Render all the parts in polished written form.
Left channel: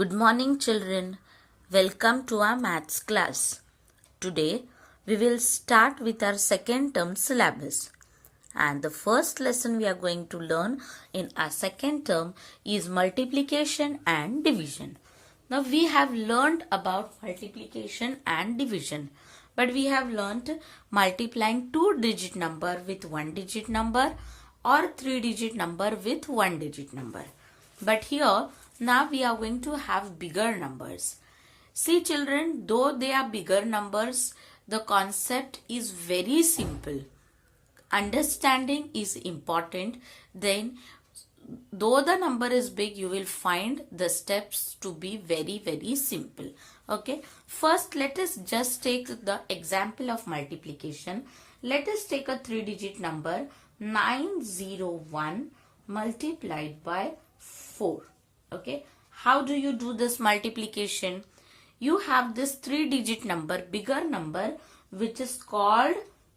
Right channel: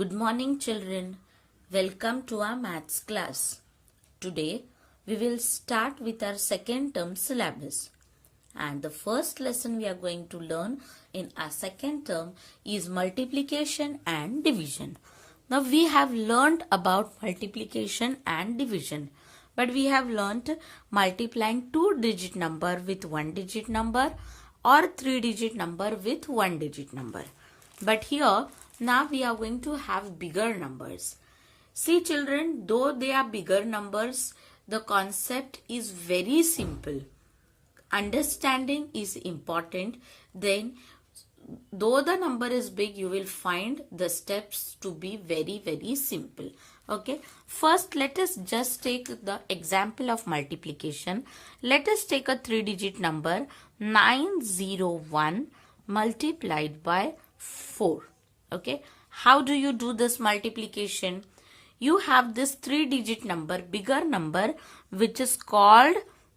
Good morning, children. Welcome to our maths class. Today, we will start with our second term syllabus. And the first lesson we are going to learn in our second term is multiplication and division. Now, we have learned about multiplication and division. But we have learned multiplying two-digit number with one-digit number or three-digit number with one-digit number. But here, now we are going to have bigger numbers. See children, though they are bigger numbers, the concept is very simple. Understanding is important. Then, though the number is big, you will find the steps to be very simple. Okay. First, let us just take the example of multiplication. Let us take a three-digit number 901 multiplied by 4. Okay. How do you do this multiplication? You have this three-digit number, bigger number, which is called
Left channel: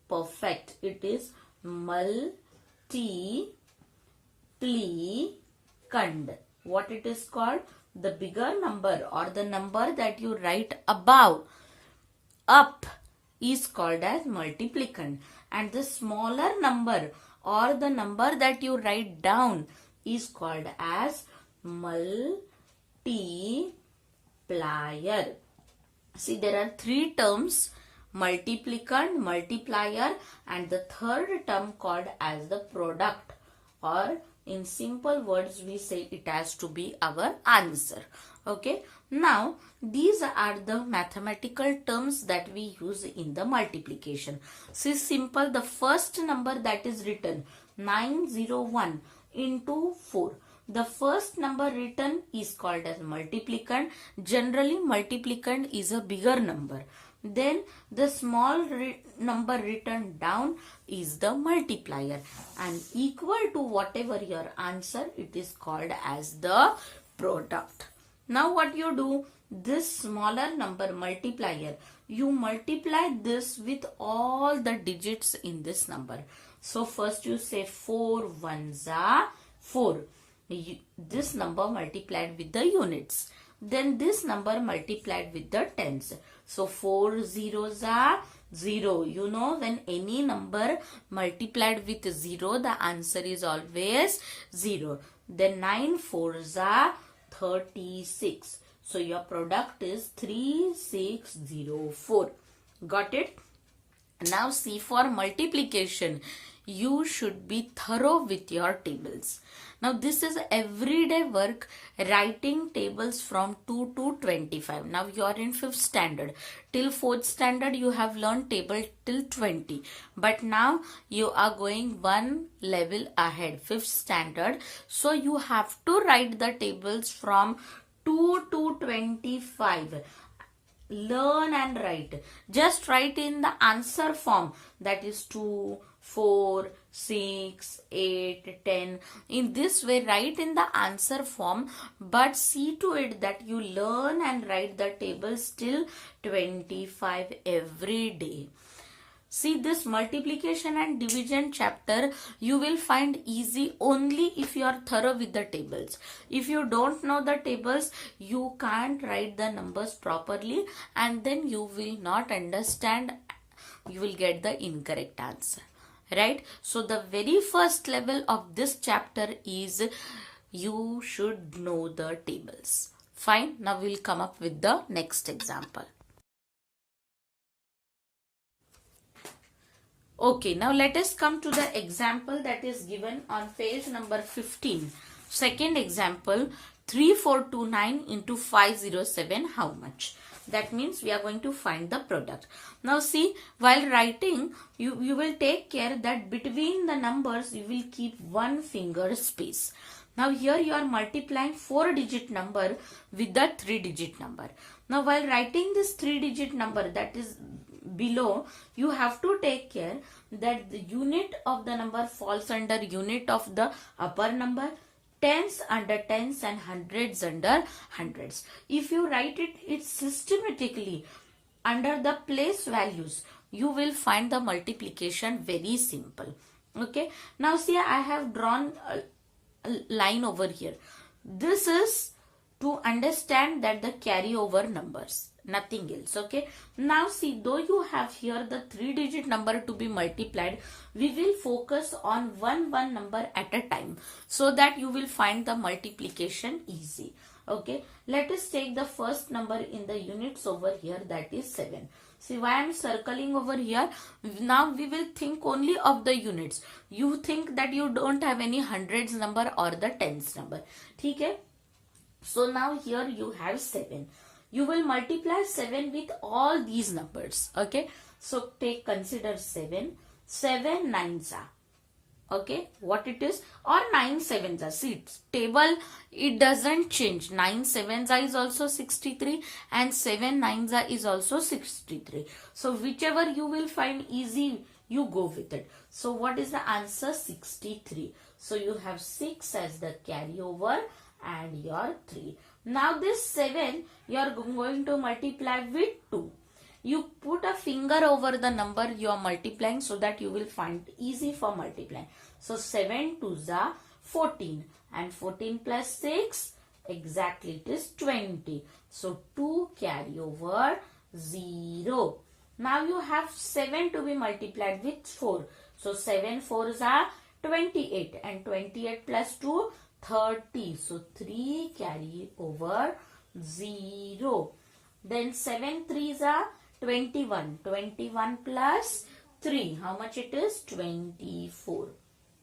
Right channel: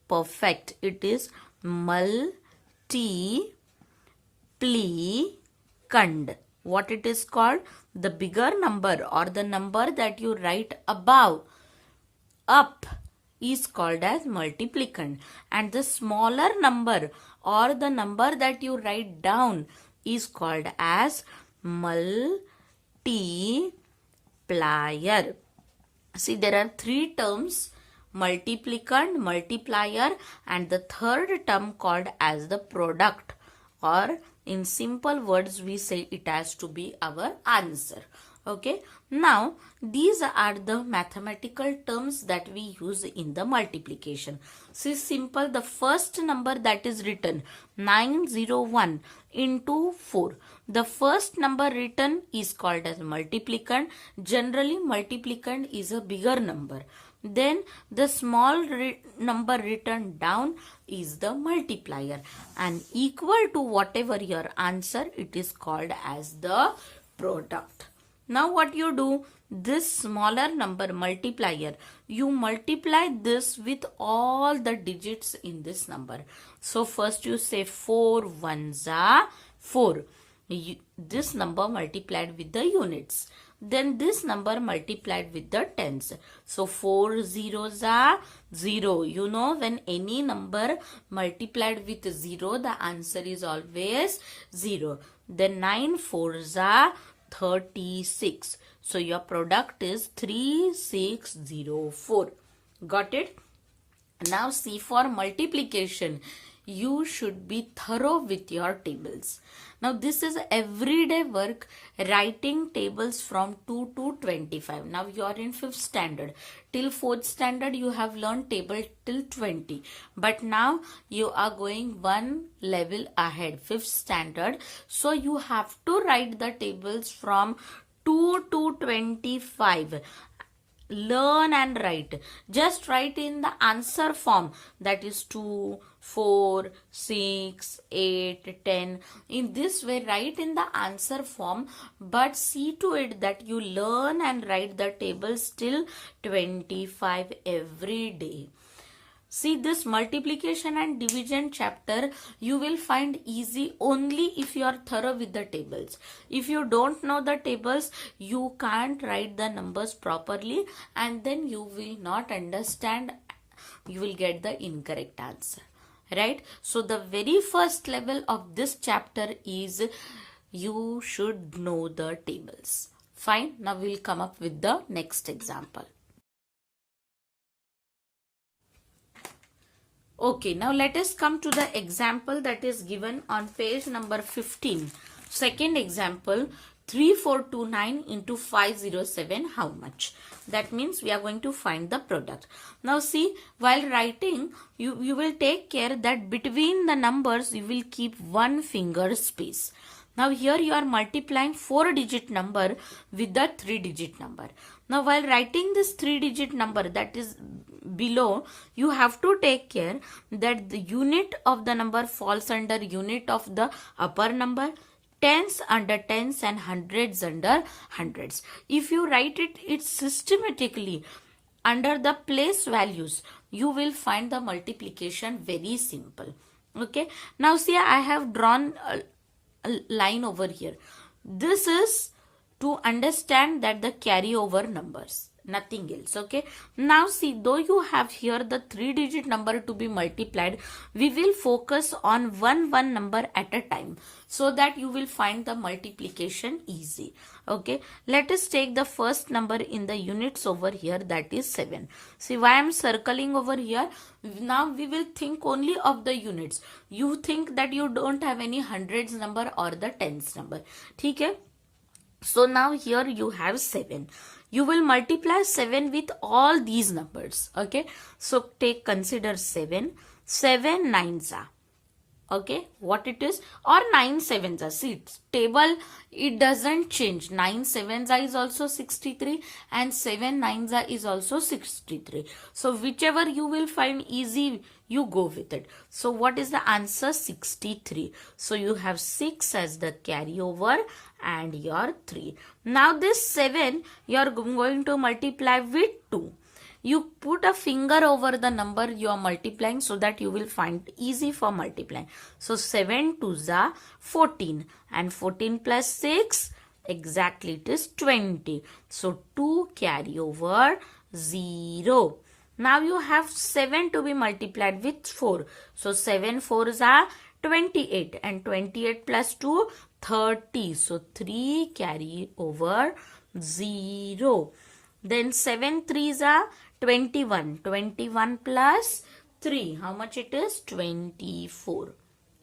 perfect. It is multiplicand. What it is called? The bigger number or the number that you write above, up, is called as multiplicand. And the smaller number or the number that you write down is called as multiplier. See, there are three terms: multiplicand, multiplier, and the third term called as the product, or in simple words we say it has to be our answer. Okay. Now, these are the mathematical terms that we use in the multiplication. See, simple, the first number that is written 901 into 4. The first number written is called as multiplicand. Generally, multiplicand is a bigger number. Then the small number written down is the multiplier, and equal to whatever your answer, it is called as the product. Now what you do, this smaller number multiplier, you multiply this with all the digits in this number. So first you say 4 ones are 4. This number multiplied with the units. Then this number multiplied with the tens. So 4 zeros are 0. You know, when any number multiplied with 0, the answer is always 0. Then 9 fours are 36. So your product is 3604. Got it? Now see, for multiplication, you should be thorough with your tables. Now this is everyday work, writing tables from 2 to 25. Now you are in 5th standard. Till 4th standard you have learned table till 20. But now you are going one level ahead, 5th standard. So you have to write the tables from 2 to 25. Learn and write. Just write in the answer form, that is 2, 4, 6, 8, 10. In this way, write in the answer form, but see to it that you learn and write the tables till 25 every day. See, this multiplication and division chapter you will find easy only if you are thorough with the tables. If you don't know the tables, you can't write the numbers properly, and then you will not understand. You will get the incorrect answer. Right? So the very first level of this chapter is you should know the tables. Fine. Now we'll come up with the next example. Okay, now let us come to the example that is given on page number 15. Second example, 3429 into 507, how much? That means we are going to find the product. Now see, while writing, you will take care that between the numbers, you will keep one finger space. Now here you are multiplying 4-digit number with the 3-digit number. Now while writing this 3-digit number that is below, you have to take care that the unit of the number falls under unit of the upper number, tens under tens, and hundreds under hundreds. If you write it systematically under the place values, you will find the multiplication very simple. Okay. Now see, I have drawn a line over here. This is to understand that the carryover numbers, nothing else. Okay, now see, though you have here the 3-digit number to be multiplied, we will focus on one number at a time so that you will find the multiplication easy. Okay, let us take the first number in the units over here, that is 7. See why I am circling over here. Now we will think only of the units. You think that you don't have any hundreds number or the tens number. Okay, so now here you have 7. You will multiply 7 with all these numbers. Okay, so consider 7. 7 nines are, okay, what it is, or 9 sevens are. See, table, it doesn't change. 9 sevens are is also 63 and 7 nines are is also 63. So whichever you will find easy, you go with it. So what is the answer? 63. So you have 6 as the carryover and your 3. Now this 7 you are going to multiply with 2. You put a finger over the number you are multiplying so that you will find easy for multiplying. So 7 2s are 14 and 14 plus 6, exactly it is 20. So 2 carry over 0. Now you have 7 to be multiplied with 4. So 7 4s are 28 and 28 plus 2, 30. So 3 carry over 0. Then 7 3s are 21. 21 plus 3. How much it is? 24.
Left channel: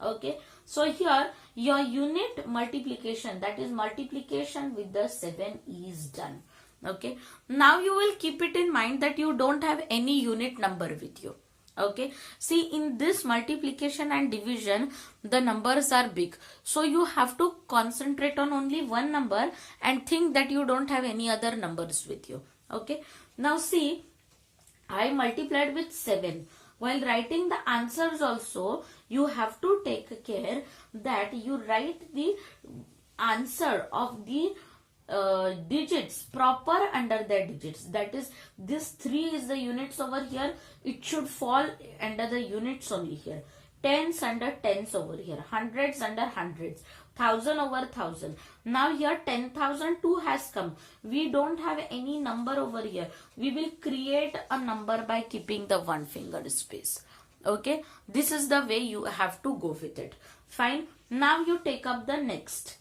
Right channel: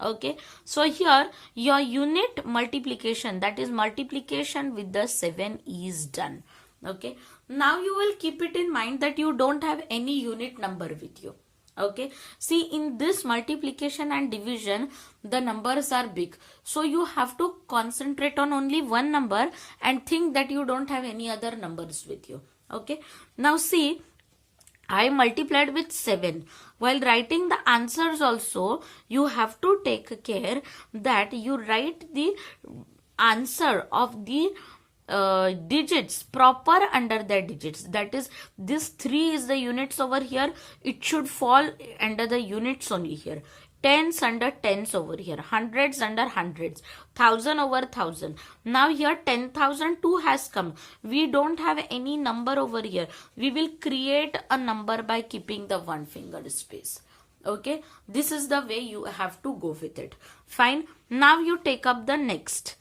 Okay. So here your unit multiplication, that is multiplication with the 7 is done. Okay. Now you will keep it in mind that you don't have any unit number with you. Okay. See, in this multiplication and division, the numbers are big. So you have to concentrate on only one number and think that you don't have any other numbers with you. Okay. Now see, I multiplied with 7. While writing the answers also, you have to take care that you write the answer of the digits proper under the digits. That is, this 3 is the units over here. It should fall under the units only here. Tens under tens over here. Hundreds under hundreds. 1000 over 1000. Now here 10,002 has come. We don't have any number over here. We will create a number by keeping the one finger space. Okay. This is the way you have to go with it. Fine. Now you take up the next.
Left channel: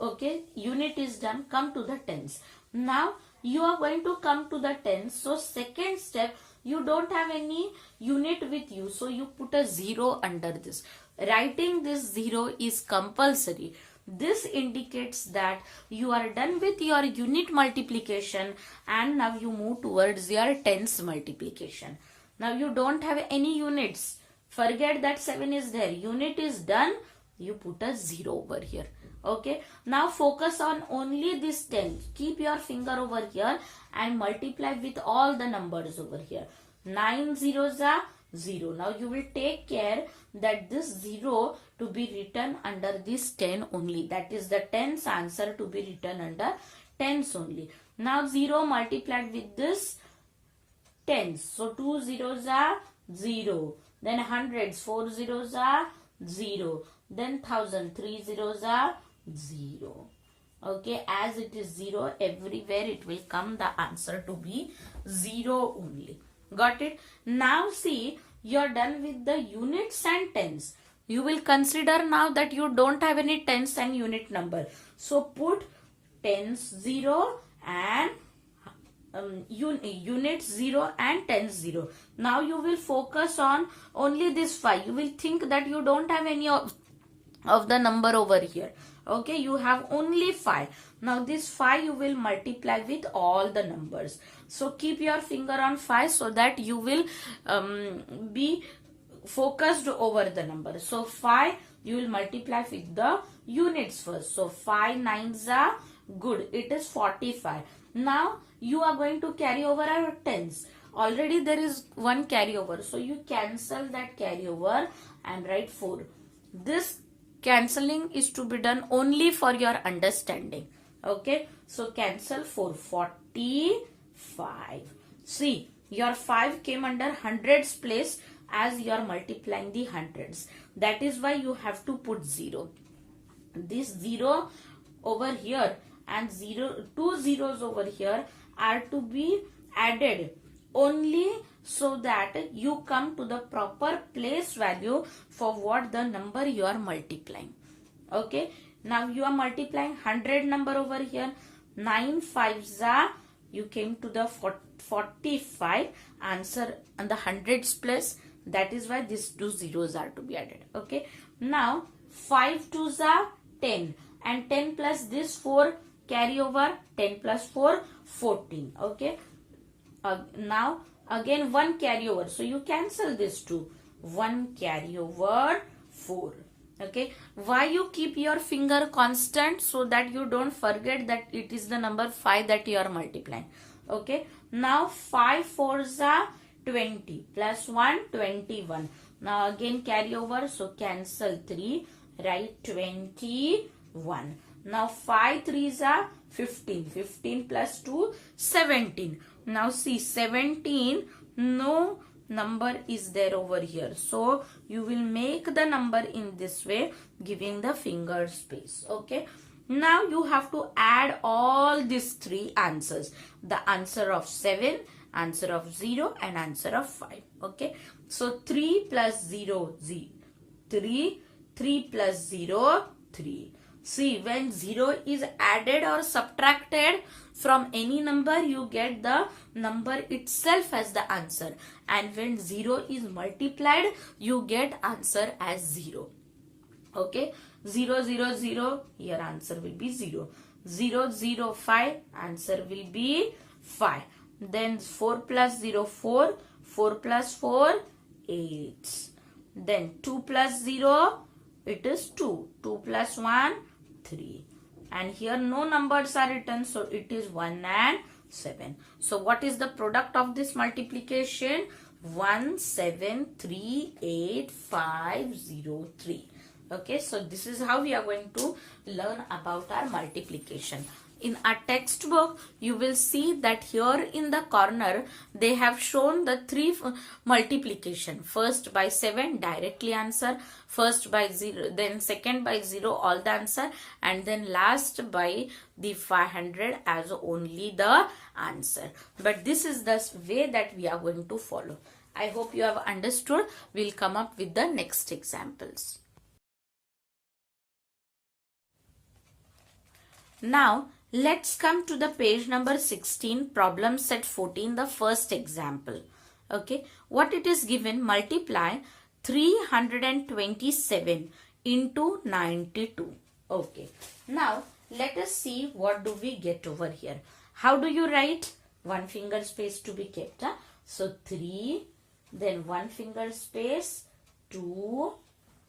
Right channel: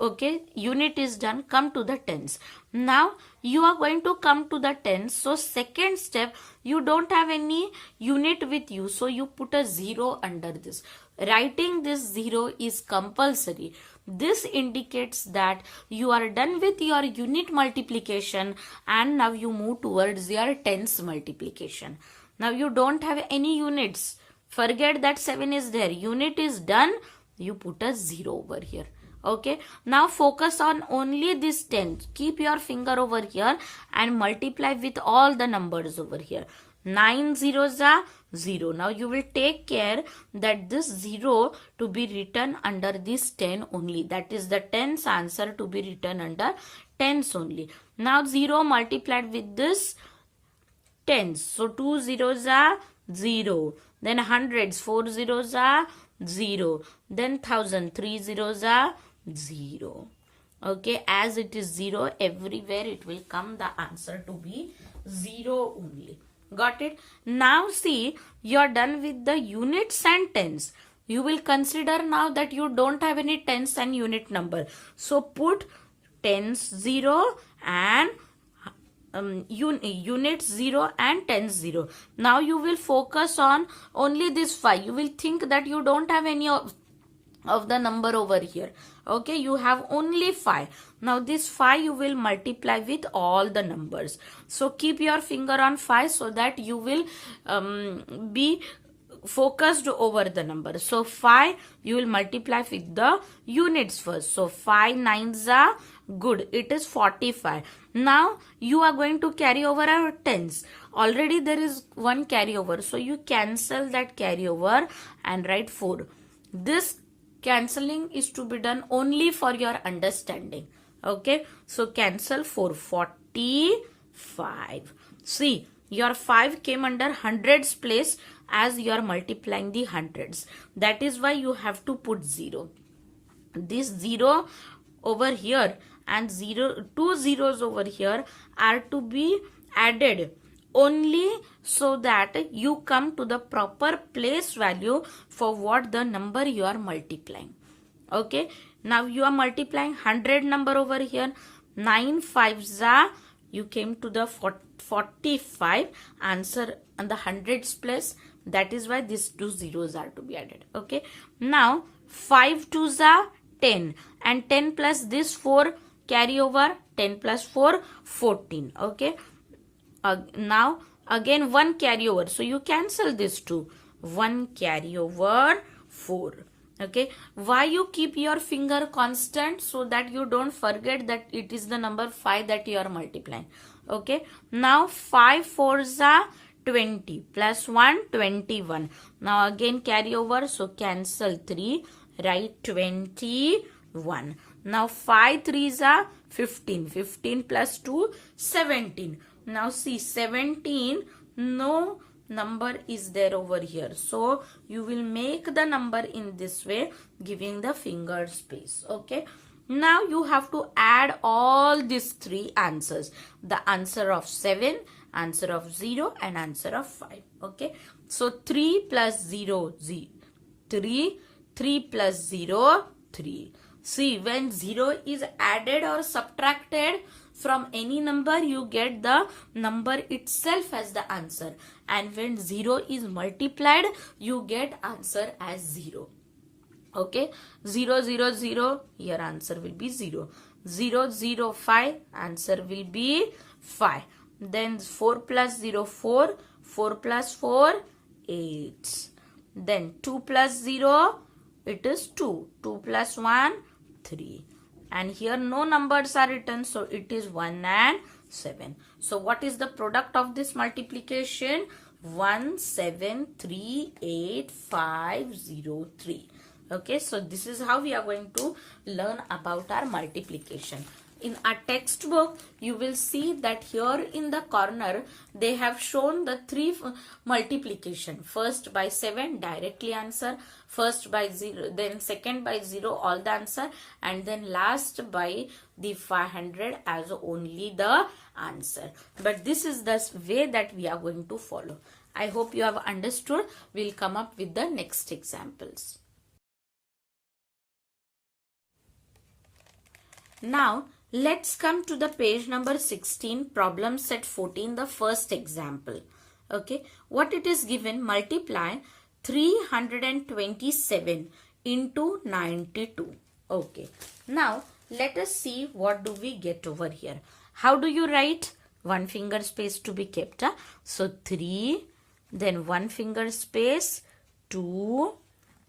Okay. Unit is done. Come to the tens. Now you are going to come to the tens. So second step, you don't have any unit with you. So you put a 0 under this. Writing this 0 is compulsory. This indicates that you are done with your unit multiplication and now you move towards your tens multiplication. Now you don't have any units. Forget that 7 is there. Unit is done. You put a 0 over here. Okay. Now focus on only this 10. Keep your finger over here and multiply with all the numbers over here. 9 zeros are 0. Now you will take care that this 0 to be written under this 10 only. That is the tens answer to be written under tens only. Now 0 multiplied with this tens. So 2 zeros are 0. Then hundreds, 4 zeros are 0. Then 1000, 3 zeros are 0. Okay, as it is 0, everywhere it will come the answer to be 0 only. Got it? Now see, you are done with the units and tens. You will consider now that you don't have any tens and unit number. So put tens 0 and units 0 and tens 0. Now you will focus on only this 5. You will think that you don't have any of the number over here. Okay, you have only 5. Now this 5 you will multiply with all the numbers. So keep your finger on 5 so that you will be focused over the number. So 5 you will multiply with the units first. So 5 nines are good. It is 45. Now you are going to carry over our tens. Already there is one carryover. So you cancel that carryover and write 4. This cancelling is to be done only for your understanding. Okay. So cancel 4. 45. See, your 5 came under hundreds place as you are multiplying the hundreds. That is why you have to put 0. This 0 over here, and two zeros over here are to be added only so that you come to the proper place value for what the number you are multiplying. Okay, now you are multiplying 100 number over here. 9 5s are, you came to the 45 answer on the hundreds place. That is why these two zeros are to be added. Okay, now 5 2s are 10 and 10 plus this 4 carry over, 10 plus 4 14. Okay, now again 1 carry over, so you cancel this 2, 1 carry over 4. Okay, why you keep your finger constant? So that you don't forget that it is the number 5 that you are multiplying. Okay, now 5 4s are 20 plus 1 21. Now again carry over, so cancel 3, write 21. Now 5 3s are 15, 15 plus 2 17. Now see 17, no number is there over here, so you will make the number in this way, giving the finger space. Okay, now you have to add all these three answers, the answer of 7, answer of 0 and answer of 5. Okay, so 3 plus 0 3, 3 plus 0 3. See, when 0 is added or subtracted from any number, you get the number itself as the answer, and when 0 is multiplied, you get answer as 0. Okay, 0 0 0, your answer will be 0. 0 0 5, answer will be 5. Then 4 plus 0 4, 4 plus 4 8. Then 2 plus 0, it is 2. 2 plus 1 3. And here no numbers are written, so it is 1 and 7. So what is the product of this multiplication? 1 7 3 8 5 0 3. Okay, so this is how we are going to learn about our multiplication. In our textbook, you will see that here in the corner, they have shown the three multiplication. First by 7, directly answer. First by 0, then second by 0, all the answer. And then last by the 500 as only the answer. But this is the way that we are going to follow. I hope you have understood. We'll come up with the next examples. Now, let's come to the page number 16, problem set 14, the first example. Okay, what it is given, multiply 327 into 92. Okay, now let us see what do we get over here. How do you write? One finger space to be kept. Huh? So 3, then one finger space 2,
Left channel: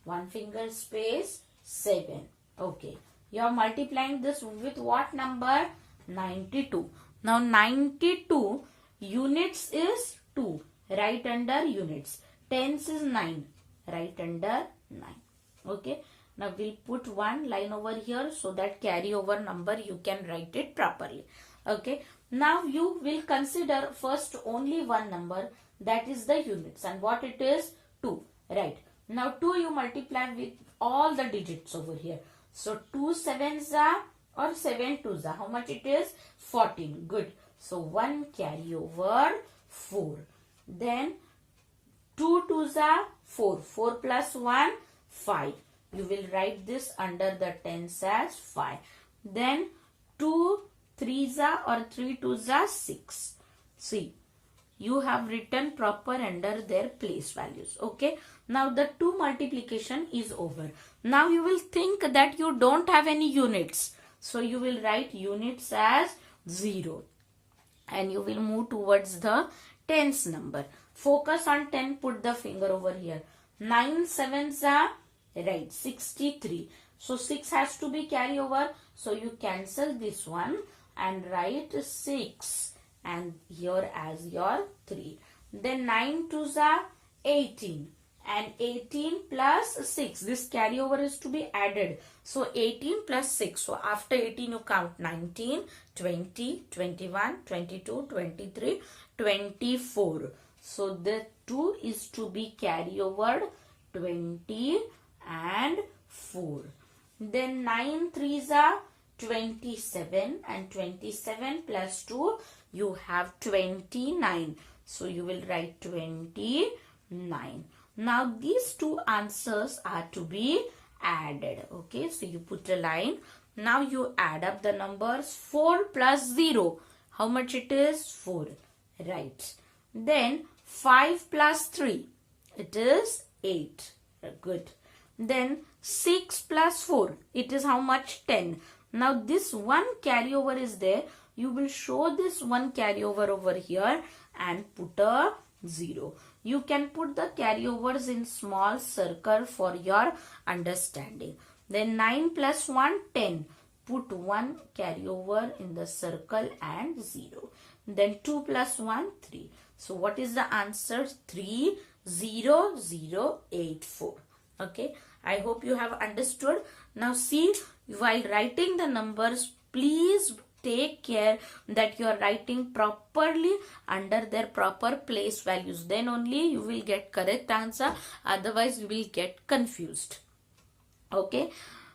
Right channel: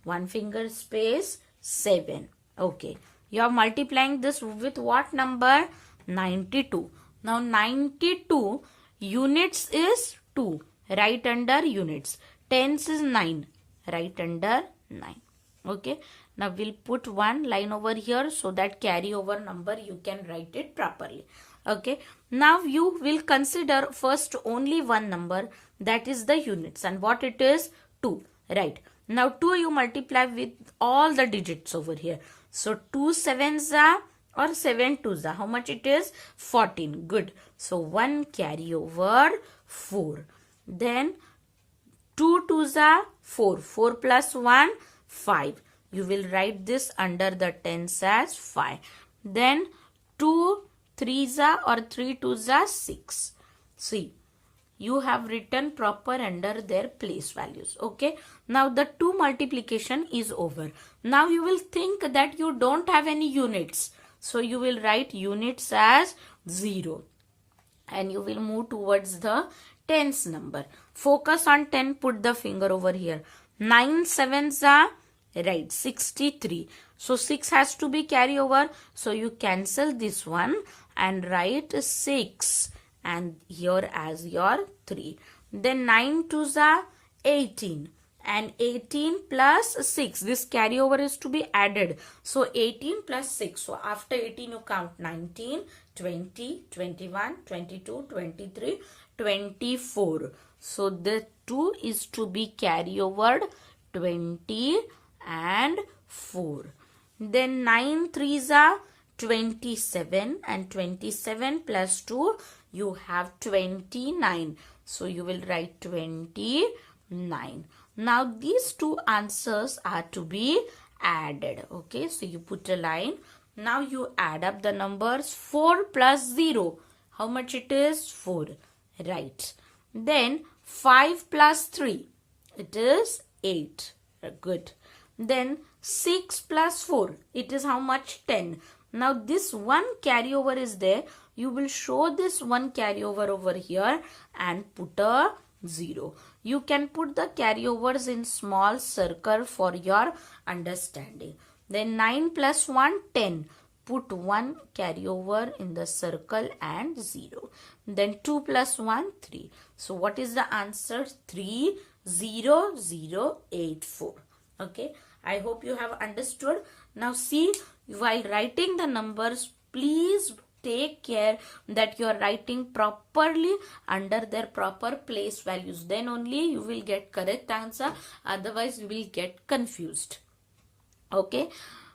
one finger space 7. Okay. You are multiplying this with what number? 92. Now 92 units is 2. Right under units. Tens is 9. Right under 9. Okay. Now we'll put one line over here so that carry over number you can write it properly. Okay. Now you will consider first only one number, that is the units, and what it is? 2. Right. Now 2 you multiply with all the digits over here. So 2 7s are or 7 2s are. How much it is? 14. Good. So 1 carry over 4. Then 2 2s are 4. 4 plus 1 5. You will write this under the tens as 5. Then 2 3s are or 3 2s are 6. See, you have written proper under their place values. Okay. Now the 2 multiplication is over. Now you will think that you don't have any units. So you will write units as 0. And you will move towards the tens number. Focus on 10. Put the finger over here. 9 7s are, right, 63. So 6 has to be carry over. So you cancel this one and write 6. And here as your 3. Then 9 2s are 18. And 18 plus 6. This carryover is to be added. So 18 plus 6. So after 18 you count 19, 20, 21, 22, 23, 24. So the 2 is to be carry over 20 and 4. Then 9 3s are 27, and 27 plus 2, you have 29. So you will write 29. Now these two answers are to be added. Okay, so you put a line. Now you add up the numbers. 4 plus 0. How much it is? 4. Right. Then 5 plus 3. It is 8. Good. Then 6 plus 4. It is how much? 10. Now this one carryover is there. You will show this one carryover over here and put a 0. You can put the carryovers in small circle for your understanding. Then 9 plus 1, 10. Put 1 carryover in the circle and 0. Then 2 plus 1, 3. So what is the answer? 30084. Okay. I hope you have understood. Now see, while writing the numbers, please take care that you are writing properly under their proper place values. Then only you will get correct answer. Otherwise you will get confused. Okay.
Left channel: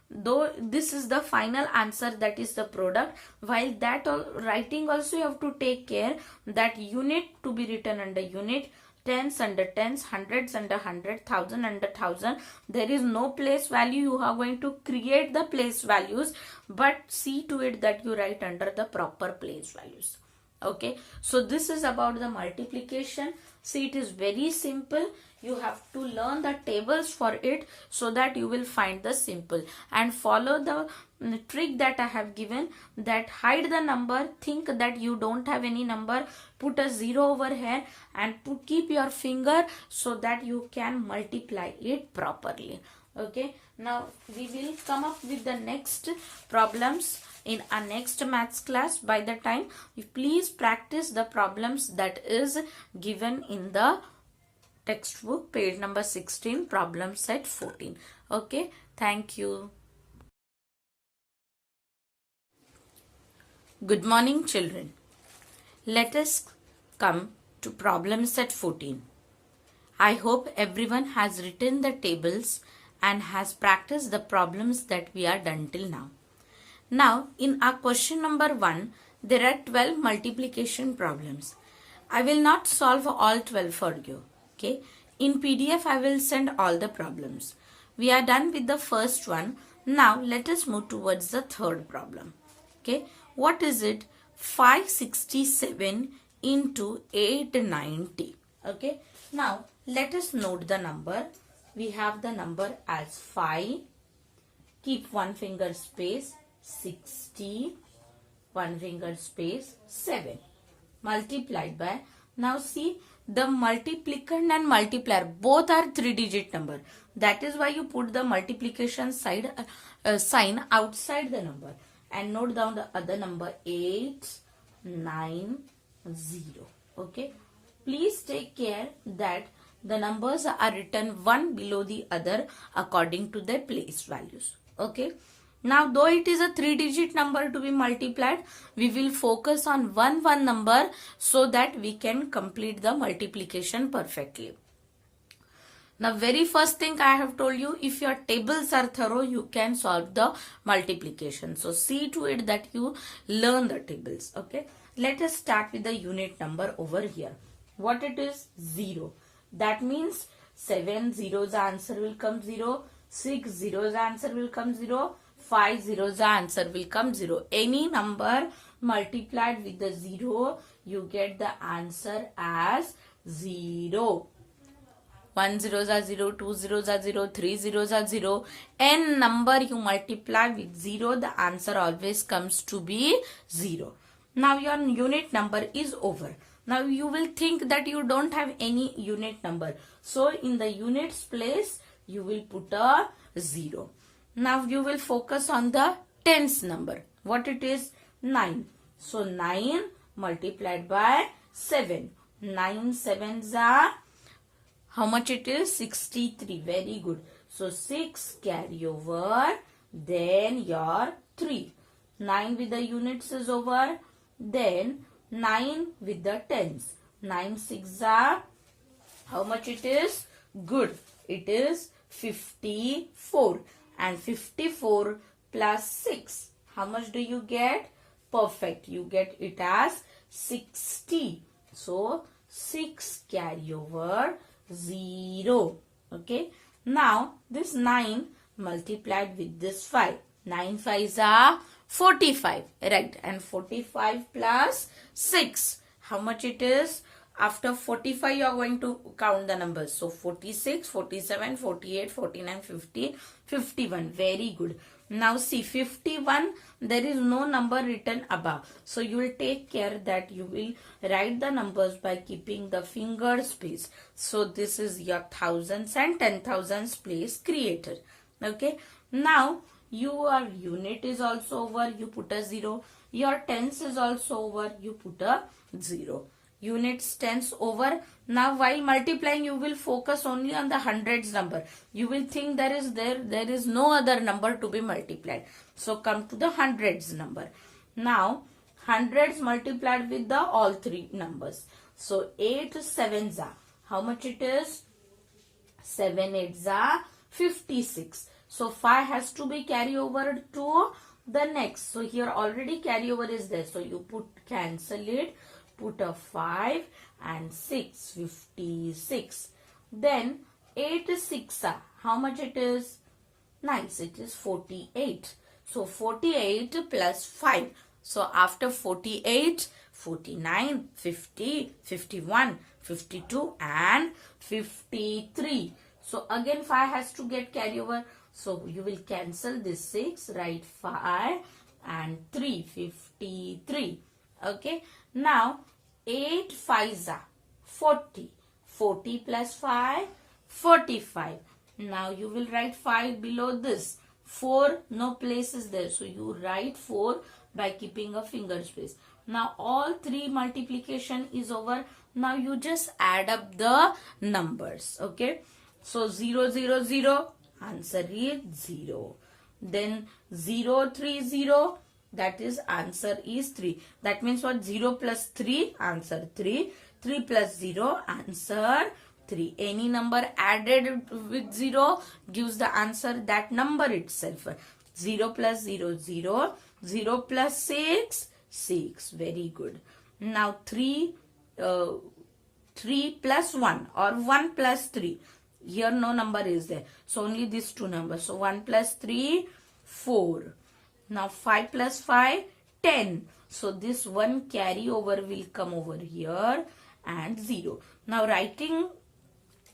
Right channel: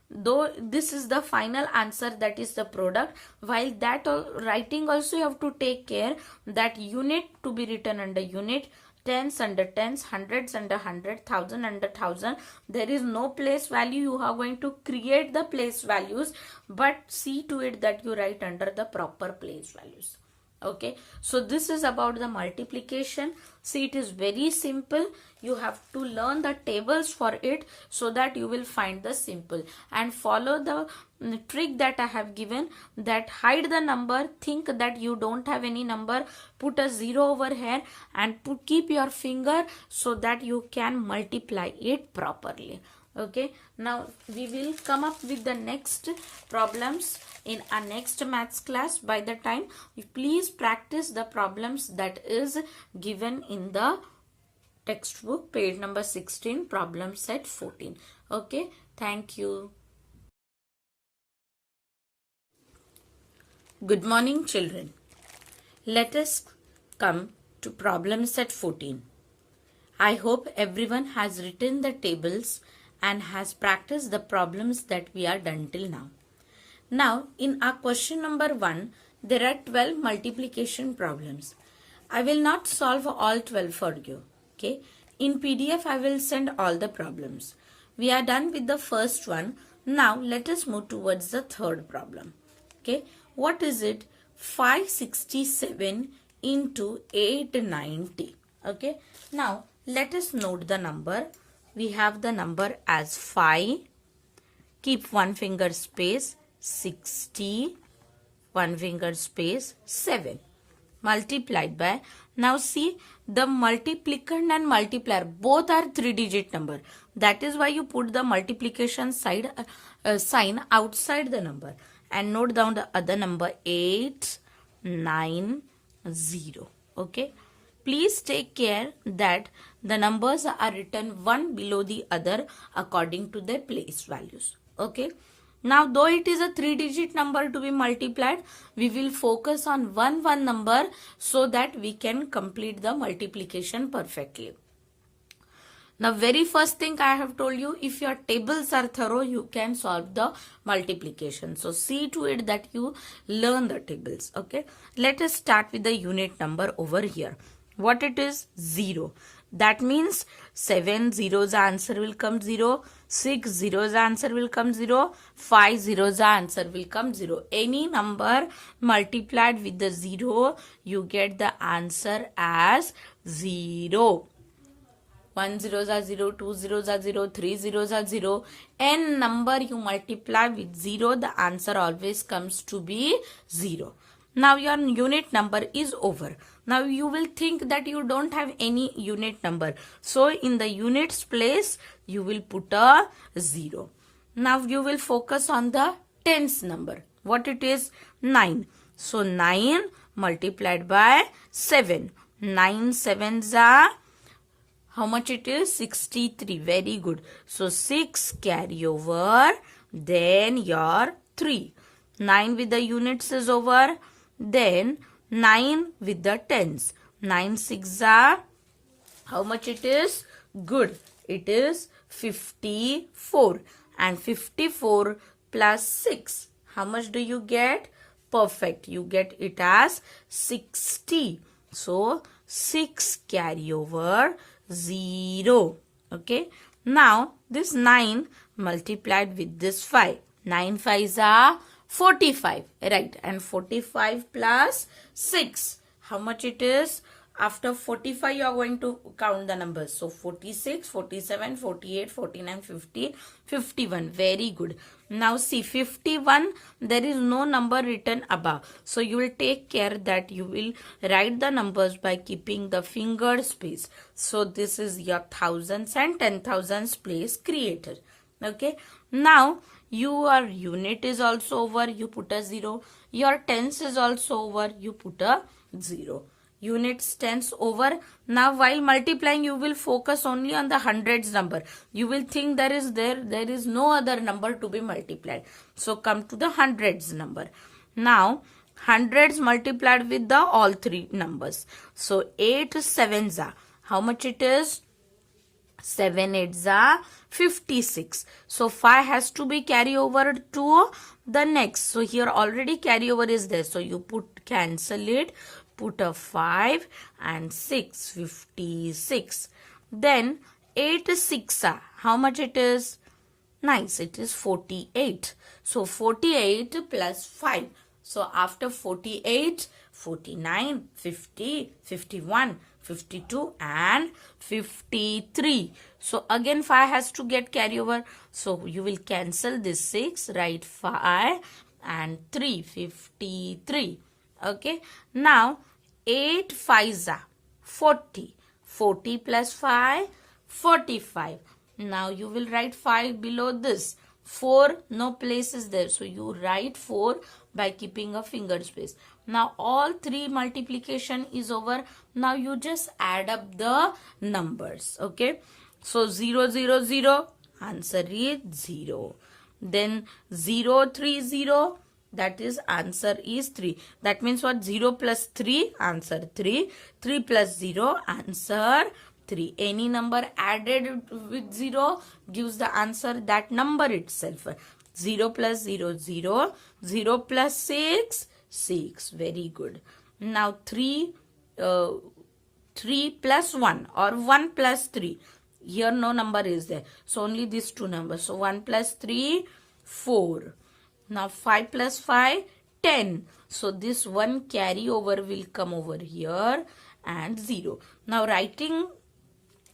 Though this is the final answer, that is the product. While that writing also you have to take care that unit to be written under unit, tens under tens, hundreds under hundred, thousand under thousand. There is no place value. You are going to create the place values, but see to it that you write under the proper place values. Okay, so this is about the multiplication. See, it is very simple. You have to learn the tables for it so that you will find the simple, and follow the trick that I have given, that hide the number, think that you don't have any number, put a 0 over here and keep your finger so that you can multiply it properly. Okay, now we will come up with the next problems in our next maths class. By the time, you please practice the problems that is given in the textbook, page number 16, problem set 14. Okay, thank you. Good morning, children. Let us come to problem set 14. I hope everyone has written the tables and has practiced the problems that we are done till now. Now, in our question number 1, there are 12 multiplication problems. I will not solve all 12 for you. Okay. In PDF, I will send all the problems. We are done with the first one. Now, let us move towards the third problem. Okay. What is it? 567 into 890. Okay. Now, let us note the number. We have the number as 5. Keep one finger space. 60. One finger space. 7. Multiplied by. Now see, the multiplicand and multiplier both are 3-digit number. That is why you put the multiplication sign outside the number. And note down the other number 890. Okay. Please take care that the numbers are written one below the other according to their place values. Okay. Now, though it is a 3-digit number to be multiplied, we will focus on one number so that we can complete the multiplication perfectly. Now, very first thing I have told you, if your tables are thorough, you can solve the multiplication. So, see to it that you learn the tables. Okay. Let us start with the unit number over here. What it is? 0. That means 7 zeros answer will come 0. 6 zeros answer will come 0. 5 zeros answer will come 0. Any number multiplied with the 0, you get the answer as 0. 1 zeros are 0, 2 zeros are 0, 3 zeros are 0. N number you multiply with 0, the answer always comes to be 0. Now your unit number is over. Now you will think that you don't have any unit number. So in the units place, you will put a 0. Now you will focus on the tens number. What it is? 9. So 9 multiplied by 7. 9 sevens are, how much it is? 63. Very good. So 6 carry over. Then your 3. 9 with the units is over. Then 9 with the tens. 9 6 are, how much it is? Good. It is 54. And 54 plus 6. how much do you get? Perfect. You get it as 60. So 6 carry over 0. Okay. Now this 9 multiplied with this 5. 9 5s are 45. Right. And 45 plus 6. How much it is? After 45 you are going to count the numbers. So 46, 47, 48, 49, 50, 51. Very good. Now see 51, there is no number written above. So you will take care that you will write the numbers by keeping the finger space. So this is your thousands and 10,000s place created. Okay. Now your unit is also over, you put a 0. Your tens is also over, you put a 0. Units, tens over. Now while multiplying you will focus only on the hundreds number. You will think there is no other number to be multiplied. So come to the hundreds number. Now hundreds multiplied with the all three numbers. So 8 sevens are, how much it is? 7 8s are 56. So 5 has to be carry over to the next. So here already carry over is there. So you cancel it. Put a 5 and 6, 56. Then 8 6 are, how much it is? Nice, it is 48. So 48 plus 5. So after 48, 49, 50, 51, 52 and 53. So again 5 has to get carry over. So you will cancel this 6, write 5 and 3, 53. Okay. Now 8 5s are 40. 40 plus 5, 45. Now you will write 5 below this. 4, no place is there. So you write 4 by keeping a finger space. Now all 3 multiplication is over. Now you just add up the numbers. Okay. So 0 0 0. Answer is 0. Then 0 3 0. That is answer is 3. That means what? 0 plus 3, answer 3. 3 plus 0, answer 3. Any number added with 0 gives the answer that number itself. 0 plus 0, 0. 0 plus 6, 6. Very good. Now 3 plus 1 or 1 plus 3. Here no number is there. So only these two numbers. So 1 plus 3, 4. Now 5 plus 5, 10. So this one carry over will come over here and 0. Now writing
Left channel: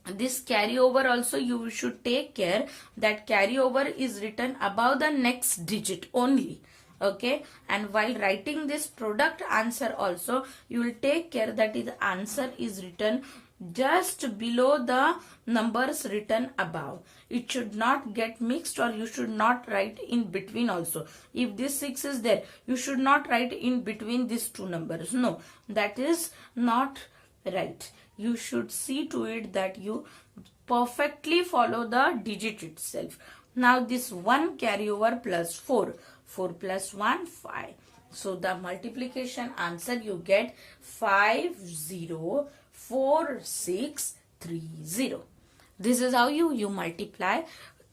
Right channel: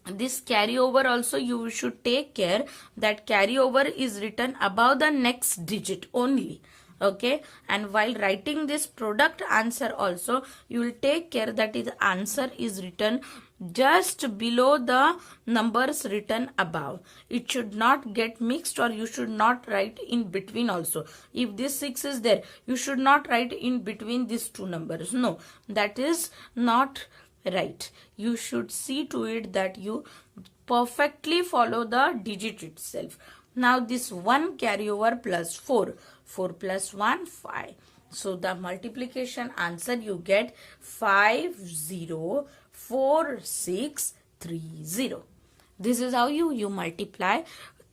this carry over also you should take care that carry over is written above the next digit only. Okay. And while writing this product answer also you will take care that the answer is written just below the numbers written above. It should not get mixed or you should not write in between also. If this 6 is there, you should not write in between these two numbers. No, that is not right. You should see to it that you perfectly follow the digit itself. Now this 1 carry over plus 4. 4 plus 1, 5. So the multiplication answer you get 504630. This is how you multiply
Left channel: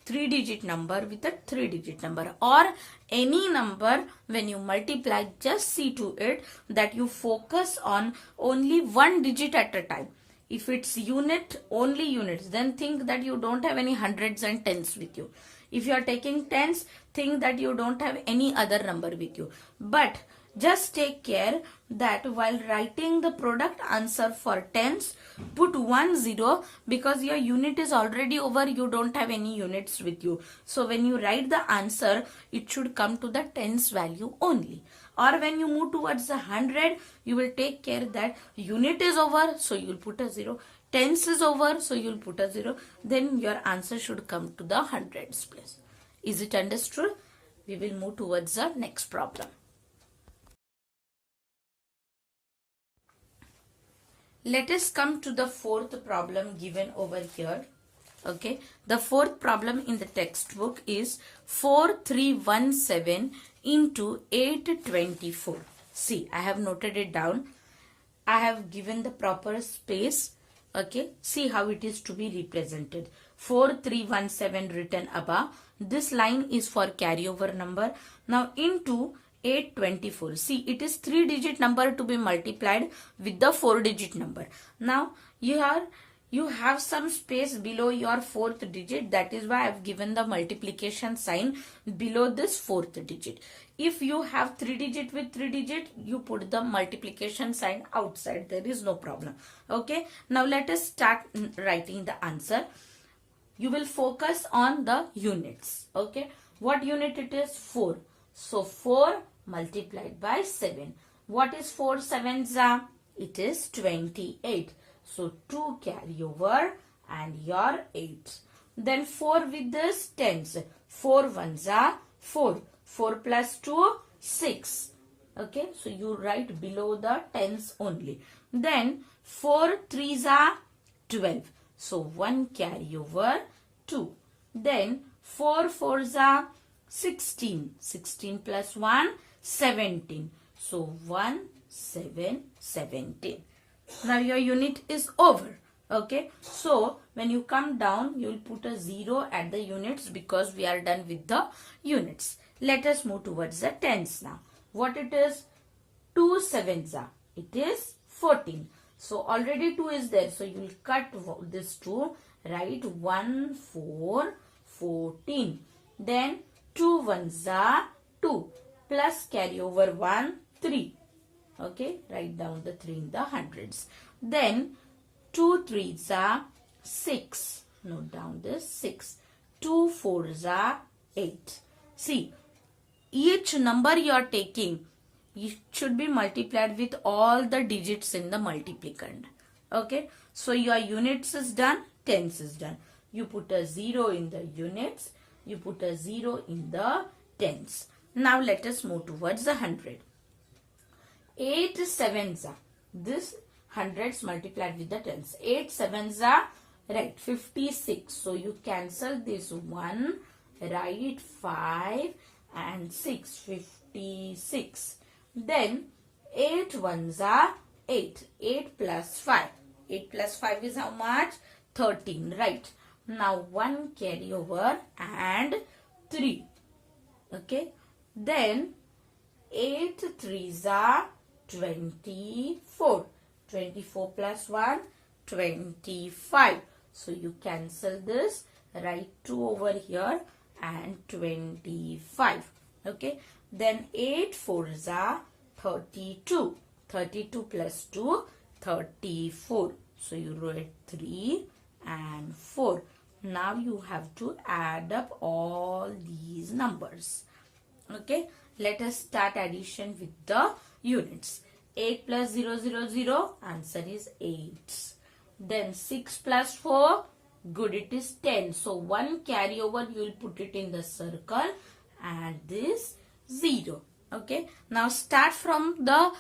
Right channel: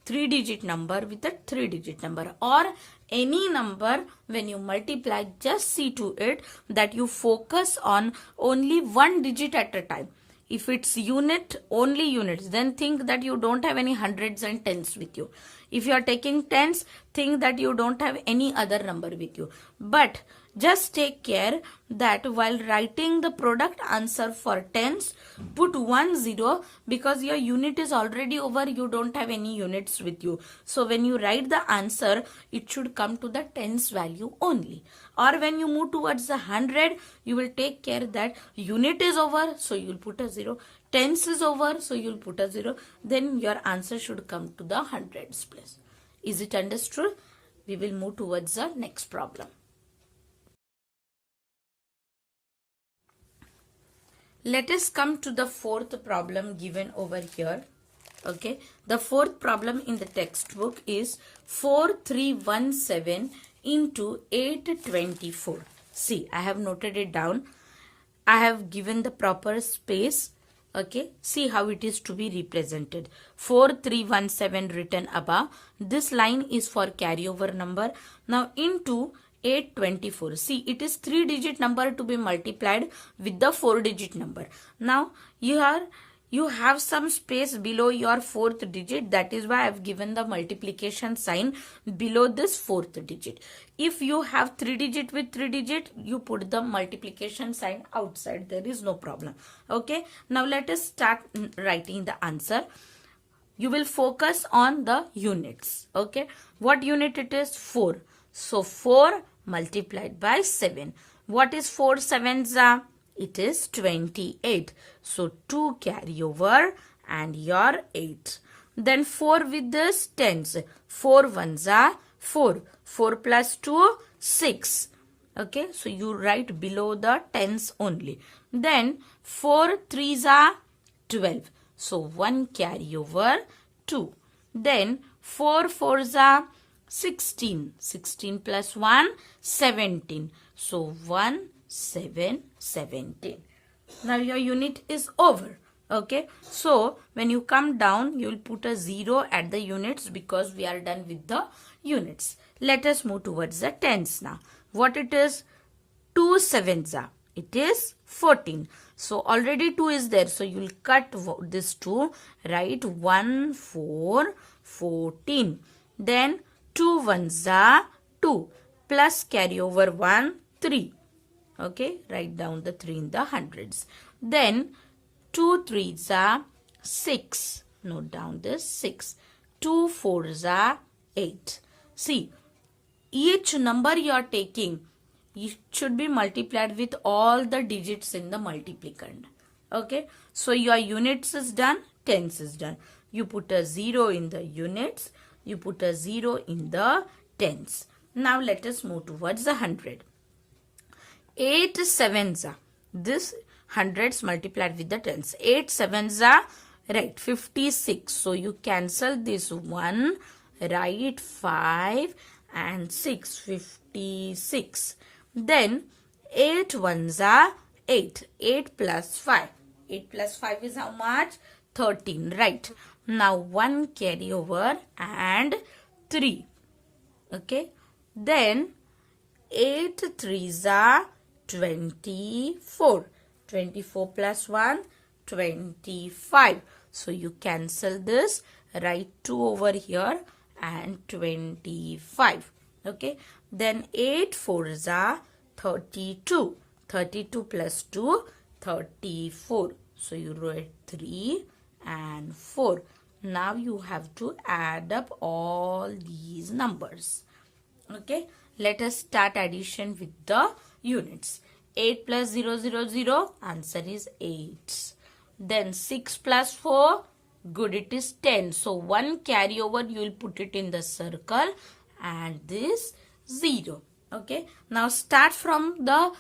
3-digit number with a 3-digit number or any number. When you multiply, just see to it that you focus on only 1 digit at a time. If it's unit, only units, then think that you don't have any hundreds and tens with you. If you are taking tens, think that you don't have any other number with you. But just take care that while writing the product answer for tens, put 1 0 because your unit is already over. You don't have any units with you. So when you write the answer, it should come to the tens value only. Or when you move towards the 100, you will take care that unit is over. So you will put a 0. Tens is over. So you will put a 0. Then your answer should come to the hundreds place. Is it understood? We will move towards the next problem. Let us come to the fourth problem given over here. Okay. The fourth problem in the textbook is 4317 into 824. See, I have noted it down. I have given the proper space. Okay, see how it is to be represented. 4317 written above. This line is for carryover number. Now into 824. See, it is 3-digit number to be multiplied with the 4-digit number. Now here you have some space below your 4th digit. That is why I have given the multiplication sign below this 4th digit. If you have 3-digit with 3-digit, you put the multiplication sign outside. There is no problem. Okay. Now let us start writing the answer. You will focus on the units. Okay. What unit it is? 4. So 4 multiplied by 7. What is 4 sevens? It is 28. So 2 carry over and your 8. Then 4 with this tens. 4 ones are 4. 4 plus 2, 6. Okay, so you write below the tens only. Then 4 threes are 12. So 1 carry over 2. Then 4 fours are 16. 16 plus 1, 17. So 1, 7, 17. Now your unit is over. Okay, so when you come down, you will put a 0 at the units because we are done with the units. Let us move towards the tens now. What it is? 2 sevens are. It is 14. So already 2 is there. So you will cut this 2. Write 1, 4, 14. Then 2 ones are 2. Plus carry over 1, 3. Okay, write down the 3 in the hundreds. Then 2 threes are 6. Note down this 6. 2 fours are 8. See, each number you are taking, it should be multiplied with all the digits in the multiplicand. Okay, so your units is done, tens is done. You put a 0 in the units, you put a 0 in the tens. Now let us move towards the 100. 8 sevens are. This hundreds multiplied with the tens. 8 sevens are, right, 56. So you cancel this 1, write 5 and 6, 56. Then 8 ones are 8. 8 plus 5. 8 plus 5 is how much? 13, right. Now 1 carry over and 3. Okay. Then 8 threes are 24. 24 plus 1, 25. So you cancel this, write 2 over here and 25. Okay. Then 8 fours are 32. 32 plus 2, 34. So you write 3 and 4. Now you have to add up all these numbers. Okay. Let us start addition with the units. 8 plus 0, 0, 0. Answer is 8. Then 6 plus 4. Good, it is 10. So 1 carry over, you will put it in the circle and this 0. Okay. Now start from the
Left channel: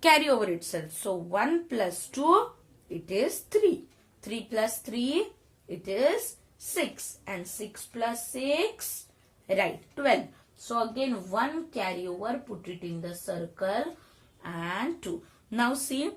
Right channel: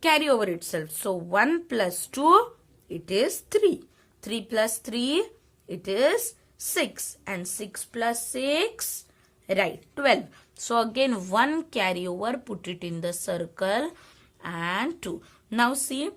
carryover itself. So 1 plus 2, it is 3. 3 plus 3, it is 6. And 6 plus 6, right, 12. So again 1 carry over, put it in the circle and 2. Now see,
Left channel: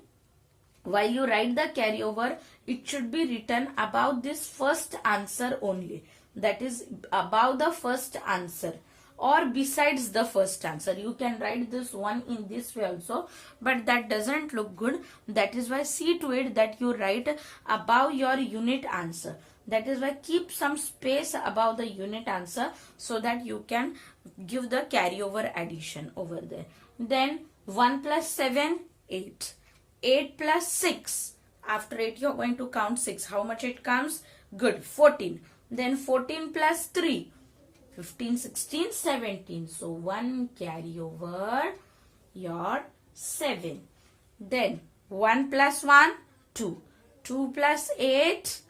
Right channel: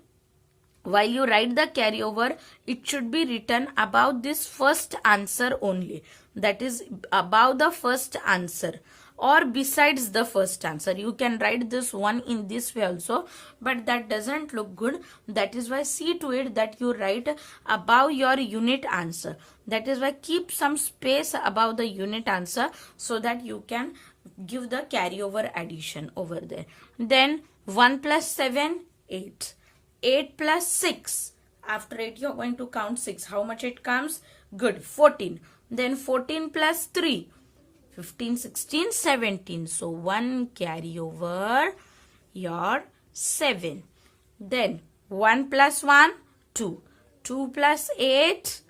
while you write the carryover, it should be written above this first answer only. That is above the first answer or besides the first answer. You can write this one in this way also, but that doesn't look good. That is why see to it that you write above your unit answer. That is why keep some space above the unit answer so that you can give the carryover addition over there. Then 1 plus 7, 8. 8 plus 6. After 8 you are going to count 6. How much it comes? Good, 14. Then 14 plus 3. 15, 16, 17. So 1 carry over your 7. Then 1 plus 1, 2. 2 plus 8,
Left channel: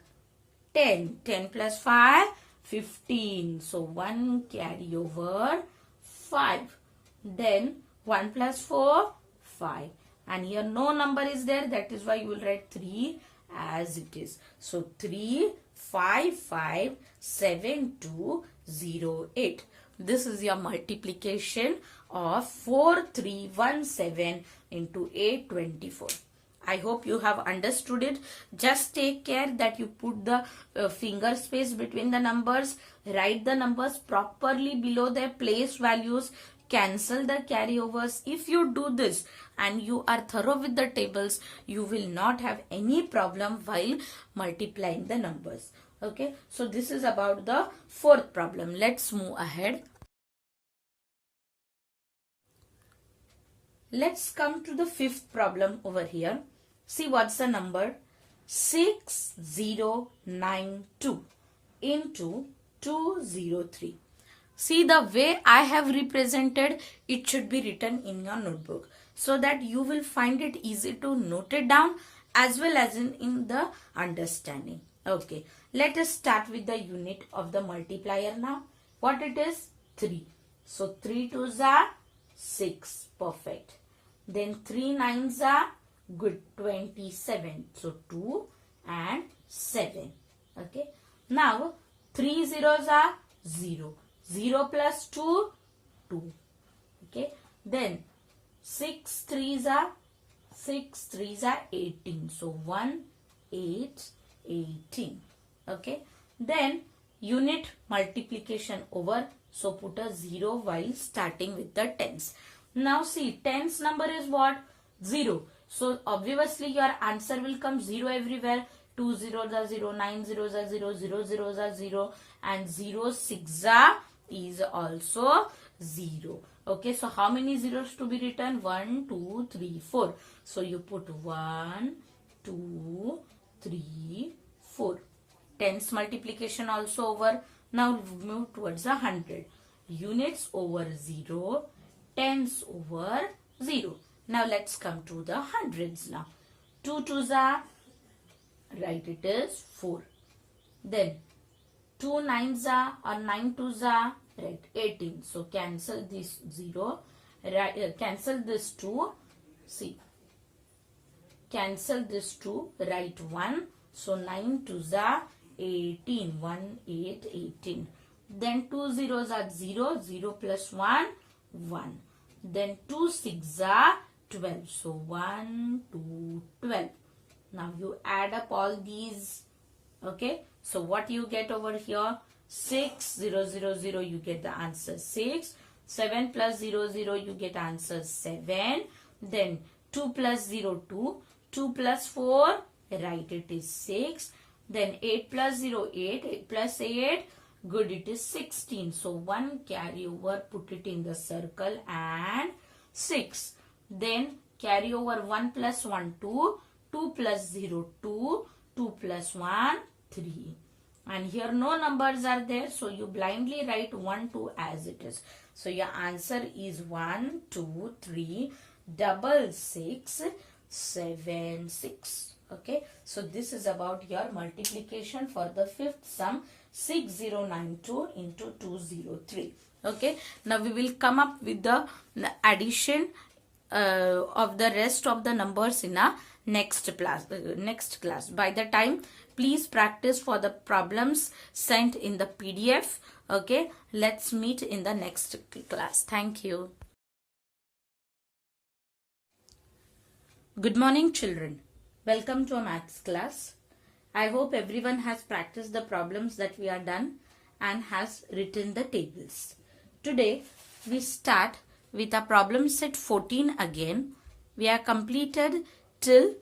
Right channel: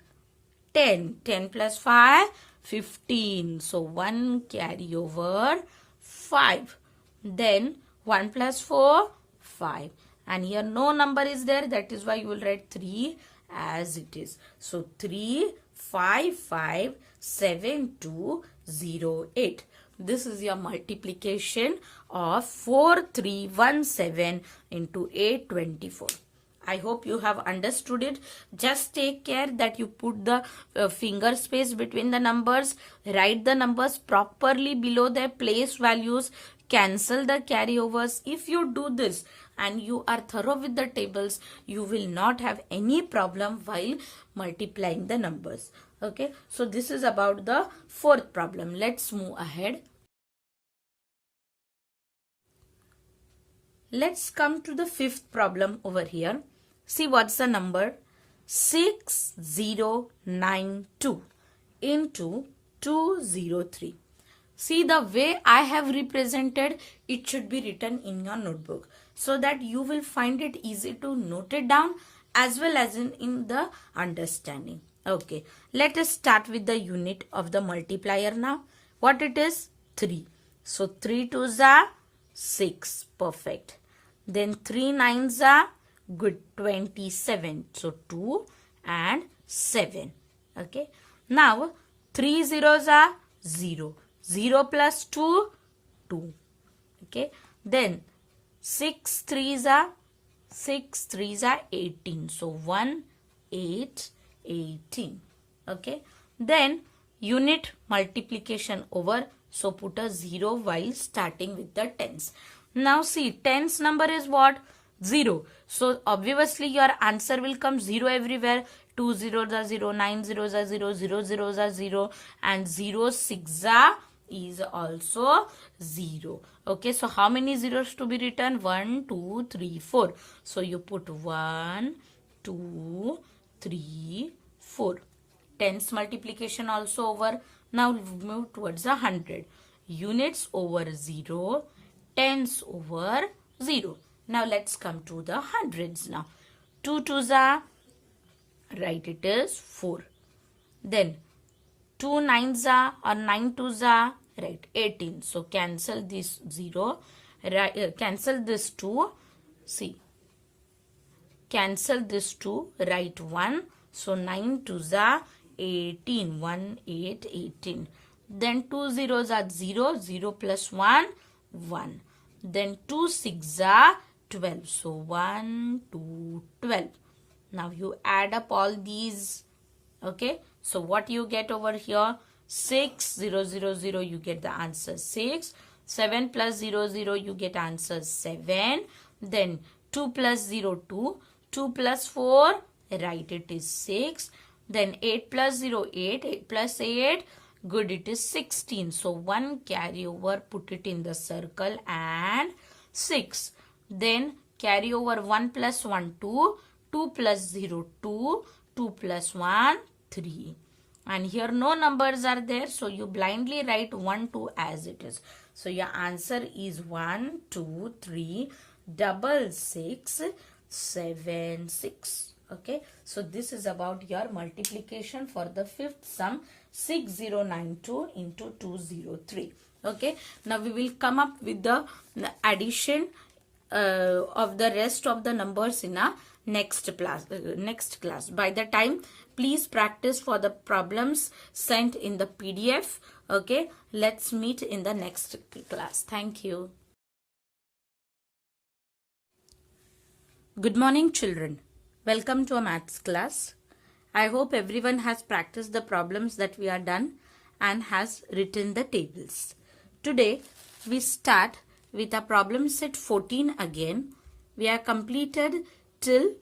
10. 10 plus 5, 15. So 1 carry over 5. Then 1 plus 4, 5. And here no number is there. That is why you will write 3 as it is. So 3, 5, 5, 7, 2, 0, 8. This is your multiplication of 4317 into 824. I hope you have understood it. Just take care that you put the finger space between the numbers, write the numbers properly below their place values, cancel the carryovers. If you do this and you are thorough with the tables, you will not have any problem while multiplying the numbers. Okay, so this is about the fourth problem. Let's move ahead. Let's come to the fifth problem over here. See what's the number? 6092 into 203. See the way I have represented, it should be written in your notebook so that you will find it easy to note it down as well as in the understanding. Okay, let us start with the unit of the multiplier now. What it is? 3. So 3 2s are 6. Perfect. Then 3 9s are good, 27. So 2 and 7. Okay. Now 3 zeros are 0. 0 plus 2, 2. Okay. Then 6 3s are 18. So 1 8 18. Okay. Then unit multiplication over. So put a 0 while starting with the tens. Now see, tens number is what? 0. So obviously your answer will come 0 everywhere. 2 zeros are 0, 9 zeros are 0, 0 zeros are 0 and 0 6 is also 0. Okay, so how many zeros to be written? 1, 2, 3, 4. So you put 1, 2, 3, 4. Tens multiplication also over. Now move towards 100. Units over 0. Tens over 0. Now let's come to the hundreds now. 2 2s are, right, it is 4. Then 2 9s are or 9 2s are, right, 18. So cancel this 0, cancel this 2, see, cancel this 2, write 1. So 9 2s are 18, 1 8 18. Then 2 zeros are 0, 0 plus 1, 1. Then 2 6 are 12. So 1 2 12. Now you add up all these. Okay. So what you get over here? 6 0 0 0. You get the answer 6. 7 plus 0 0. You get answer 7. Then 2 plus 0 2. 2 plus 4. Right. It is 6. Then 8 plus 0 8. 8 plus 8. Good, it is 16. So 1 carry over, put it in the circle and 6. Then carry over 1 plus 1 2. 2 plus 0 2. 2 plus 1 3. And here no numbers are there. So you blindly write 1 2 as it is. So your answer is 1 2 3 6 7 6. Okay. So this is about your multiplication for the fifth sum. 6092 into 203. Okay. Now we will come up with the addition of the rest of the numbers in a next class. By the time, please practice for the problems sent in the PDF. Okay. Let's meet in the next class. Thank you. Good morning, children. Welcome to a maths class. I hope everyone has practiced the problems that we are done and has written the tables. Today we start with a problem set 14 again. We are completed till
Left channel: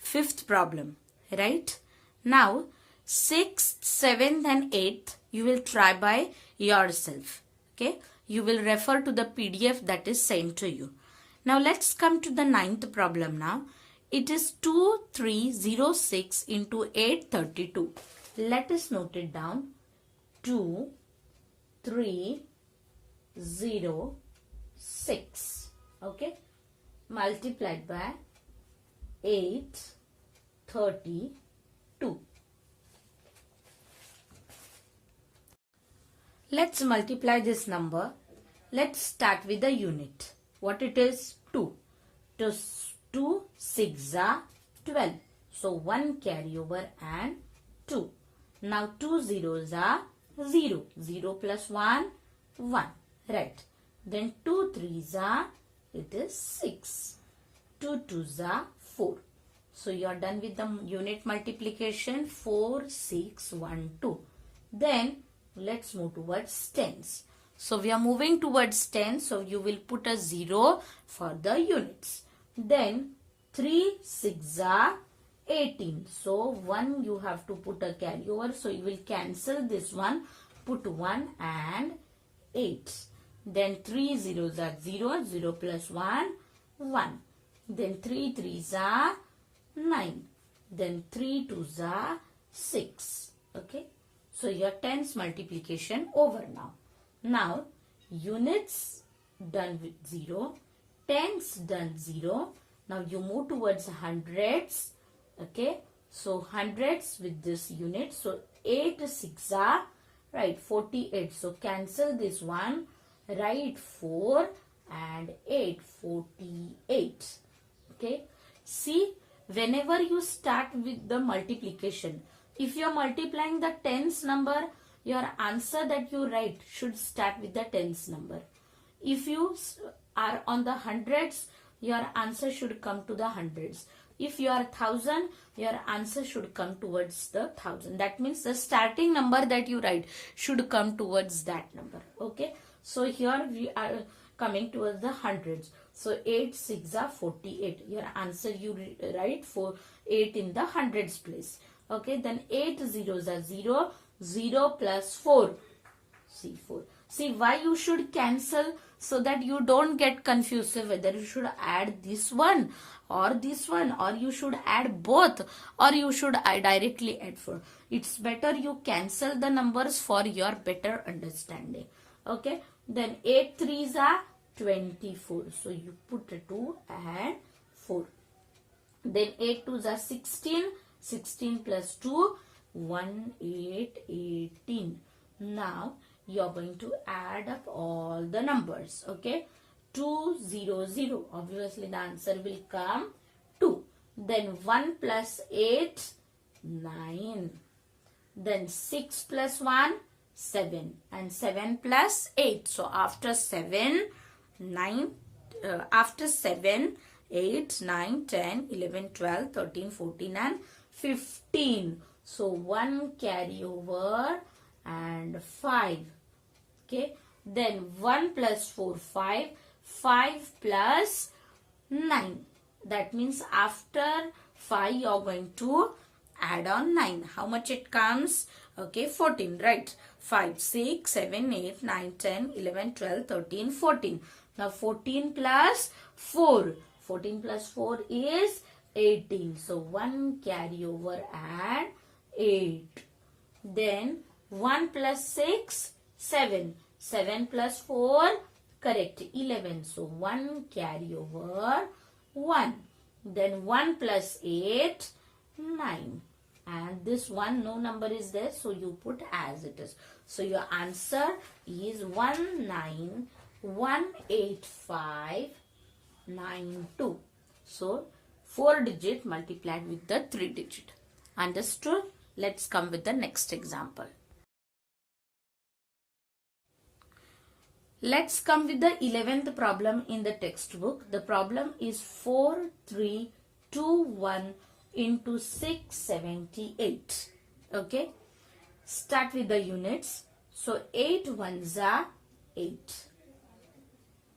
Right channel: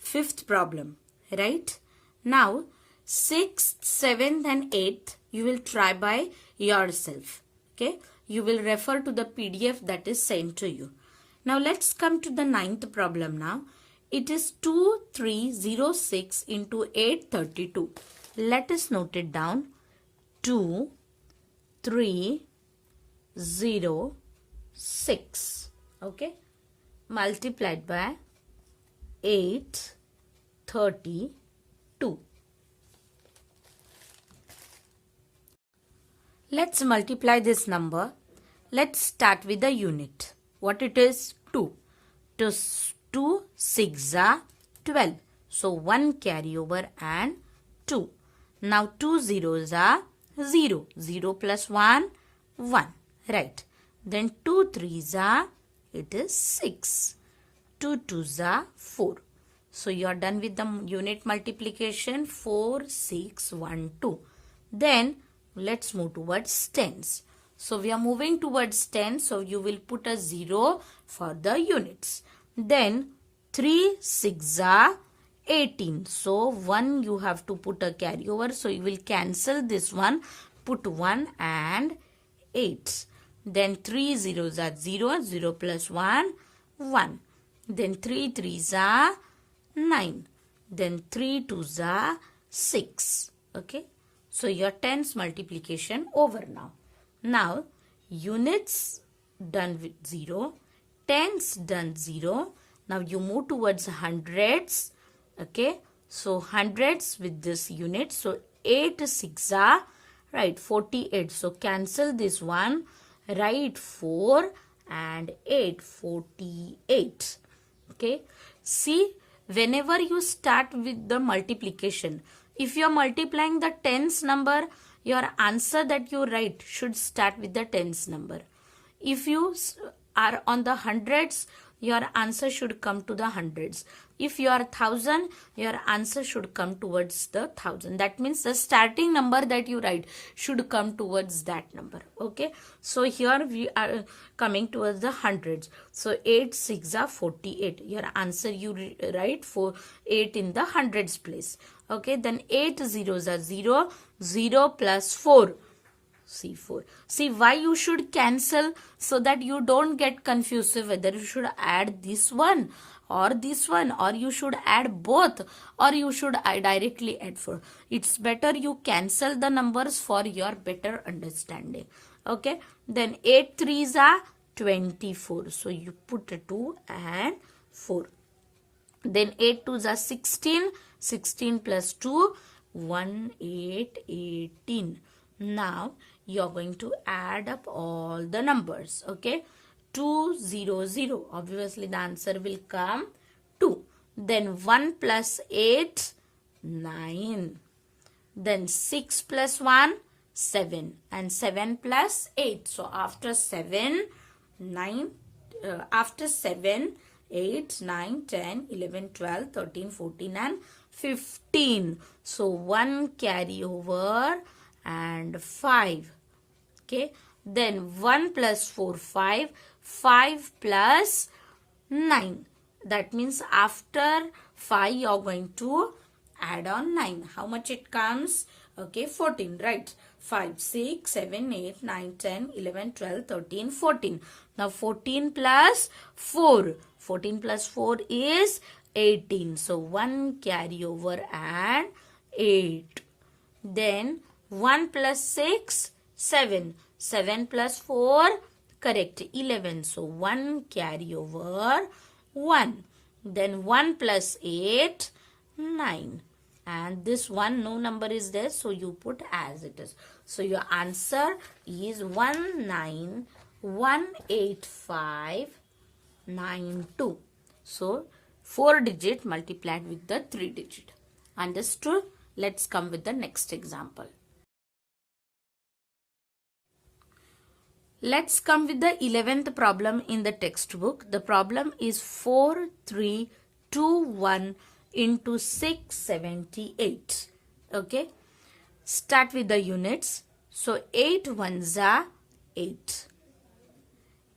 5th problem, right? Now 6th, 7th and 8th you will try by yourself. Okay? You will refer to the PDF that is sent to you. Now let's come to the 9th problem now. It is 2306 into 832. Let us note it down. 2306. Okay. Multiplied by 832. Let's multiply this number. Let's start with the unit. What it is? 2. 2 6 are 12. So 1 carry over and 2. Now 2 zeros are 0. 0 plus 1, 1. Right. Then 2 3s are, it is 6. 2 2s are 4. So you are done with the unit multiplication 4, 6, 1, 2. Then let's move towards tens. So we are moving towards 10. So you will put a 0 for the units. Then 3 6 are 18. So 1 you have to put a carryover. So you will cancel this one. Put 1 and 8. Then 3 zeros are 0. 0 plus 1, 1. Then 3 threes are 9. Then 3 twos are 6. Okay. So your tens multiplication over now. Now units done with 0. Tens done 0. Now you move towards hundreds. Okay. So hundreds with this unit. So 8 6 are right 48. So cancel this one. Write 4 and 8 48. Okay. See, whenever you start with the multiplication, if you are multiplying the tens number, your answer that you write should start with the tens number. If you are on the hundreds, your answer should come to the hundreds. If you are 1000, your answer should come towards the 1000. That means the starting number that you write should come towards that number. Okay. So here we are coming towards the hundreds. So 8 6 are 48. Your answer you write for 8 in the hundreds place. Okay. Then 8 zeros are 0. 0 plus 4. See 4. See why you should cancel, so that you don't get confused whether you should add this one or this one, or you should add both, or you should directly add 4. It's better you cancel the numbers for your better understanding. Okay. Then 8 threes are 24. So you put 2 and 4. Then 8 twos are 16. 16 plus 2, 1 8 18. Now you are going to add up all the numbers. Okay. 2 0 0. Obviously the answer will come 2. Then 1 plus 8, 9. Then 6 plus 1, 7. And 7 plus 8. So after 7, 9, after 7, 8, 9, 10, 11, 12, 13, 14 and 15. So 1 carryover and 5. Okay. Then 1 plus 4, 5. 5 plus 9. That means after 5 you are going to add on 9. How much it comes? Okay, 14, right? 5, 6, 7, 8, 9, 10, 11, 12, 13, 14. Now 14 plus 4. 14 plus 4 is 18. So 1 carryover and 8. Then 1 plus 6, 7. 7 plus 4, correct, 11. So 1 carryover, 1. Then 1 plus 8, 9. And this one, no number is there, so you put as it is. So your answer is 1918592. So 4 digit multiplied with the 3 digit. Understood? Let's come with the next example. Let's come with the 11th problem in the textbook. The problem is 4321 into 678. Okay. Start with the units. So 8 ones are 8.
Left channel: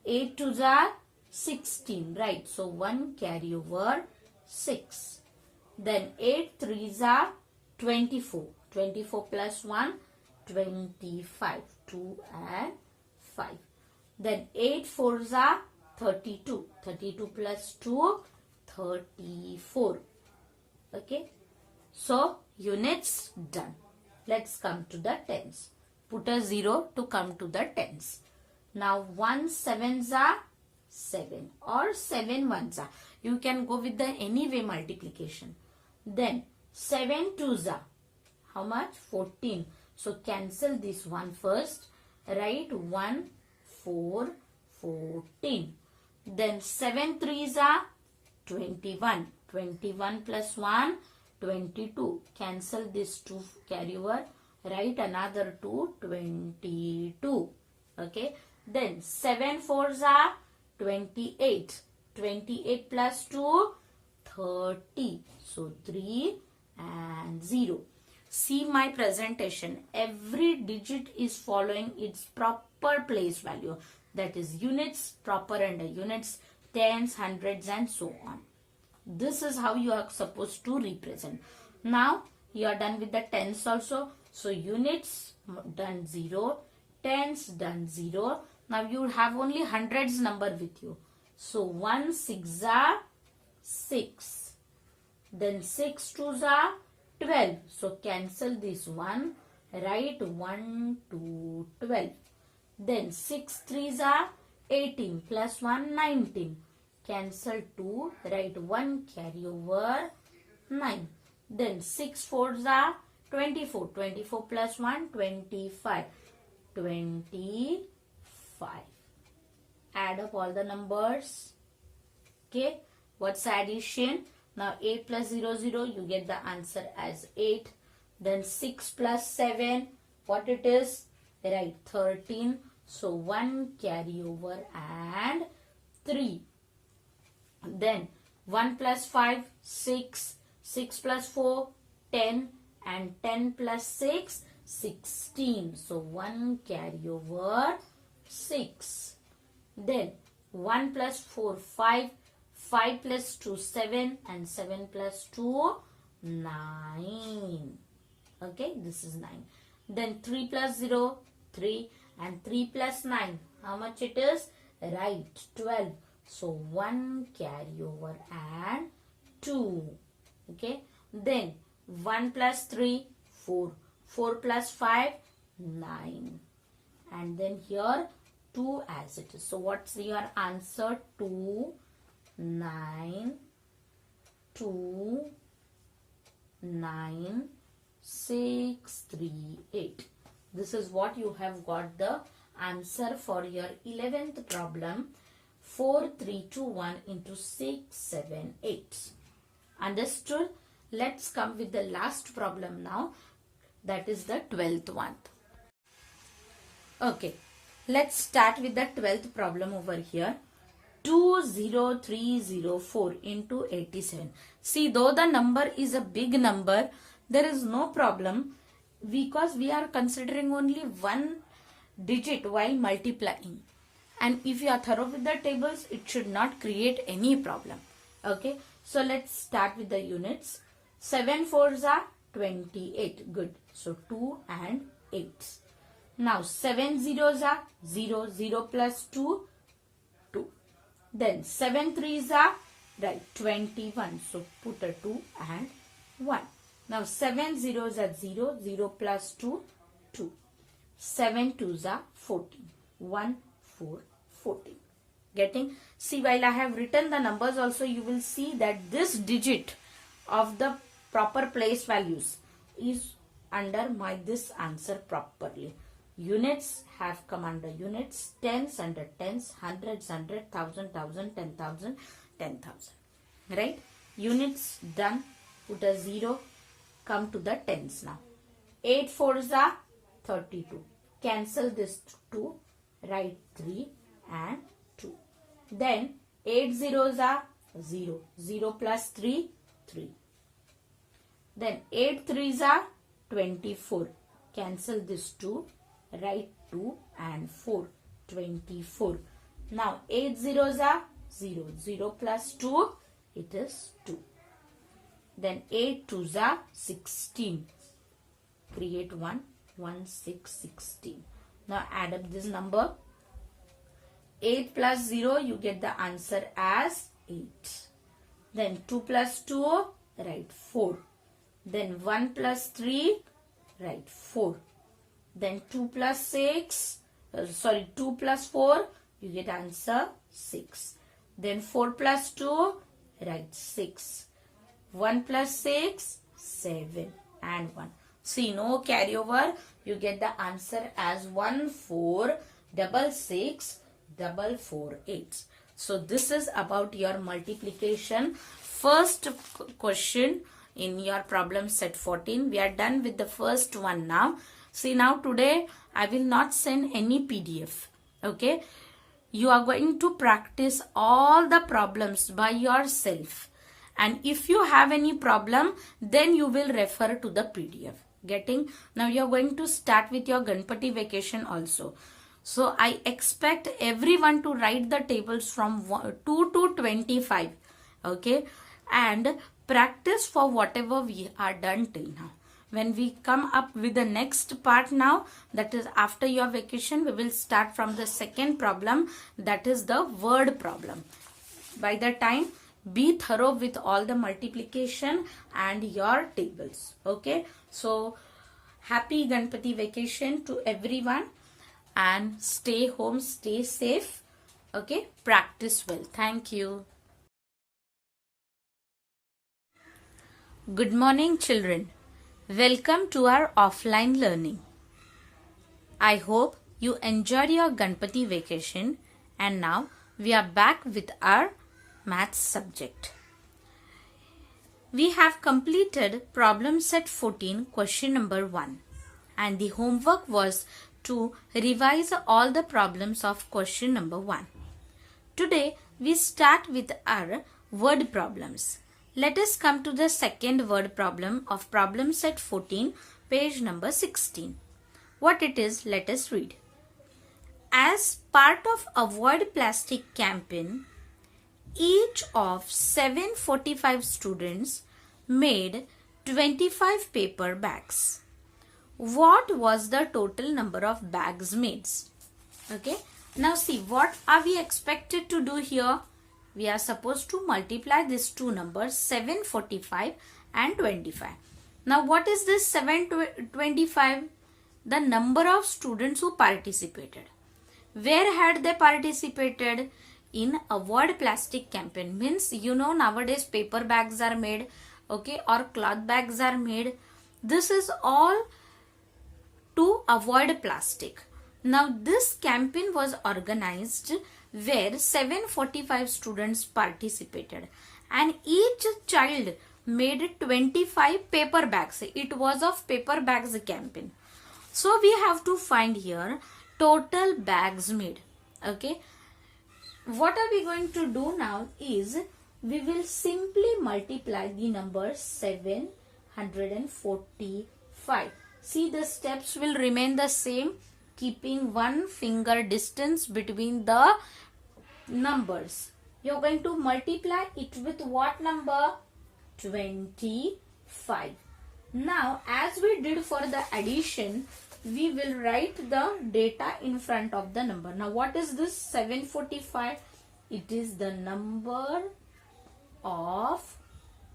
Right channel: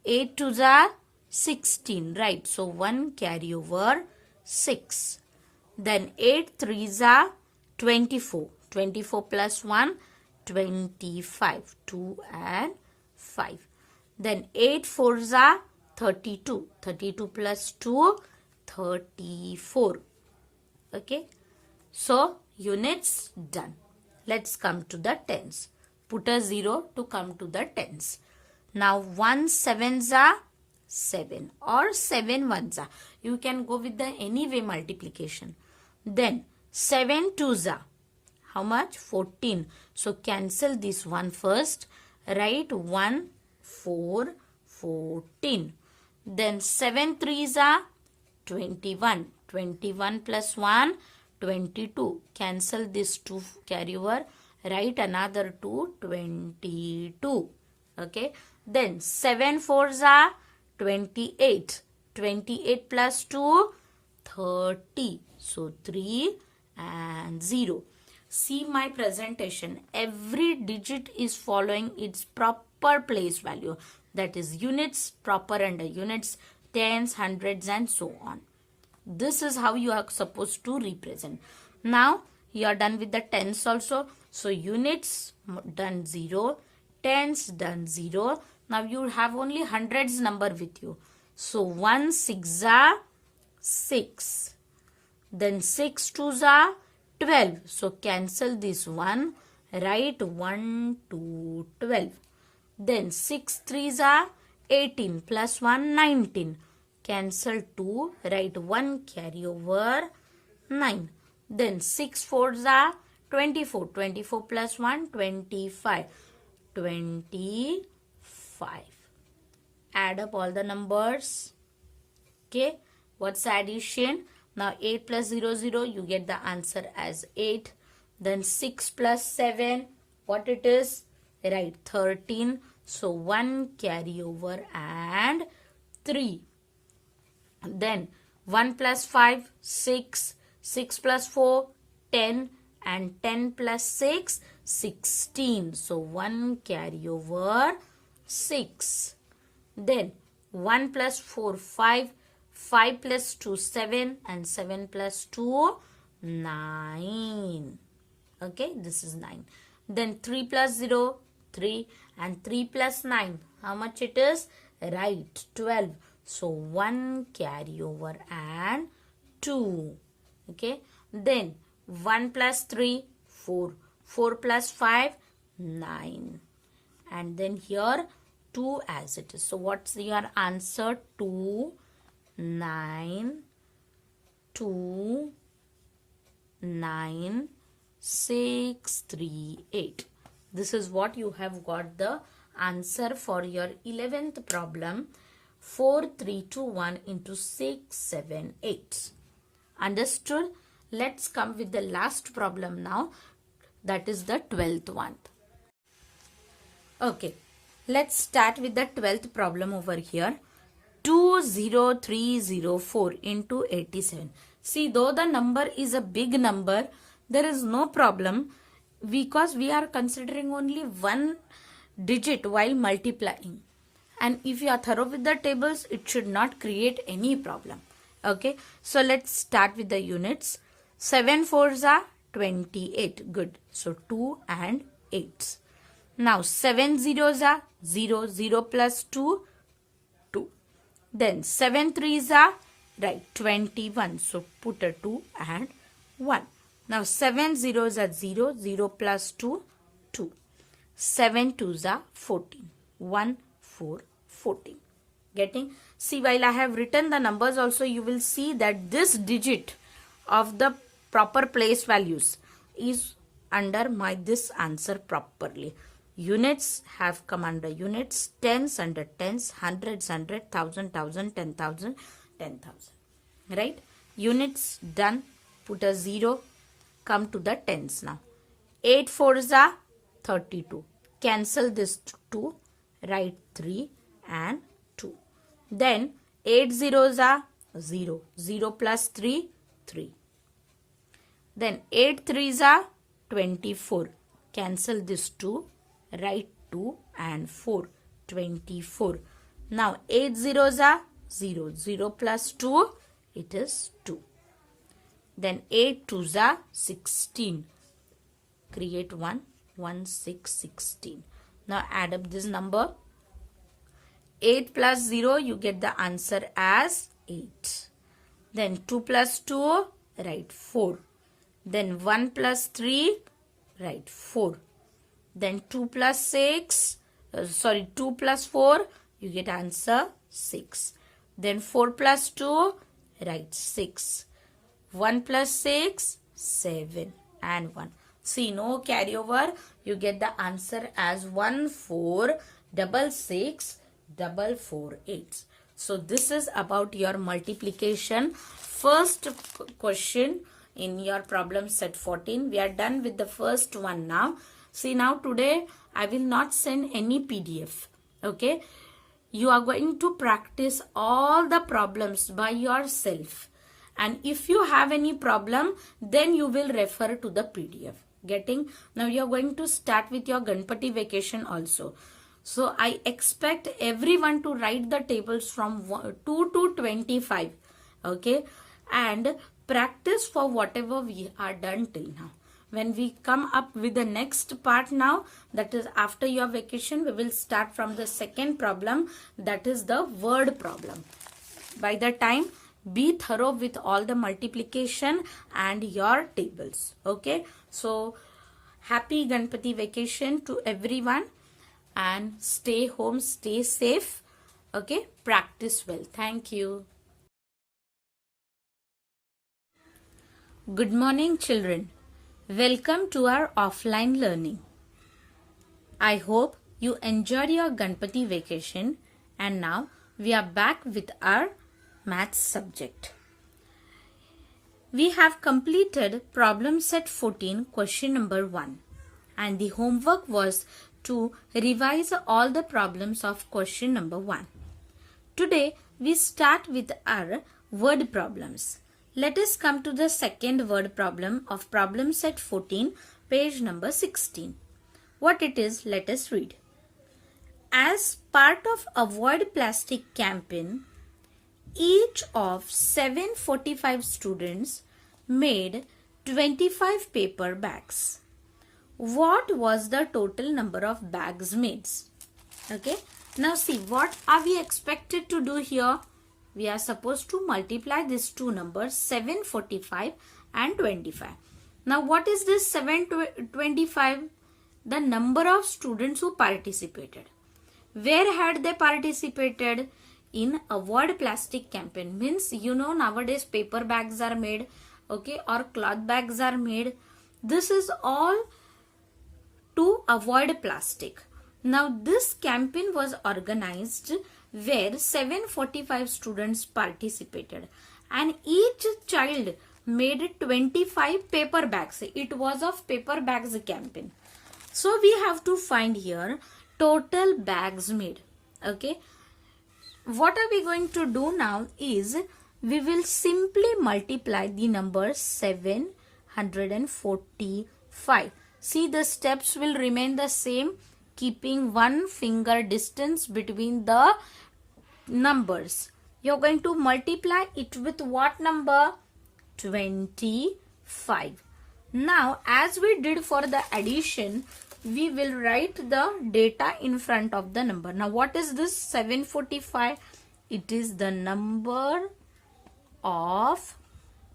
8 twos are 16. Right. So 1 carryover 6. Then 8 threes are 24. 24 plus 1, 25. 2 and 5. Then 8 fours are 32. 32 plus 2, 34. Okay. So units done. Let's come to the tens. Put a 0 to come to the tens. Now 1 sevens are 7 or 7 ones are. You can go with the any way multiplication. Then 7 twos are how much? 14. So cancel this one first. Write 1 4 14. Then 7 threes are 21. 21 plus 1, 22. Cancel this 2 carryover. Write another 2, 22. Okay. Then 7 fours are 28. 28 plus 2, 30. So 3 and 0. See my presentation. Every digit is following its proper place value. That is units, proper under units, tens, hundreds and so on. This is how you are supposed to represent. Now you are done with the tens also. So units done 0, tens done 0. Now you have only hundreds number with you. So 1 6 are 6. Then 6 2s are 12. So cancel this one. Write 1 2 12. Then 6 3s are 18 plus 1 19. Cancel 2. Write 1 carry over 9. Then 6 4s are 24. 24 plus 1 25. 25. Add up all the numbers. Okay. What's the addition? Now 8 plus 0 0. You get the answer as 8. Then 6 plus 7. What it is? Right. 13. So 1 carry over and 3. Then 1 plus 5, 6. 6 plus 4, 10. And 10 plus 6, 16. So 1 carry over 6. Then 1 plus 4, 5. 5 plus 2, 7. And 7 plus 2, 9. Okay, this is 9. Then 3 plus 0, 3. And 3 plus 9, how much it is? Right, 12. So 1 carry over and 2. Okay, then 1 plus 3, 4. 4 plus 5, 9. And then here 2 as it is. So what's your answer? 2, 9, 2, 9, 6, 3, 8. This is what you have got the answer for your 11th problem. 4, 3, 2, 1 into 6, 7, 8. Understood? Let's come with the last problem now. That is the 12th one. Okay. Let's start with the 12th problem over here. 20304 into 87. See, though the number is a big number, there is no problem because we are considering only one digit while multiplying. And if you are thorough with the tables, it should not create any problem. Okay. So let's start with the units. 7 4s are 28. Good. So 2 and 8. Now 7 zeros are 0. 0 plus 2, 2. Then 7 3s are right 21. So put a 2 and 1. Now 7 zeros are 0. 0 plus 2, 2. 7 2s are 14. 1 4 14. Getting? See, while I have written the numbers also, you will see that this digit of the proper place values is under this answer properly. Units have come under units, tens under tens, hundreds, 100, 1,000, 10,000, 10,000. Right? Units done. Put a 0. Come to the tens now. 8 4s are 32. Cancel this 2. Write 3 and 2. Then 8 zeros are 0. 0 plus 3, 3. Then 8 3s are 24. Cancel this 2. Write 2 and 4. 24. Now 8 zeros are 0. 0 plus 2, it is 2. Then 8 2s are 16. Create 1. 1 6 16. Now add up this number. 8 plus 0, you get the answer as 8. Then 2 plus 2, write 4. Then 1 plus 3, write 4. Then 2 plus 2 plus 4, you get answer 6. Then 4 plus 2, write 6. 1 plus 6, 7 and 1. See, no carryover. You get the answer as 1466648. So this is about your multiplication. First question in your problem set 14. We are done with the first one now. See, now today I will not send any PDF. Okay. You are going to practice all the problems by yourself. And if you have any problem, then you will refer to the PDF. Getting? Now you are going to start with your Ganpati vacation also. So I expect everyone to write the tables from 2 to 25. Okay? And practice for whatever we are done till now. When we come up with the next part now, that is after your vacation, we will start from the second problem, that is the word problem. By the time, be thorough with all the multiplication and your tables. Okay, so happy Ganpati vacation to everyone, and stay home, stay safe. Okay, practice well. Thank you. Good morning, children. Welcome to our offline learning. I hope you enjoyed your Ganpati vacation, and now we are back with our maths subject. We have completed problem set 14, question number 1, and the homework was to revise all the problems of question number 1. Today we start with our word problems. Let us come to the second word problem of problem set 14, page number 16. What it is, let us read. As part of Avoid Plastic campaign, each of 745 students made 25 paper bags. What was the total number of bags made? Okay. Now see, what are we expected to do here? We are supposed to multiply these two numbers, 745 and 25. Now what is this 725? The number of students who participated. Where had they participated? In Avoid Plastic campaign. Means, you know, nowadays paper bags are made, okay, or cloth bags are made. This is all to avoid plastic. Now this campaign was organized where 745 students participated, and each child made 25 paper bags. It was of paper bags campaign. So we have to find here total bags made. Okay. What are we going to do now is we will simply multiply the number 745. See, the steps will remain the same, keeping 1 finger distance between the numbers. You're going to multiply it with what number? 25. Now, as we did for the addition, we will write the data in front of the number. Now, what is this 745? It is the number of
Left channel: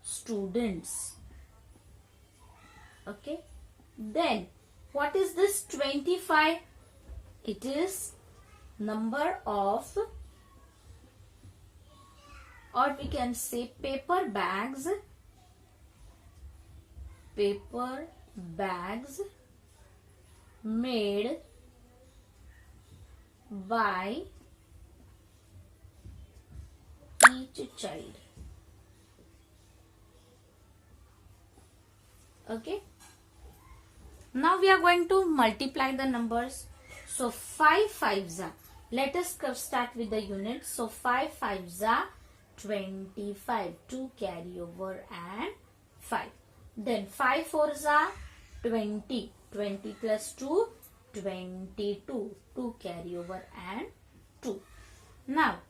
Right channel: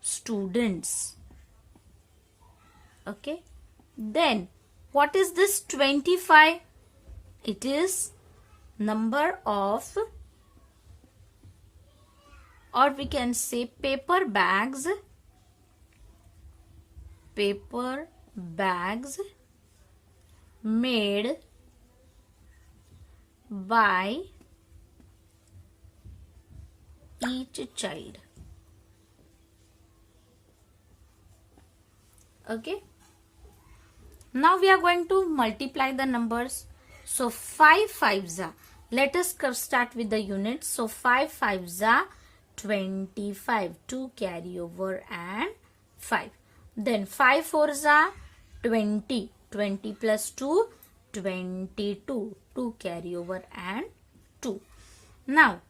students. Okay. Then, what is this 25? It is number of, or we can say paper bags made by each child. Okay. Now we are going to multiply the numbers. So 5 5s are, let us start with the units. So 5 5s are 25, 2 carry over and 5. Then 5 4s are 20, 20 plus 2, 22, 2 carry over and 2. Now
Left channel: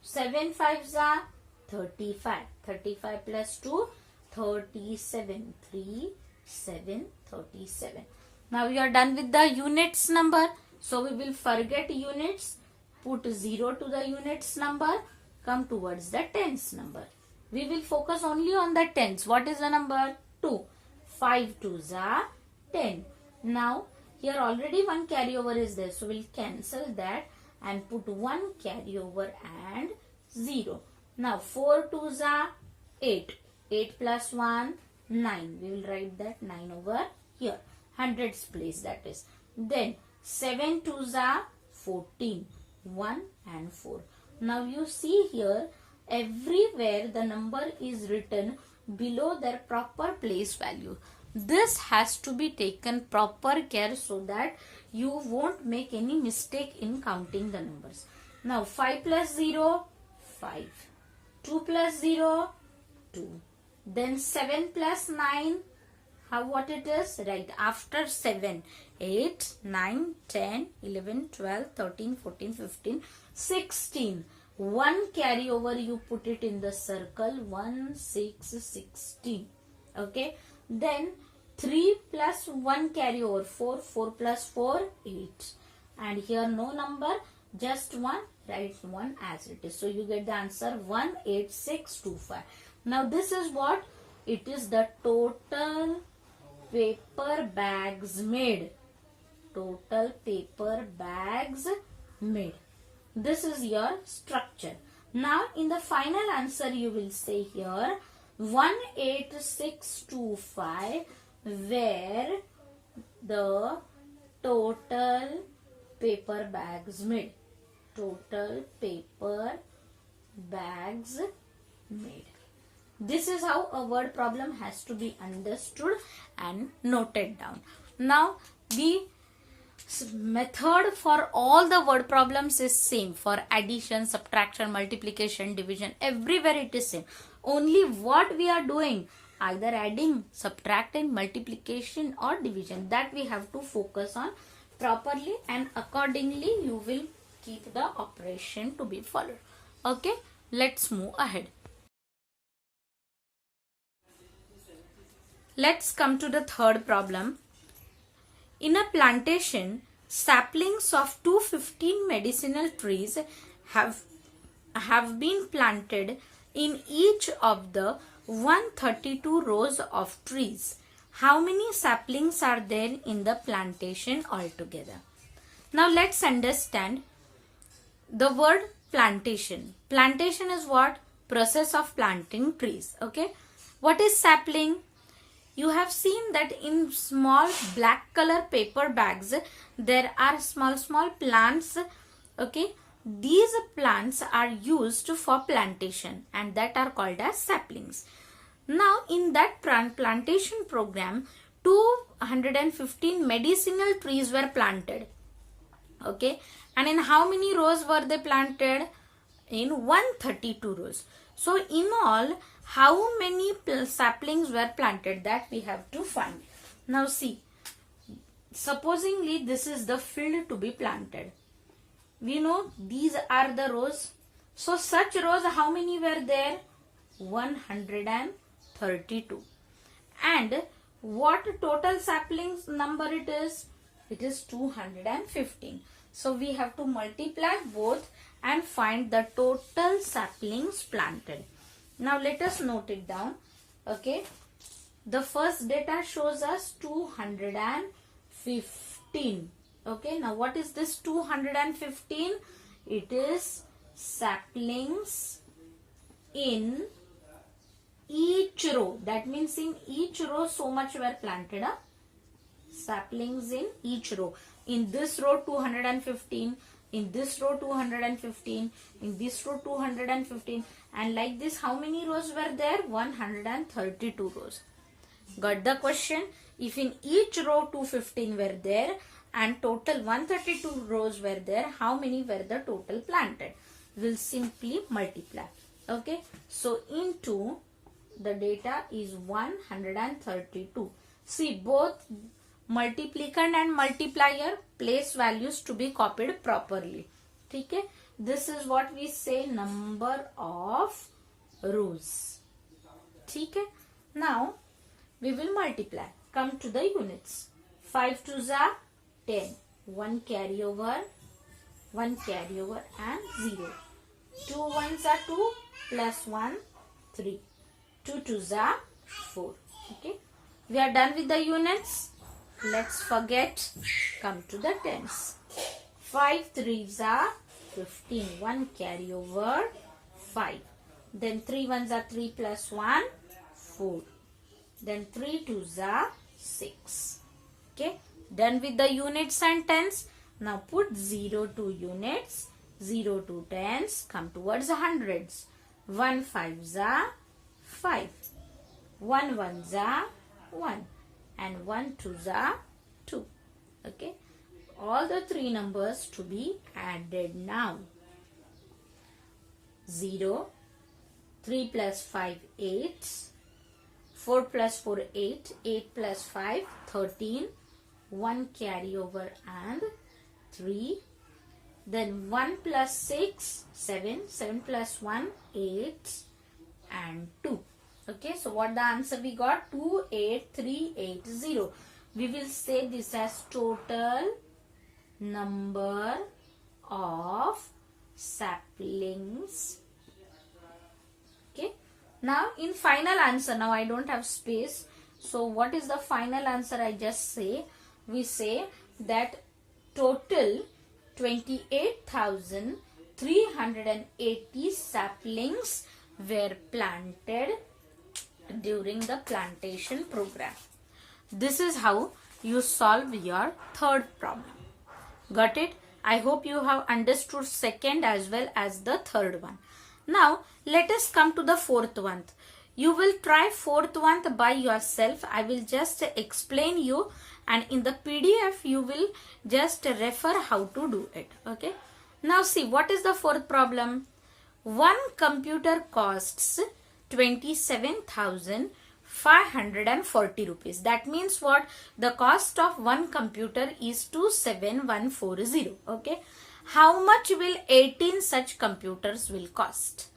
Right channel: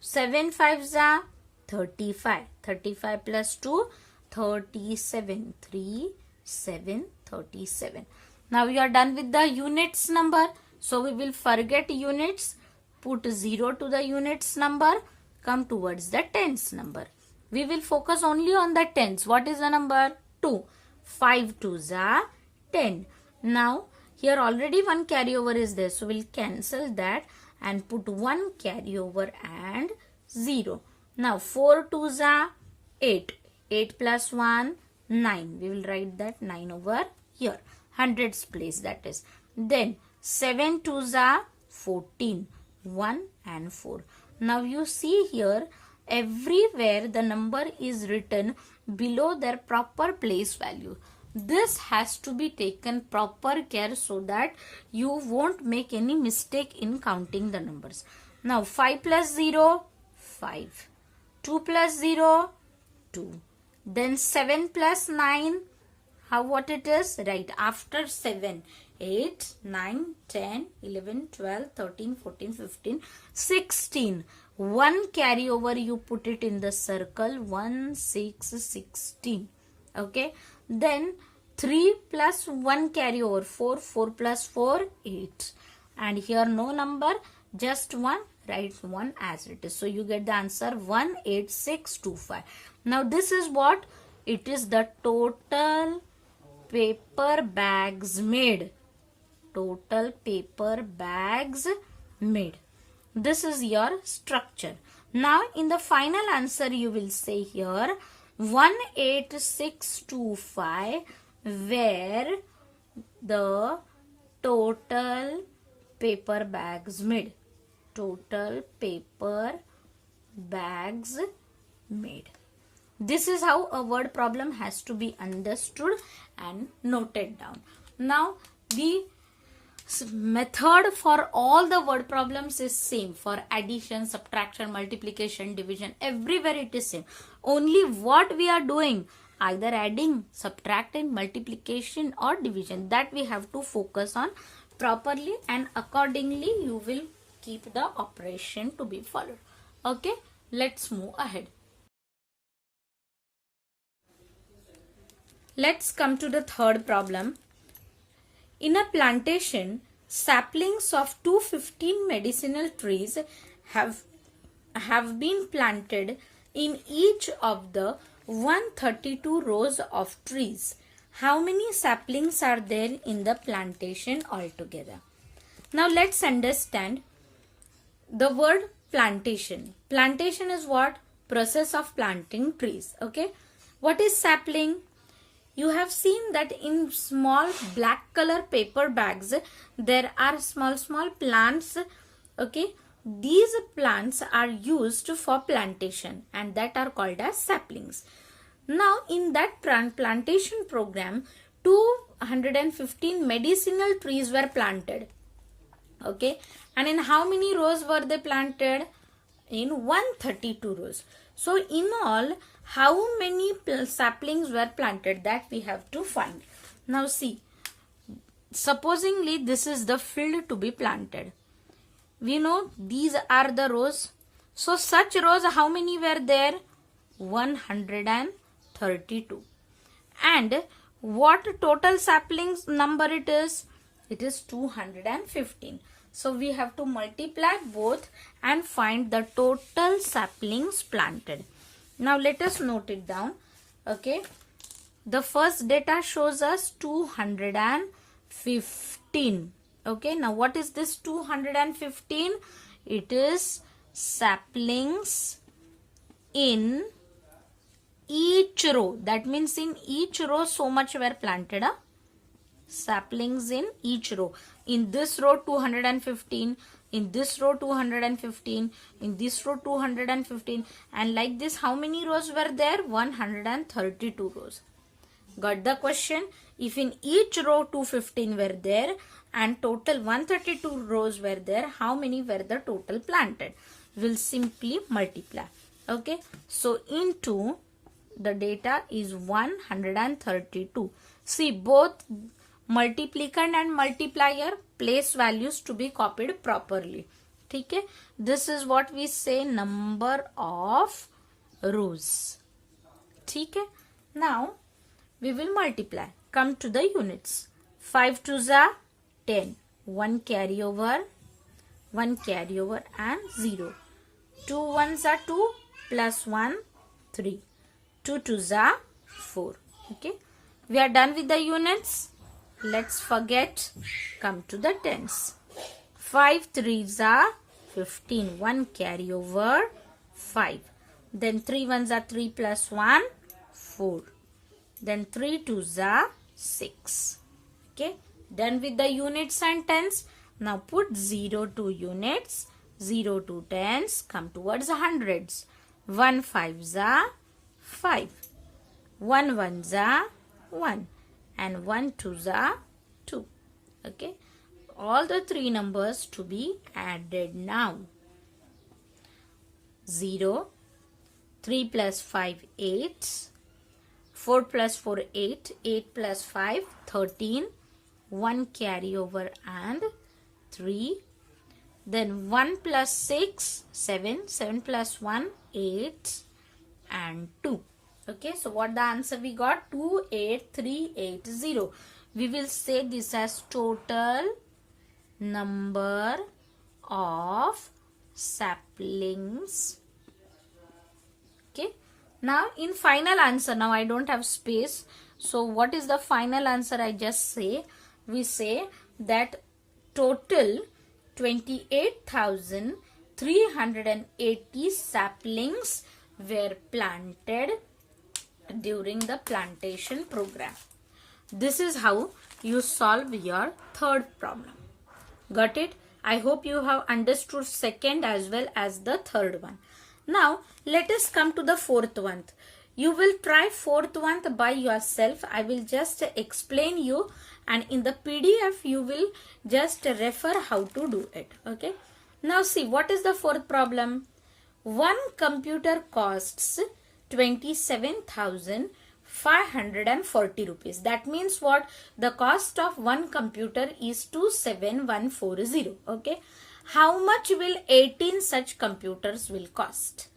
7 5s are 35, 35 plus 2, 37, 3, 7, 37. Now we are done with the units number. So we will forget units, put 0 to the units number, come towards the tens number. We will focus only on the tens. What is the number? 2. 5 2s are 10. Now here already 1 carryover is there. So we'll cancel that and put 1 carryover and 0. Now 4 2s are 8. 8 plus 1, 9. We will write that 9 over here. Hundreds place, that is. Then 7 2s are 14. 1 and 4. Now you see here, everywhere the number is written below their proper place value. This has to be taken proper care so that you won't make any mistake in counting the numbers. Now 5 plus 0, 5. 2 plus 0, 2. Then 7 plus 9, what it is? Right, after 7, 8, 9, 10, 11, 12, 13, 14, 15, 16. 1 carryover, you put it in the circle, 1, 6, 16. Okay, then 3 plus 1 carryover, 4, 4 plus 4, 8. And here no number, just 1, write 1 as it is. So you get the answer 18625. Now this is what? It is the total paper bags made. Total paper bags made. This is your structure. Now in the final answer you will say here 18625, where the total paper bags made. Total paper bags made. This is how a word problem has to be understood and noted down. Now the method for all the word problems is same. For addition, subtraction, multiplication, division, everywhere it is same. Only what we are doing, either adding, subtracting, multiplication or division, that we have to focus on properly, and accordingly you will keep the operation to be followed. Okay, let's move ahead. Let's come to the third problem. In a plantation, saplings of 215 medicinal trees have been planted in each of the 132 rows of trees. How many saplings are there in the plantation altogether? Now let's understand the word plantation. Plantation is what? Process of planting trees. Okay. What is sapling? You have seen that in small black color paper bags, there are small plants. Okay. These plants are used for plantation and that are called as saplings. Now in that plantation program, 215 medicinal trees were planted. Okay. And in how many rows were they planted? In 132 rows. So in all, how many saplings were planted, that we have to find. Now see, supposingly this is the field to be planted. We know these are the rows. So such rows, how many were there? 132. And what total saplings number it is? It is 215. So we have to multiply both and find the total saplings planted. Now let us note it down. Okay. The first data shows us 215. Okay. Now what is this 215? It is saplings in each row. That means in each row so much were planted. Saplings in each row. In this row 215. In this row 215, in this row 215, and like this how many rows were there? 132 rows. Got the question? If in each row 215 were there and total 132 rows were there, how many were the total planted? We'll simply multiply. Okay. So into the data is 132. See, both multiplicand and multiplier, place values to be copied properly. Okay. This is what we say number of rows. Okay. Now we will multiply. Come to the units. 5 2s are 10. 1 carryover and 0. 2 1s are 2 plus 1 3. 2 2s are 4. Okay. We are done with the units. Let's forget. Come to the tens. 5 3s are 15. 1 carryover 5. Then 3 1s are 3 plus 1 4. Then 3 2s are 6. Okay. Done with the units and tens. Now put 0 to units, 0 to tens. Come towards hundreds. 1 5s are 5. 1 1s are 1. And 1 2s are 2. Okay. All the three numbers to be added now. 0, 3 plus 5, 8. 4 plus 4, 8. 8 plus 5, 13. 1 carry over and 3. Then 1 plus 6, 7. 7 plus 1, 8 and 2. Okay, so what the answer we got? 28380. We will say this as total number of saplings. Okay, now in final answer, now I don't have space. So what is the final answer? I just say, we say that total 28,380 saplings were planted during the plantation program. This is how you solve your third problem. Got it? I hope you have understood second as well as the third one. Now let us come to the fourth one. You will try fourth one by yourself. I will just explain you, and in the PDF you will just refer how to do it. Okay. Now see, what is the fourth problem? One computer costs 27,540 rupees. That means what? The cost of one computer is 27,140. Okay. How much will 18 such computers will cost?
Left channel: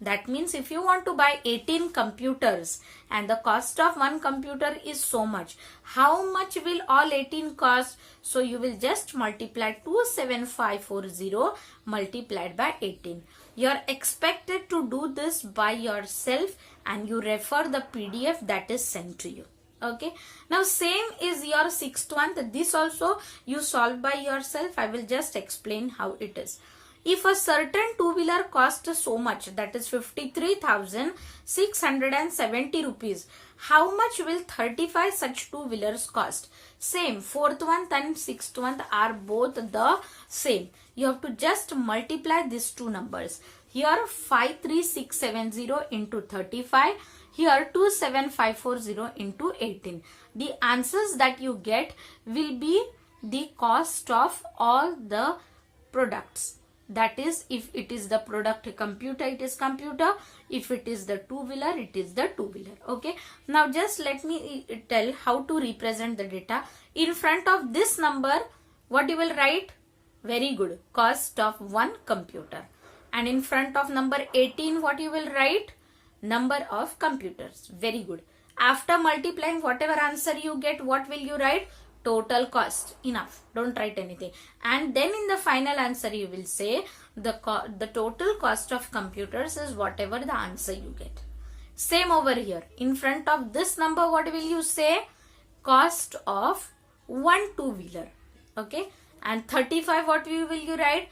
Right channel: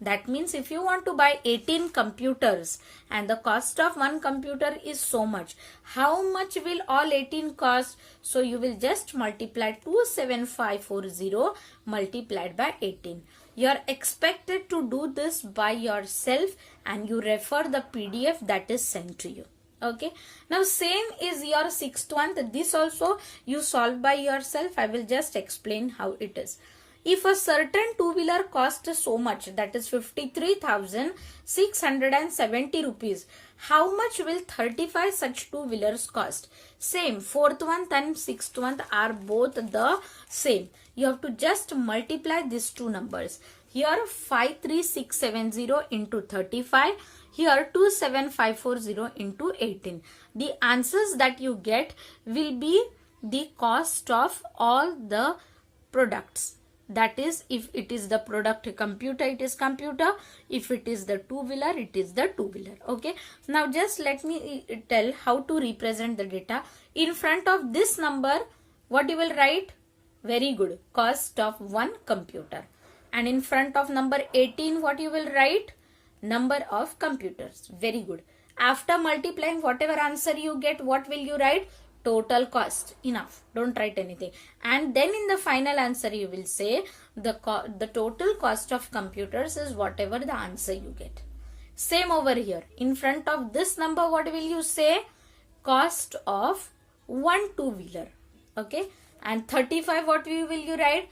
That means if you want to buy 18 computers and the cost of one computer is so much, how much will all 18 cost? So you will just multiply 27540 multiplied by 18. You are expected to do this by yourself and you refer the PDF that is sent to you. Okay. Now same is your sixth one. This also you solve by yourself. I will just explain how it is. If a certain two-wheeler costs so much, that is 53,670 rupees, how much will 35 such two-wheelers cost? Same. Fourth one and sixth one are both the same. You have to just multiply these two numbers. Here 53670 into 35. Here 27540 into 18. The answers that you get will be the cost of all the products. That is, if it is the product computer, it is computer. If it is the two-wheeler, it is the two-wheeler. Okay. Now just let me tell how to represent the data. In front of this number, what you will write? Very good. Cost of one computer. And in front of number 18, what you will write? Number of computers. Very good. After multiplying whatever answer you get, what will you write? Total cost. Enough. Don't write anything. And then in the final answer you will say the total cost of computers is whatever the answer you get. Same over here. In front of this number, what will you say? Cost of one two-wheeler. Okay. And 35, what will you write?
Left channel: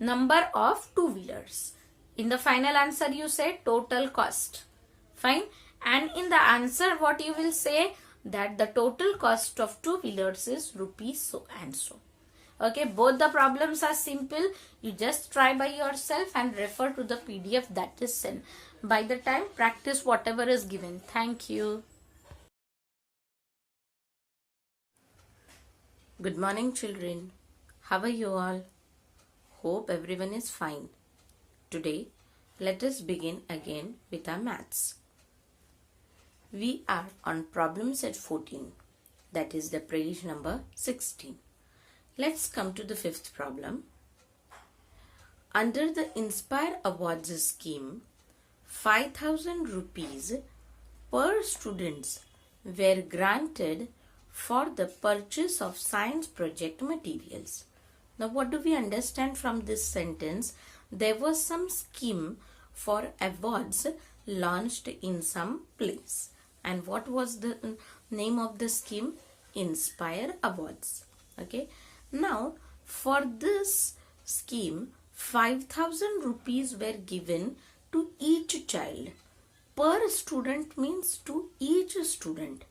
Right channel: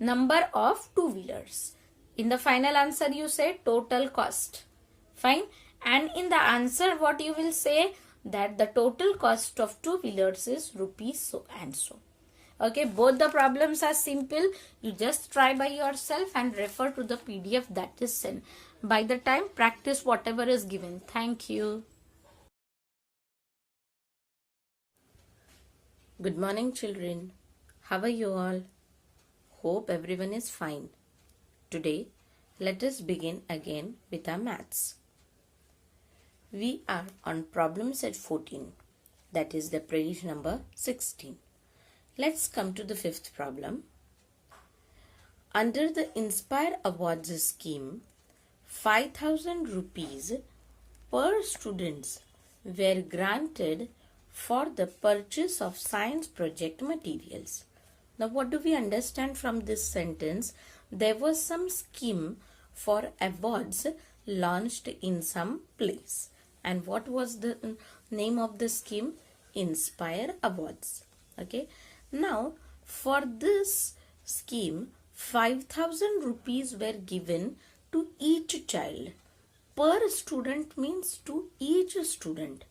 Number of two-wheelers. In the final answer you say total cost. Fine. And in the answer what you will say? That the total cost of two-wheelers is rupees so and so. Okay, both the problems are simple. You just try by yourself and refer to the PDF that is sent. By the time, practice whatever is given. Thank you. Good morning, children. How are you all? Hope everyone is fine. Today, let us begin again with our maths. We are on problem set 14, that is the page number 16. Let's come to the fifth problem. Under the Inspire Awards scheme, 5,000 rupees per students were granted for the purchase of science project materials. Now what do we understand from this sentence? There was some scheme for awards launched in some place. And what was the name of the scheme? Inspire Awards. Okay. Now, for this scheme, 5,000 rupees were given to each child. Per student means to each student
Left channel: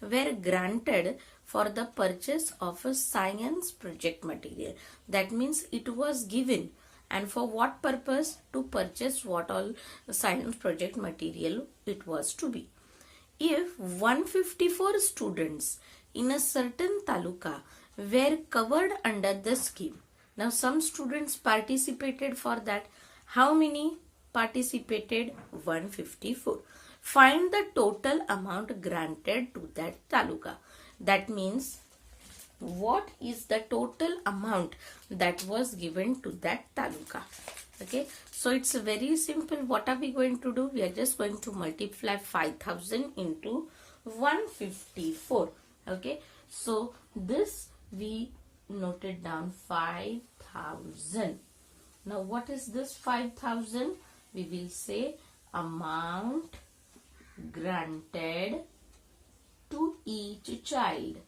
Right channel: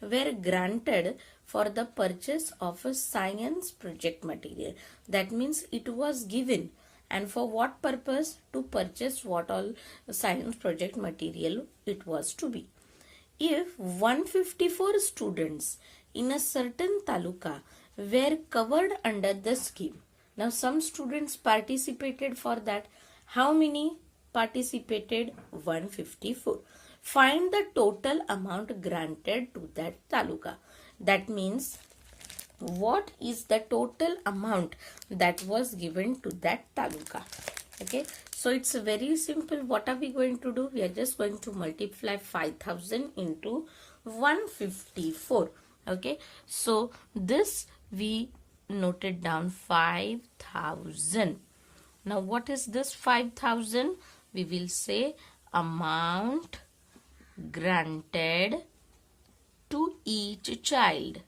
were granted for the purchase of a science project material. That means it was given. And for what purpose? To purchase what all science project material it was to be. If 154 students in a certain taluka were covered under the scheme. Now some students participated for that. How many? participated 154. Find the total amount granted to that taluka. That means what is the total amount that was given to that taluka. Okay, so it's very simple. What are we going to do? We are just going to multiply 5000 into 154. Okay, so this we noted down 5000. Now what is this 5000? We will say amount granted to each child.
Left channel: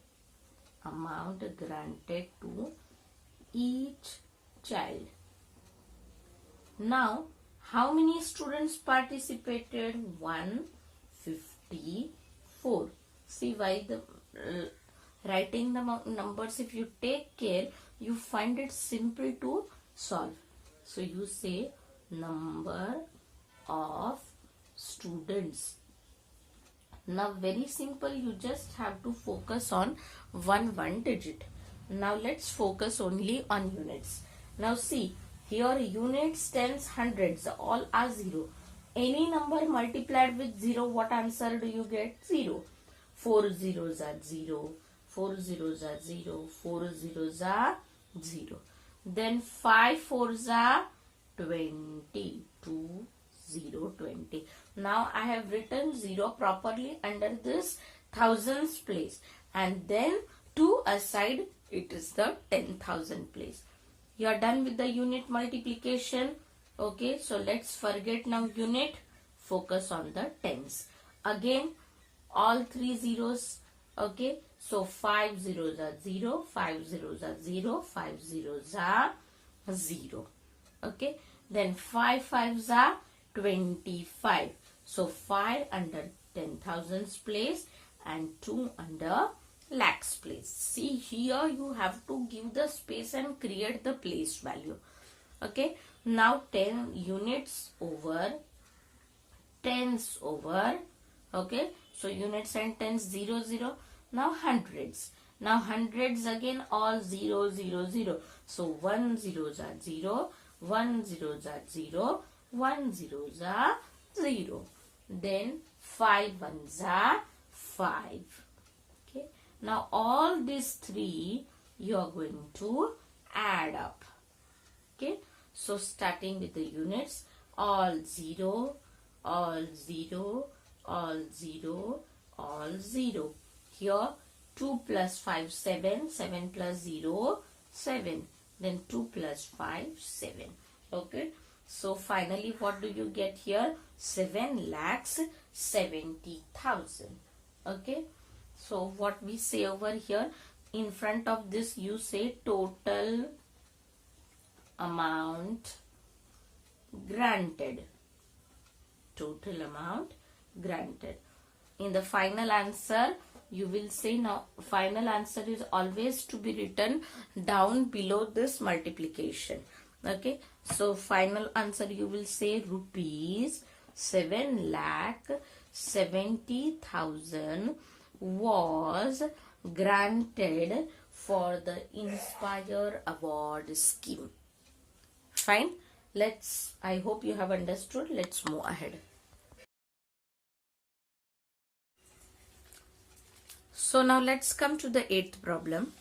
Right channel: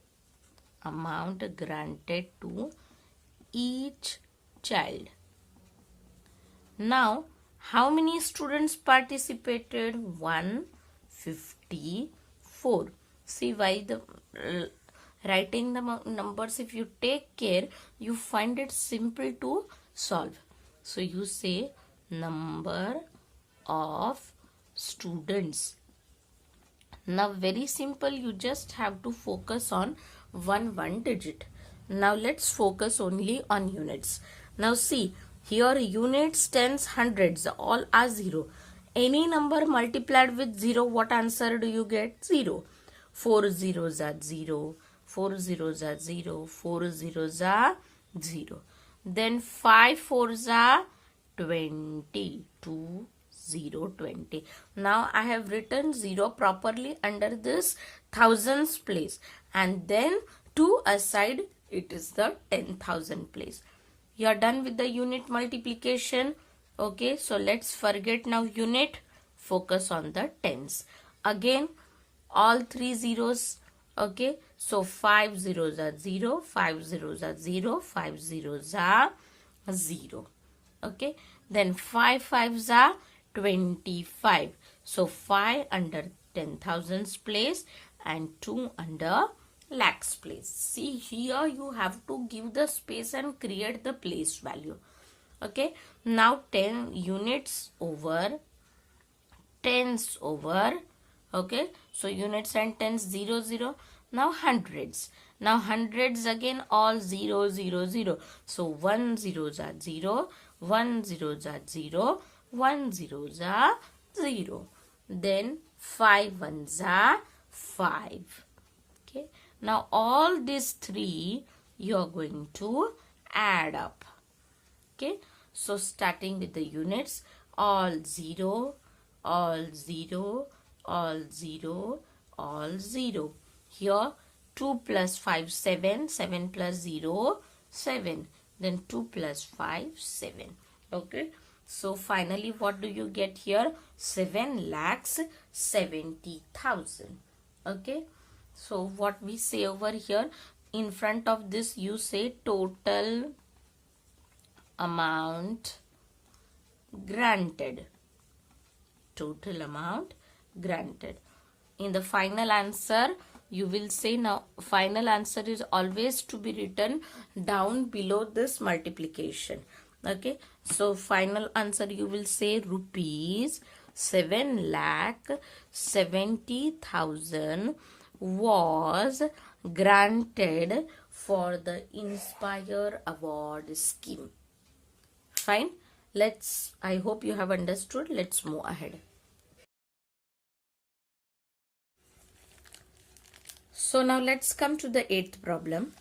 Amount granted to each child. Now, how many students participated? 154. See why the writing the numbers, if you take care, you find it simple to solve. So you say number of students. Now very simple, you just have to focus on one digit. Now let's focus only on units. Now see, here units, tens, hundreds, all are 0. Any number multiplied with 0, what answer do you get? 0. 4 zeros are 0. 4 zeros are 0. 4 zeros are 0. Then 5 fours are 20. 2 0 20. Now I have written 0 properly under this thousands place, and then 2 aside it is the 10,000 place. You are done with the unit multiplication. Okay, so let's forget now unit, focus on the tens. Again all 3 zeros. Okay, so 5 zeros are 0, 5 zeros are 0, 5 zeros are 0. Okay, then 5 fives are 25. So 5 under 10,000's place and 2 under lakhs place. See, here you have to give the space and create the place value. Okay, now 10 units over tens over. Okay, so units and tens 0 0. Now hundreds. Now hundreds again all 0 0 0. So 1 zeros are 0, 1 zeros are 0, 1 zeros are 0. Then 5 ones are 5. Okay, now all these 3 you are going to add up. Okay, so starting with the units, all 0, all 0, all 0, all 0. Here 2 plus 5 7, 7 plus 0 7, then 2 plus 5 7. Okay, so finally what do you get here? 7,70,000. Okay, so what we say over here, in front of this you say total amount granted. Total amount granted. In the final answer you will say, now final answer is always to be written down below this multiplication. Okay, so final answer you will say rupees 7,70,000 was granted for the Inspire Award scheme. Fine, I hope you have understood. Let's move ahead. So now let's come to the 8th problem.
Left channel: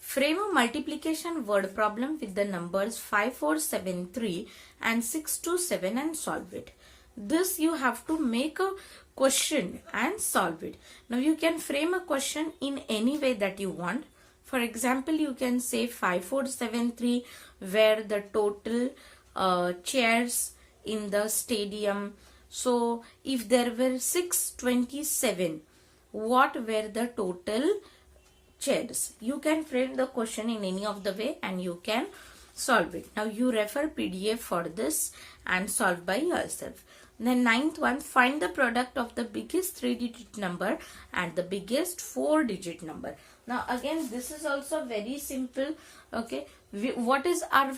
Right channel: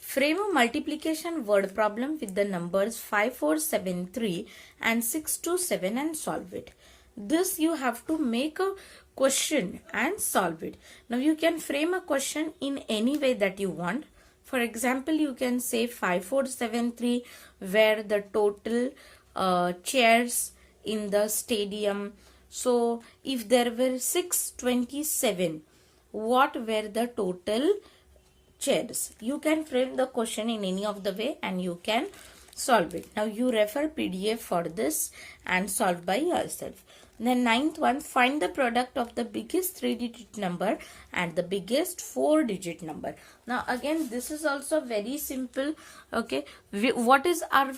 Frame a multiplication word problem with the numbers 5473 and 627 and solve it. This you have to make a question and solve it. Now you can frame a question in any way that you want. For example, you can say 5473 were the total chairs in the stadium. So if there were 627, what were the total chairs? You can frame the question in any of the way and you can solve it. Now you refer PDF for this and solve by yourself. Then 9th one, find the product of the biggest 3-digit number and the biggest 4-digit number. Now again this is also very simple. Okay, what is our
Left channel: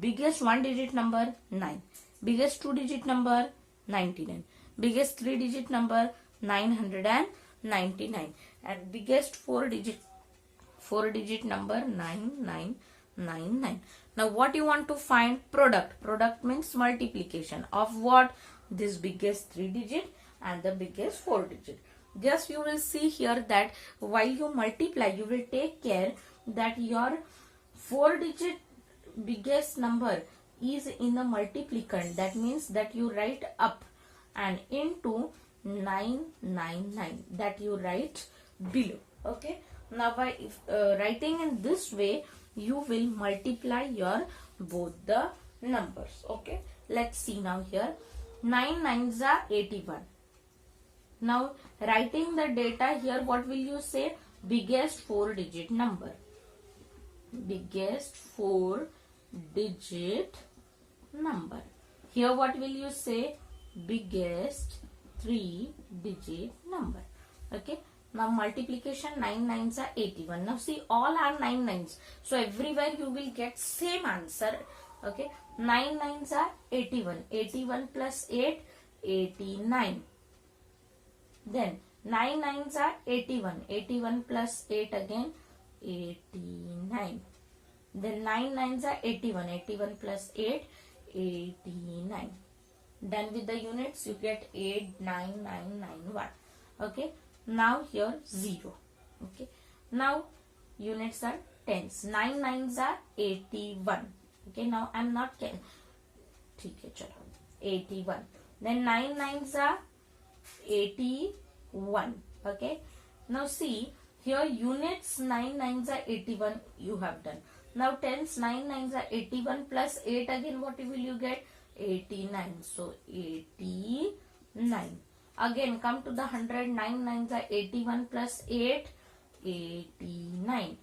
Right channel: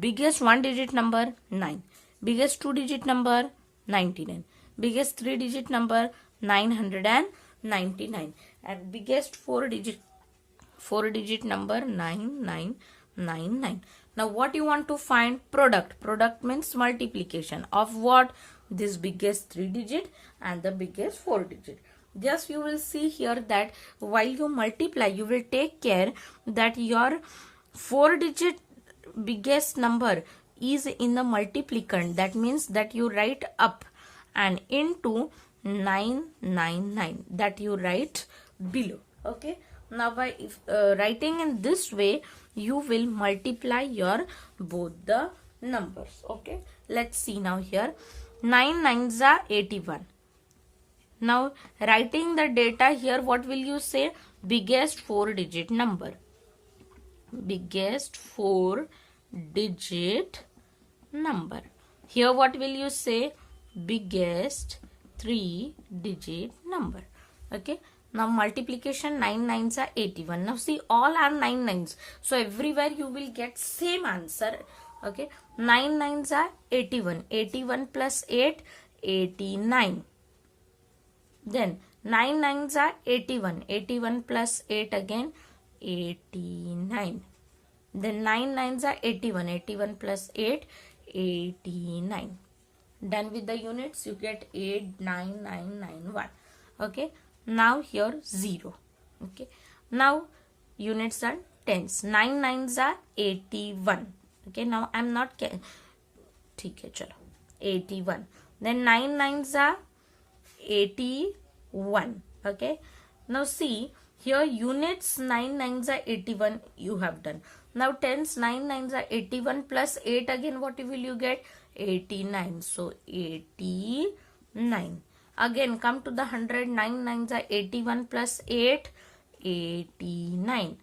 biggest 1-digit number? 9. Biggest 2-digit number? 99. Biggest 3-digit number? 999. And biggest 4-digit number? 9999. Now what you want to find? Product. Product means multiplication of what? This biggest 3 digit and the biggest 4 digit. Just you will see here that while you multiply, you will take care that your 4 digit biggest number is in the multiplicand. That means that you write up and into 999 that you write below. Okay. Now by writing in this way, you will multiply your both the numbers. Okay. Let's see now here. 9 9s are 81. Now writing the data here, what will you say? Biggest 4 digit number. Biggest 4 digit number. Here what will you say? Biggest 3 digit number. Okay. Now multiplication 9 9s are 81. Now see, all are 9 9s. So everywhere you will get same answer. Okay. 9 9s are 81. 81 plus 8, 89. Then 9 9s are 81. 81 plus 8 again, 89. Then 9 9s are 81. 81 plus 8, 89. Done with the units, you get 89991. Okay. Now here 0. Okay. Now units are tens. 9 9s are 81. Okay. Now I'm not ठीक है चलो 81. Then 9 9s are 81. Okay. Now see here, units 9 9s are 81 you have done. Now tens 9 9s are 81 plus 8 again, what will you get? 89. So 89. Again come to the 100. 9 9s are 81 plus 8, 89.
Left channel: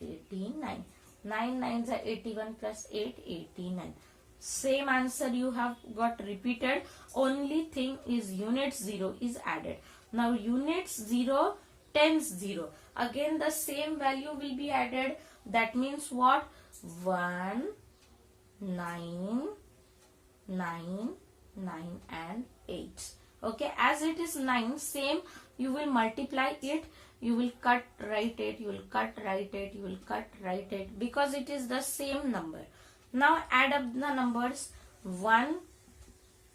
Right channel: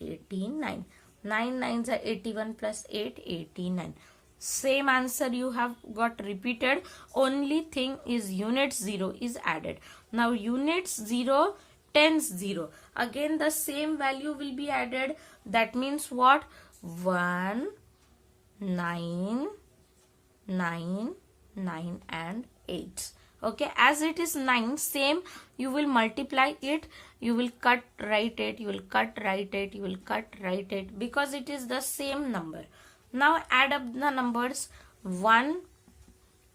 89. 9 9s are 81 plus 8, 89. Same answer you have got repeated. Only thing is units 0 is added. Now units 0, tens 0. Again the same value will be added. That means what? 1, 9, 9, 9 and 8. Okay, as it is 9, same you will multiply it, you will cut, write it, you will cut, write it, you will cut, write it, because it is the same number. Now add up the numbers. 1,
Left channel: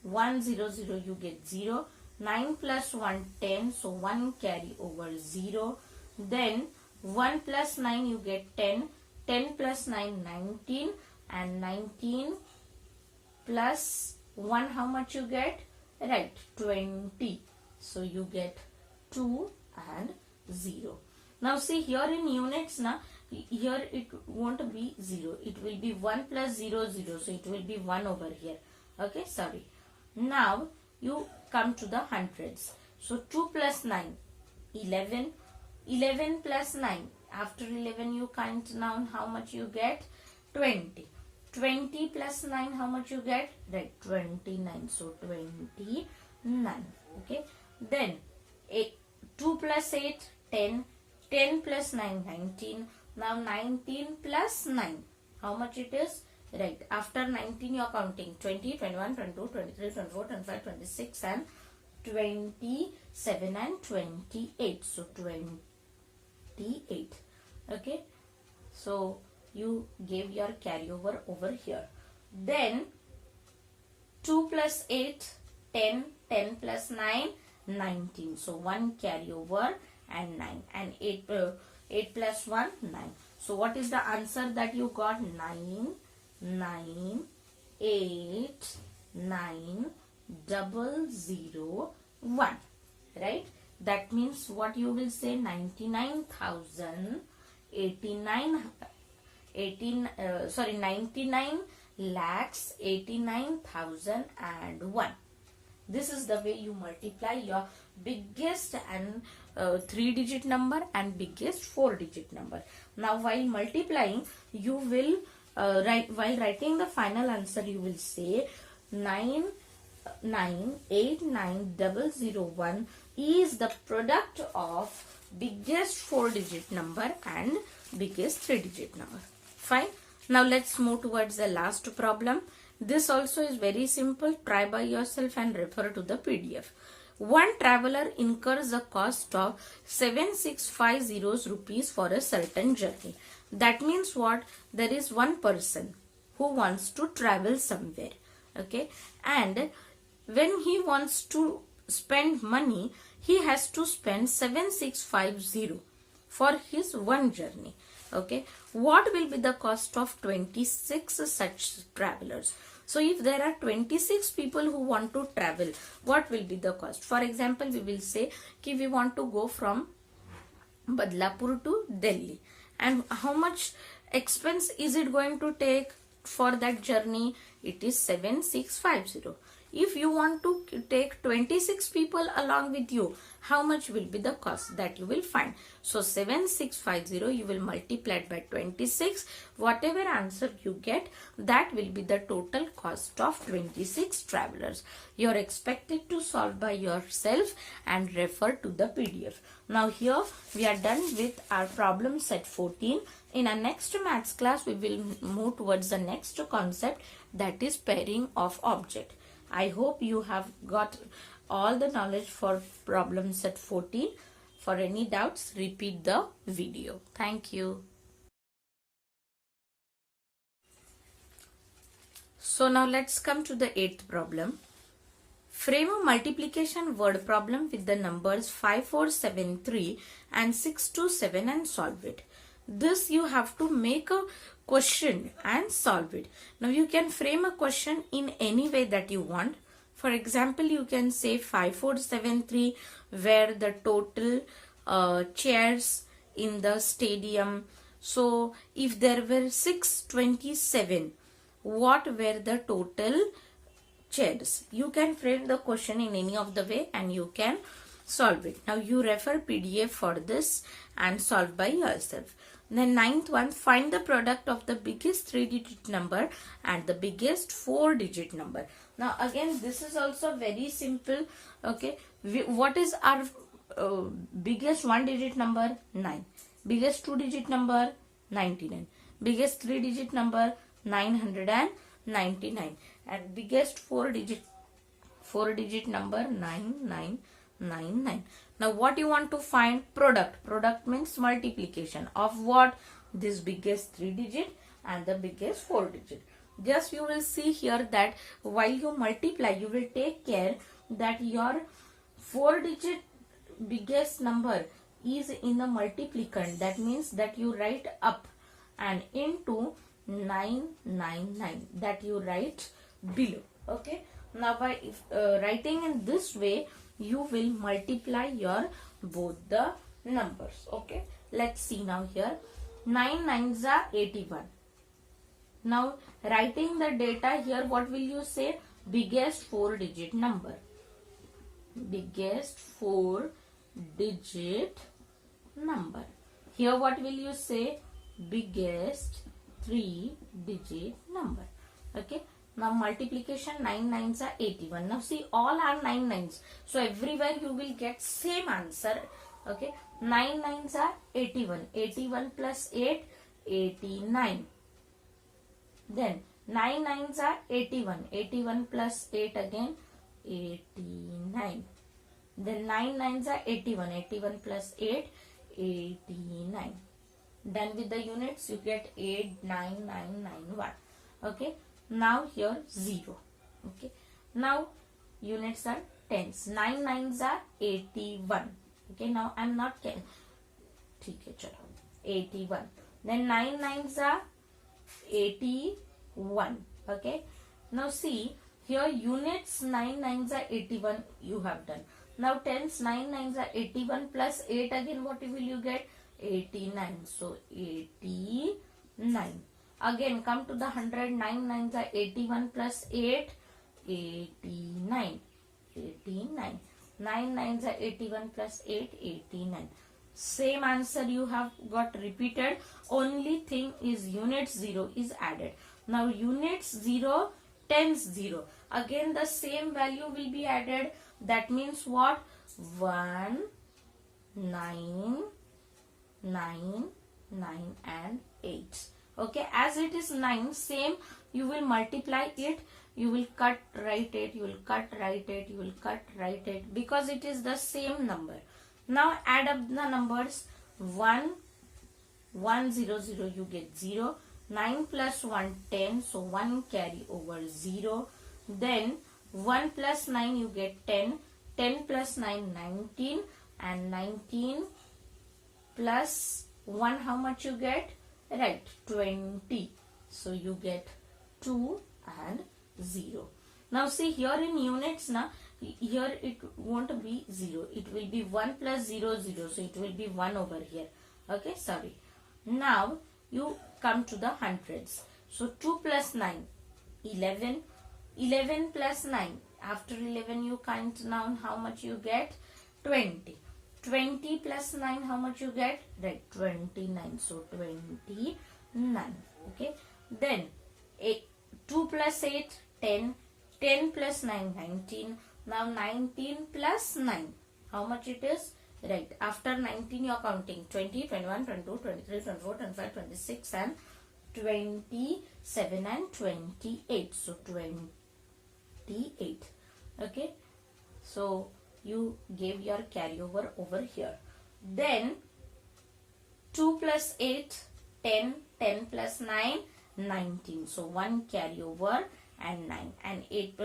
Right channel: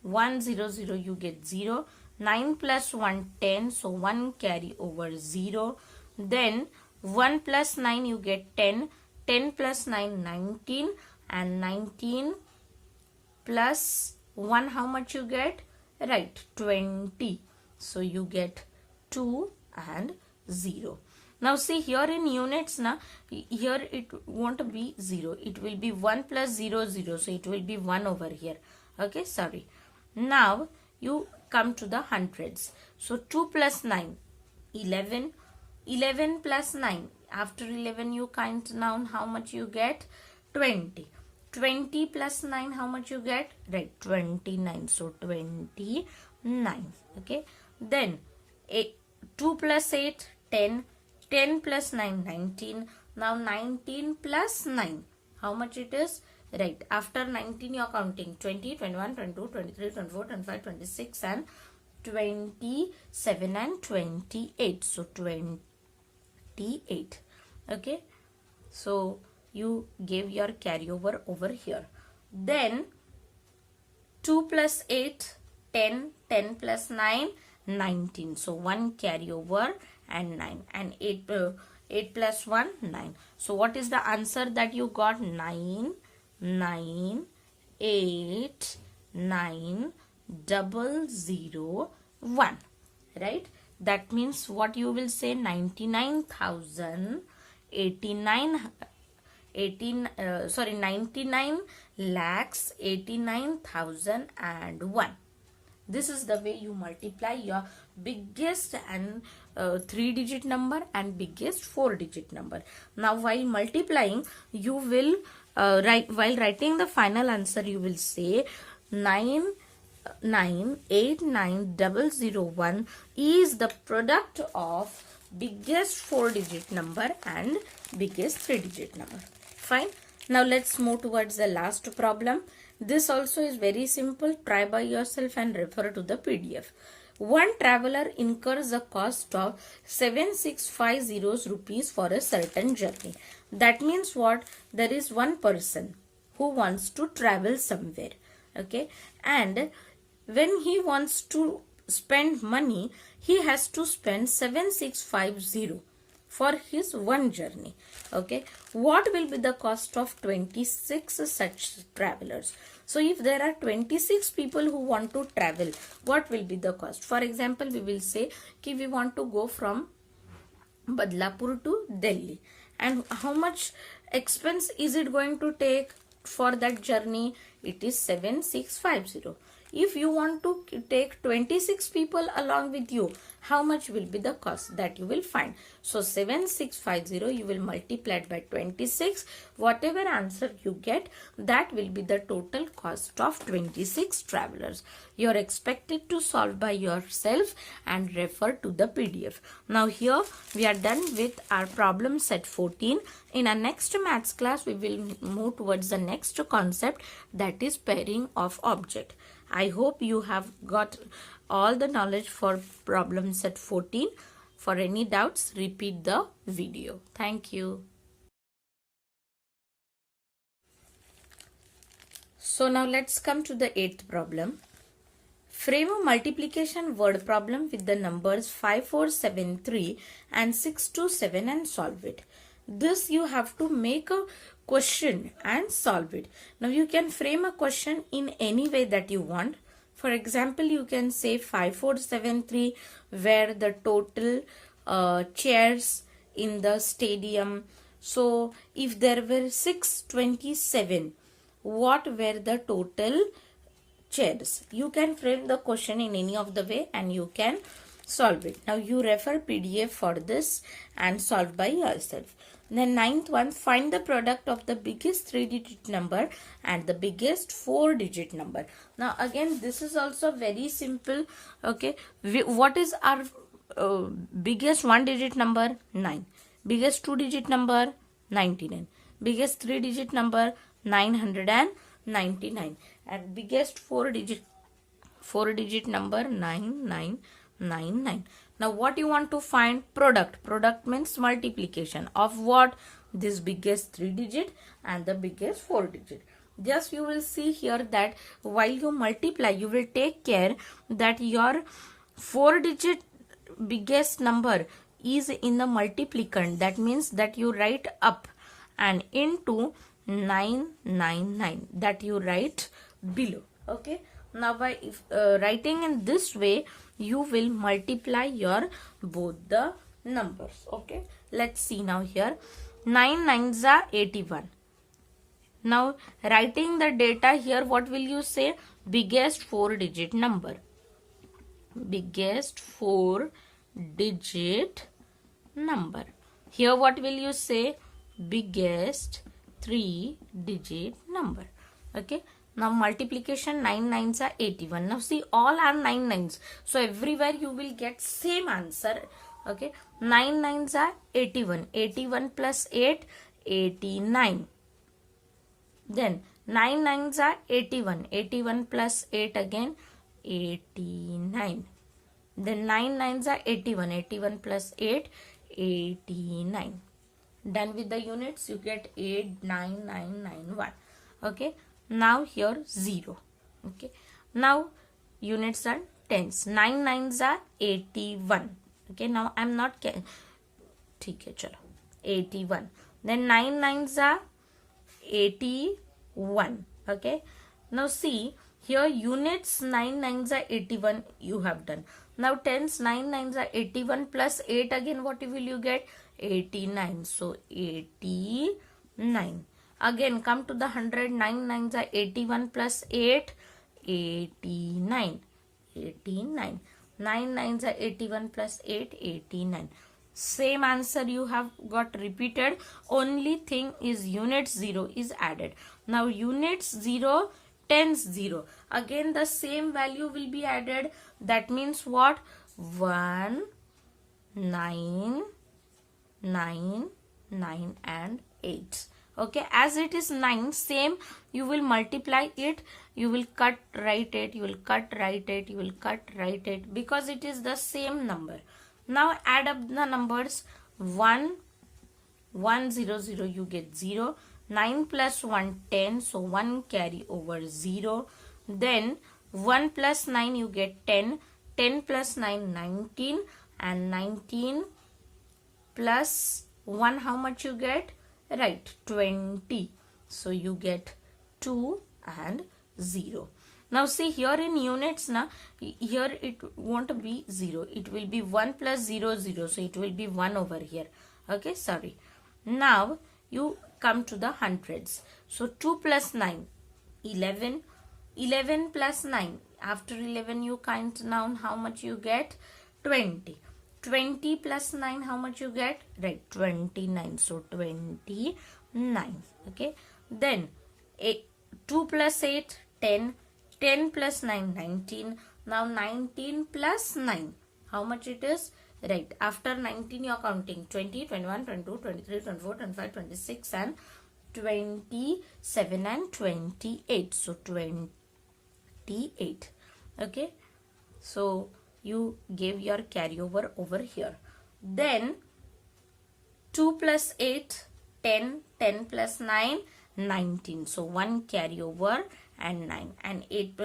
1 0 0, you get 0. 9 plus 1 10, so 1 carry over 0. Then 1 plus 9 you get 10. 10 plus 9 19, and 19 plus 1 how much you get? Right, 20. So you get 2 and 0. Now see here in units, na, here it won't be 0. It will be 1 plus 0 0. So it will be 1 over here. Okay, sorry. Now you come to the hundreds. So 2 plus 9, 11. 11 plus 9. After 11 you count down, how much you get? 20. 20 plus 9, how much you get? Right, 29. So 29. Okay. Then 2 plus 8, 10. 10 plus 9, 19. Now 19 plus 9, how much it is? Right, after 19 you are counting 20, 21, 22, 23, 24, 25, 26 and 27 and 28. So 28. Okay. So you gave your carryover over here. Then 2 plus 8, 10. 10 plus 9, 19. So 1 carryover and 9. And 8 plus 1, 9. So what is the answer that you got? 9, 9, 8, 9, 0, 0, 1. Right? That means what you will say? 99,089, 99 lakhs 89,001. This is the way you multiply your biggest and 3-digit number and biggest 4-digit number. Now while multiplying, you will while writing the final answer, you will say 9989001 is the product of biggest 4-digit number and biggest 3-digit number. Fine. Now let's move towards the last problem. This also is very simple. Try by yourself and refer to the PDF. One traveler incurs a cost of 7650 rupees for a certain journey. That means what? There is one person. who wants to travel somewhere. Okay, and when he wants to spend money, he has to spend 7650 for his one journey. Okay, what will be the cost of 26 such travelers? So if there are 26 people who want to travel, what will be the cost? For example, we will say कि we want to go from Badlapur to Delhi, and how much expense is it going to take for that journey? It is 7650. If you want to take 26 people along with you, how much will be the cost that you will find? So 7650 you will multiply it by 26. Whatever answer you get, that will be the total cost of 26 travelers. You are expected to solve by yourself and refer to the PDF. Now here we are done with our problem set 14. In our next maths class, we will move towards the next concept, that is pairing of object. I hope you have got all the knowledge for problem set 14. For any doubts, repeat the video. Thank you. So now let's come to the 8th problem. Frame a multiplication word problem with the numbers 5473 and 627 and solve it. This you have to make a question and solve it. Now you can frame a question in any way that you want. For example, you can say 5473 were the total chairs in the stadium. So if there were 627, what were the total chairs? You can frame the question in any of the way and you can solve it. Now you refer PDF for this and solve by yourself. The 9th one, find the product of the biggest 3-digit number and the biggest 4-digit number. Now again, this is also very simple. Okay, what is our biggest 1-digit number? 9. Biggest 2-digit number? 99. Biggest 3-digit number? 999. And biggest 4-digit number? 9999. Now what you want to find? Product. Product means multiplication of what? This biggest 3-digit and the biggest 4-digit. Just you will see here that while you multiply, you will take care that your 4-digit biggest number is in the multiplicand. That means that you write up and into 999 that you write below. Okay. Now by writing in this way, you will multiply your both the numbers. Okay, let's see now here. 9 9s are 81. Now writing the data here, what will you say? Biggest 4-digit number. Biggest 4-digit number. Here what will you say? Biggest 3-digit number. Okay. Now multiplication 9 9s are 81. Now see, all are 9 9s. So everywhere you will get same answer. Okay. 9 9s are 81. 81 plus 8, 89. Then 9 9s are 81. 81 plus 8 again, 89. Then 9 9s are 81. 81 plus 8, 89. Done with the units, you get 89991. Okay. Now here 0. Okay. Now units are tens. 9 9s are 81. Okay. Now I'm not 81. Then 9 9s are 81. Okay. Now see here, units 9 9s are 81 you have done. Now tens 9 9s are 81 plus 8 again, what will you get? 89. So 89. Again come to the 100. 9 9s are 81 plus 8, 89. 89. 9 9s are 81 plus 8, 89. Same answer you have got repeated. Only thing is units 0 is added. Now units 0, tens 0. Again the same value will be added. That means what? 1, 9, 9, 9 and 8. Okay, as it is 9, same you will multiply it, you will cut, write it, you will cut, write it, you will cut, write it, because it is the same number. Now add up the numbers. 1, 1 0 0 you get 0, 9 plus 1, 10. So 1 carry over 0. Then 1 plus 9 you get 10. 10 plus 9, 19. And 19 plus 1, how much you get? Right, 20. So you get 2 and 0. Now see here in units, here it won't be 0. It will be 1 plus 0, 0. So it will be 1 over here. Okay, sorry. Now you come to the hundreds. So 2 plus 9, 11. 11 plus 9. After 11 you count down, how much you get? 20. 20 plus 9, how much you get? Right, 29. So 29. Okay. Then 2 plus 8, 10. 10 plus 9, 19. Now 19 plus 9. How much it is? Right. After 19 you are counting 20, 21, 22, 23, 24, 25, 26 and 27 and 28. So 28. Okay. So you gave your carryover over here. Then 2 plus 8, 10. 10 plus 9, 19. So 1 carryover and 9. And 8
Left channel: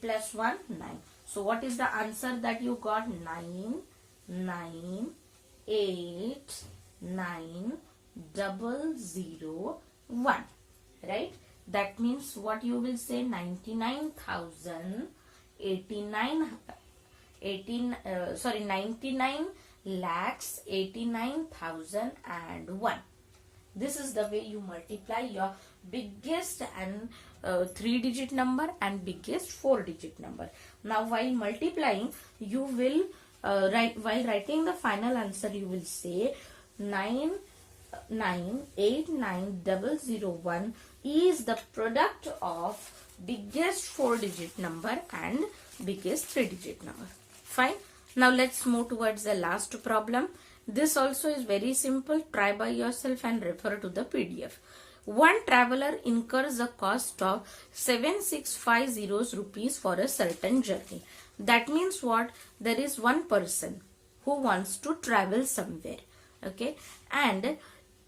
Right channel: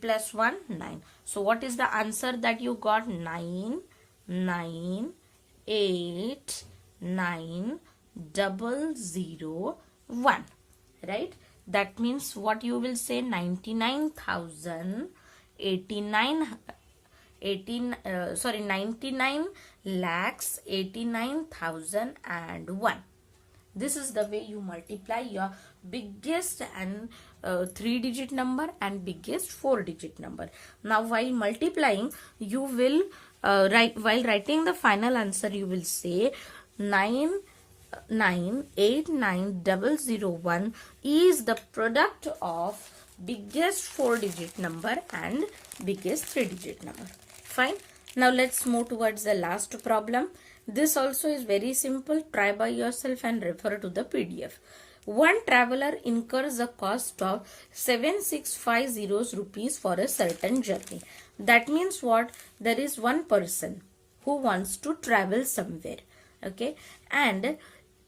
plus 1, 9. So what is the answer that you got? 9, 9, 8, 9, 0, 1. Right? That means what you will say? 99,089, 99 lakhs 89,001. This is the way you multiply your biggest and 3-digit number and biggest 4-digit number. Now while multiplying, you will while writing the final answer, you will say 9989001 is the product of biggest 4-digit number and biggest 3-digit number. Fine. Now let's move towards the last problem. This also is very simple. Try by yourself and refer to the PDF. One traveler incurs a cost of 7650 rupees for a certain journey. That means what? There is one person who wants to travel somewhere. Okay. And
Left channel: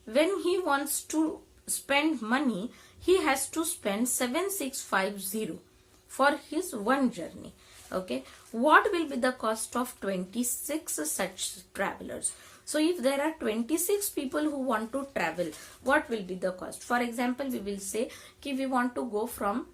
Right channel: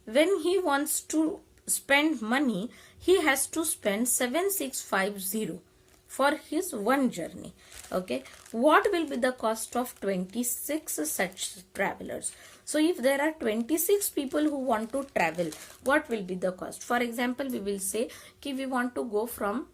when he wants to spend money, he has to spend 7650 for his one journey. Okay. What will be the cost of 26 such travelers? So if there are 26 people who want to travel, what will be the cost? For example, we will say कि we want to go from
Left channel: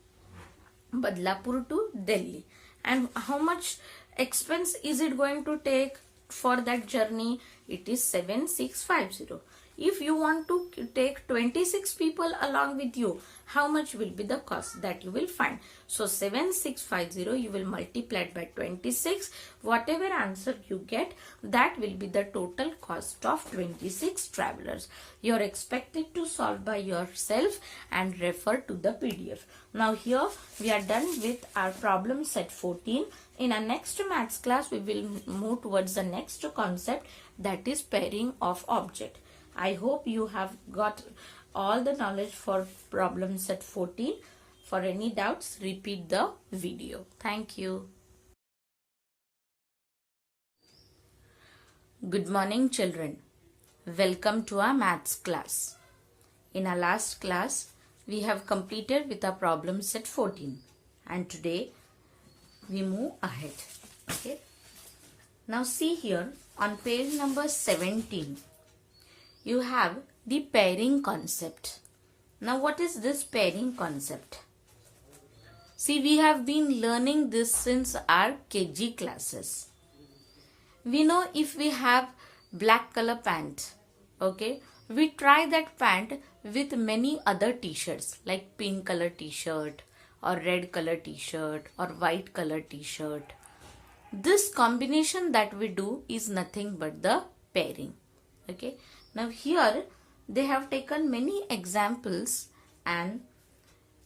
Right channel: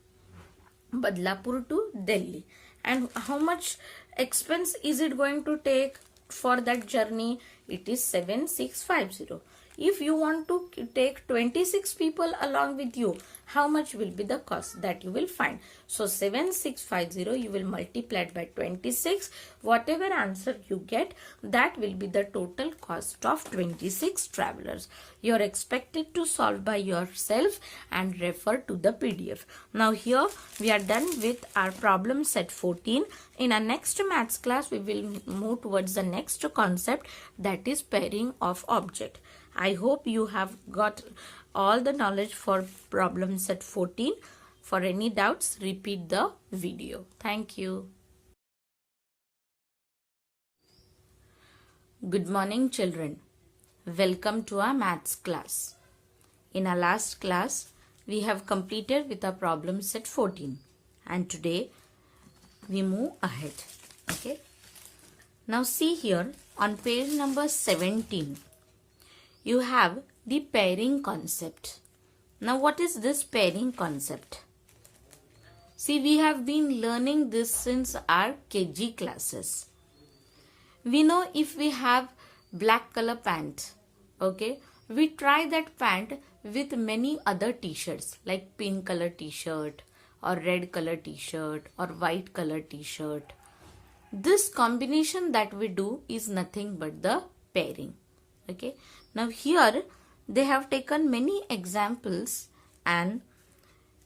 Badlapur to Delhi. And how much expense is it going to take for that journey? It is 7650. If you want to take 26 people along with you, how much will be the cost that you will find? So 7650 you will multiply it by 26. Whatever answer you get, that will be the total cost of 26 travelers. You are expected to solve by yourself and refer to the PDF. Now here we are done with our problem set 14. In our next maths class, we will move towards the next concept, that is pairing of object. I hope you have got all the knowledge for problem set 14. For any doubts, repeat the video. Thank you. Good morning, children. Welcome to our maths class. In our last class, we have completed with our problem set 14. And today, we move ahead. Okay. Now see here on page number 17. You have the pairing concept. Now what is this pairing concept? See, we have been learning this since our KG classes. We know if we have black color pant, okay, we try that pant with many other t-shirts like pink color t-shirt or red color t-shirt or white color t-shirt. This combination that we do is nothing but the pairing. Okay. Now here they have taken many examples and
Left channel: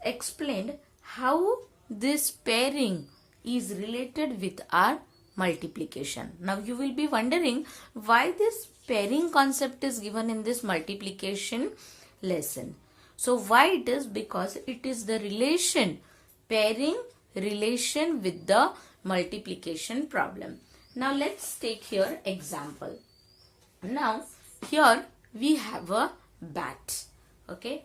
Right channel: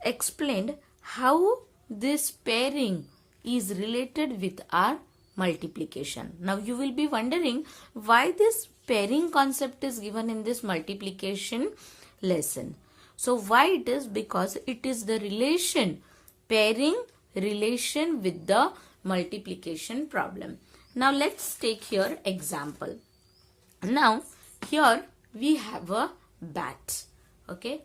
explained how this pairing is related with our multiplication. Now you will be wondering why this pairing concept is given in this multiplication lesson. So why it is? Because it is the relation, pairing relation with the multiplication problem. Now let's take here example. Now here we have a bat. Okay.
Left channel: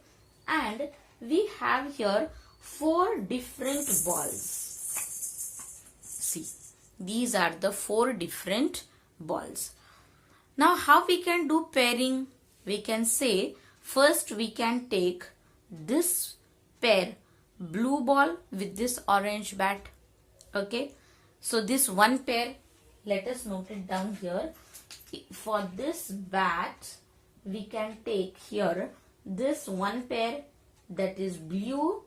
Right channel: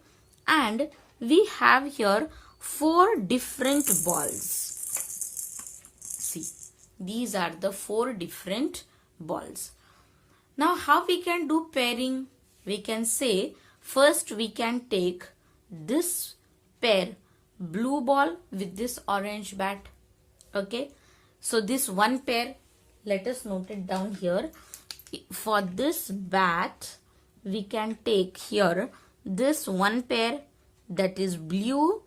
and we have here 4 different balls. See, these are the 4 different balls. Now how we can do pairing? We can say first we can take this pair blue ball with this orange bat. Okay, so this one pair, let us note it down here. For this bat we can take here this one pair, that is blue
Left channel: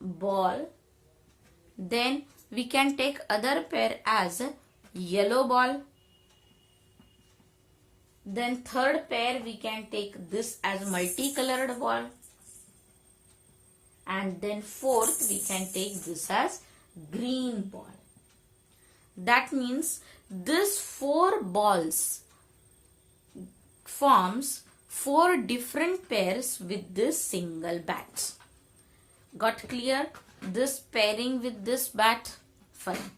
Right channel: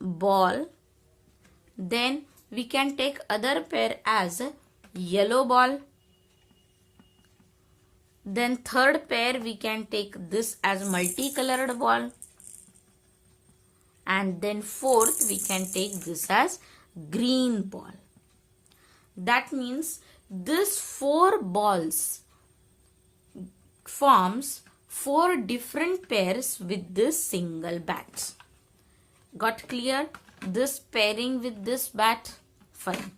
ball. Then we can take other pair as yellow ball. Then third pair we can take this as multicolored ball. And then fourth we can take this as green ball. That means this 4 balls forms 4 different pairs with this single bat. Got clear? This pairing with this bat. Fine.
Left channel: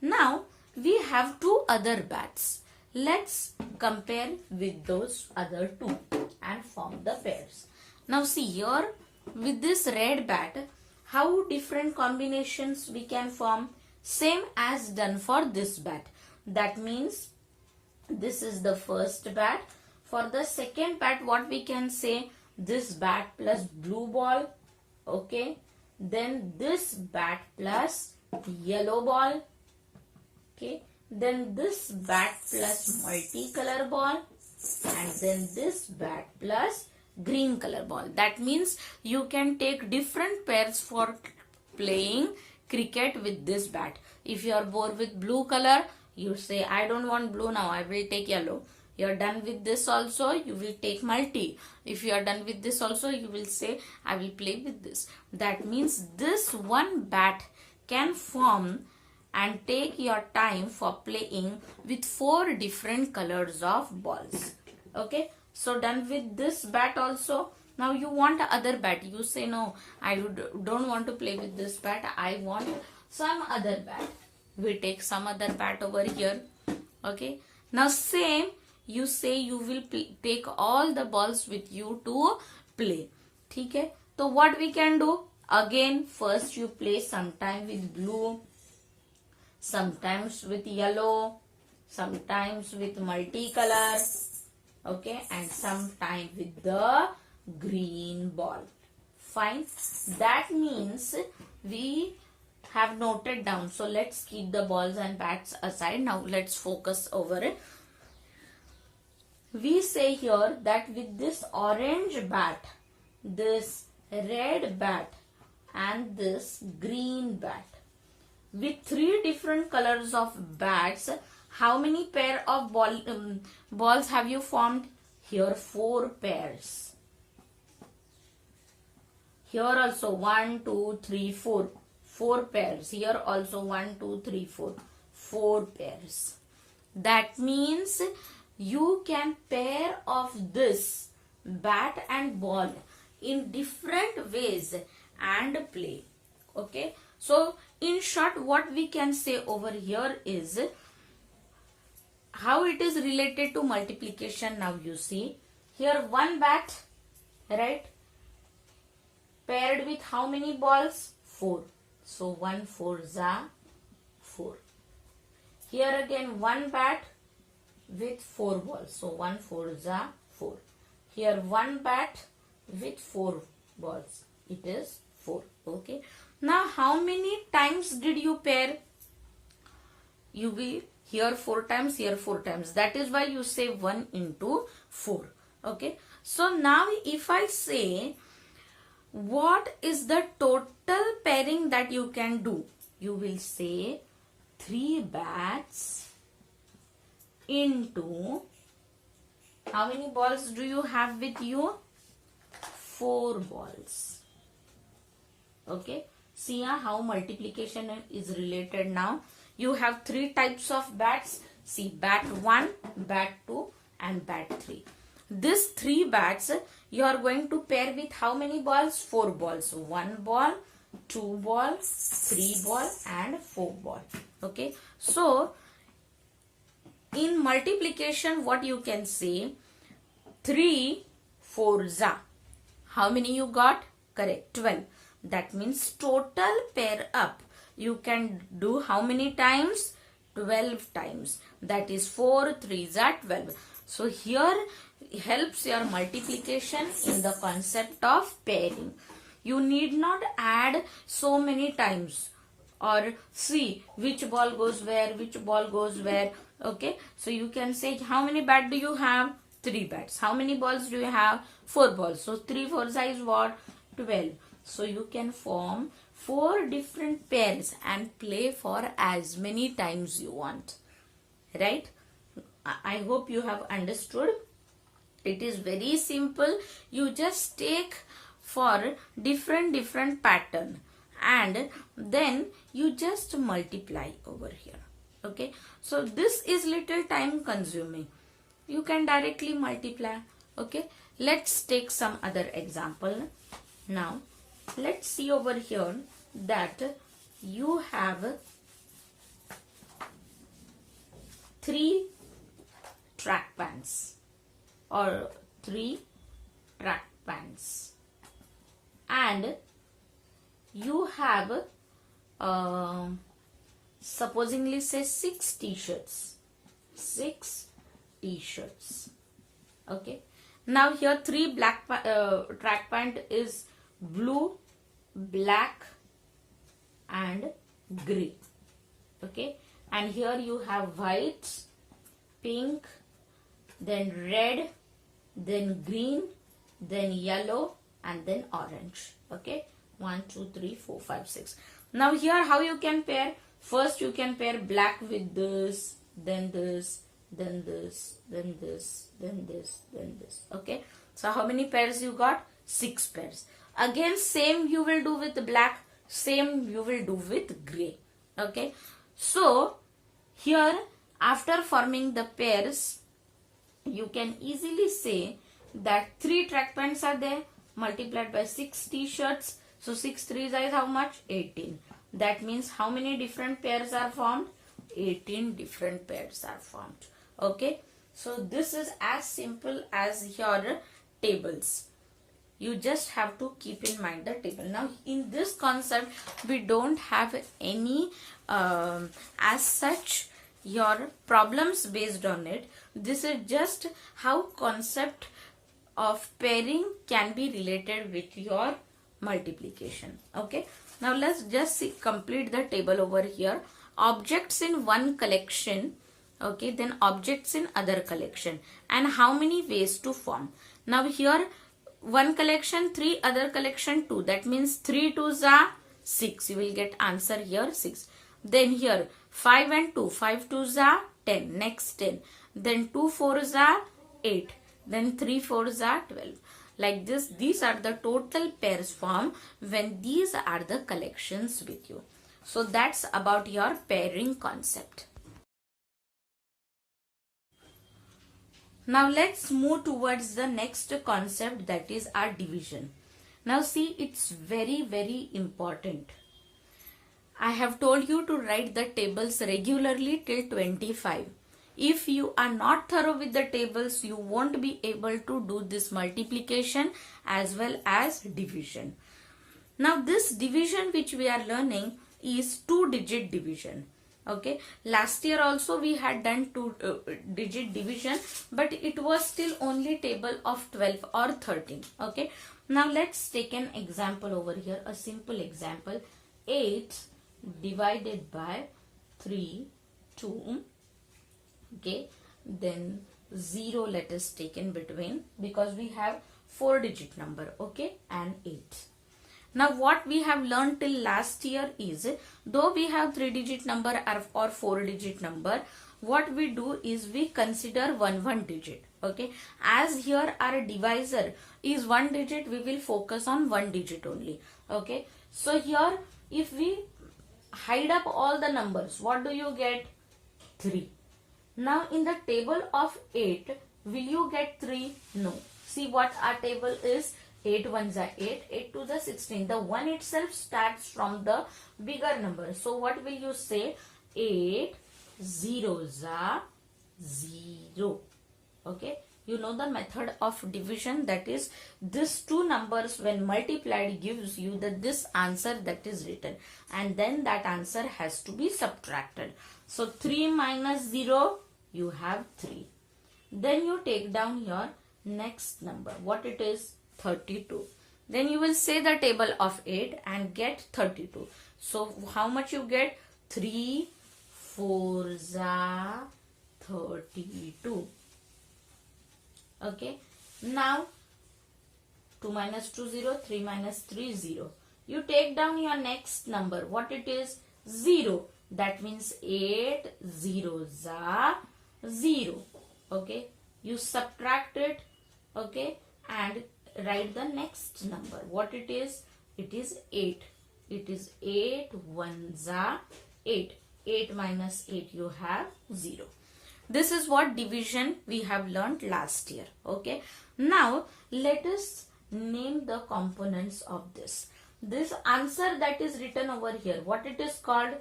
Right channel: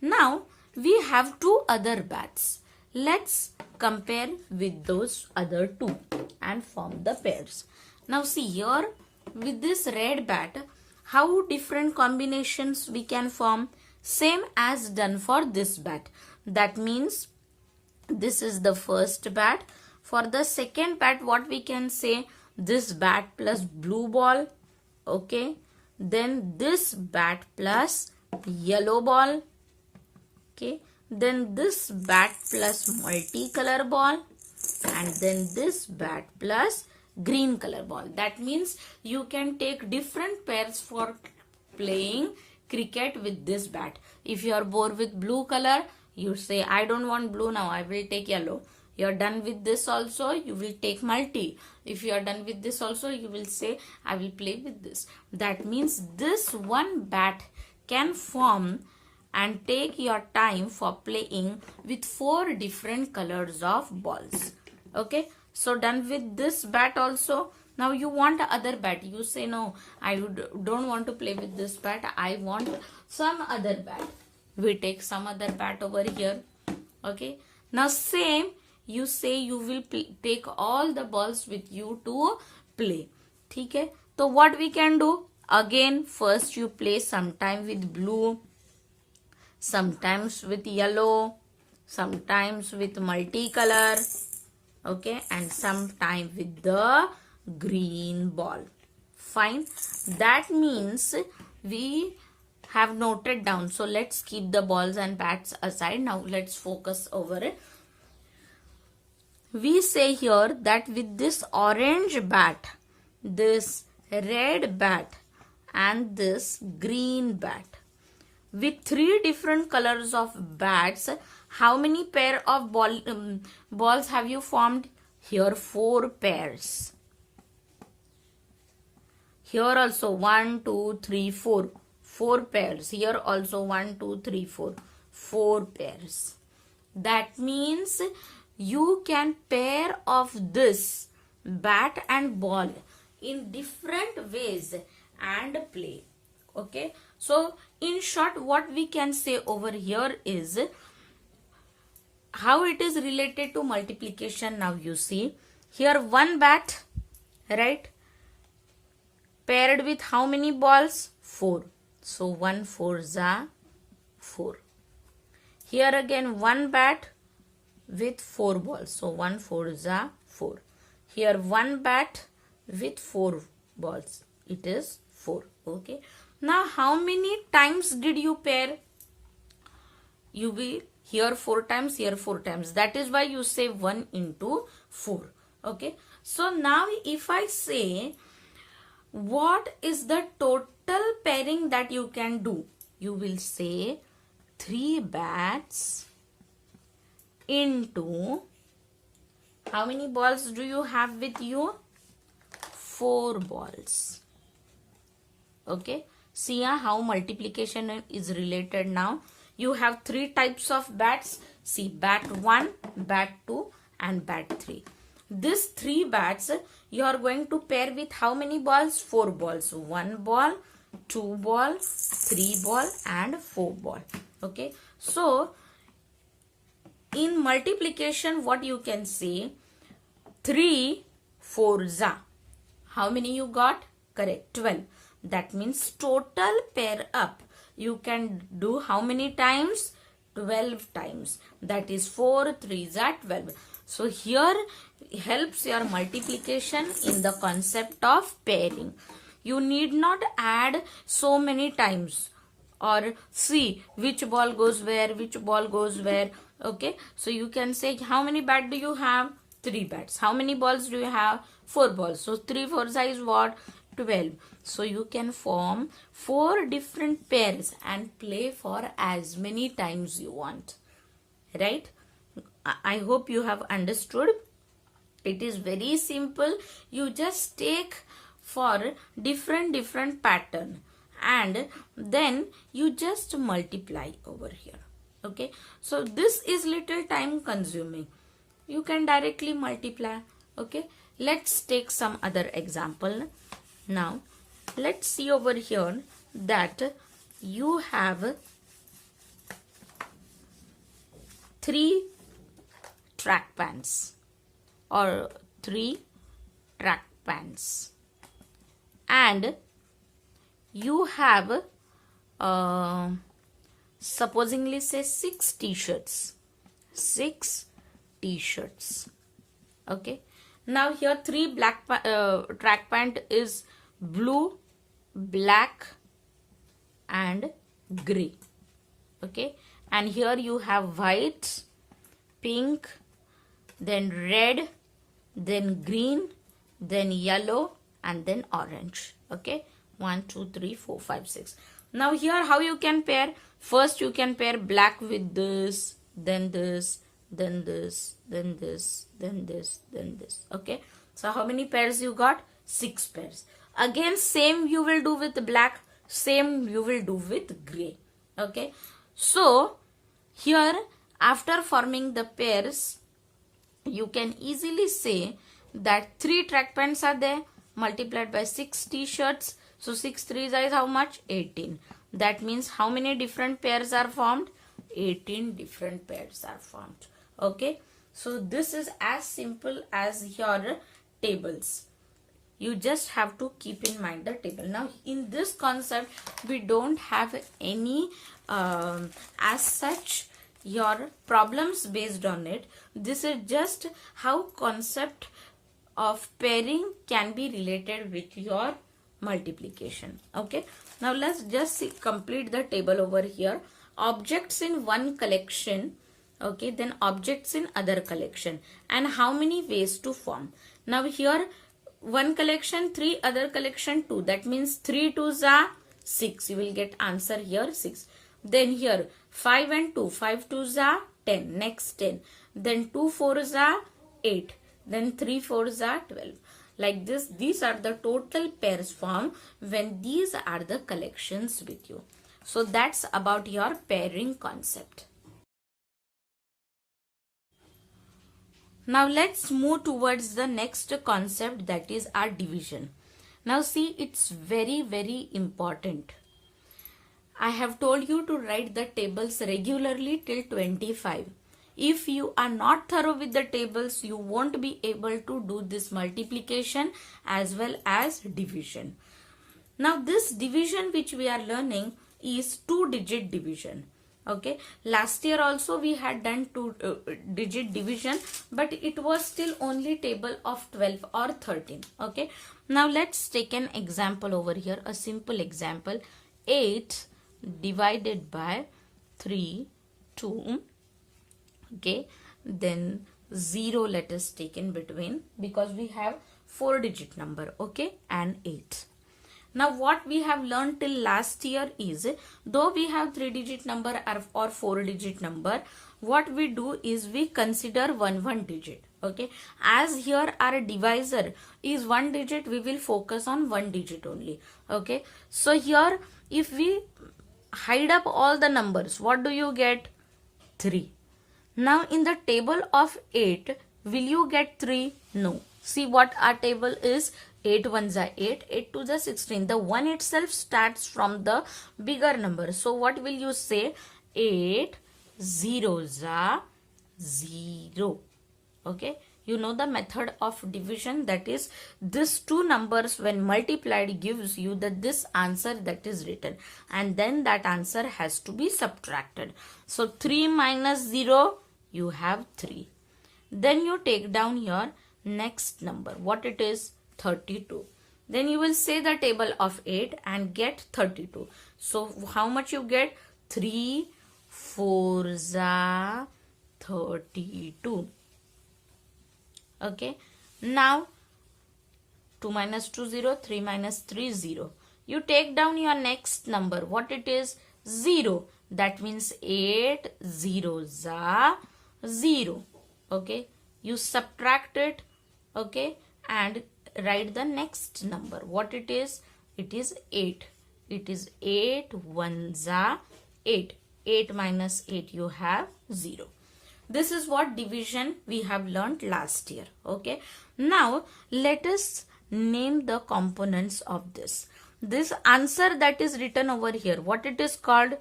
Now we have 2 other bats. Let's compare with those other 2 and form the pairs. Now see here with this red bat, how different combinations we can form? Same as done for this bat. That means this is the first bat. For the second bat, what we can say? This bat plus blue ball. Okay. Then this bat plus yellow ball. Okay. Then this bat plus multicolor ball. And then this bat plus green color ball. That means you can take different pairs for playing cricket with this bat. If you are bored with blue color, you say I don't want blue now, I will take yellow. You are done with this also, you will take multi. If you are done with this also, you will say I will play with this. That means this one bat can form and take your time for playing with 4 different colors of balls. Okay, so done with this bat also. Now you want other bat. You say no, I don't want to play with this bat, I want some other bat. We take some other bat over here. Okay, now same, you say you will take all the balls with you to play. Okay, so what we can do? Again, first you play sometime with blue, sometimes with yellow, sometimes with multicolor. Okay, and sometime with the green ball. Fine. That means we have noted down. So let's keep the balls and bats aside. Now let's focus over it. We say here that with this orange bat, this red bat and this green bat, with 3 different colors of bats, how many pair of balls have you formed? Here 4 pairs. Here also 1, 2, 3, 4. 4 pairs. Here also 1, 2, 3, 4. 4 pairs. That means you can pair of this bat and ball in different ways and play. Okay. So in short, what we can say over here is how it is related to multiplication. Now you see here one bat, right, paired with how many balls? 4. So 1 4s are 4. Here again one bat with 4 balls. So 1 4s are 4. Here one bat with 4 balls. It is 4. Okay. Now how many times did you pair? You will here 4 times, here 4 times. That is why you say 1 into 4. Okay. So now if I say what is the total pairing that you can do? You will say 3 bats into how many balls do you have with you? 4 balls. Okay. See how multiplication is related now. You have 3 types of bats. See, bat 1, bat 2 and bat 3. These 3 bats you are going to pair with how many balls? 4 balls. 1 ball, 2 ball, 3 ball and 4 ball. Okay. So in multiplication what you can say? 3 4s are. How many you got? Correct, 12. That means total pair up you can do how many times? 12 times. That is 4 3s are 12. So here helps your multiplication in the concept of pairing. You need not add so many times or see which ball goes where, which ball goes where. Okay, so you can say how many bats do you have? 3 bats. How many balls do you have? 4 balls. So 3 4s is what? 12. So you can form 4 different pairs and play for as many times you want. Right? I hope you have understood. It is very simple. You just take for different pattern and then you just multiply over here. Okay, so this is little time consuming. You can directly multiply. Okay, let's take some other example. Now let's see over here that you have 3 track pans or 3 track pans and you have supposingly say 6 t-shirts. 6 t-shirts. Okay, now here 3 black track pant is blue, black and gray. Okay, and here you have white, pink, then red, then green, then yellow and then orange. Okay, 1 2 3 4 5 6. Now here how you can pair? First you can pair black with this, then this, then this, then this, then this, then this. Okay, so how many pairs you got? 6 pairs. Again same you will do with black, same you will do with gray. Okay, so here after forming the pairs you can easily say that 3 track pants are there multiplied by 6 t-shirts. So 6 3s is how much? 18. That means how many different pairs are formed? 18 different pairs are formed. Okay, so this is as simple as your tables. You just have to keep in mind the table. Now in this concept we don't have any as such your problems based on it. This is just how concept of pairing can be related with your multiplication. Okay, now let's just see, complete the table over here. Objects in one collection, okay, then objects in other collection, and how many ways to form. Now here one collection 3, other collection 2, that means 3 2s are 6. You will get answer here 6. Then here 5 and 2, 5 2s are 10, next 10, then 2 4s are 8, then 3 4s are 12. Like this, these are the total pairs formed when these are the collections with you. So that's about your pairing concept. Now let's move towards the next concept, that is our division. Now see, it's very important. I have told you to write the tables regularly till 25. If you are not thorough with the tables, you won't be able to do this multiplication as well as division. Now this division which we are learning is 2-digit division. Okay, last year also we had done 2-digit division, but it was still only table of 12 or 13. Okay, now let's take an example over here, a simple example. 8 divided by 3 2. Okay, then 0 let us take in between because we have 4-digit number. Okay, and 8. Now what we have learned till last year is, though we have 3-digit number or 4-digit number, what we do is we consider one digit. Okay, as here our divisor is 1 digit, we will focus on 1 digit only. Okay, so here if we hide up all the numbers, what do you get? 3. Now in the table of 8, will you get 3? No. See what our table is. 8 1s are 8, 8 2s are 16. The 1 itself starts from the bigger number. So what will you say? 8 0s are 0. Okay. You know the method of division, that is this two numbers when multiplied gives you this answer that is written, and then that answer has to be subtracted. So 3 minus 0, you have 3. Then you take down your next number. What it is? 32. Then you will say the table of 8 and get 32. So how much you get? 3 4 32. Okay. Now 2 minus 2 0, 3 minus 3 0. You take down your next number. What it is? 0. That means 8 0 0. Okay. You subtract it. Okay. And write the next number. What it is? It is 8. It is 8 1 8. 8 minus 8, you have 0. This is what division we have learned last year. Okay. Now let us name the components of this. This answer that is written over here, what it is called?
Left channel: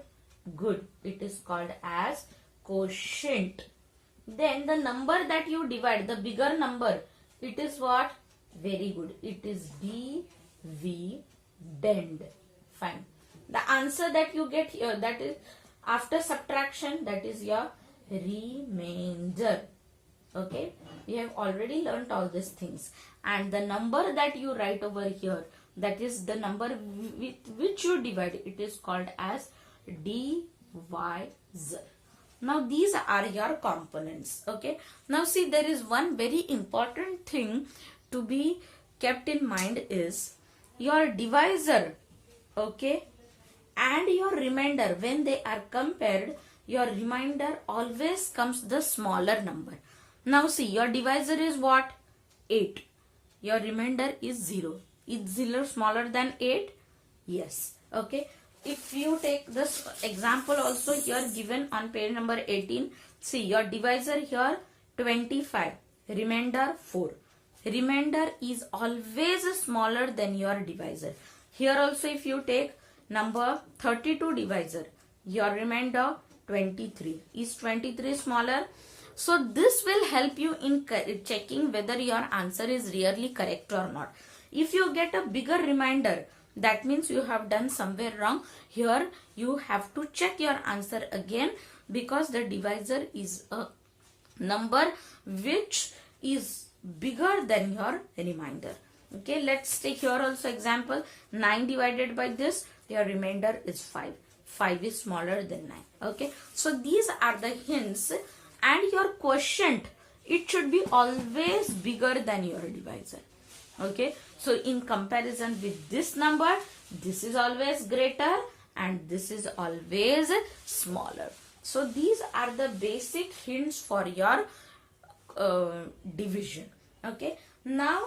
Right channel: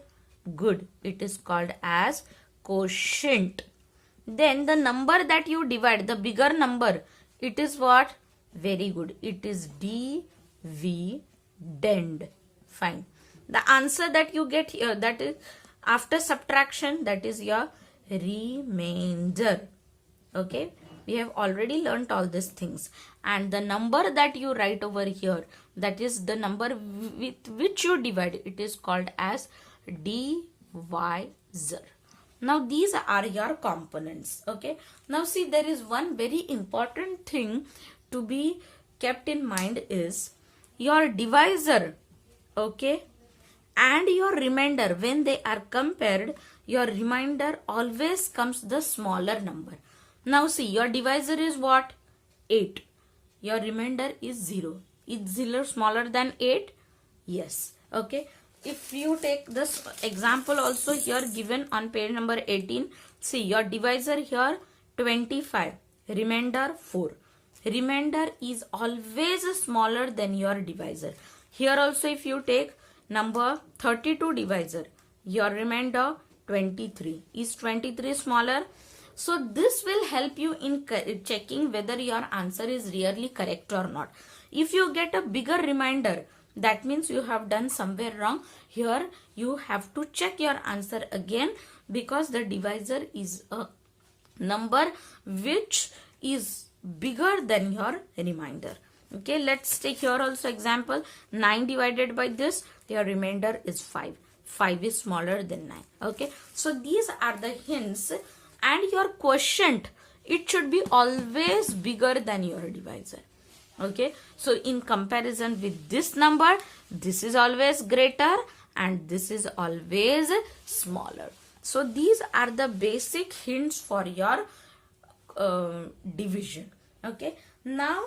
Good. It is called as quotient. Then the number that you divide, the bigger number, it is what? Very good. It is dividend. Fine. The answer that you get here, that is after subtraction, that is your remainder. Okay. We have already learnt all these things. And the number that you write over here, that is the number with which you divide, it is called as divisor. Now these are your components. Okay. Now see, there is one very important thing to be kept in mind is your divisor, okay, and your remainder. When they are compared, your remainder always comes the smaller number. Now see, your divisor is what? 8. Your remainder is 0. Is 0 smaller than 8? Yes. Okay. If you take this example also here given on page number 18, see your divisor here 25, remainder 4. Remainder is always smaller than your divisor. Here also if you take number 32 divisor, your remainder 23. Is 23 smaller? So this will help you in checking whether your answer is really correct or not. If you get a bigger remainder, that means you have done somewhere wrong. Here you have to check your answer again, because the divisor is a number which is bigger than your remainder. Okay, let's take here also example. 9 divided by this, your remainder is 5. 5 is smaller than 9. Okay, so these are the hints. And your quotient, it should be always bigger than your divisor. Okay, so in comparison with this number, this is always greater and this is always smaller. So these are the basic hints for your division. Okay, now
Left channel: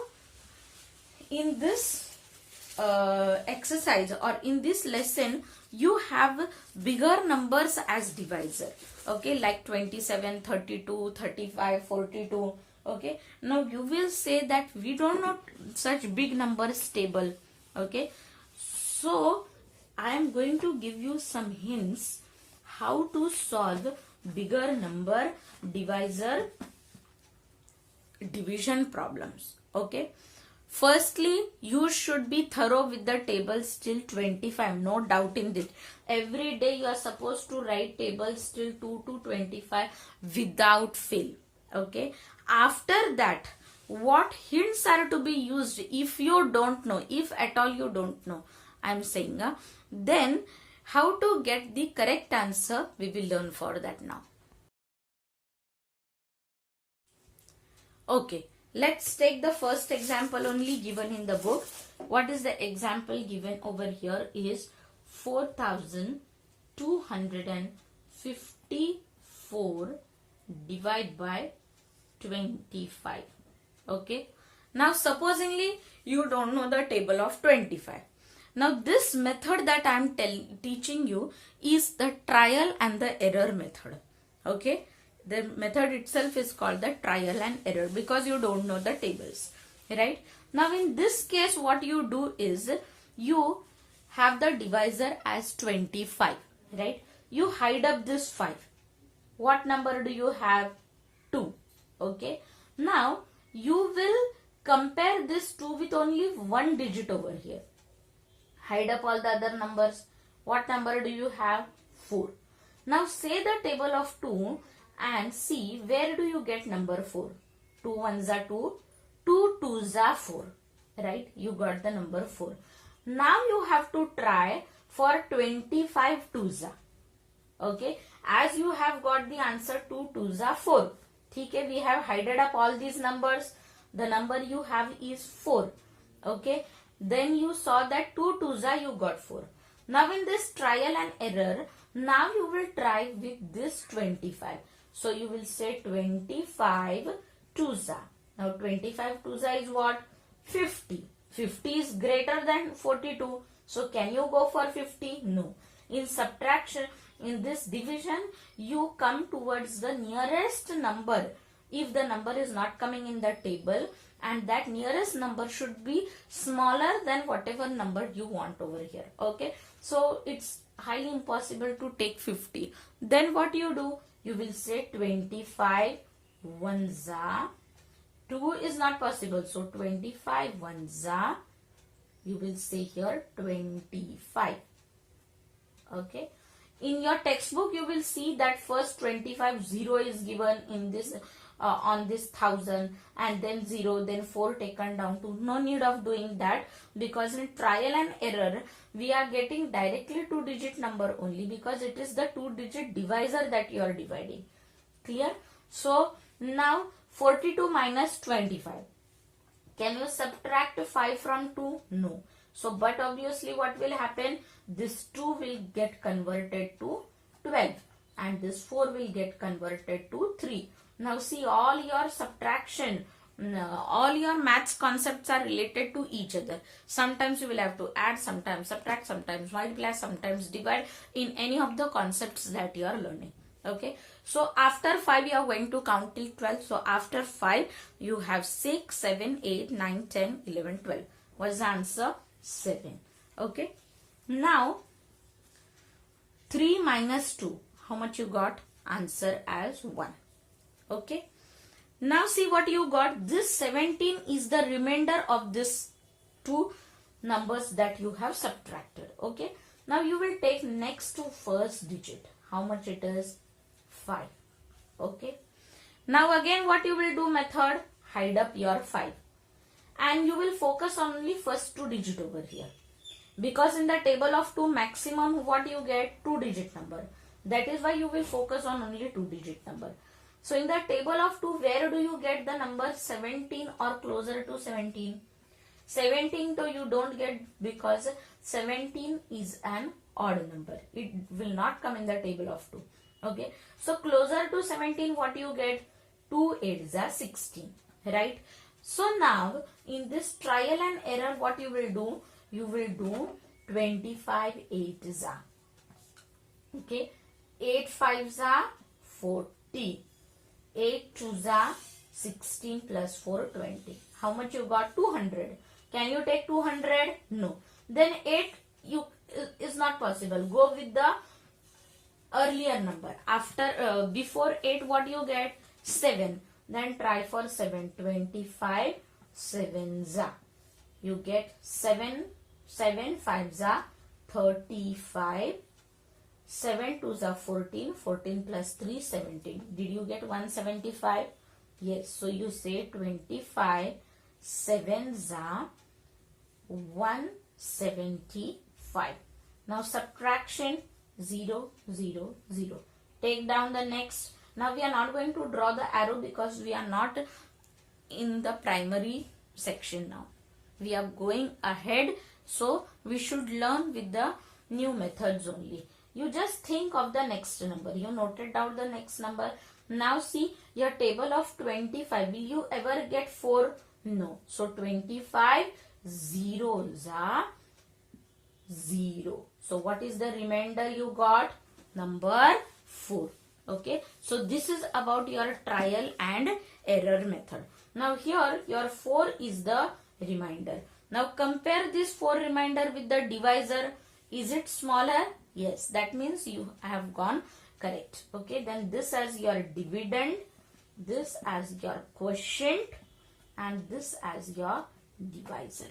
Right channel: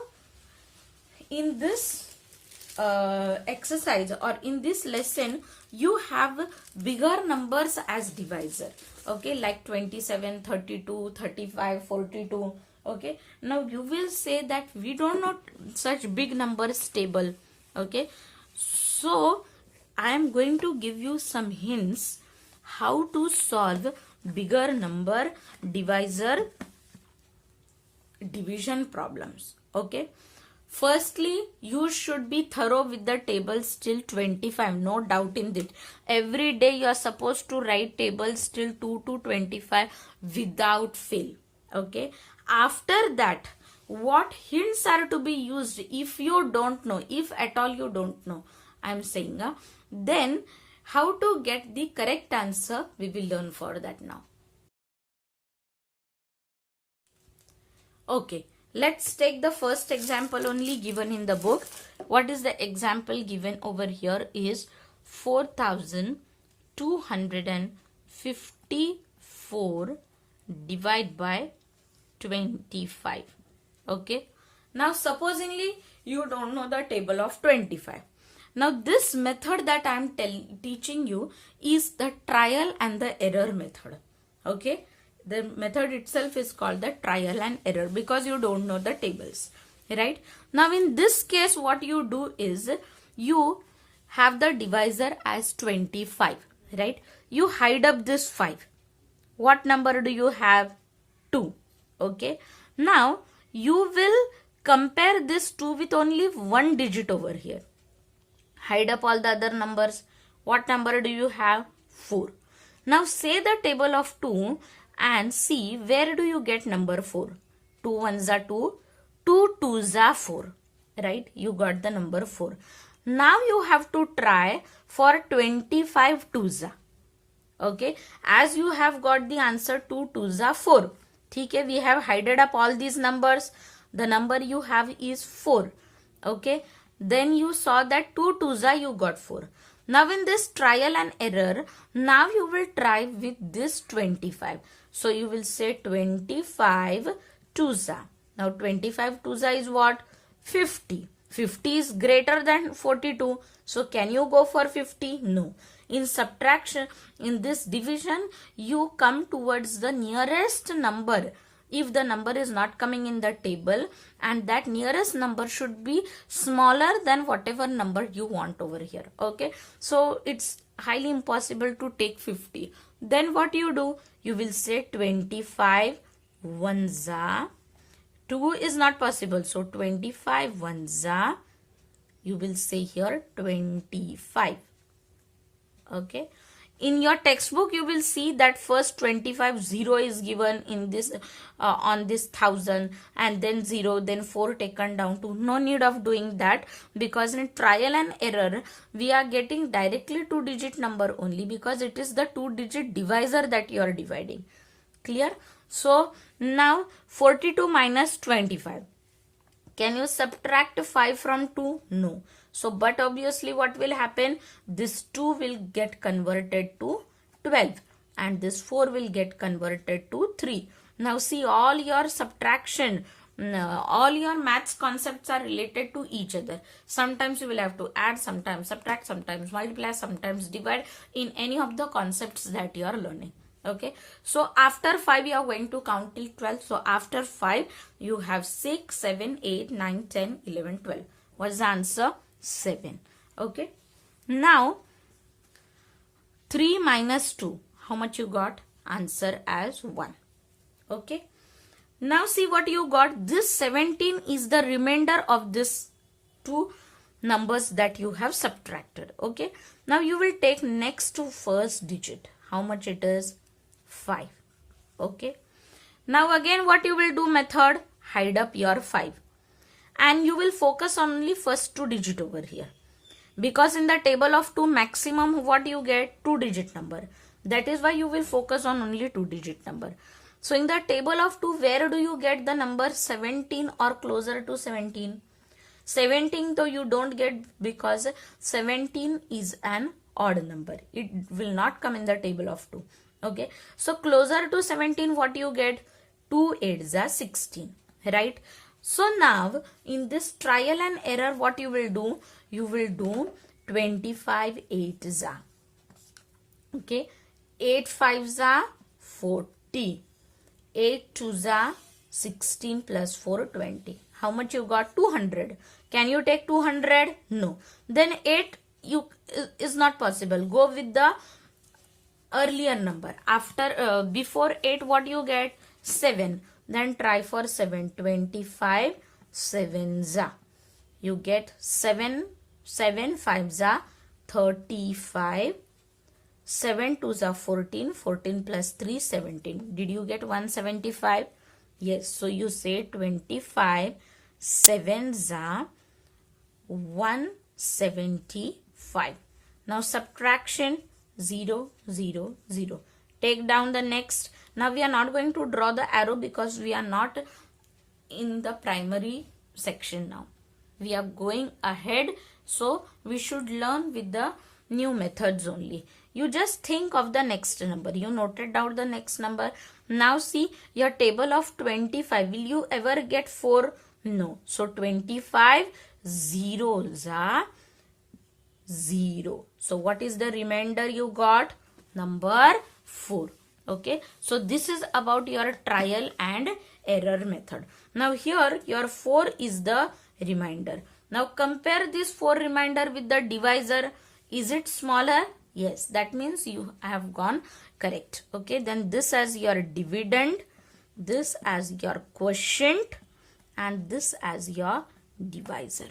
in this exercise or in this lesson, you have bigger numbers as divisor. Okay, like 27, 32, 35, 42. Okay, now you will say that we don't know such big numbers table. Okay, so I am going to give you some hints how to solve bigger number divisor division problems. Okay, firstly, you should be thorough with the tables till 25. No doubt in it. Every day you are supposed to write tables till 2 to 25 without fail. Okay. After that, what hints are to be used if you don't know, if at all you don't know, I am saying, then how to get the correct answer, we will learn for that now. Okay. Let's take the first example only given in the book. What is the example given over here is 4254 divided by 25. Okay. Now supposingly you don't know the table of 25. Now this method that I am teaching you is the trial and the error method. Okay. The method itself is called the trial and error because you don't know the tables, right? Now in this case, what you do is you have the divisor as 25, right? You hide up this 5. What number do you have? 2. Okay. Now you will compare this 2 with only one digit over here. Hide up all the other numbers. What number do you have? 4. Now say the table of 2 and see where do you get number 4. 2 ones are 2, 2 twos are 4. Right? You got the number 4. Now you have to try for 25 twos. Okay? As you have got the answer 2 twos are 4. Okay? We have hidden up all these numbers. The number you have is 4. Okay? Then you saw that 2 twos are you got 4. Now in this trial and error, now you will try with this 25. So you will say 25 twos are. Now 25 twos are is what? 50. 50 is greater than 42. So can you go for 50? No. In subtraction, in this division, you come towards the nearest number. If the number is not coming in the table, and that nearest number should be smaller than whatever number you want over here. Okay. So it's highly impossible to take 50. Then what you do? You will say 25 ones are. 2 is not possible. So 25 ones are. You will say here 25. Okay. In your textbook, you will see that first 25 0 is given in this on this 1000, and then 0, then 4 taken down to. No need of doing that, because in trial and error we are getting directly 2-digit number only, because it is the 2-digit divisor that you are dividing. Clear? So now 42 minus 25. Can you subtract 5 from 2? No. So, but obviously what will happen? This 2 will get converted to 12 and this 4 will get converted to 3. Now see, all your subtraction, all your maths concepts are related to each other. Sometimes you will have to add, sometimes subtract, sometimes multiply, sometimes divide in any of the concepts that you are learning. Okay. So after 5 you are going to count till 12. So after 5 you have 6, 7, 8, 9, 10, 11, 12. What's the answer? 7. Okay. Now 3 minus 2. How much you got? Answer as 1. Okay. Now see what you got. This 17 is the remainder of this 2 numbers that you have subtracted. Okay. Now you will take next to first digit. How much it is? 5. Okay. Now again what you will do method? Hide up your 5. And you will focus on only first 2 digit over here. Because in the table of 2 maximum what you get? 2-digit number. That is why you will focus on only 2-digit number. So in the table of 2, where do you get the number 17 or closer to 17? 17 though you don't get, because 17 is an odd number. It will not come in the table of 2. Okay. So closer to 17 what you get? 2 8s are 16. Right. So now in this trial and error what you will do? You will do 25 8s are. Okay. 8 5s are 40. 8 2s are 16 plus 4 20. How much you got? 200. Can you take 200? No. Then 8 is not possible. Go with the earlier number. After before 8 what you get? 7. Then try for 7. 25 7s are. You get 7 5s are 35. 7 2s are 14. 14 plus 3 17. Did you get 175? Yes. So you say 25 7s are 175. Now subtraction 0 0 0. Take down the next. Now we are not going to draw the arrow because we are not in the primary section now. We are going ahead, so we should learn with the new methods only. You just think of the next number. You noted down the next number. Now see your table of 25. Will you ever get 4? No. So 25 zeros are 0. So what is the remainder you got? Number 4. Okay. So this is about your trial and error method. Now here your 4 is the remainder. Now compare this 4 remainder with the divisor. Is it smaller? Yes. That means you have gone correct. Okay. Then this as your dividend. this as your quotient and this as your divisor.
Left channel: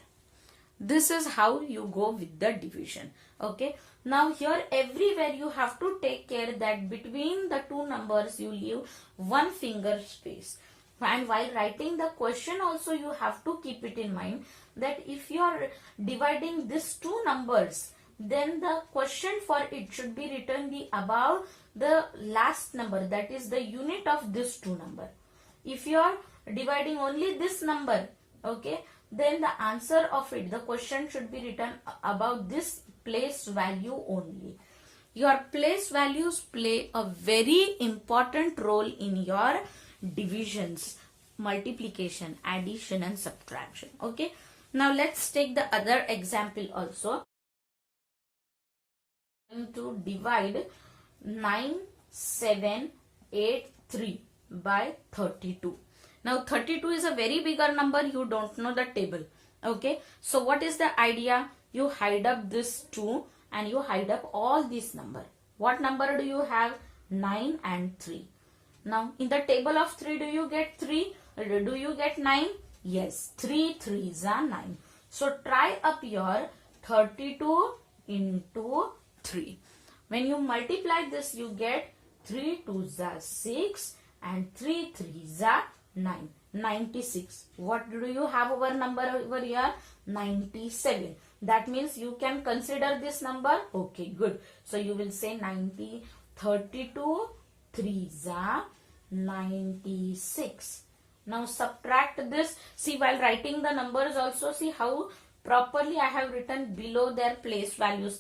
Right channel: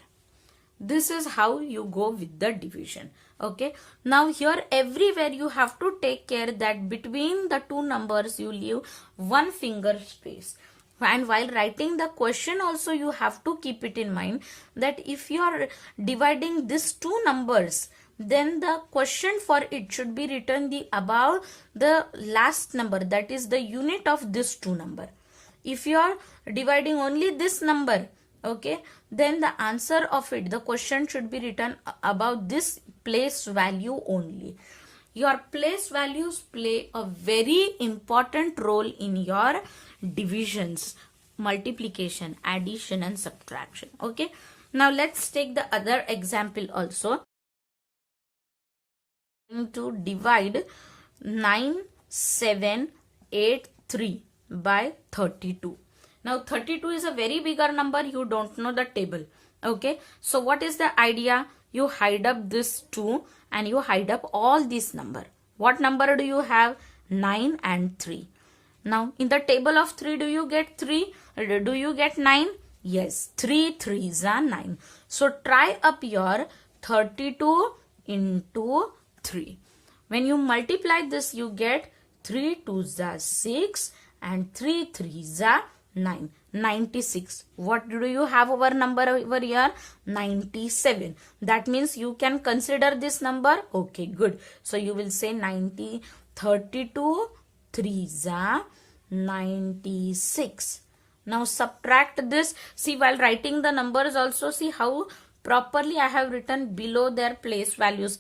This is how you go with the division. Okay, now here everywhere you have to take care that between the two numbers you leave one finger space. And while writing the question also you have to keep it in mind that if you are dividing these two numbers, then the question for it should be written the above the last number, that is the unit of this two number. If you are dividing only this number, okay, then the answer of it, the question should be written about this place value only. Your place values play a very important role in your divisions, multiplication, addition and subtraction. Okay, now let's take the other example also. To divide 9783 by 32. Now 32 is a very bigger number, you don't know the table. Okay, so what is the idea? You hide up this 2 and you hide up all this number. What number do you have? 9 and 3. Now in the table of 3, do you get 3? Do you get 9? Yes, 3 3s are 9. So try up your 32 into 3. When you multiply this, you get 3 2s are 6 and 3 3s are 9. 96. What do you have over number over here? 97. That means you can consider this number. Okay, good. So you will say 32 3s are 96. Now subtract this. See, while writing the numbers also, see how properly I have written below their place values.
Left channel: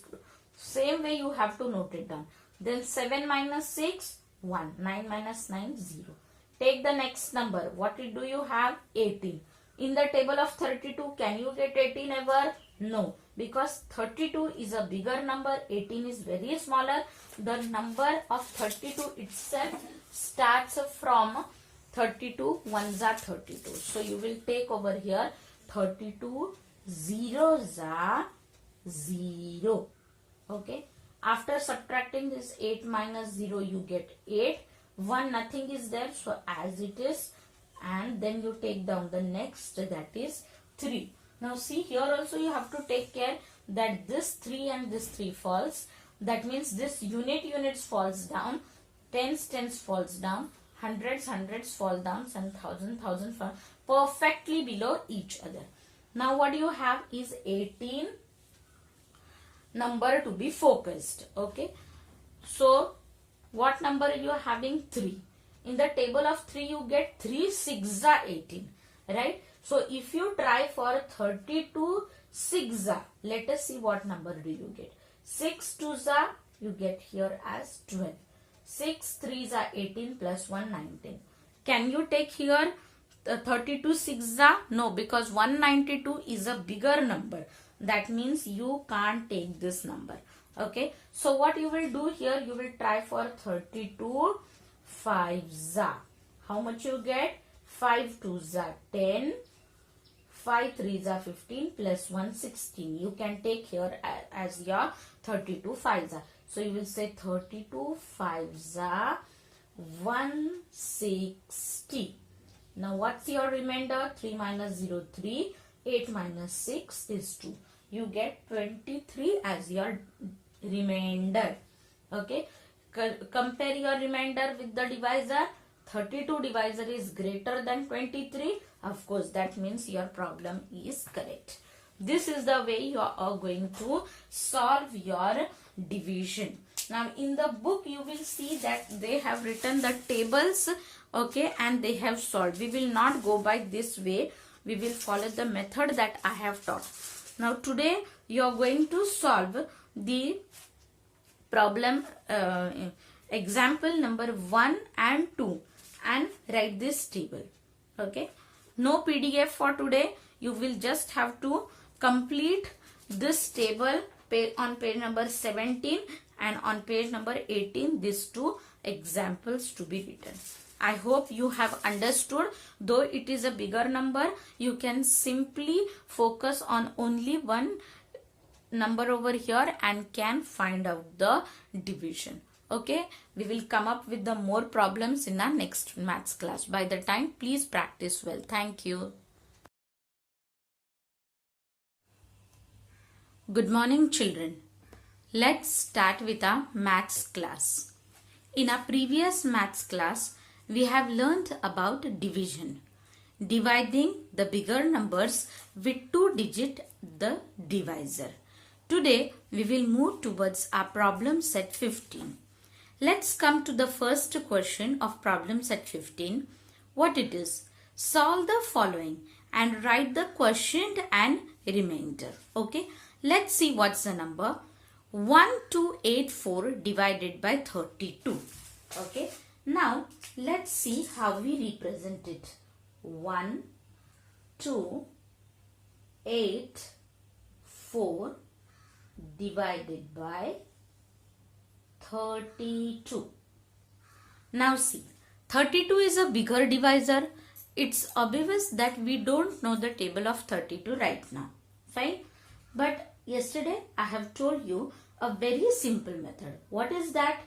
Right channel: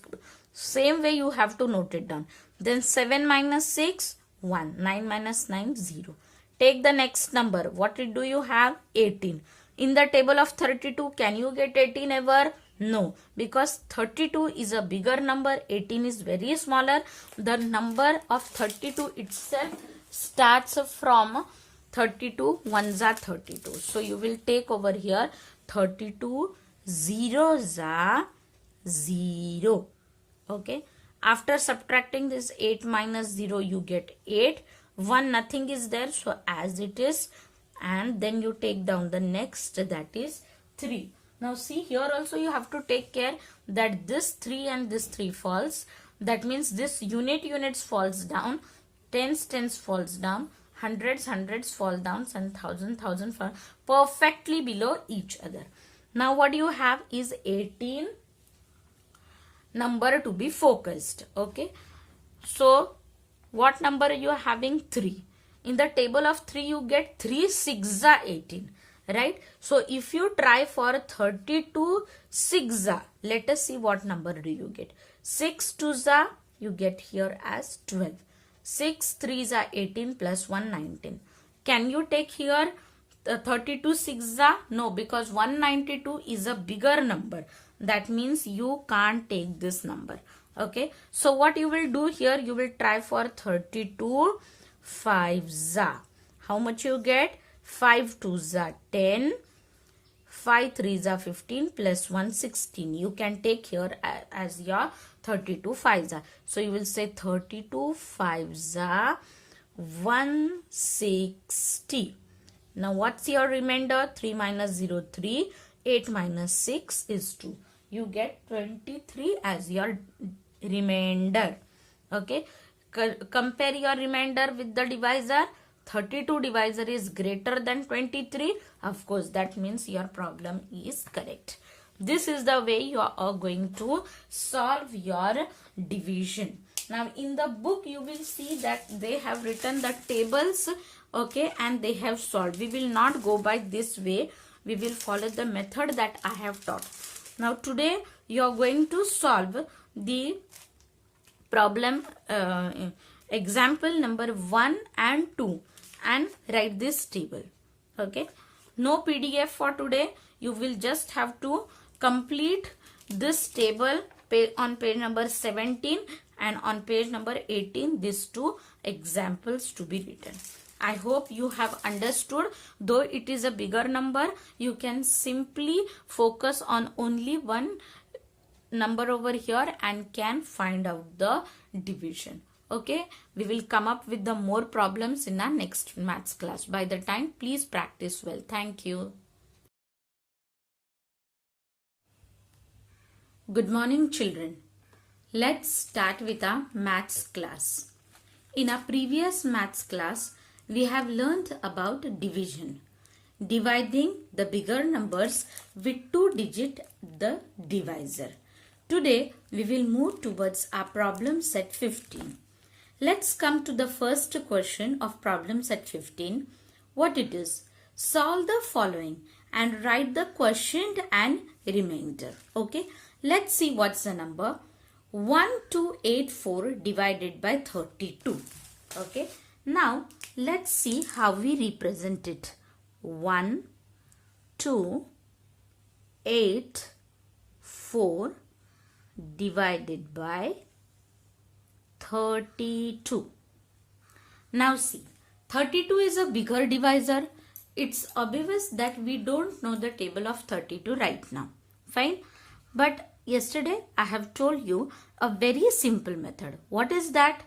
Same way you have to note it down. Then 7 minus 6, 1. 9 minus 9, 0. Take the next number. What do you have? 18. In the table of 32, can you get 18 ever? No, because 32 is a bigger number, 18 is very smaller. The number of 32 itself starts from 32, ones are 32. So you will take over here 32, zeros are 0. Okay, after subtracting this 8 minus 0, you get 8. 1, nothing is there, so as it is, and then you take down the next, that is 3. Now see, here also you have to take care that this 3 and this 3 falls. That means this units falls down, tens falls down, hundreds fall down, and thousand fall perfectly below each other. Now what you have is 18 number to be focused. Okay, so what number you are having? 3. In the table of 3 you get 3 6 are 18, right? So if you try for 32 6 are, let us see what number do you get. 6 2s are, you get here as 12. 6 3s are 18 plus 1 19. Can you take here 32 6 are? No, because 192 is a bigger number. That means you can't take this number. Okay, so what you will do here, you will try for 32 5s are. How much you get? 5 2s are 10, 5 3s are 15 plus 1 16. You can take here as your 32 5s are. So you will say 32 5s are 160. Now what's your remainder? 3 minus 0 3, 8 minus 6 is 2. You get 23 as your remainder. Okay, compare your remainder with the divisor. 32 divisor is greater than 23. Of course, that means your problem is correct. This is the way you are going to solve your division. Now in the book you will see that they have written the tables, okay, and they have solved. We will not go by this way. We will follow the method that I have taught. Now today you are going to solve the problem example number 1 and 2 and write this table. Okay, no PDF for today. You will just have to complete this table on page number 17 and on page number 18, these two examples to be written. I hope you have understood. Though it is a bigger number, you can simply focus on only one number over here and can find out the division. Okay, we will come up with the more problems in our next maths class. By the time, please practice well. Thank you. Good morning, children. Let's start with our maths class. In our previous maths class, we have learned about division. Dividing the bigger numbers with 2-digit the divisor. Today, we will move towards our problem set 15. Let's come to the first question of problem set 15. What it is? Solve the following and write the quotient and remainder. Okay, let's see what's the number. 1284 divided by 32. Okay, now let's see how we represent it. 1, 2, 8, 4 divided by 32. Now see, 32 is a bigger divisor. It's obvious that we don't know the table of 32 right now. Fine. But yesterday I have told you a very simple method. What is that?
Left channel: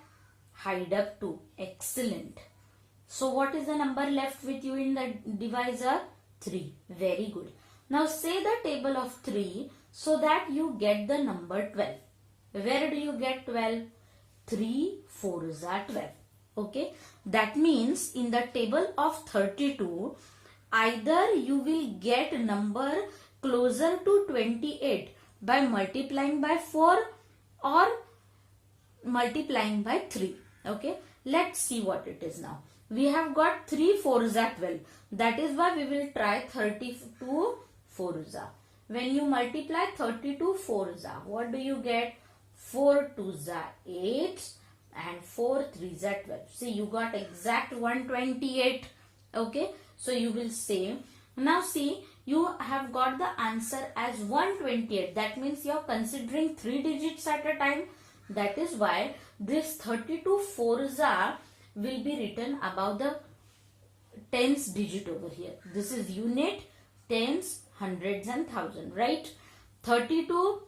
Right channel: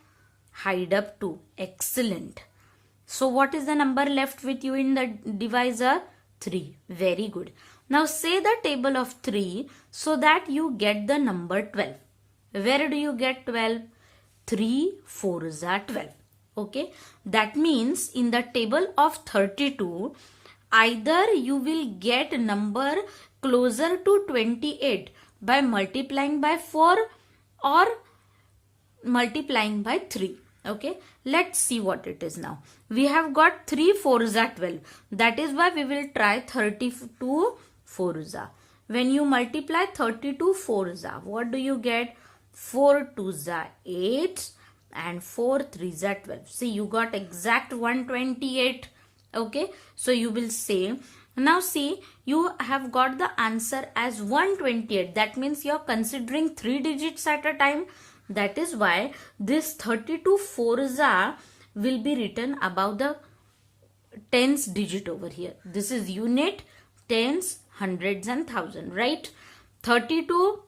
Hide up 2. Excellent. So what is the number left with you in the divisor? 3. Very good. Now say the table of 3 so that you get the number 12. Where do you get 12? 3 4s are 12. Okay. That means in the table of 32, either you will get number closer to 28 by multiplying by 4 or multiplying by 3. Okay. Let's see what it is now. We have got 3 4s are 12. That is why we will try 32 4s are. When you multiply 32 4s are, what do you get? 4 2s are 8 and 4 3s are 12. See, you got exact 128. Okay. So you will say, now see, you have got the answer as 128. That means you are considering 3 digits at a time. That is why this 32 4s are will be written above the tens digit over here. This is unit, tens, hundreds and thousand, right? 32,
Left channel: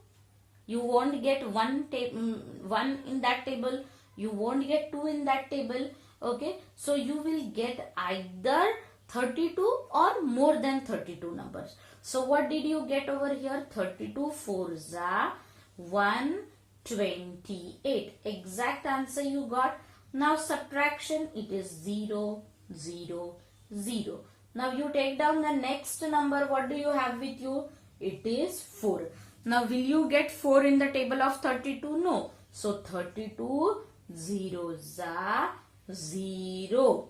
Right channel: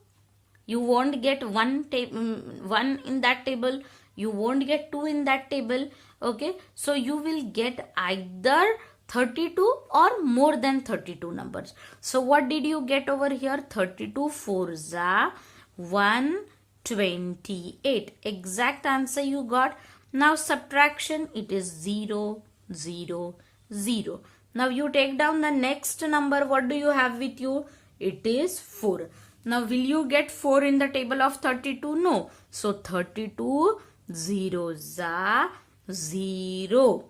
you won't get one in that table. You won't get 2 in that table. Okay. So you will get either 32 or more than 32 numbers. So what did you get over here? 32 4s are 128. Exact answer you got. Now subtraction, it is 0, 0, 0. Now you take down the next number. What do you have with you? It is 4. Now will you get 4 in the table of 32? No. So 32 zeros are 0.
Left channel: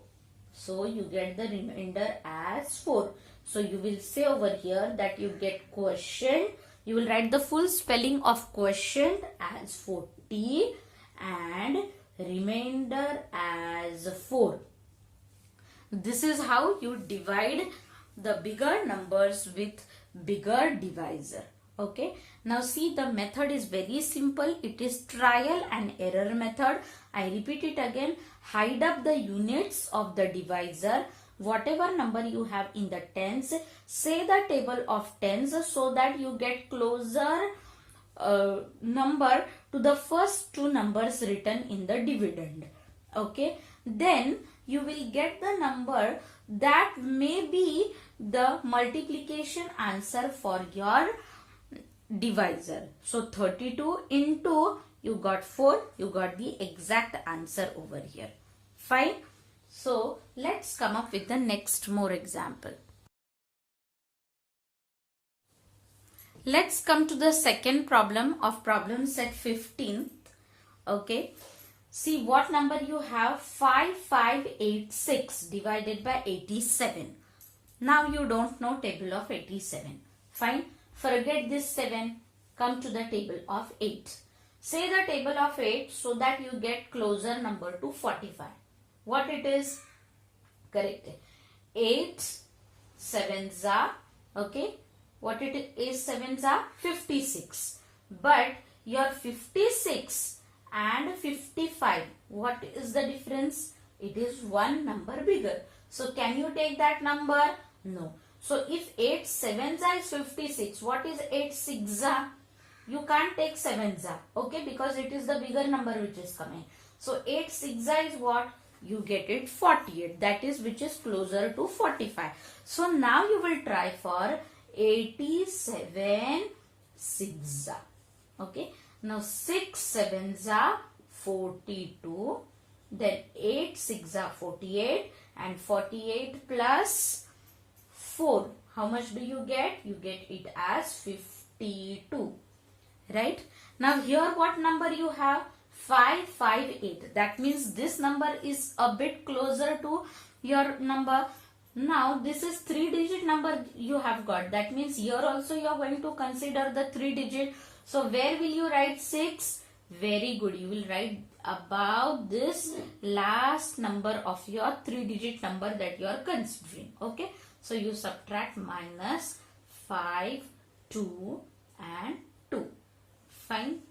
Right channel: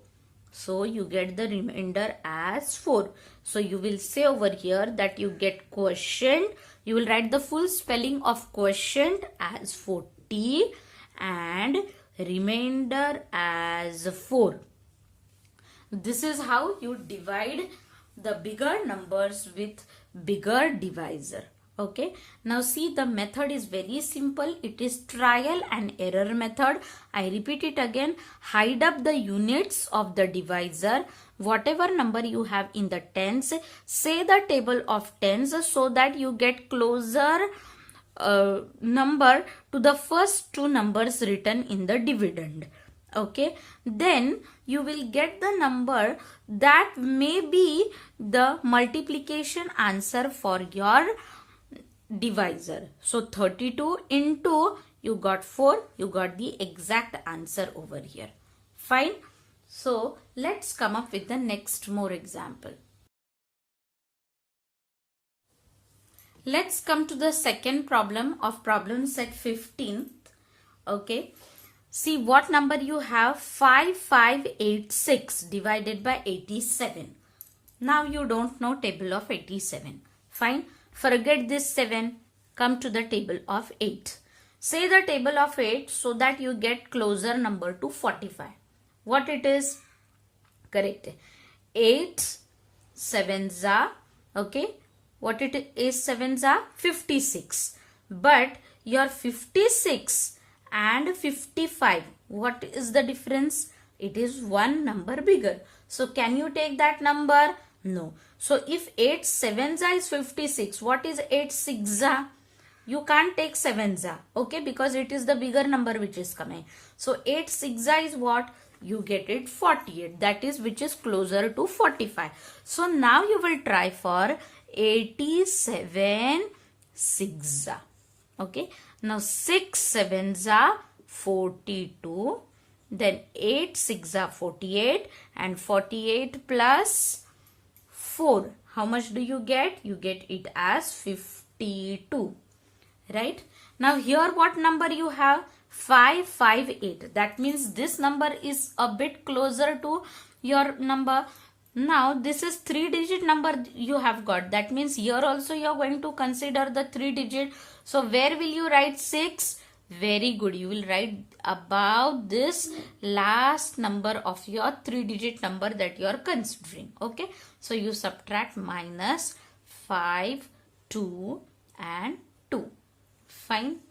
So you get the remainder as 4. So you will say over here that you get quotient. You will write the full spelling of quotient as 40 and remainder as 4. This is how you divide the bigger numbers with bigger divisor. Okay. Now see, the method is very simple. It is trial and error method. I repeat it again. Hide up the units of the divisor. Whatever number you have in the tens, say the table of tens so that you get closer number to the first 2 numbers written in the dividend. Okay. Then you will get the number that may be the multiplication answer for your divisor. So 32 into, you got 4, you got the exact answer over here. Fine. So let's come up with the next more example. Let's come to the second problem of problem set 15. Okay. See what number you have. 5586 divided by 87. Now you don't know table of 87. Fine. Forget this 7. Come to the table of 8. Say the table of 8 so that you get closer number to 45. What it is? Correct. 8 sevens are, okay. What it is, sevens are 56. But your 56 and 55, what is the difference? It is one number bigger. So can you take that number? No. So if 8 sevens are is 56, what is 8 sixes are? You can't take sevens are, okay, because it is the bigger number which is coming. So 8 6 is what? You get it 48. That is which is closer to 45. So now you will try for 87 6. Okay. Now 6 7s are 42. Then 8 6 are 48. And 48 plus 4. How much do you get? You get it as 52. Right? Now here what number you have? 558. That means this number is a bit closer to your number. Now this is 3-digit number you have got. That means here also you are going to consider the 3-digit. So where will you write 6? Very good. You will write about this last number of your 3-digit number that you are considering. Okay. So you subtract minus 5, 2 and 2. Fine.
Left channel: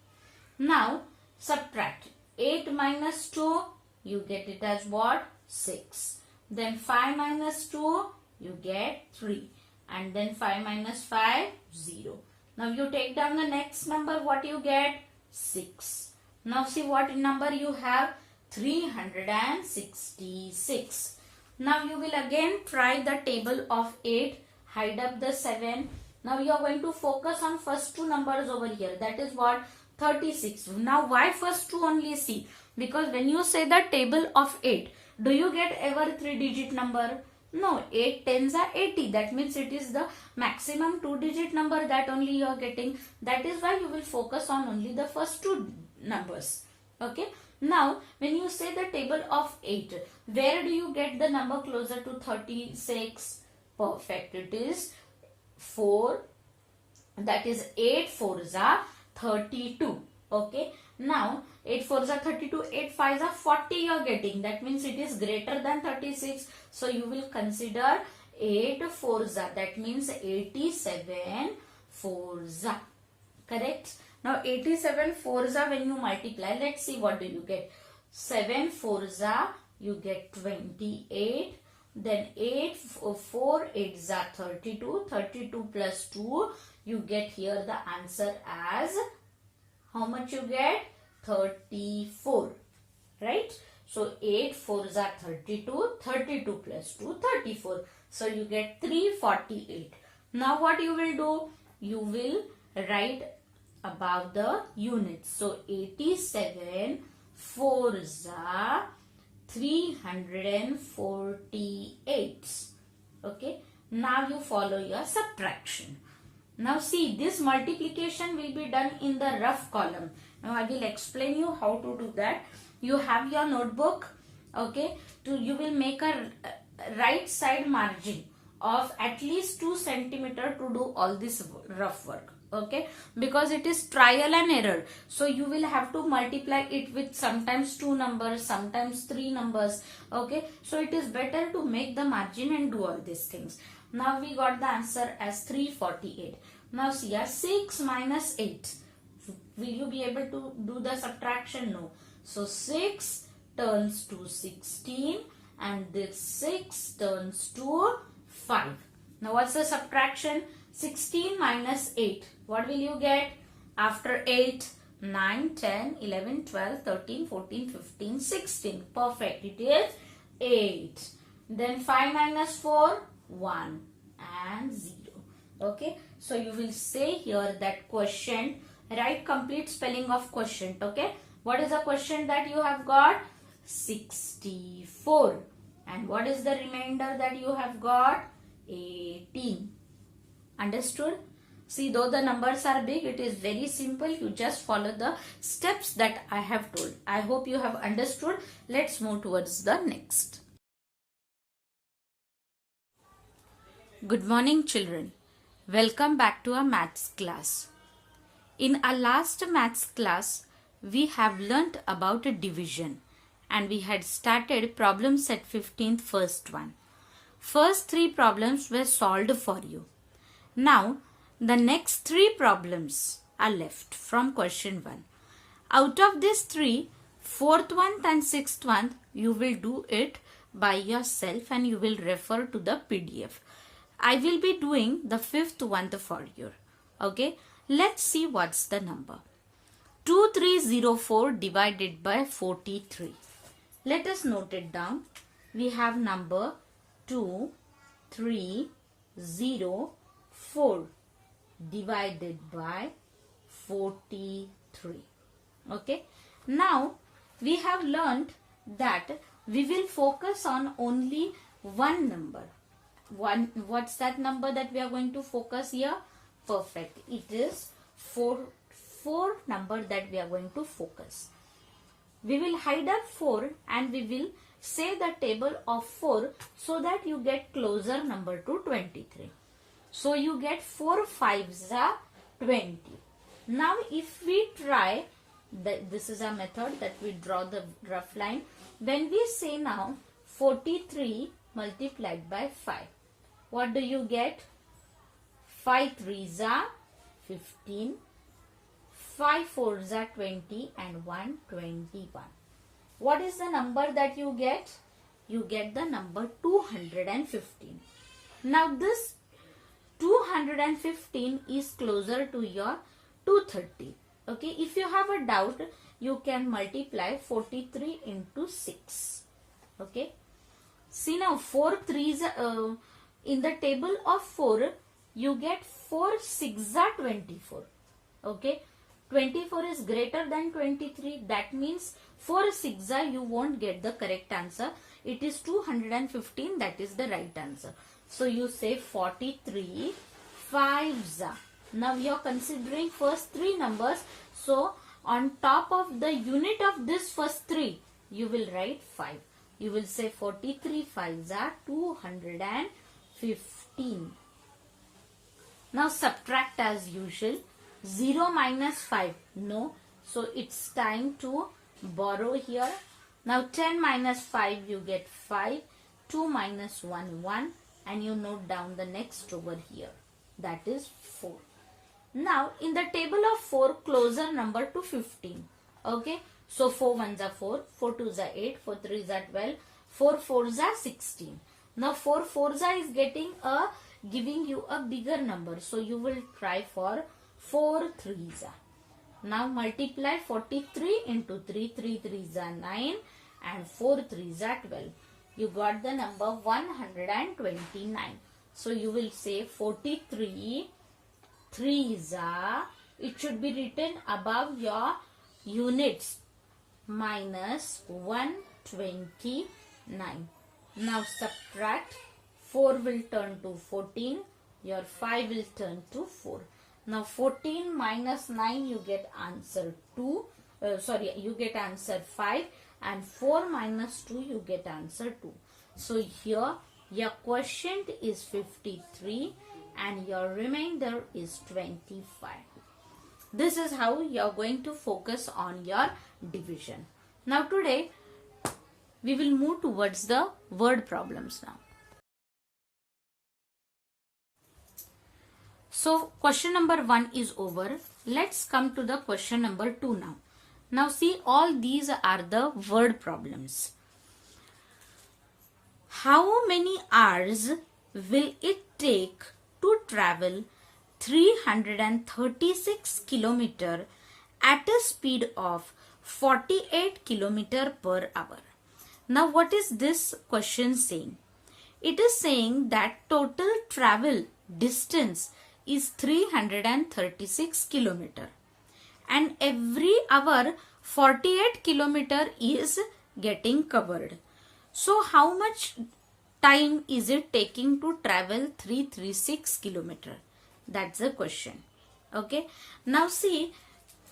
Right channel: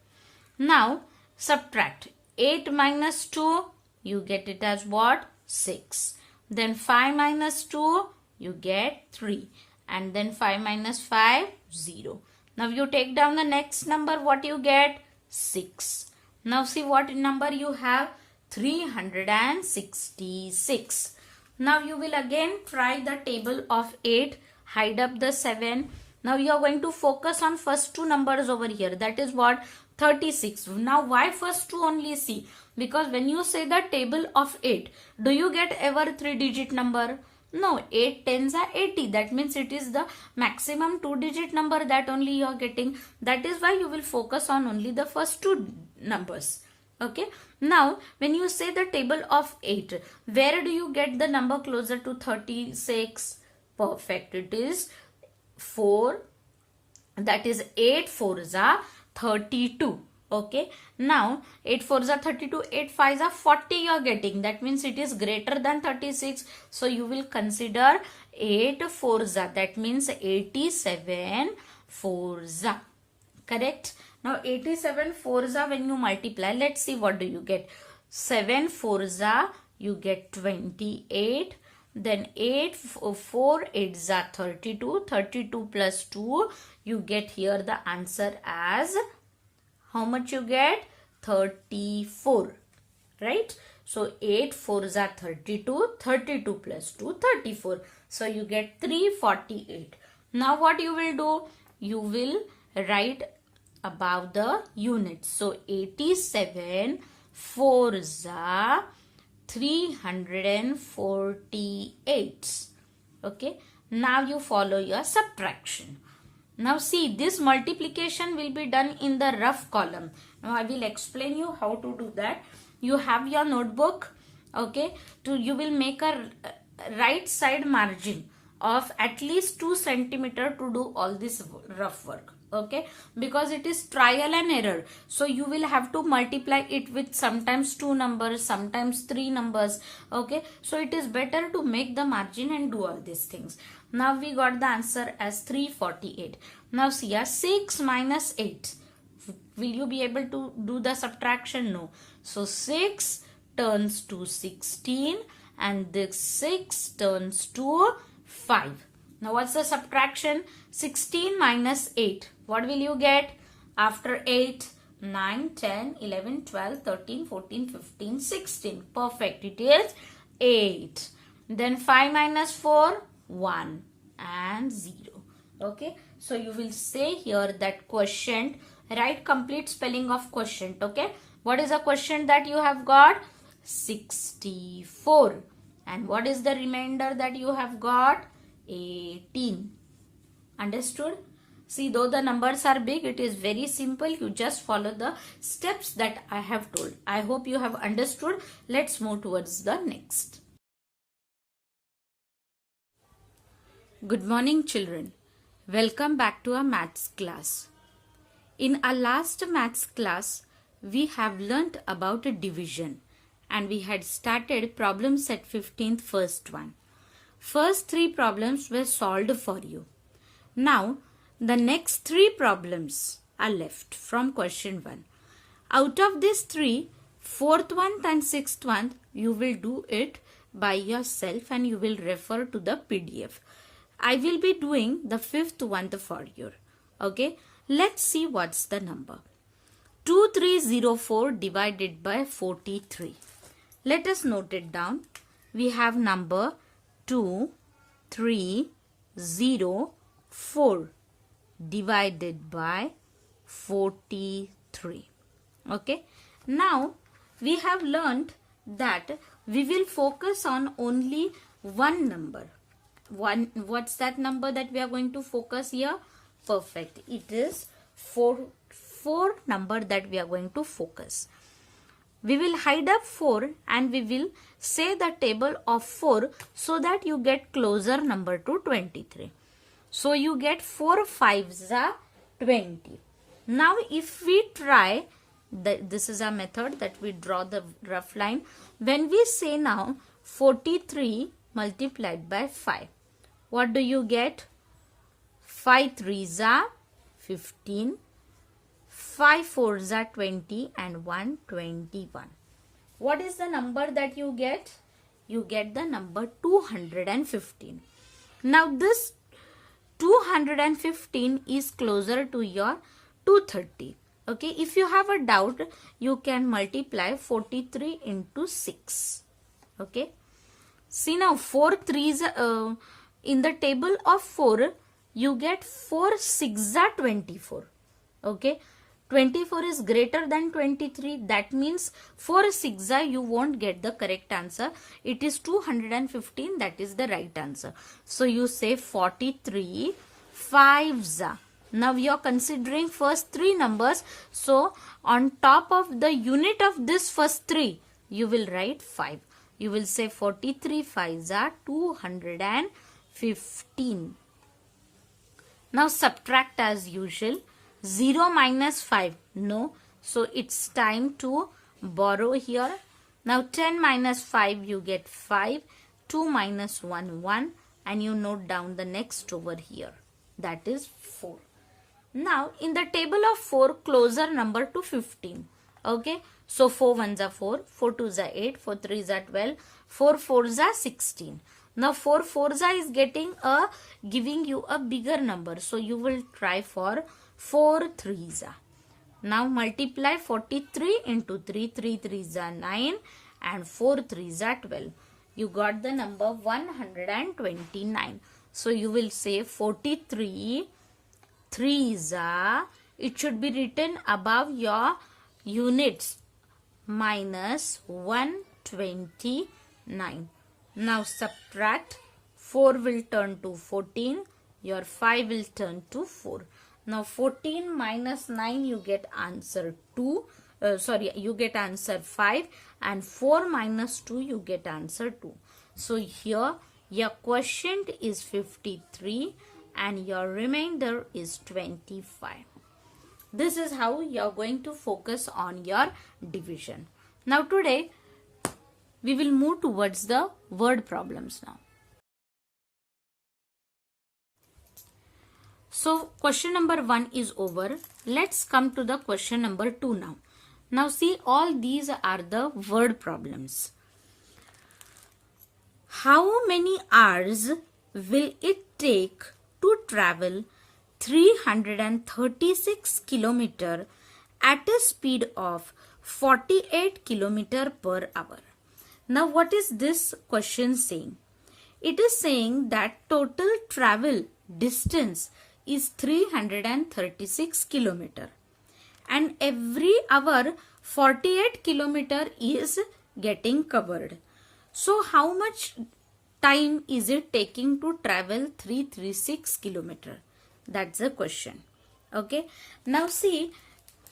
Now subtract 8 minus 2. You get it as what? 6. Then 5 minus 2. You get 3. And then 5 minus 5, 0. Now you take down the next number. What you get? 6. Now see what number you have? 366. Now you will again try the table of 8. Hide up the 7. Now you are going to focus on first two numbers over here. That is what? 36. Now why first two only? See, because when you say the table of 8, do you get ever 3-digit number? No, 8 tens are 80. That means it is the maximum 2-digit number that only you are getting. That is why you will focus on only the first two numbers. Okay. Now, when you say the table of 8, where do you get the number closer to 36? Perfect. It is 4. That is 8 4s are 32. Okay. Now 8 4s are 32, 8 5s are 40 you are getting. That means it is greater than 36. So you will consider 8 4s are. That means 87 4s are. Correct. Now 87 4s are when you multiply. Let's see what do you get. 7 4s are you get 28. Then 8 4 8s are 32. 32 plus 2 you get here the answer as how much you get? 34. Right? So 8 4s are 32. 32 plus 2 34. So you get 348. Now what you will do? You will write about the units. So 87 4s are 348. Okay. Now you follow your subtraction. Now see, this multiplication will be done in the rough column. Now I will explain you how to do that. You have your notebook. Okay. You will make a right side margin of at least 2 centimeter to do all this rough work. Okay, because it is trial and error, so you will have to multiply it with sometimes 2 numbers, sometimes 3 numbers. Okay, so it is better to make the margin and do all these things. Now we got the answer as 348. Now see, 6 minus 8. Will you be able to do the subtraction? No. So 6 turns to 16 and this 6 turns to 5. Now what's the subtraction? 16 minus 8. What will you get? After 8, 9, 10, 11, 12, 13, 14, 15, 16. Perfect. It is 8. Then 5 minus 4, 1 and 0. Okay. So you will say here that quotient. Write complete spelling of quotient. Okay. What is the quotient that you have got? 64. And what is the remainder that you have got? 18. Understood? See, though the numbers are big, it is very simple. You just follow the steps that I have told. I hope you have understood. Let's move towards the next. Good morning, children. Welcome back to our maths class. In our last maths class, we have learnt about a division and we had started problem set 15th first one. First 3 problems were solved for you. Now, the next 3 problems are left from question 1. Out of these 3, 4th one and 6th one, you will do it by yourself and you will refer to the PDF. I will be doing the 5th one for you. Okay, let's see what's the number. 2304 divided by 43. Let us note it down. We have number 2304 divided by 43. Okay. Now we have learned that we will focus on only one number. What's that number that we are going to focus here? Perfect. It is four number that we are going to focus. We will hide up 4 and we will say the table of 4 so that you get closer number to 23. So you get 4 5s are 20. Now if we try, this is a method that we draw the rough line. When we say now 43 multiplied by 5, what do you get? 5 3s are 15, 5 4s are 20 and 1 21. What is the number that you get? You get the number 215. Now this 215 is closer to your 230. Okay, if you have a doubt, you can multiply 43 into 6. Okay, see now 4 3s in the table of 4 you get 4 6 are 24. Okay, 24 is greater than 23. That means 4 6 you won't get the correct answer. It is 215. That is the right answer. So you say 43 5s. Now you are considering first 3 numbers. So on top of the unit of this first 3, you will write 5. You will say 43 5s are 215. Now subtract as usual. 0 minus 5, no. So it's time to borrow here. Now 10 minus 5, you get 5. 2 minus 1, 1. And you note down the next over here. That is 4. Now in the table of 4, closer number to 15. Okay. So 4 1s are 4. 4 2s are 8. 4 3s are 12. 4 4s are 16. Now 4 4s is giving you a bigger number. So you will try for 4 3s. Now multiply 43 into 3. 3 3s are 9 and 4 3s are 12. You got the number 129. So you will say 43 3s. It should be written above your units minus 129. Now subtract. 4 will turn to 14. Your 5 will turn to 4. Now 14 minus 9 you get answer 2. You get answer 5, and 4 minus 2 you get answer 2. So here your quotient is 53 and your remainder is 25. This is how you are going to focus on your division. Now today we will move towards the word problems now. So question number 1 is over. Let's come to the question number 2 now. Now see, all these are the word problems. How many hours will it take to travel 336 km at a speed of 48 km per hour? Now what is this question saying? It is saying that total travel distance is 336 km and every hour 48 km is getting covered. So how much time is it taking to travel 336 km? That's the question. Okay. Now see,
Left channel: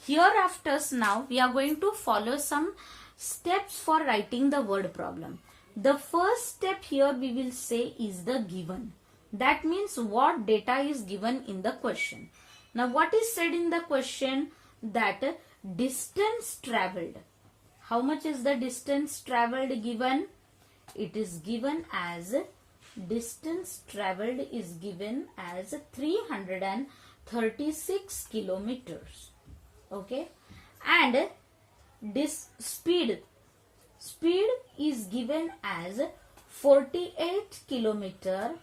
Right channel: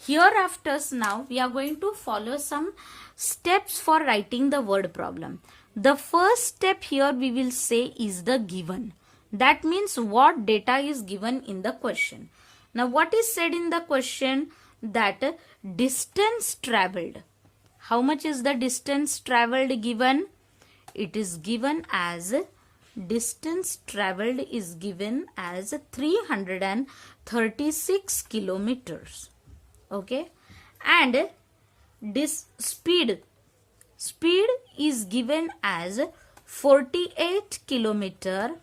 hereafter now we are going to follow some steps for writing the word problem. The first step here we will say is the given. That means what data is given in the question. Now what is said in the question? That distance traveled. How much is the distance traveled given? It is given as distance traveled is given as 336 kilometers. Okay. And this speed is given as 48 kilometer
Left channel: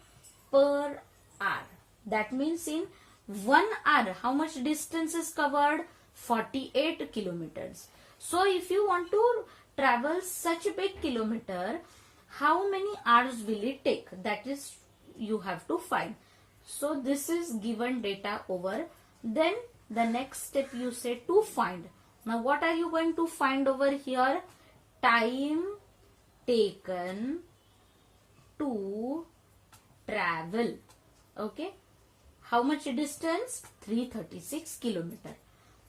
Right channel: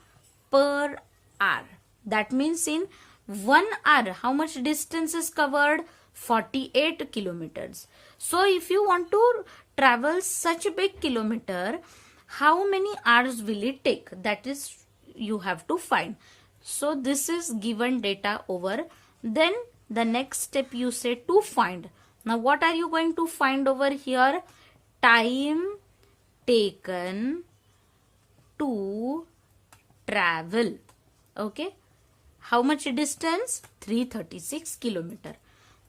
per hour. That means in 1 hour how much distance is covered? 48 kilometers. So if you want to travel such a big kilometer, how many hours will it take? That is, you have to find. So this is given data over. Then the next step you say to find. Now what are you going to find over here? Time taken to travel. Okay. How much distance? 336 kilometer.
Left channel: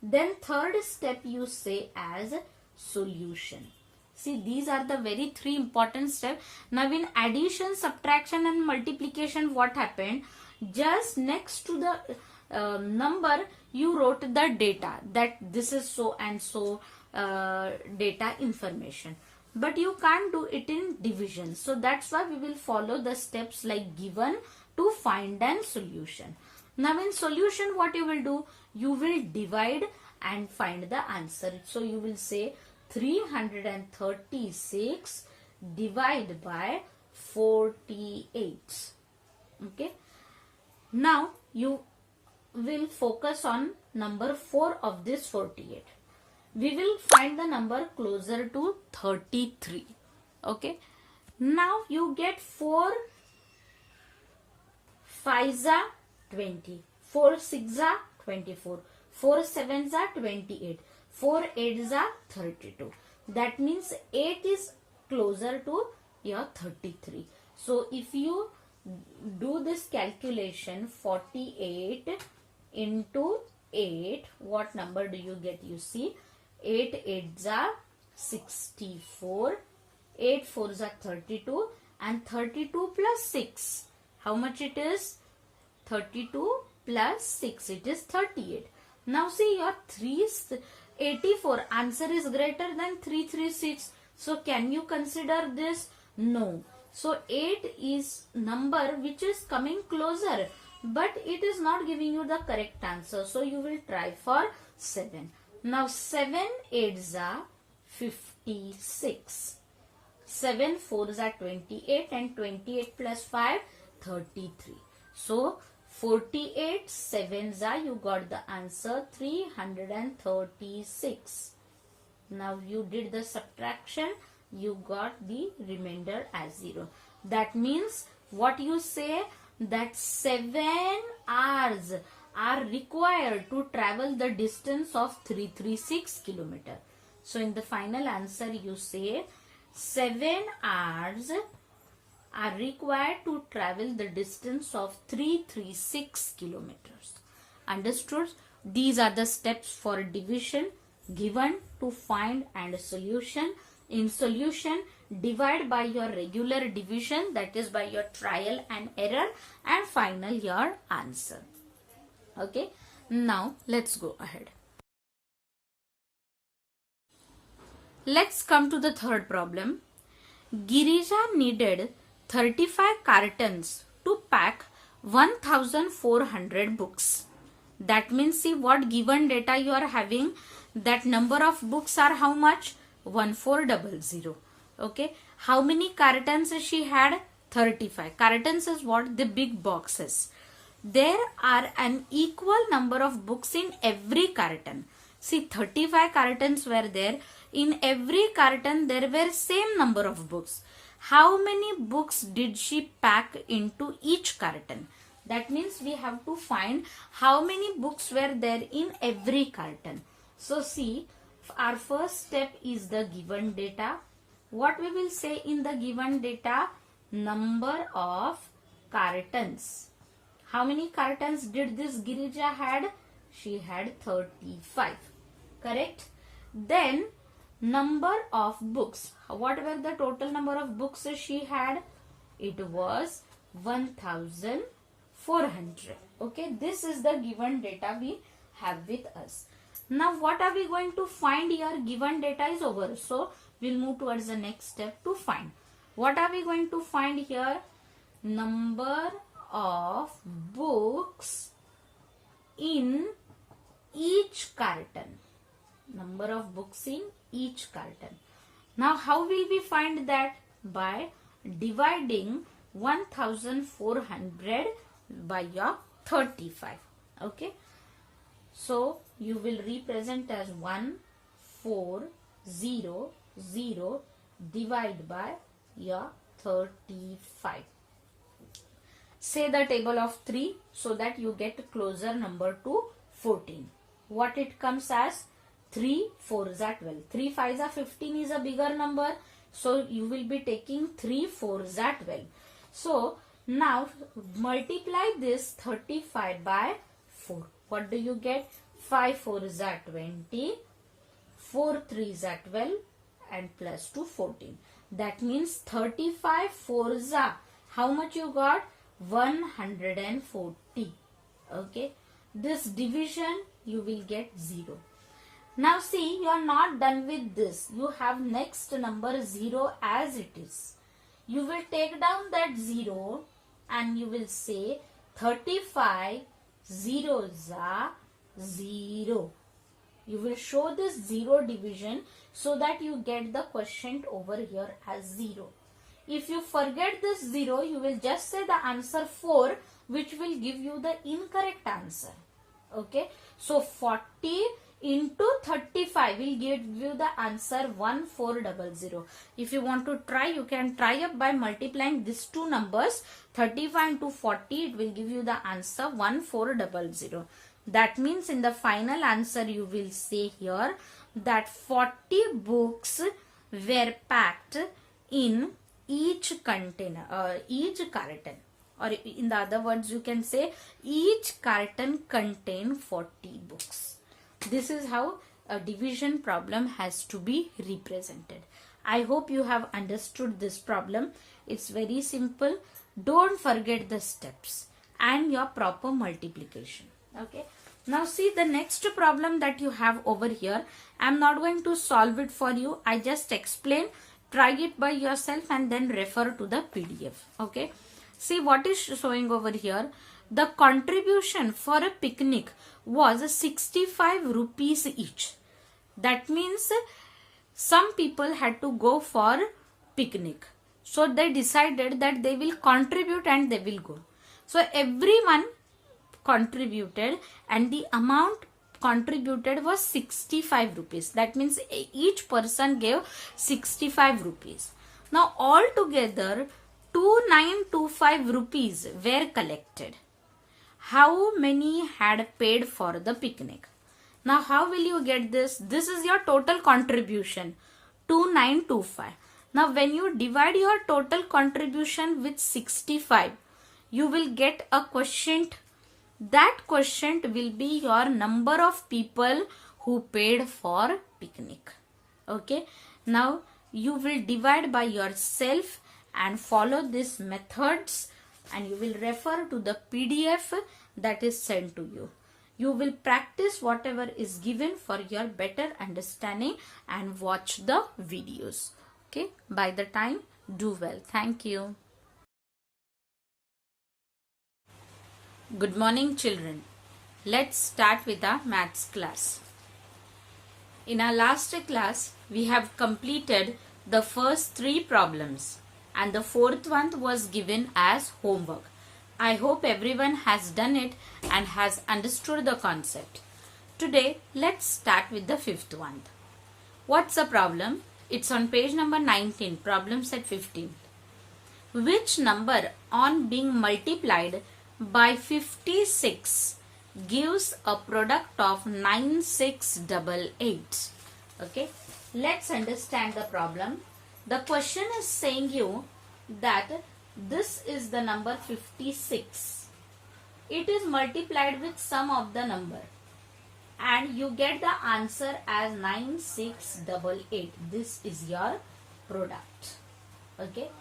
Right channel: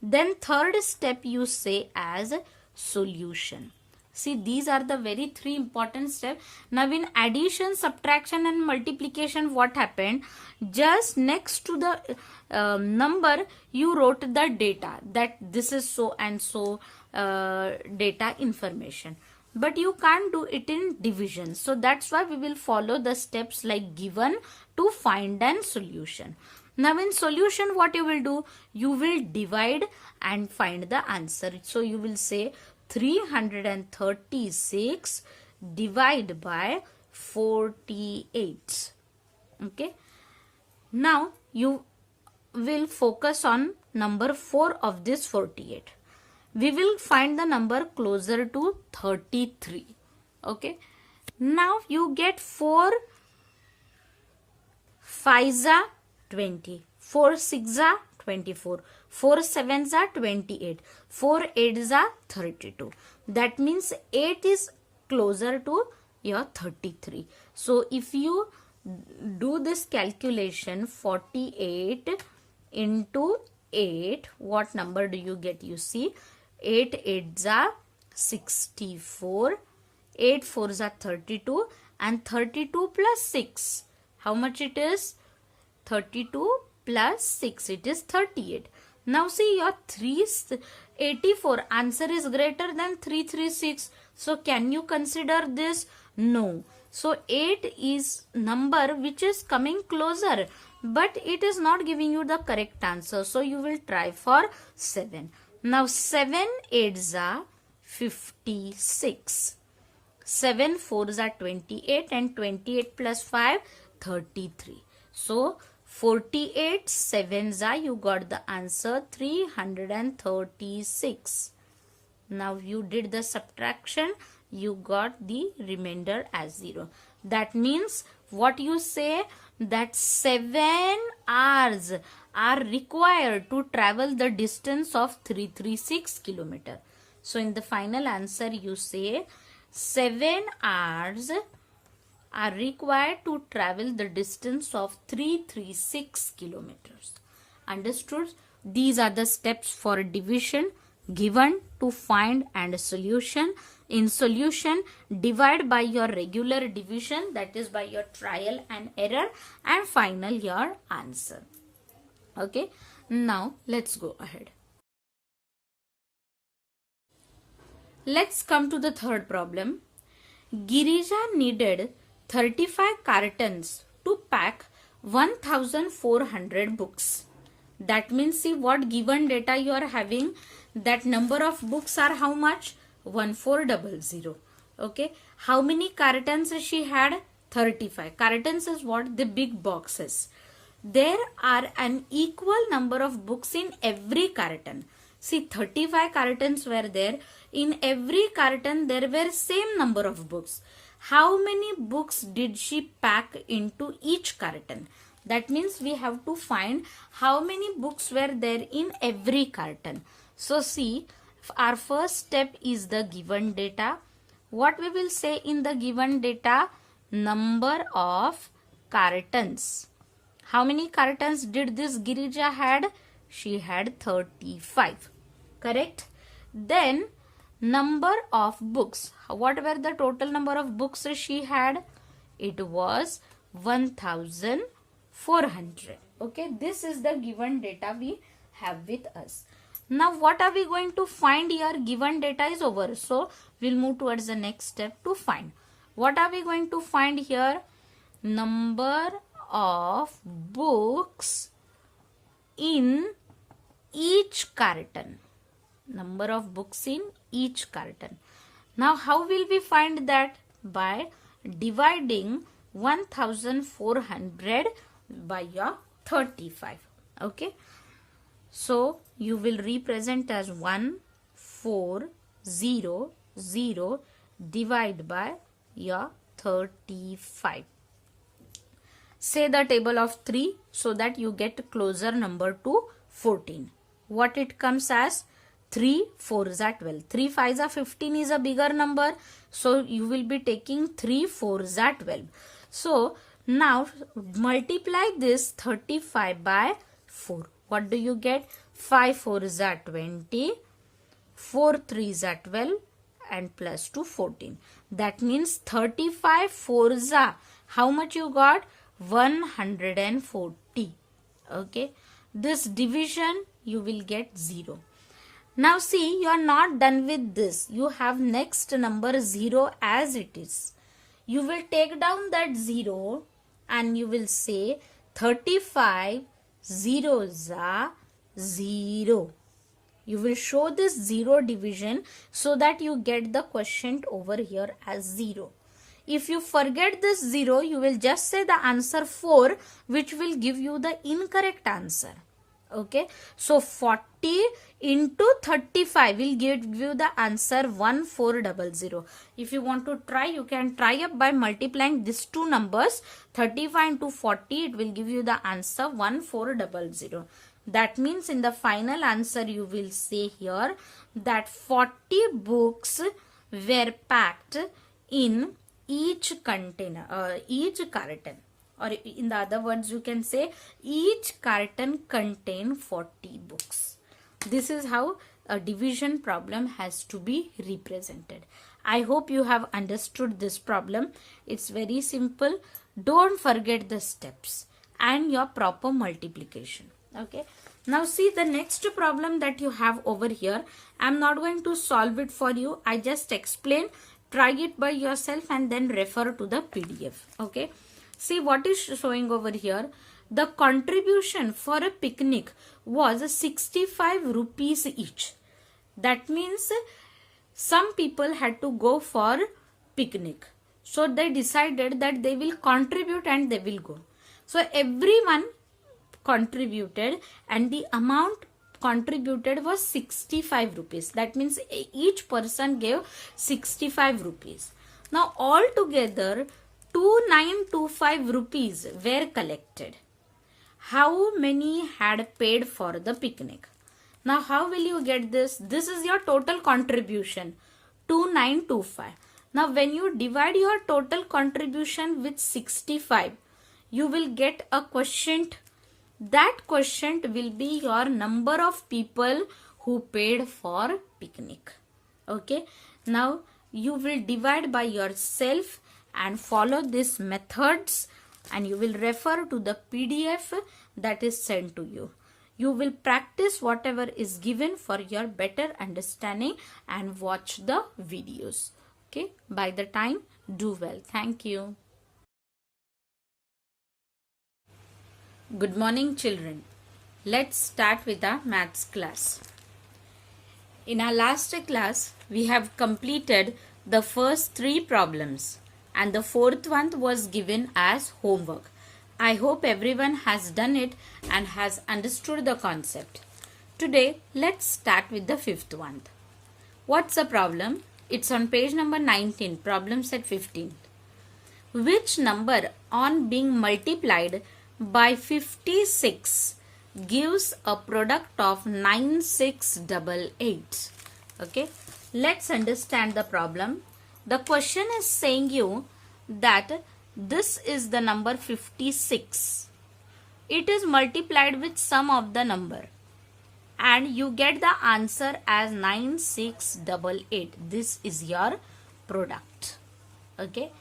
Then third step you say as solution. See, these are the very three important steps. Now in addition, subtraction and multiplication, what happened? Just next to the number, you wrote the data, that this is so and so data information. But you can't do it in division. So that's why we will follow the steps like given, to find and solution. Now in solution, what you will do? You will divide and find the answer. So you will say 336 divided by 48. Okay. Now you will focus on number 4 of this 48. We will find the number closer to 33. Okay. Now you get 4 5s are 20, 4 6s are 24, 4 7s are 28, 4 8s are 32. That means 8 is closer to your 33. So if you do this calculation, 48 into 8, what number do you get? You see, 8 8s are 64, 8 4s are 32, and 32 plus 6. How much it is? 32 plus 6, it is 38. Now see, your 384 answer is greater than 336. So can you consider this? No. So 8 is number which is coming closer, but it is not giving you the correct answer. So you will try for 7. Now 7 8s are 56. 7 4s are 28, and 28 plus 5 33. So 48 7s are, you got the answer 336. Now you did the subtraction, you got the remainder as 0. That means what you say, that 7 hours are required to travel the distance of 336 kilometer. So in the final answer you say 7 hours are required to travel the distance of 336 kilometers. Understood? These are the steps for division, given, to find, and solution. In solution, divide by your regular division, that is by your trial and error, and final your answer. Okay, now let's go ahead. Let's come to the third problem. Girija needed 35 cartons to pack 1400 books. That means, see what given data you are having, that number of books are how much? 1400. Okay. How many cartons she had? 35. Cartons is what? The big boxes. There are an equal number of books in every carton. See, 35 cartons were there. In every carton there were same number of books. How many books did she pack into each carton? That means we have to find how many books were there in every carton. So see, our first step is the given data. What we will say in the given data? Number of cartons. How many cartons did this Girija had? She had 35. Correct? Then number of books. What were the total number of books she had? It was 1400. Okay, this is the given data we have with us. Now what are we going to find here? Given data is over. So we'll move towards the next step to find. What are we going to find here? Number of books in each carton. Number of books in each carton. Now how will we find that? By dividing 1400 by your 35. Okay. So you will represent as 1, 4, 0, 0 divide by your 35. Say the table of 3 so that you get closer number to 14. What it comes as? 3 4s are 12. 3 5s are 15 is a bigger number. So you will be taking 3 4s are 12. So now multiply this 35 by 4. What do you get? 5 4s are 20. 4 3s are 12 and plus 2 14. That means 35 4s are, how much you got? 140. Okay. This division you will get 0. Now see, you are not done with this. You have next number 0 as it is. You will take down that 0 and you will say 35 zeros are 0. You will show this 0 division so that you get the quotient over here as 0. If you forget this 0, you will just say the answer 4, which will give you the incorrect answer. Okay. So 40 into 35 will give you the answer 1400. If you want to try, you can try up by multiplying these two numbers. 35 into 40, it will give you the answer 1400. That means in the final answer you will say here that 40 books were packed in each container, each carton, or in the other words you can say each carton contained 40 books. This is how a division problem has to be represented. I hope you have understood this problem. It's very simple. Don't forget the steps and your proper multiplication. Okay. Now see the next problem that you have over here. I'm not going to solve it for you. I just explain. Try it by yourself and then refer to the PDF. Okay. See what is showing over here. The contribution for a picnic was 65 rupees each. That means some people had to go for picnic. So they decided that they will contribute and they will go. So everyone contributed and the amount contributed was 65 rupees. That means each person gave 65 rupees. Now altogether 2925 rupees were collected. How many had paid for the picnic? Now how will you get this? This is your total contribution, 2925. Now when you divide your total contribution with 65, you will get a quotient. That quotient will be your number of people who paid for picnic. Okay. Now you will divide by yourself and follow these methods, and you will refer to the PDF that is sent to you. You will practice whatever is given for your better understanding and watch the videos. Okay. By the time, do well. Thank you. Good morning, children. Let's start with our maths class. In our last class, we have completed the first 3 problems and the 4th one was given as homework. I hope everyone has done it and has understood the concept. Today, let's start with the 5th one. What's the problem? It's on page number 19, problem set 15. Which number on being multiplied by 56 gives a product of 9688? Okay, let's understand the problem. The question is saying you that this is the number 56. It is multiplied with sum of the number and you get the answer as 9688. This is your product. Okay.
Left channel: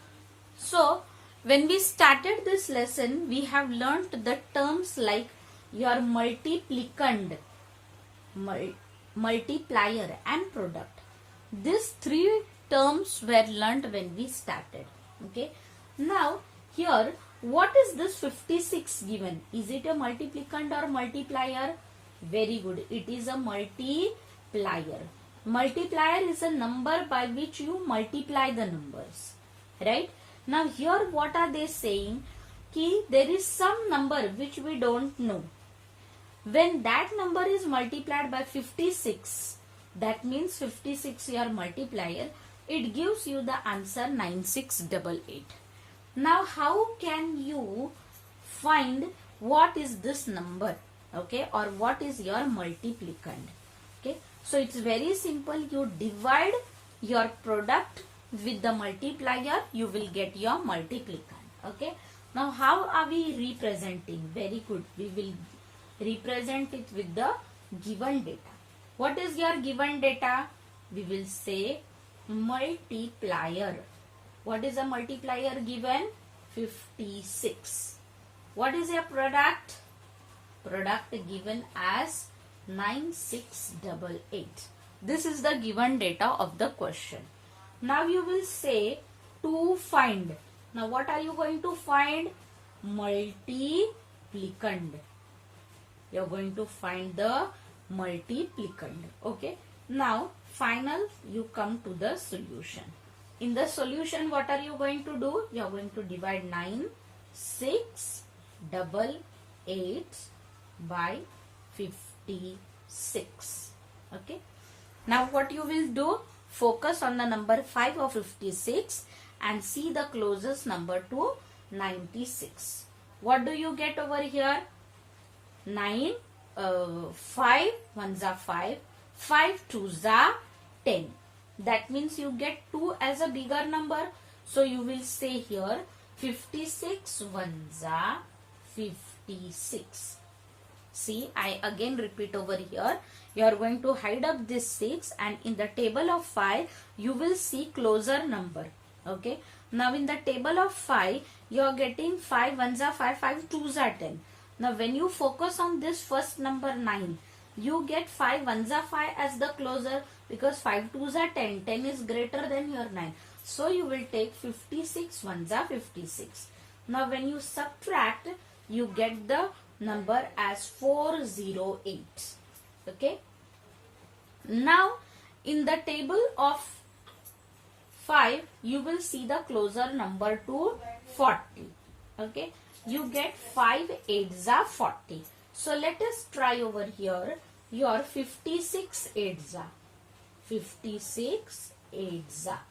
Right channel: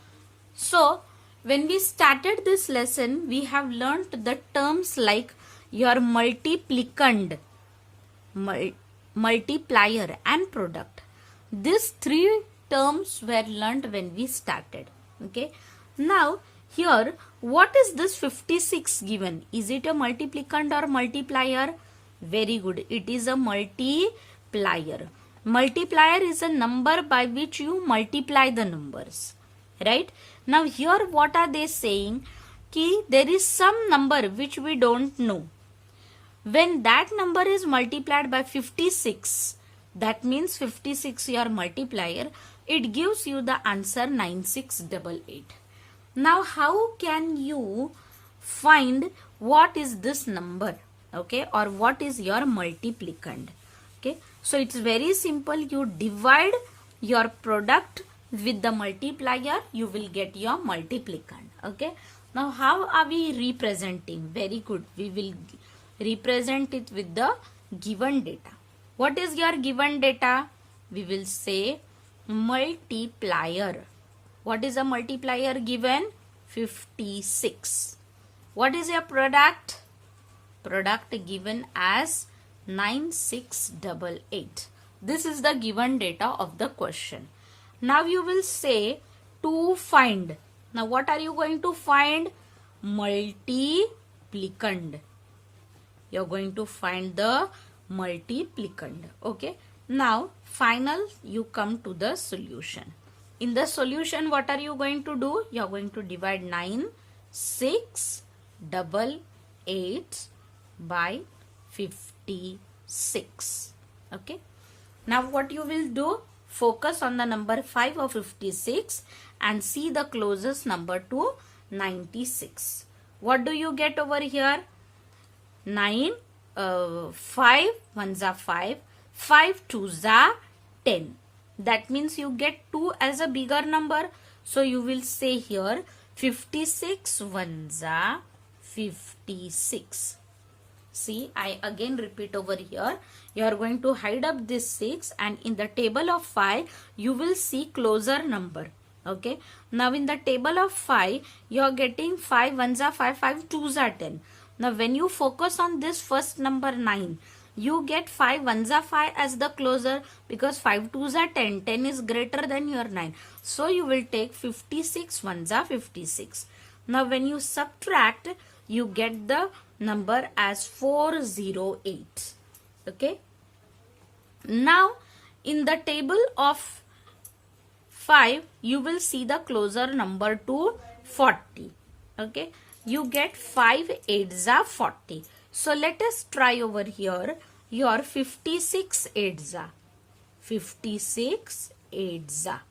So when we started this lesson, we have learnt the terms like your multiplicand, multiplier and product. These 3 terms were learnt when we started. Okay. Now here, what is this 56 given? Is it a multiplicand or multiplier? Very good. It is a multiplier. Multiplier is a number by which you multiply the numbers. Right? Now here what are they saying? Ki there is some number which we don't know. When that number is multiplied by 56, that means 56 your multiplier, it gives you the answer 9688. Now how can you find what is this number, okay, or what is your multiplicand? Okay, so it's very simple. You divide your product with the multiplier, you will get your multiplicand. Okay, now how are we representing? Very good, we will represent it with the given data. What is your given data? We will say multiplier. What is a multiplier given? 56. What is your product? Product given as 9688. This is the given data of the question. Now you will say to find. Now what are you going to find? Multiplicand. You're going to find the multiplicand. Okay. Now final you come to the solution. In the solution, what are you going to do? You're going to divide 9688 by 56. Okay. Now what you will do? Focus on the number 5 of 56 and see the closest number to 96. What do you get over here? 5 ones are 5, 5 twos are 10. That means you get 2 as a bigger number. So you will say here 56 ones are 56. See, I again repeat over here. You are going to hide up this 6 and in the table of 5 you will see closer number. Okay. Now in the table of 5 you are getting 5 ones are 5, 5 twos are 10. Now when you focus on this first number 9, you get 5 ones are 5 as the closer because 5 twos are 10. 10 is greater than your 9. So you will take 56 ones are 56. Now when you subtract, you get the number as 408. Okay. Now in the table of 5, you will see the closer number to 40. Okay. You get 5 8s are 40. So let us try over here your 56 8s are 56 8s are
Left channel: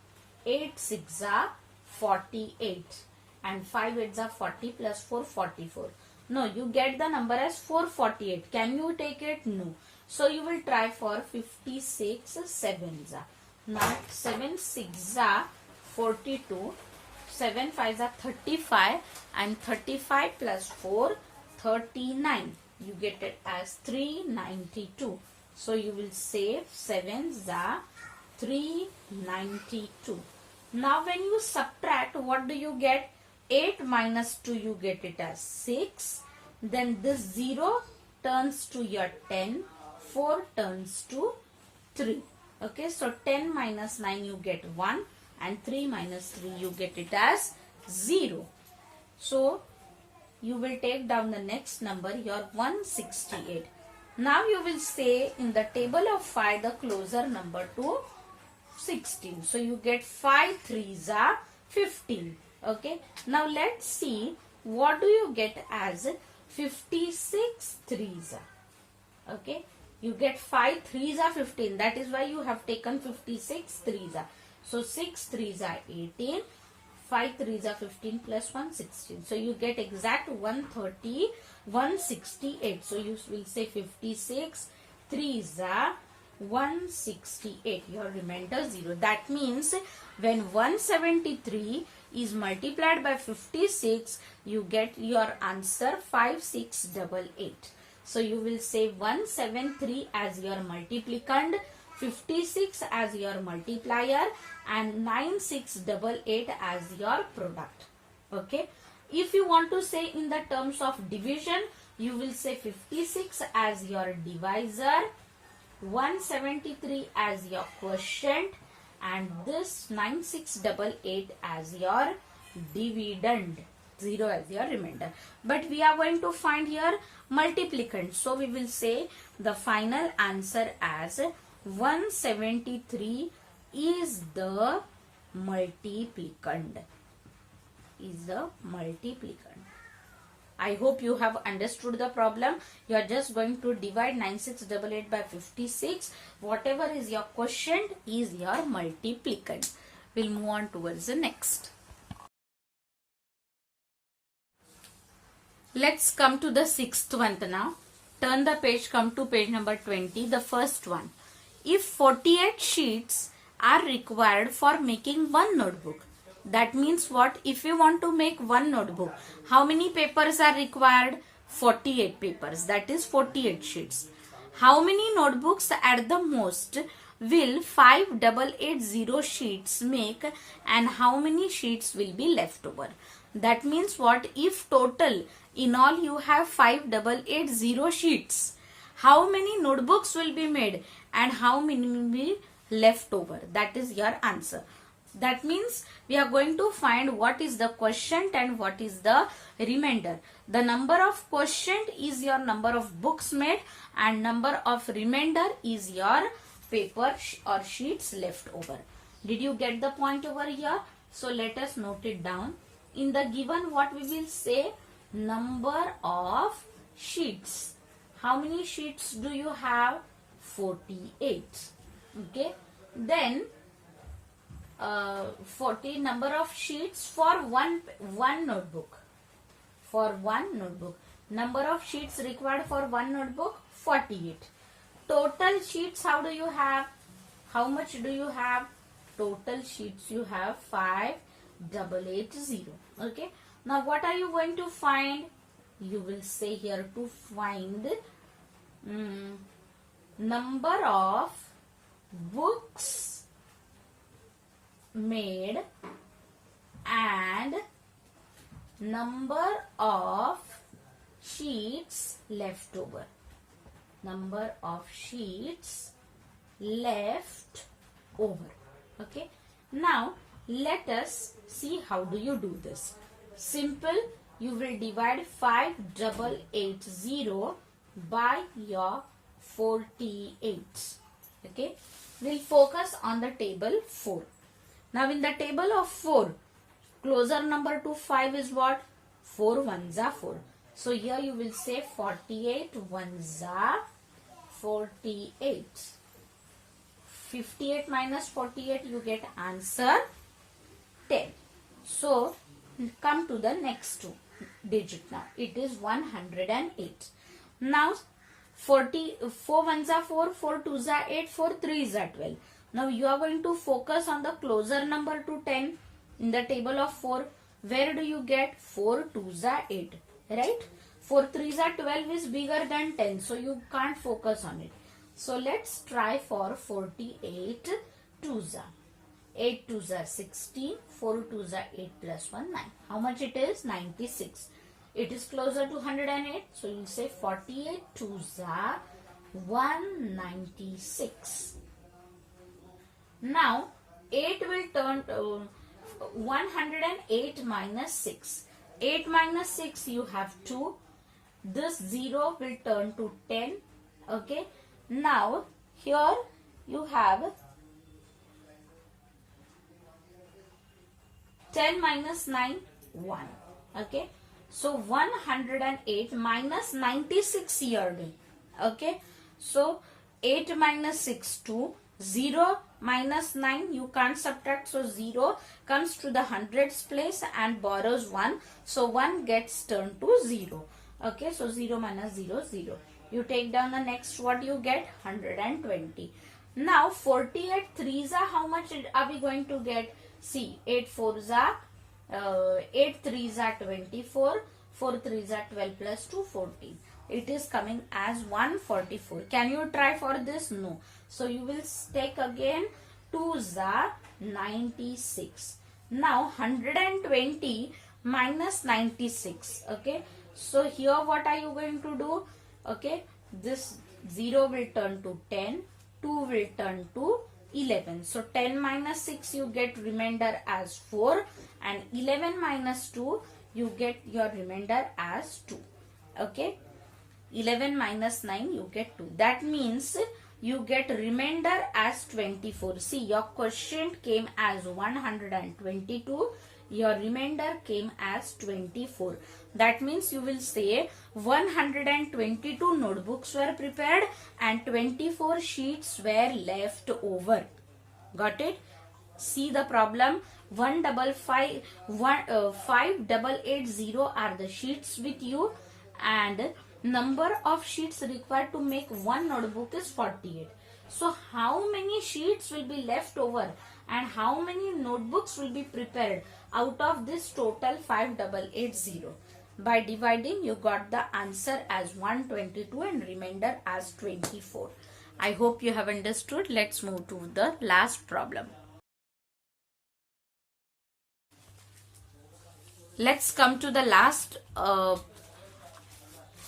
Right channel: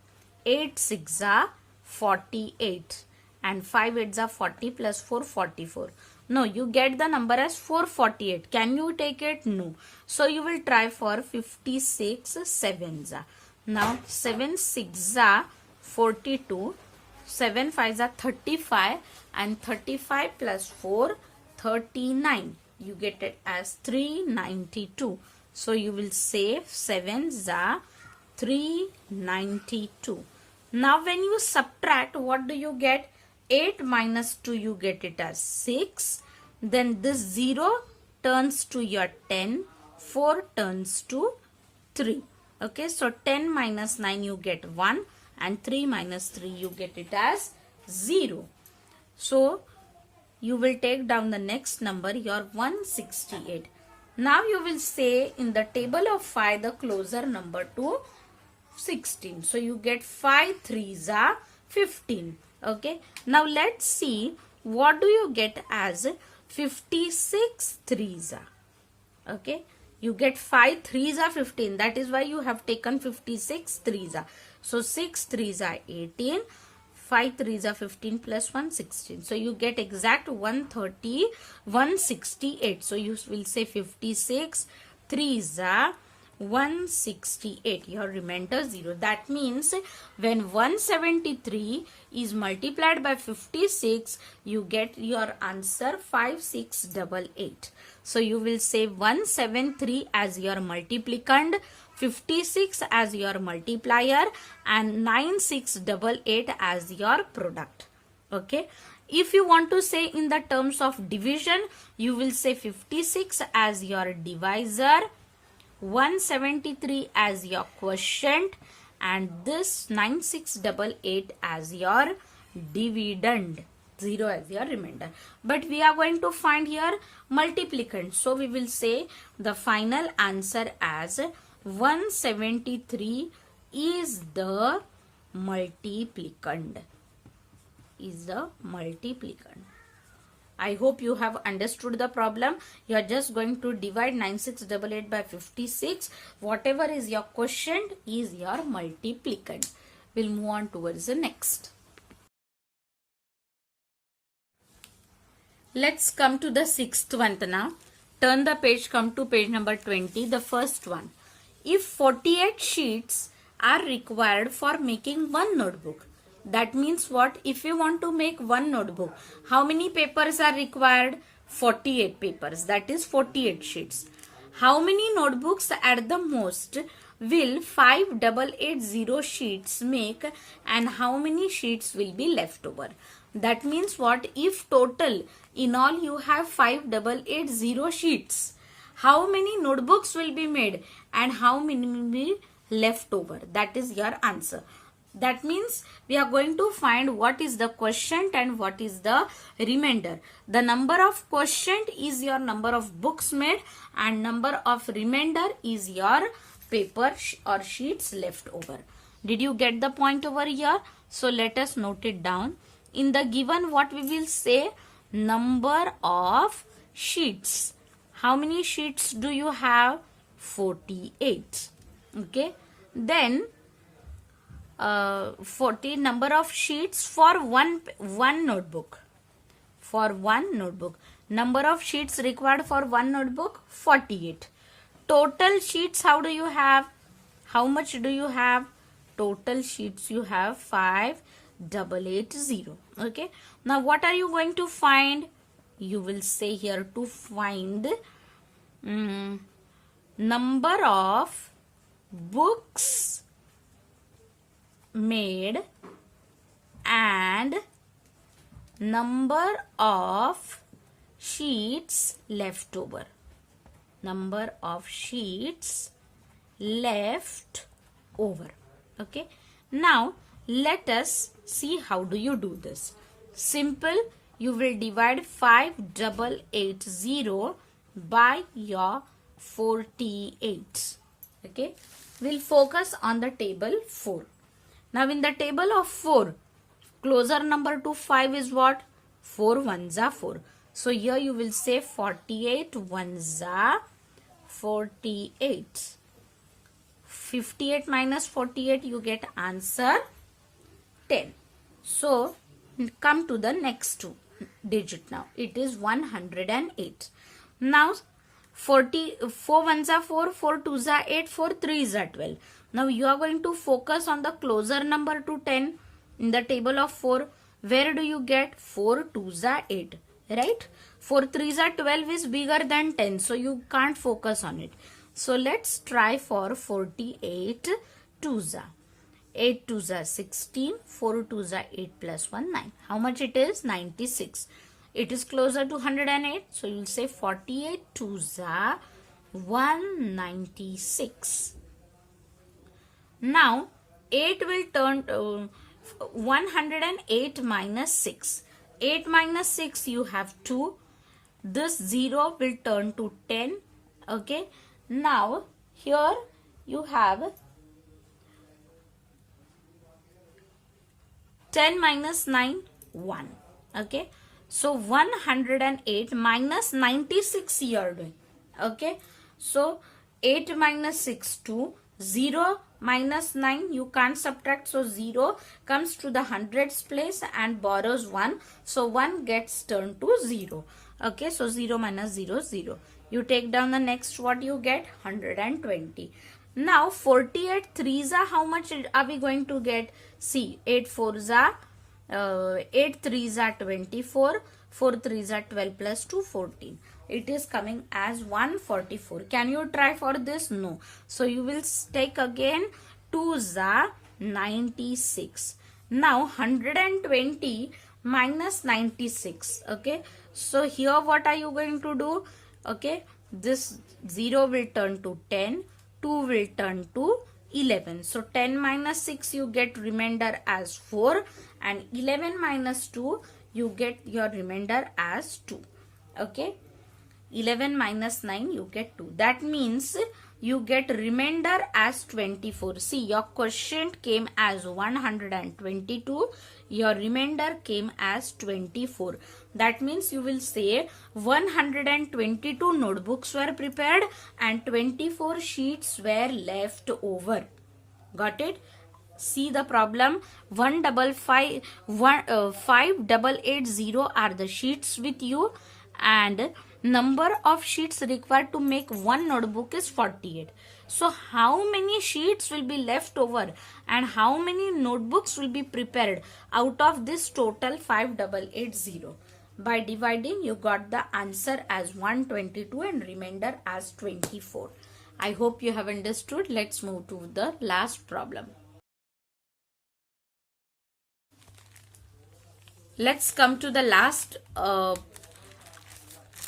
8 6 are 48 and 5 8s are 40 plus 4 44. No, you get the number as 448. Can you take it? No. So you will try for 56 7s are. Now 7 6s are 42, 7 5s are 35 and 35 plus 4 39. You get it as 392. So you will say 7s are 392. Now when you subtract, what do you get? 8 minus 2 you get it as 6. Then this 0 turns to your 10. 4 turns to 3. Okay, so 10 minus 9 you get 1 and 3 minus 3 you get it as 0. So you will take down the next number, your 168. Now you will say in the table of 5 the closer number to 16. So you get 5 3s are 15. Okay. Now let's see what do you get as 56 3s are. Okay. You get 5 3s are 15. That is why you have taken 56 3s are. So 6 3s are 18. 5 3s are 15 plus 1 16. So you get exact 130 168. So you will say 56 3s are 168. Your remainder 0. That means when 173 is multiplied by 56, you get your answer 5688. So you will say 173 as your multiplicand, 56 as your multiplier and 9688 as your product. Okay. If you want to say in the terms of division, you will say 56 as your divisor, 173 as your quotient and this 9688 as your dividend. 0 as your remainder. But we are going to find here multiplicand. So we will say the final answer as 173 is the multiplicand. Is the multiplicand. I hope you have understood the problem. You are just going to divide 9688 by 56. Whatever is your quotient is your multiplicand. We'll move on towards the next. Let's come to the sixth one now. Turn the page, come to page number 20, the first one. If 48 sheets are required for making one notebook, that means what? If you want to make one notebook, how many papers are required? 48 papers, that is 48 sheets. How many notebooks at the most will 5880 sheets make, and how many sheets will be left over? That means what? If total in all you have 5880 sheets, how many notebooks will be made and how many will be left over? That is your answer. That means we are going to find what is the quotient and what is the remainder. The number of quotient is your number of books made and number of remainder is your paper or sheets left over. Did you get the point over here? So let us note it down. In the given, what we will say? Number of sheets. How many sheets do you have? 48. Okay. Then 40 number of sheets for one notebook. For one notebook. Number of sheets required for one notebook? 48. Total sheets, how do you have? How much do you have? Total sheets you have 5880. Okay. Now what are you going to find? You will say here to find number of books made and number of sheets left over. Number of sheets left over. Okay. Now let us see how do you do this. Simple. You will divide 5880 by your 48. Okay. We'll focus on the table 4. Now in the table of 4, closer number to 5 is what? 4 ones are 4. So here you will say 48 ones are 48. 58 minus 48, you get answer 10. So come to the next digit now. It is 108. Now 4 ones are 4, 4 twos are 8, 4 threes are 12. Now you are going to focus on the closer number to 10 in the table of 4. Where do you get? 4 twos are 8, right? 4 threes are 12 is bigger than 10, so you can't focus on it. So let's try for 48 twos are. 8 twos are 16, 4 twos are 8 plus 1, 9. How much it is? 96. It is closer to 108, so you'll say 48 twos are 196. Now 8 will turn 108 minus 6. 8 minus 6 you have 2. This 0 will turn to 10. Okay. Now here you have 10 minus 9, 1. Okay. So 108 minus 96 here. Okay. So 8 minus 6, 2. 0 minus 9, you can't subtract. So 0 comes to the hundreds place and borrows 1. So 1 gets turned to 0. Okay. So 0 minus 0, 0. You take down the next, what you get? 120. Now 48 threes are, how much are we going to get? See, 8 fours are 8 threes are 24, 4 threes are 12 plus 2, 14. It is coming as 144. Can you try for this? No. So you will take again 2s are 96. Now 120 minus 96. Okay. So here what are you going to do? Okay. This 0 will turn to 10. 2 will turn to 11. So 10 minus 6 you get remainder as 4. And 11 minus 2 you get your remainder as 2. Okay. 11 minus 9 you get 2. That means you get remainder as 24. See, your quotient came as 122. Your remainder came as 24. That means you will say 122 notebooks were prepared and 24 sheets were left over. Got it? See the problem. 5880 are the sheets with you, and number of sheets required to make one notebook is 48. So how many sheets will be left over and how many notebooks will be prepared out of this total 5880? By dividing, you got the answer as 122 and remainder as 24. I hope you have understood. Let's move to the last problem. Let's come to the last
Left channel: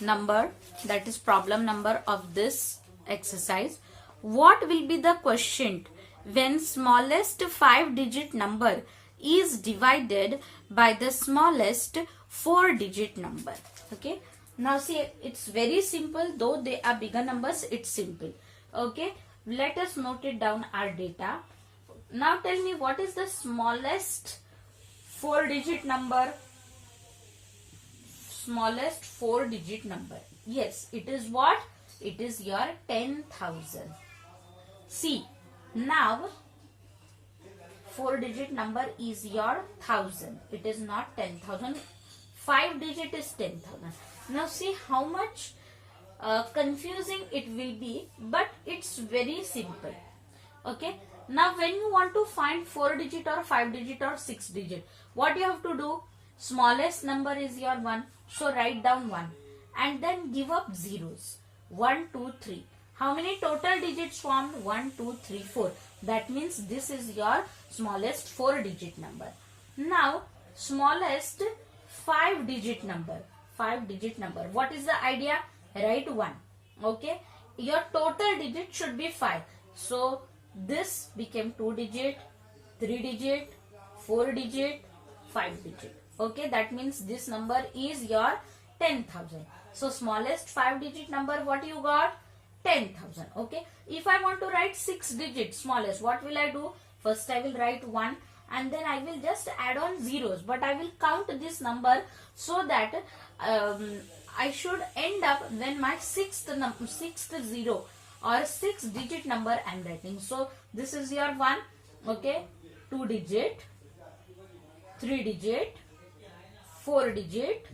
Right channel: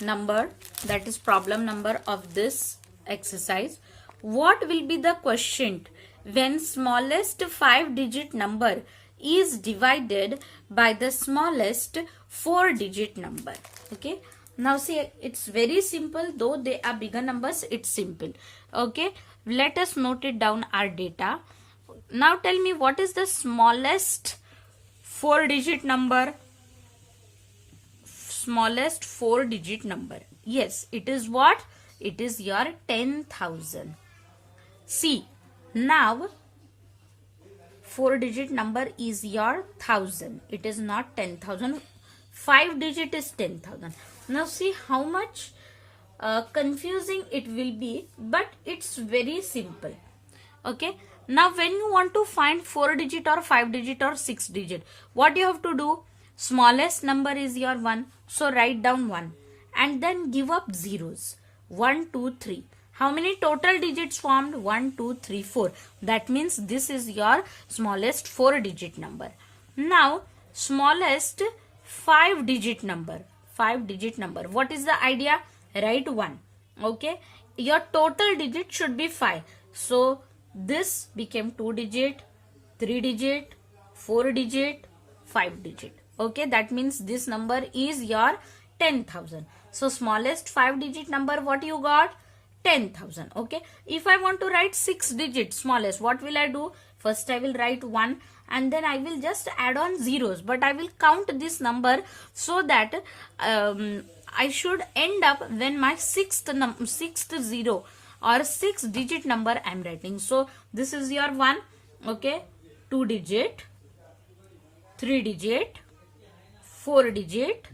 number, that is problem number of this exercise. What will be the quotient when smallest 5-digit number is divided by the smallest 4-digit number? Okay, now see, it's very simple. Though they are bigger numbers, it's simple. Okay, let us note it down, our data. Now tell me, what is the smallest 4-digit number? Smallest 4-digit number. Yes, it is what? It is your 10,000. See, now 4-digit number is your 1000. It is not 10,000. 5-digit is 10,000. Now see how much confusing it will be, but it's very simple. Okay. Now when you want to find 4-digit or 5-digit or 6-digit, what you have to do? Smallest number is your 1. So write down 1 and then give up zeros. 1, 2, 3. How many total digits formed? 1, 2, 3, 4. That means this is your smallest 4-digit number. Now smallest 5-digit number. 5-digit number. What is the idea? Write 1. Okay. Your total digit should be 5. So this became 2-digit, 3-digit, 4-digit, 5-digit. Okay, that means this number is your 10,000. So smallest 5-digit number, what you got? 10,000. Okay, if I want to write 6-digit smallest, what will I do? First I will write 1 and then I will just add on zeros, but I will count this number so that I should end up when my sixth zero or 6-digit number I am writing. So this is your 1. Okay, 2-digit, 3-digit, 4-digit,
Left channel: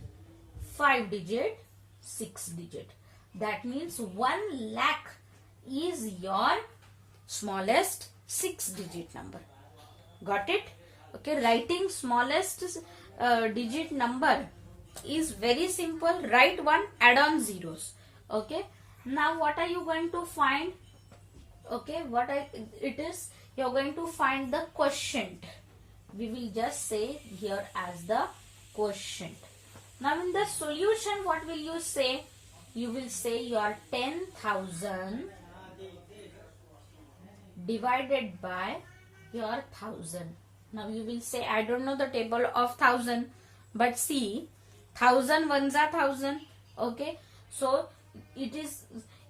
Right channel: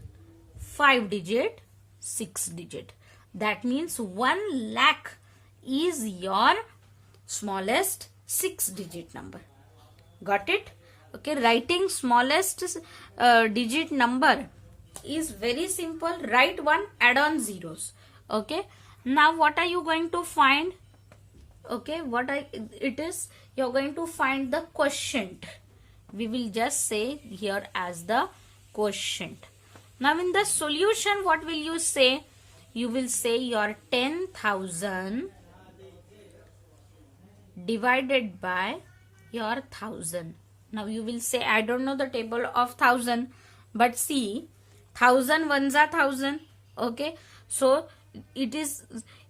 5-digit, 6-digit. That means 1 lakh is your smallest 6-digit number. Got it? Okay, writing smallest digit number is very simple. Write 1, add on zeros. Okay, now what are you going to find? Okay, you're going to find the quotient. We will just say here as the quotient. Now in the solution, what will you say? You will say your 10,000 divided by your 1000. Now you will say, I don't know the table of 1000, but see, 1000 ones are 1000. Okay, so it is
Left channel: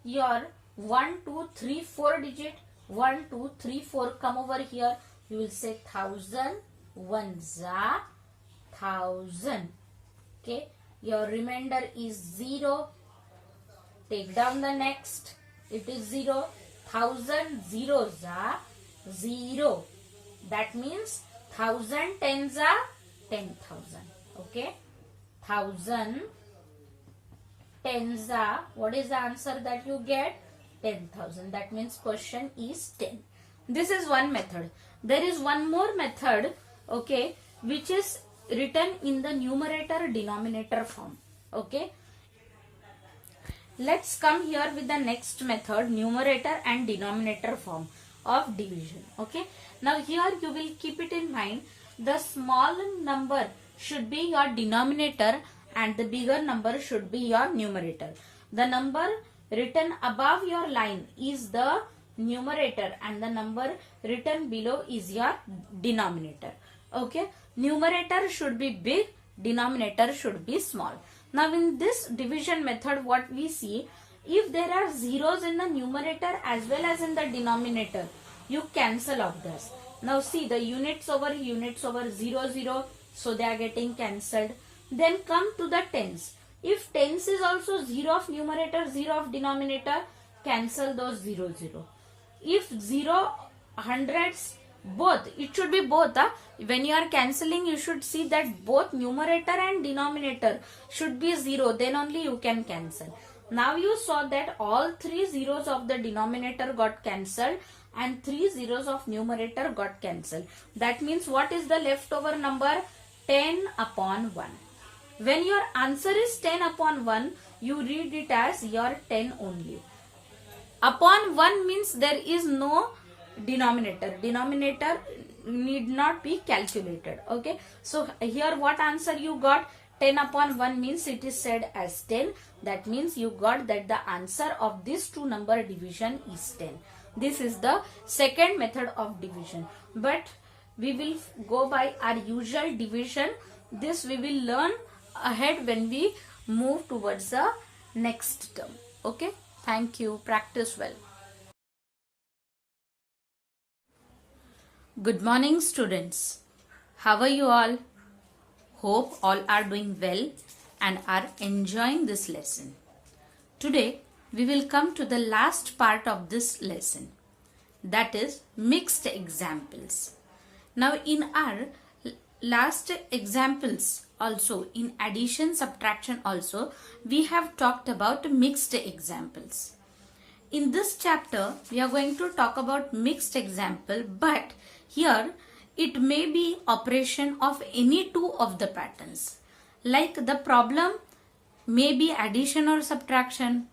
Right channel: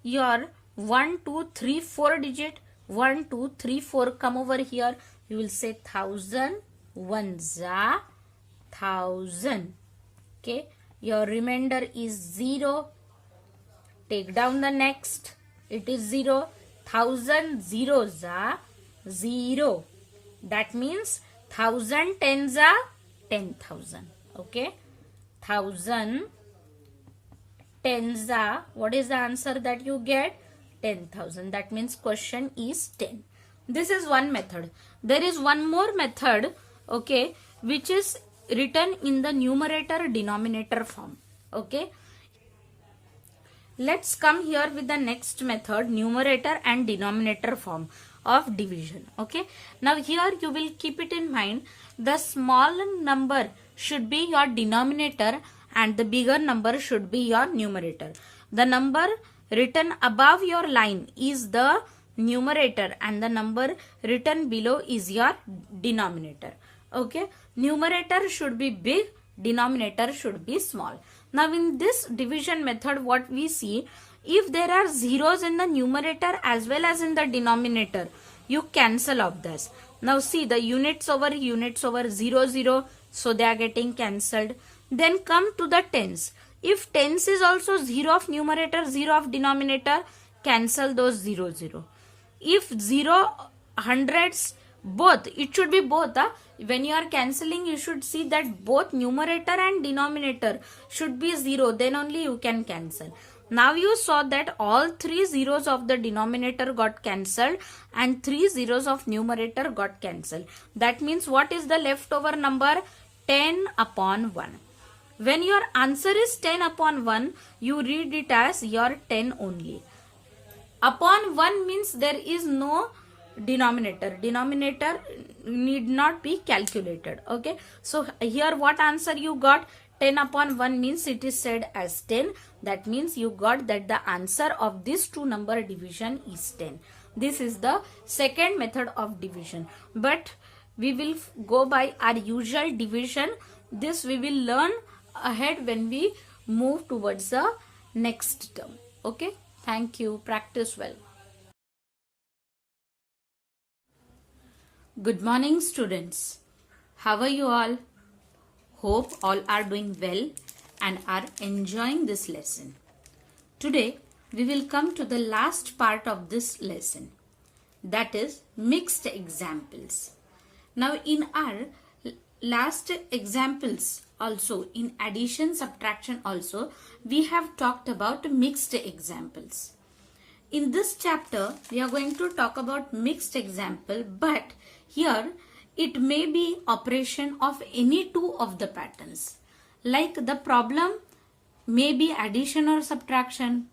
your 1, 2, 3, 4 digit. 1, 2, 3, 4. Come over here. You will say 1000 ones are 1000. Okay, your remainder is 0. Take down the next. It is 0. 1000 zeros are 0. That means 1000 tens are 10,000. Okay, 1000 tens are, what is the answer that you get? 10,000. That means question is 10. This is one method. There is one more method, okay, which is written in the numerator denominator form. Okay, let's come here with the next method, numerator and denominator form of division. Okay, now here you will keep it in mind, the small number should be your denominator and the bigger number should be your numerator. The number written above your line is the numerator and the number written below is your denominator. Okay, numerator should be big, denominator should be small. Now in this division method, what we see, if there are zeros in the numerator as well as in the denominator, you cancel off this. Now see, the units over 0, 0, so they are getting cancelled. Then come to the tens. If tens is also 0 of numerator, 0 of denominator, cancel those 0, 0. If 0, hundreds, both, it should be both. When you are cancelling, you should see that both numerator and denominator should be 0. Then only you can cancel. Now you saw that all 3 zeros of the denominator got cancelled and 3 zeros of numerator got cancelled. That means what is the leftover number? 10 upon 1. When your answer is 10 upon 1, you read it as your 10 only. Upon 1 means there is no denominator. Denominator need not be calculated. Okay. So here what answer you got? 10 upon 1 means it is said as 10. That means you got that the answer of this two number division is 10. This is the second method of division. But we will go by our usual division. This we will learn ahead when we move towards the next term. Okay. Thank you. Practice well. Good morning, students. How are you all? Hope all are doing well and are enjoying this lesson. Today, we will come to the last part of this lesson. That is mixed examples. Now, in our last examples also, in addition, subtraction also, we have talked about mixed examples. In this chapter, we are going to talk about mixed example, but here it may be operation of any two of the patterns. Like the problem may be addition or subtraction.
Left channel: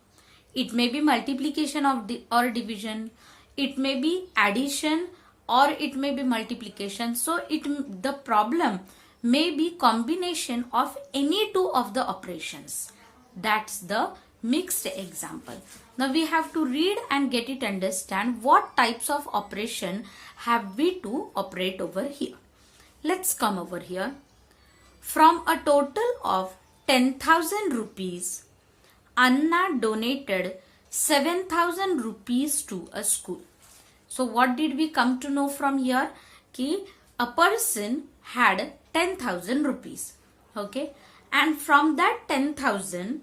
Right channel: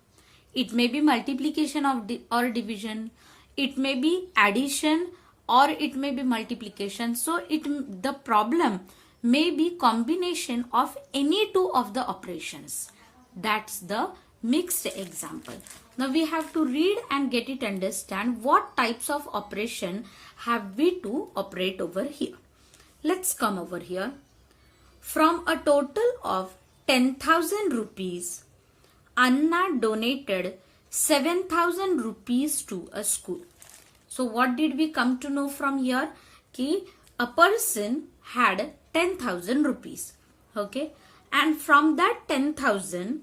It may be multiplication or division. It may be addition or it may be multiplication. So the problem may be combination of any two of the operations. That's the mixed example. Now we have to read and get it understand what types of operation have we to operate over here. Let's come over here. From a total of 10,000 rupees, Anna donated 7,000 rupees to a school. So what did we come to know from here? Ki a person had 10,000 rupees. Okay. And from that 10,000,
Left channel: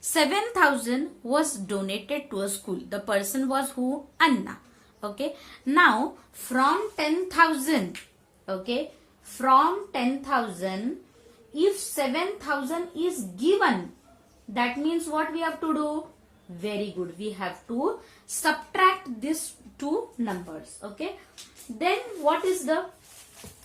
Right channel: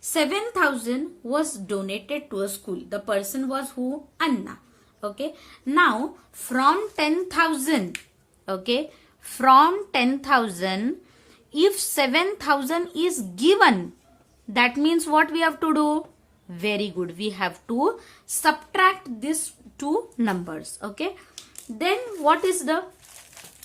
7,000 was donated to a school. The person was who? Anna. Okay. Now from 10,000, okay, from 10,000, if 7,000 is given, that means what we have to do? Very good. We have to subtract these two numbers. Okay. Then what is the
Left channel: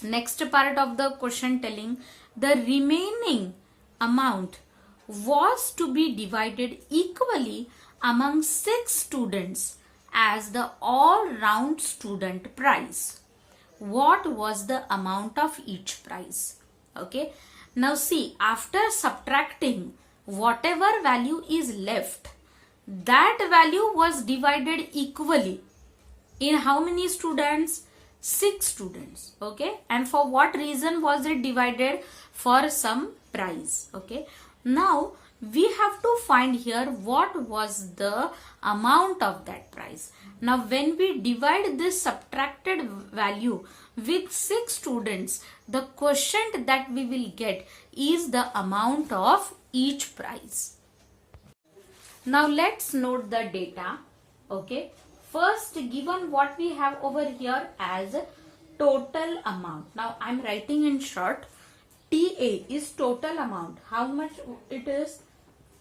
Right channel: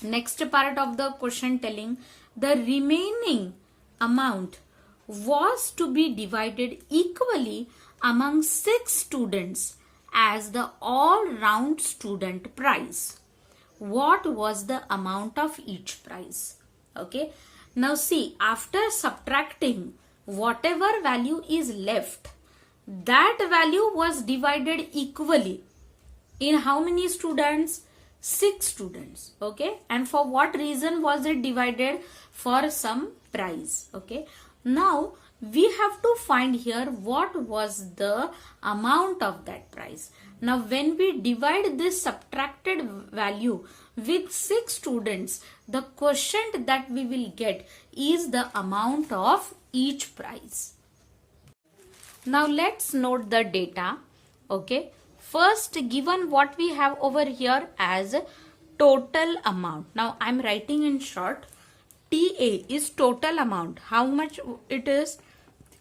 next part of the question telling? The remaining amount was to be divided equally among 6 students as the all-round student prize. What was the amount of each prize? Okay. Now see, after subtracting whatever value is left, that value was divided equally in how many students? 6 students. Okay. And for what reason was it divided? For some prize. Okay. Now we have to find here what was the amount of that prize. Now when we divide this subtracted value with 6 students, the quotient that we will get is the amount of each prize. Now let's note the data. Okay. First, given what we have over here as total amount. Now I am writing in short. TA is total amount. How much it is?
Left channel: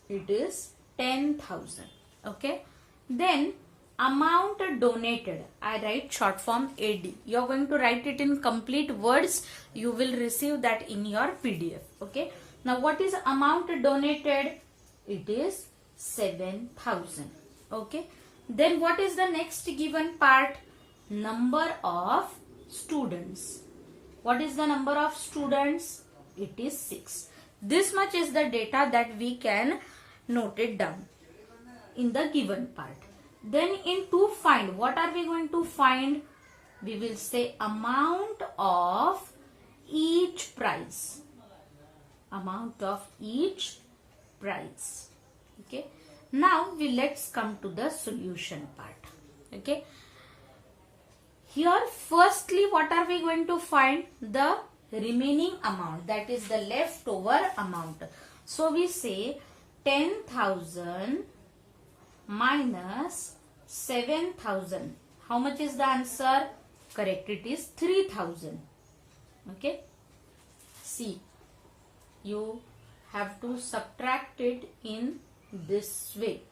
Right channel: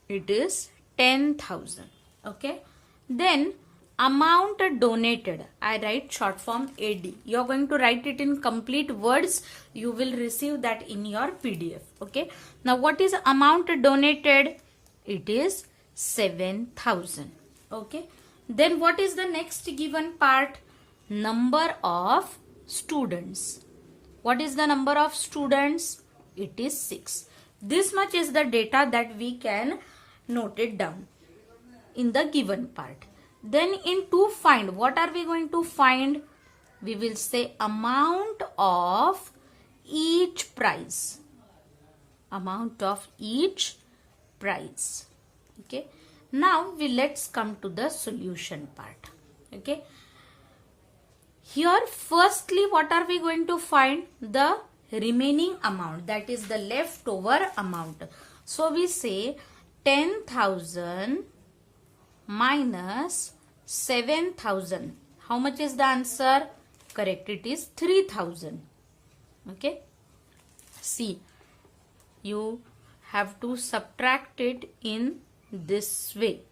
It is 10,000. Okay. Then amount donated. I write short form AD. You are going to write it in complete words. You will receive that in your PDF. Okay. Now what is amount donated? It is 7,000. Okay. Then what is the next given part? Number of students. What is the number of students? It is 6. This much is the data that we can note it down in the given part. Then to find, what are we going to find? We will say amount of each prize. Amount of each prize. Okay. Now let's come to the solution part. Okay. Here firstly what are we going to find? The remaining amount, that is the leftover amount. So we say 10,000 minus 7,000. How much is the answer? Correct, it is 3,000. Okay. See, you have to subtract it in this way.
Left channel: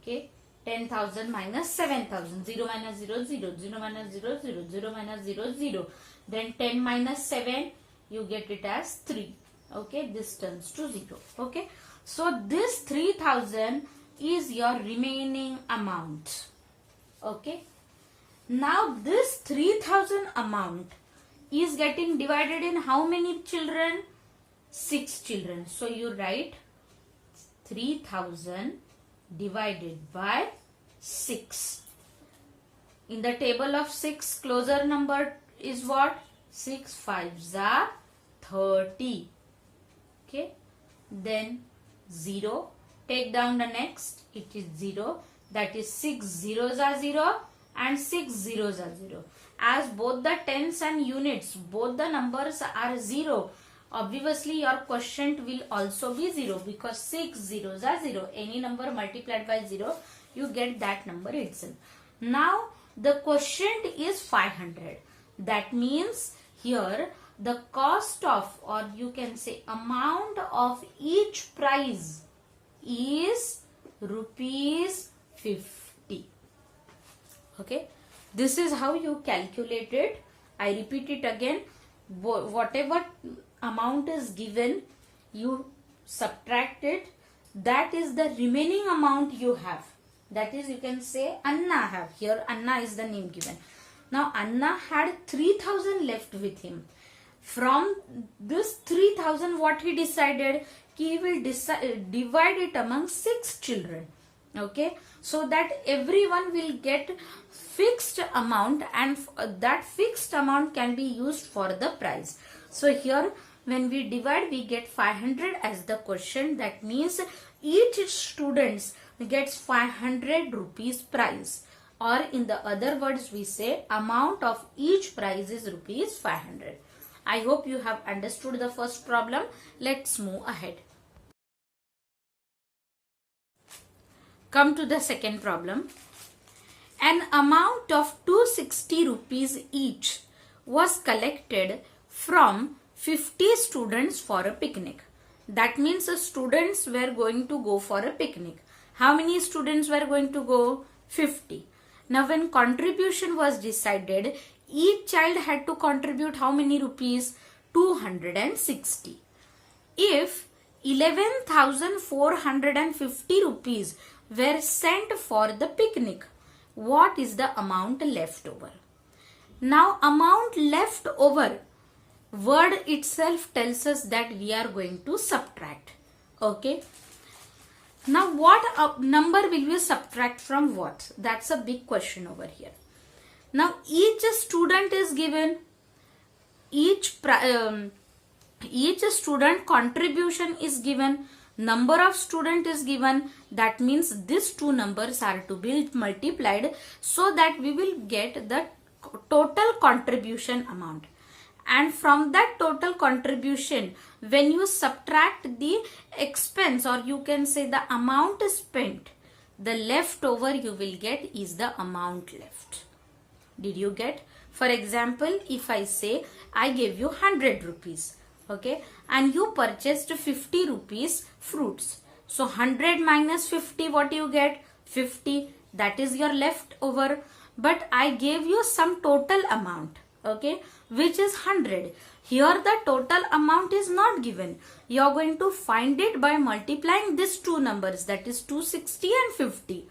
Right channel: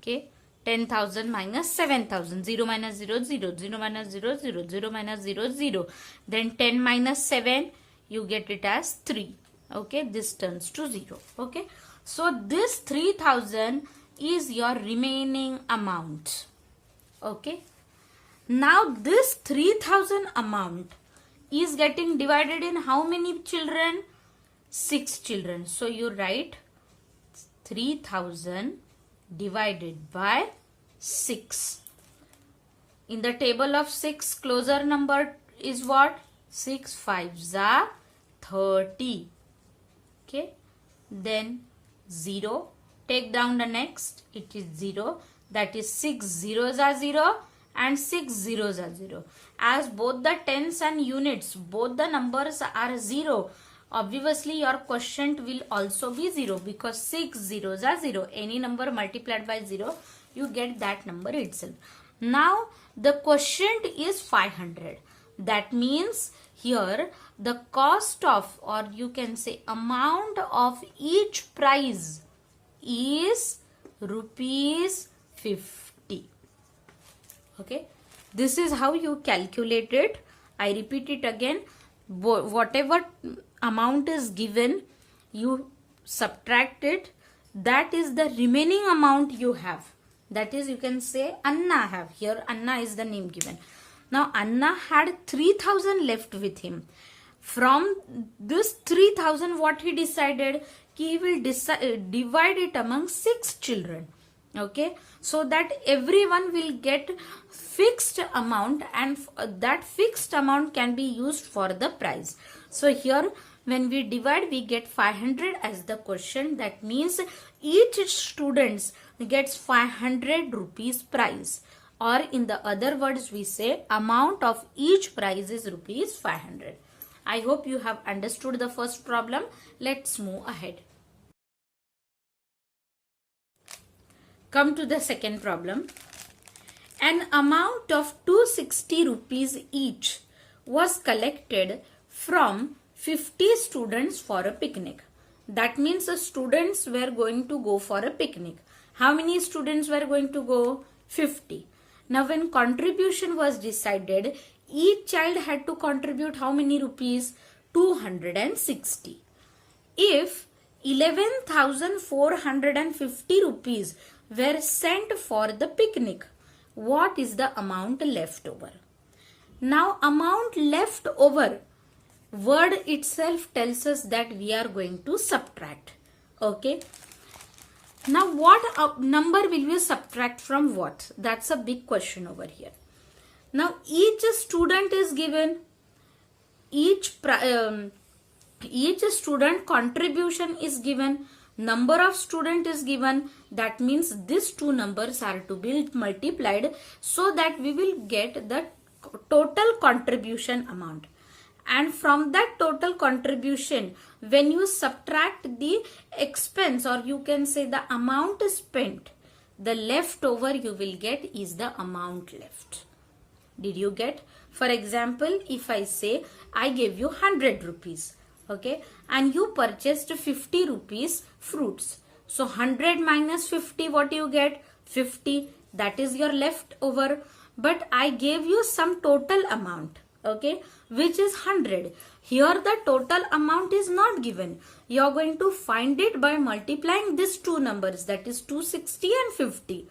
Okay. 10,000 minus 7,000. 0 minus 0, 0. 0 minus 0, 0. 0 minus 0, 0. Then 10 minus 7, you get it as 3. Okay. This turns to 0. Okay. So this 3,000 is your remaining amount. Okay. Now this 3,000 amount is getting divided in how many children? 6 children. So you write 3,000 divided by 6. In the table of 6, closer number is what? 6 5s are 30. Okay. Then 0. Take down the next. It is 0. That is 6 zeros are 0 and 6 zeros are 0. As both the tens and units, both the numbers are 0. Obviously, your quotient will also be 0 because 6 zeros are 0. Any number multiplied by 0, you get that number itself. Now, the quotient is 500. That means here the cost of, or you can say amount of each prize is rupees 50. Okay. This is how you calculate it. I repeat it again. Whatever amount is given, you subtract it. That is the remaining amount you have. That is, you can say Anna have. Here Anna is the name given. Now Anna had 3,000 left with him. From this 3,000, what he decided? He will divide it among 6 children. Okay. So that everyone will get fixed amount, and that fixed amount can be used for the prize. So here when we divide, we get 500 as the quotient. That means each student gets 500 rupees prize, or in the other words we say amount of each prize is rupees 500. I hope you have understood the first problem. Let's move ahead. Come to the second problem. An amount of 260 rupees each was collected from 50 students for a picnic. That means the students were going to go for a picnic. How many students were going to go? 50. Now when contribution was decided, each child had to contribute how many rupees? 260. If 11,450 rupees were sent for the picnic, what is the amount left over? Now amount left over, word itself tells us that we are going to subtract. Okay. Now what number will we subtract from what? That's a big question over here. Now each student is given, each student contribution is given, number of student is given. That means these two numbers are to be multiplied so that we will get the total contribution amount. And from that total contribution, when you subtract the expense, or you can say the amount spent, the leftover you will get is the amount left. Did you get? For example, if I say I gave you 100 rupees, okay, and you purchased 50 rupees fruits. So 100 minus 50, what you get? 50. That is your leftover. But I gave you some total amount, okay, which is 100. Here the total amount is not given. You are going to find it by multiplying these two numbers, that is 260 and 50.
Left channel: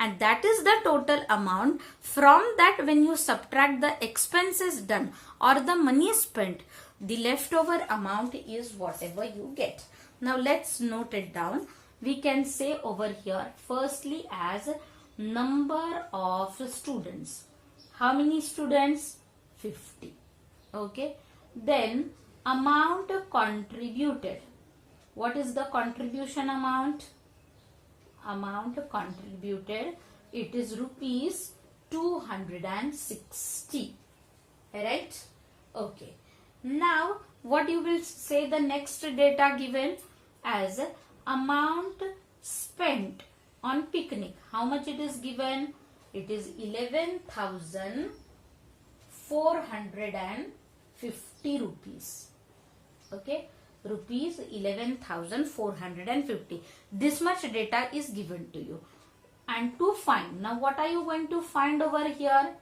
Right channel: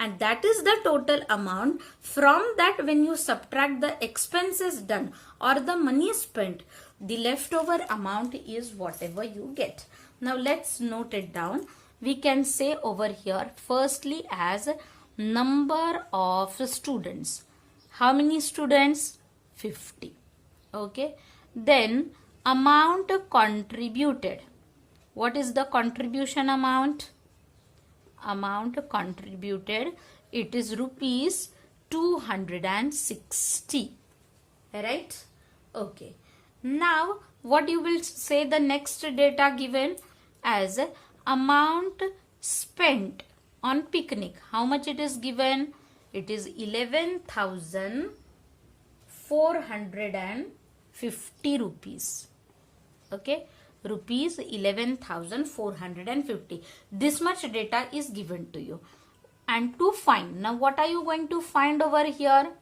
And that is the total amount. From that, when you subtract the expenses done or the money spent, the leftover amount is whatever you get. Now let's note it down. We can say over here firstly as number of students. How many students? 50. Okay. Then amount contributed. What is the contribution amount? Amount contributed, it is rupees 260. Right? Okay. Now what you will say the next data given as amount spent on picnic. How much it is given? It is 11,450 rupees. Okay, rupees 11,450. This much data is given to you. And to find, now what are you going to find over here?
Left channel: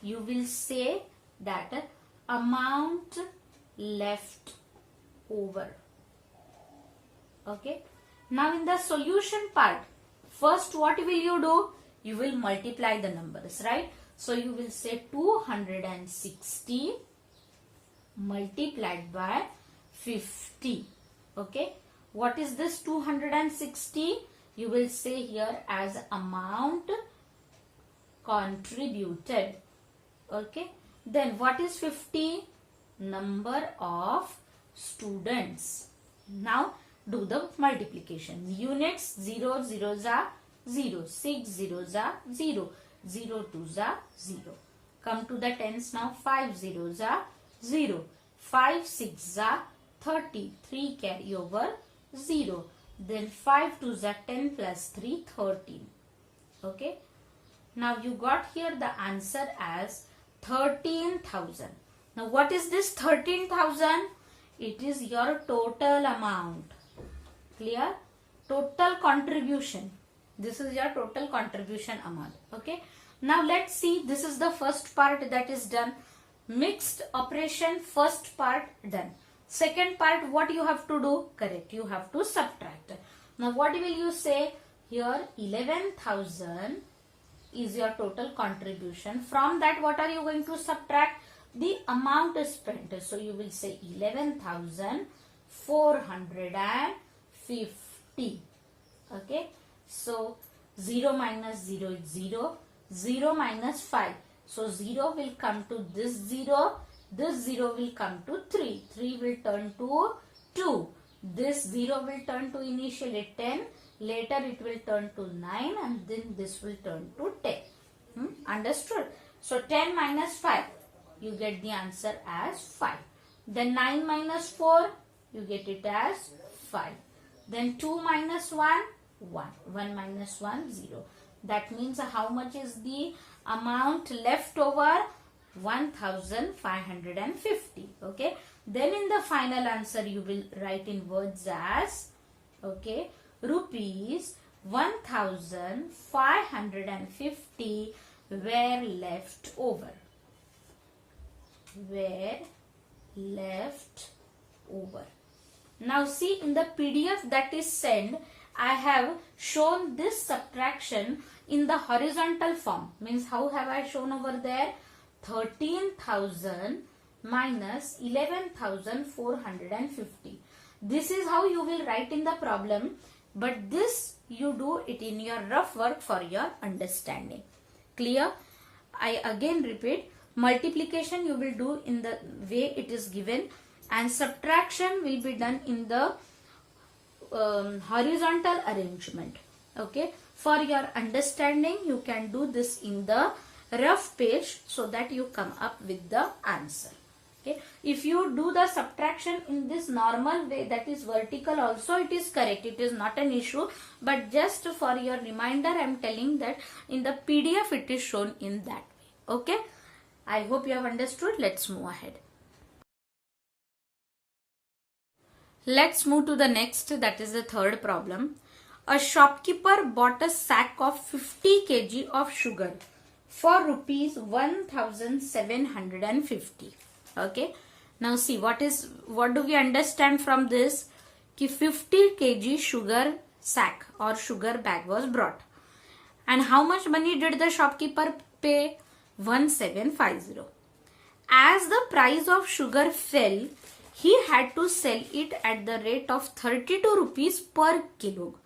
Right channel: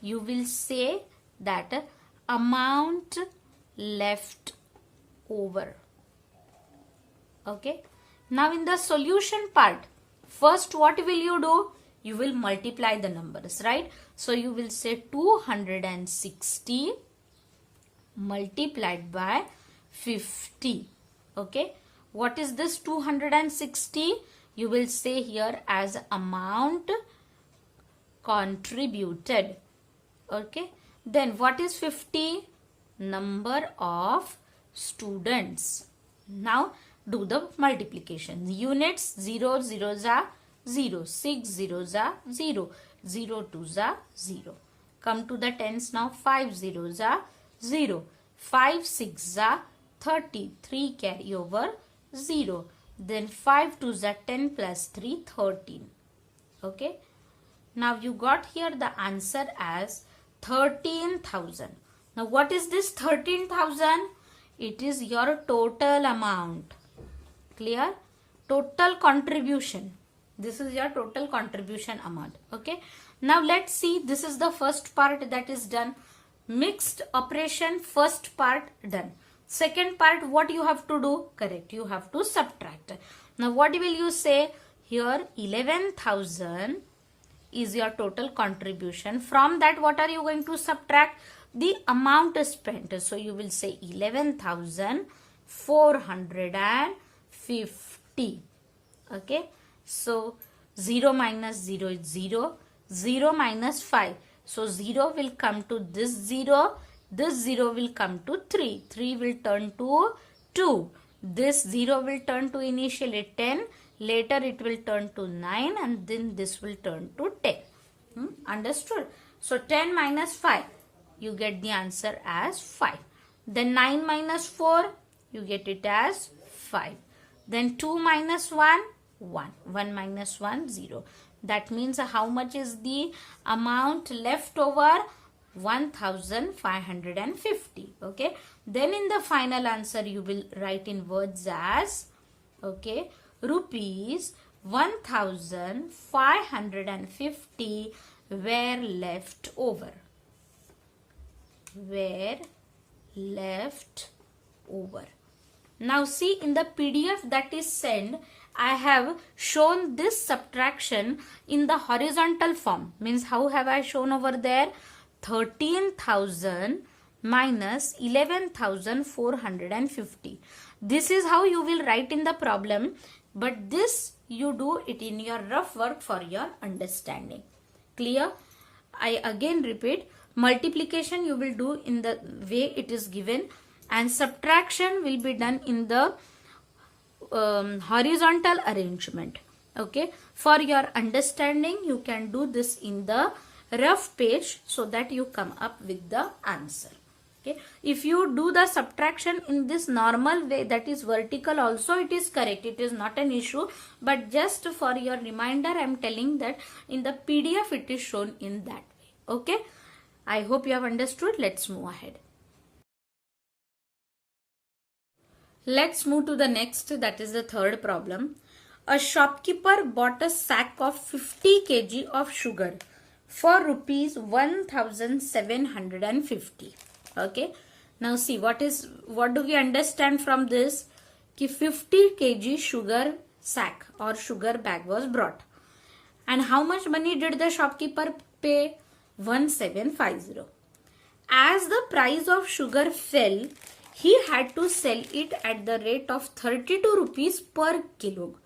You will say that amount left over. Okay, now in the solution part, first what will you do? You will multiply the numbers, right? So you will say 260 multiplied by 50. Okay, what is this 260? You will say here as amount contributed. Okay, then what is 50? Number of students. Now do the multiplication. Units 0 zeros are 0, 6 zeros are 0, 0 twos are 0. Come to the tens now. 5 zeros are 0, 5 6 are 30, 3 carry over 0. Then 5 twos are 10 plus 3, 13. Okay. Now you got here the answer as 13,000. Now what is this 13,000? It is your total amount. Clear? Total contribution. This is your total contribution amount. Okay. Now let's see. This is the first part that is done. Mixed operation, first part done. Second part, what you have to do? Correct. You have to subtract. Now what will you say? Here 11,000 is your total contribution. From that, what are you going to subtract? The amount spent. So you will say 11,450. Okay. So 0 minus 0 is 0. 0 minus 5. So 0 will come to this 0. This 0 will come to 3. 3 will turn to 2. This 0 will turn to initially 10. Later it will turn to 9 and then this will turn to 10. Understood? So 10 minus 5, you get the answer as 5. Then 9 minus 4, you get it as 5. Then 2 minus 1, 1. 1 minus 1, 0. That means how much is the amount left over? 1,550. Okay. Then in the final answer, you will write in words as, okay, rupees 1,550 were left over. Were left over. Now see, in the PDF that is sent, I have shown this subtraction in the horizontal form. Means how have I shown over there? 13,000 minus 11,450. This is how you will write in the problem, but this you do it in your rough work for your understanding. Clear? I again repeat, multiplication you will do in the way it is given and subtraction will be done in the horizontal arrangement. Okay, for your understanding you can do this in the rough page so that you come up with the answer. Okay, if you do the subtraction in this normal way, that is vertical also, it is correct, it is not an issue, but just for your reminder I am telling that in the PDF it is shown in that way. Okay, I hope you have understood. Let's move ahead. Let's move to the next, that is the third problem. A shopkeeper bought a sack of 50 kg of sugar for rupees 1,750. Okay. Now see, what do we understand from this? Ki 50 kg sugar sack or sugar bag was brought. And how much money did the shopkeeper pay? 1,750. As the price of sugar fell, he had to sell it at the rate of 32 rupees per kilo.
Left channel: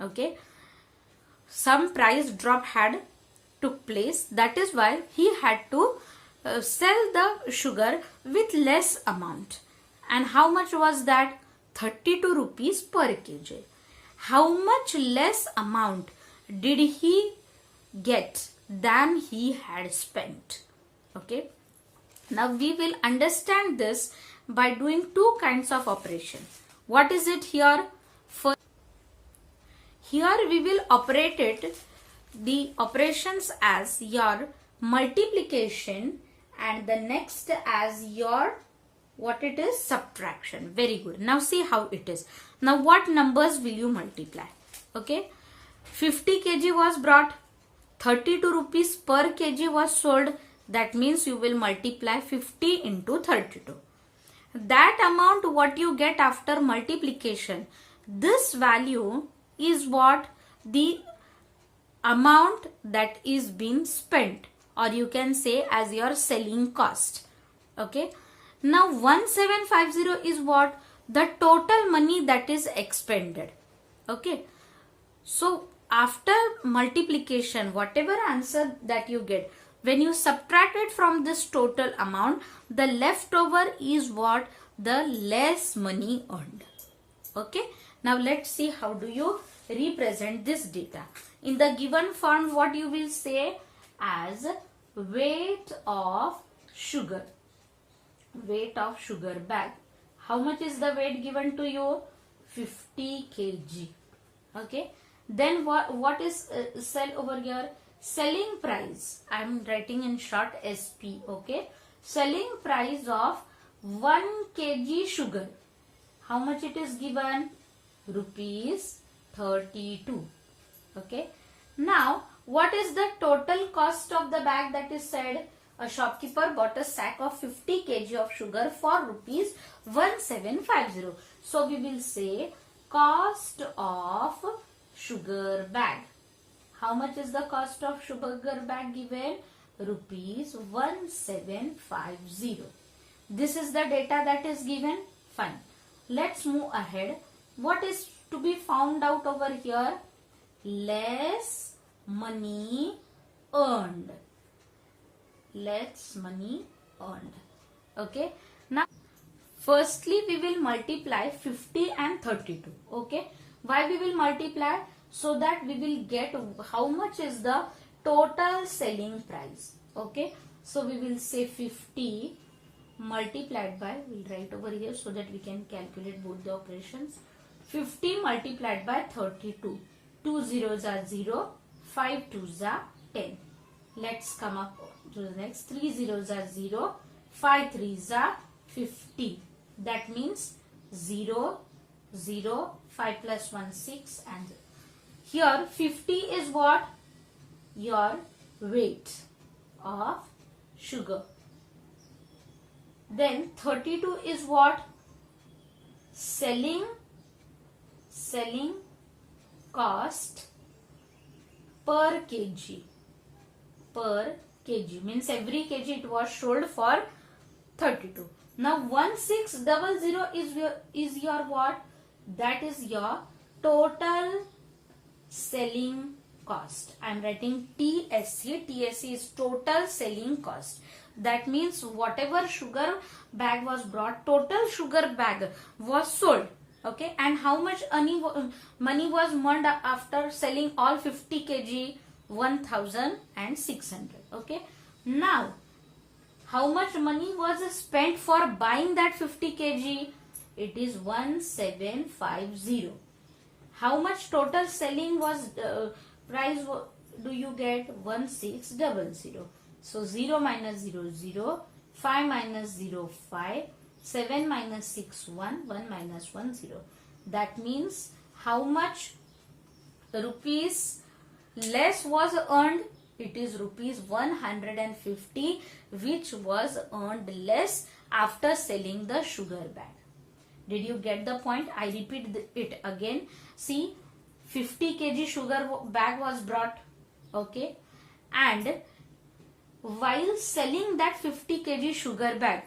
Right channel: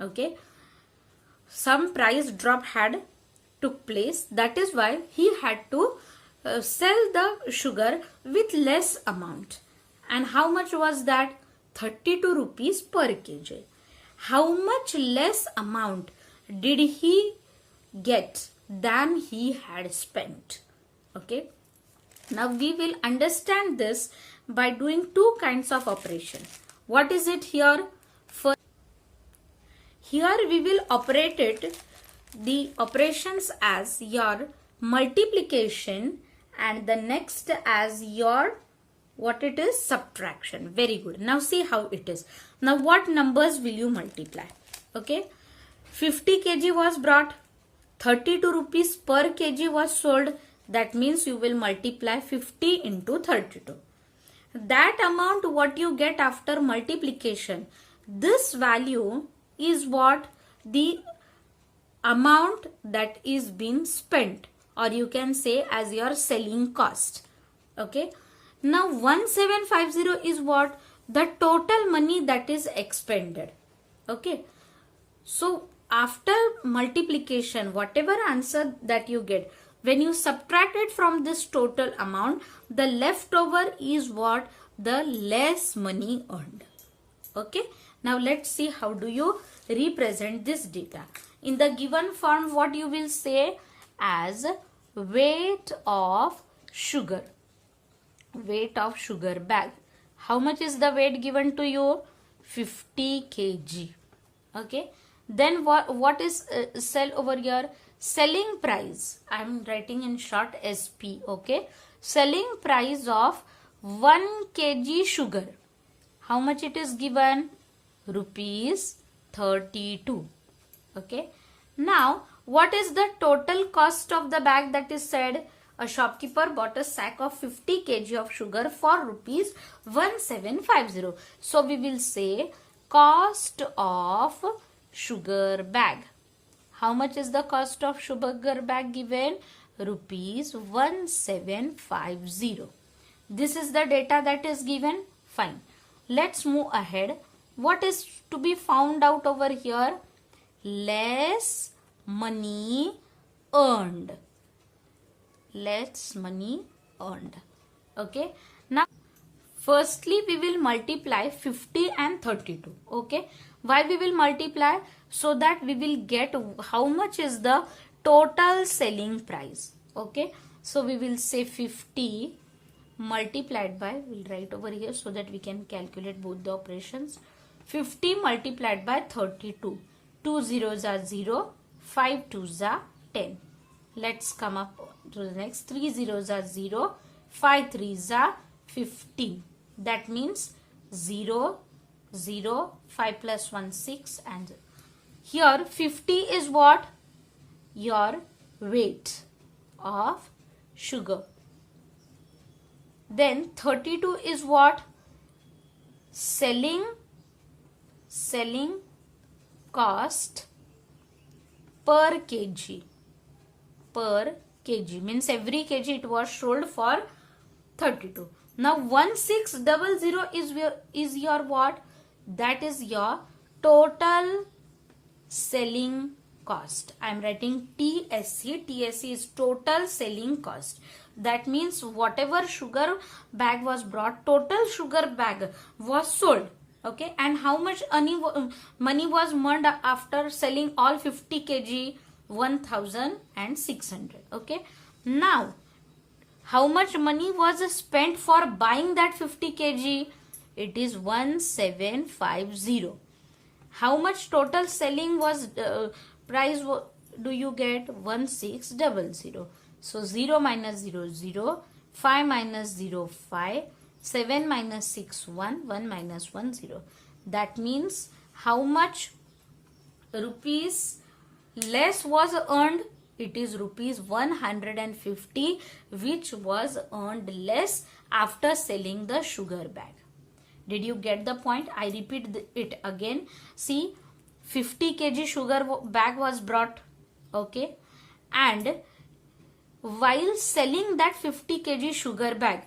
Okay. Some price drop had took place. That is why he had to sell the sugar with less amount. And how much was that? 32 rupees per kg. How much less amount did he get than he had spent? Okay. Now we will understand this by doing two kinds of operation. What is it here? First, here we will operate it, the operations as your multiplication, and the next as your, what it is, subtraction. Very good. Now see how it is. Now what numbers will you multiply? Okay, 50 kg was brought, 32 rupees per kg was sold. That means you will multiply 50 into 32. That amount what you get after multiplication, this value is what the amount that is being spent, or you can say as your selling cost. Okay. Now 1750 is what? The total money that is expended. Okay. So after multiplication, whatever answer that you get, when you subtract it from this total amount, the leftover is what? The less money earned. Okay. Now let's see how do you represent this data. In the given form, what you will say as weight of sugar. Weight of sugar bag. How much is the weight given to you? 50 kg. Okay. Then what is sell over here? Selling price. I am writing in short SP. Okay. Selling price of 1 kg sugar. How much it is given? Rupees 32. Okay. Now what is the total cost of the bag that is said? A shopkeeper bought a sack of 50 kg of sugar for rupees 1750. So we will say cost of sugar bag. How much is the cost of sugar bag given? Rupees 1750. This is the data that is given. Fine. Let's move ahead. What is to be found out over here? Less money earned. Less money earned. Okay. Now, firstly, we will multiply 50 and 32. Okay. Why we will multiply? So that we will get how much is the total selling price. Okay. So we will say 50 multiplied by, we'll write over here so that we can calculate both the operations. 50 multiplied by 32. 2 zeros are 0. 5 twos are 10. Let's come up to the next. 3 zeros are 0. 5 threes are 50. That means 0, 0, 5 plus 1, 6, and here 50 is what? Your weight of sugar. Then 32 is what? Selling cost per kg. Per kg means every kg it was sold for 32. Now 1600 is your what? That is your total selling cost. I am writing TSC. TSC is total selling cost. That means whatever sugar bag was brought, total sugar bag was sold. Okay, and how much money was earned after selling all 50 kg? 1600. Okay, now how much money was spent for buying that 50 kg? It is 1750. How much total selling was price do you get? 1600. So 0 minus 0 0, 5 minus 0 5, 7 minus 6 1, 1 minus 1 0. That means how much rupees less was earned? It is rupees 150 which was earned less after selling the sugar bag. Did you get the point? I repeat it again. See, 50 kg sugar bag was brought. Okay, and while selling that 50 kg sugar bag,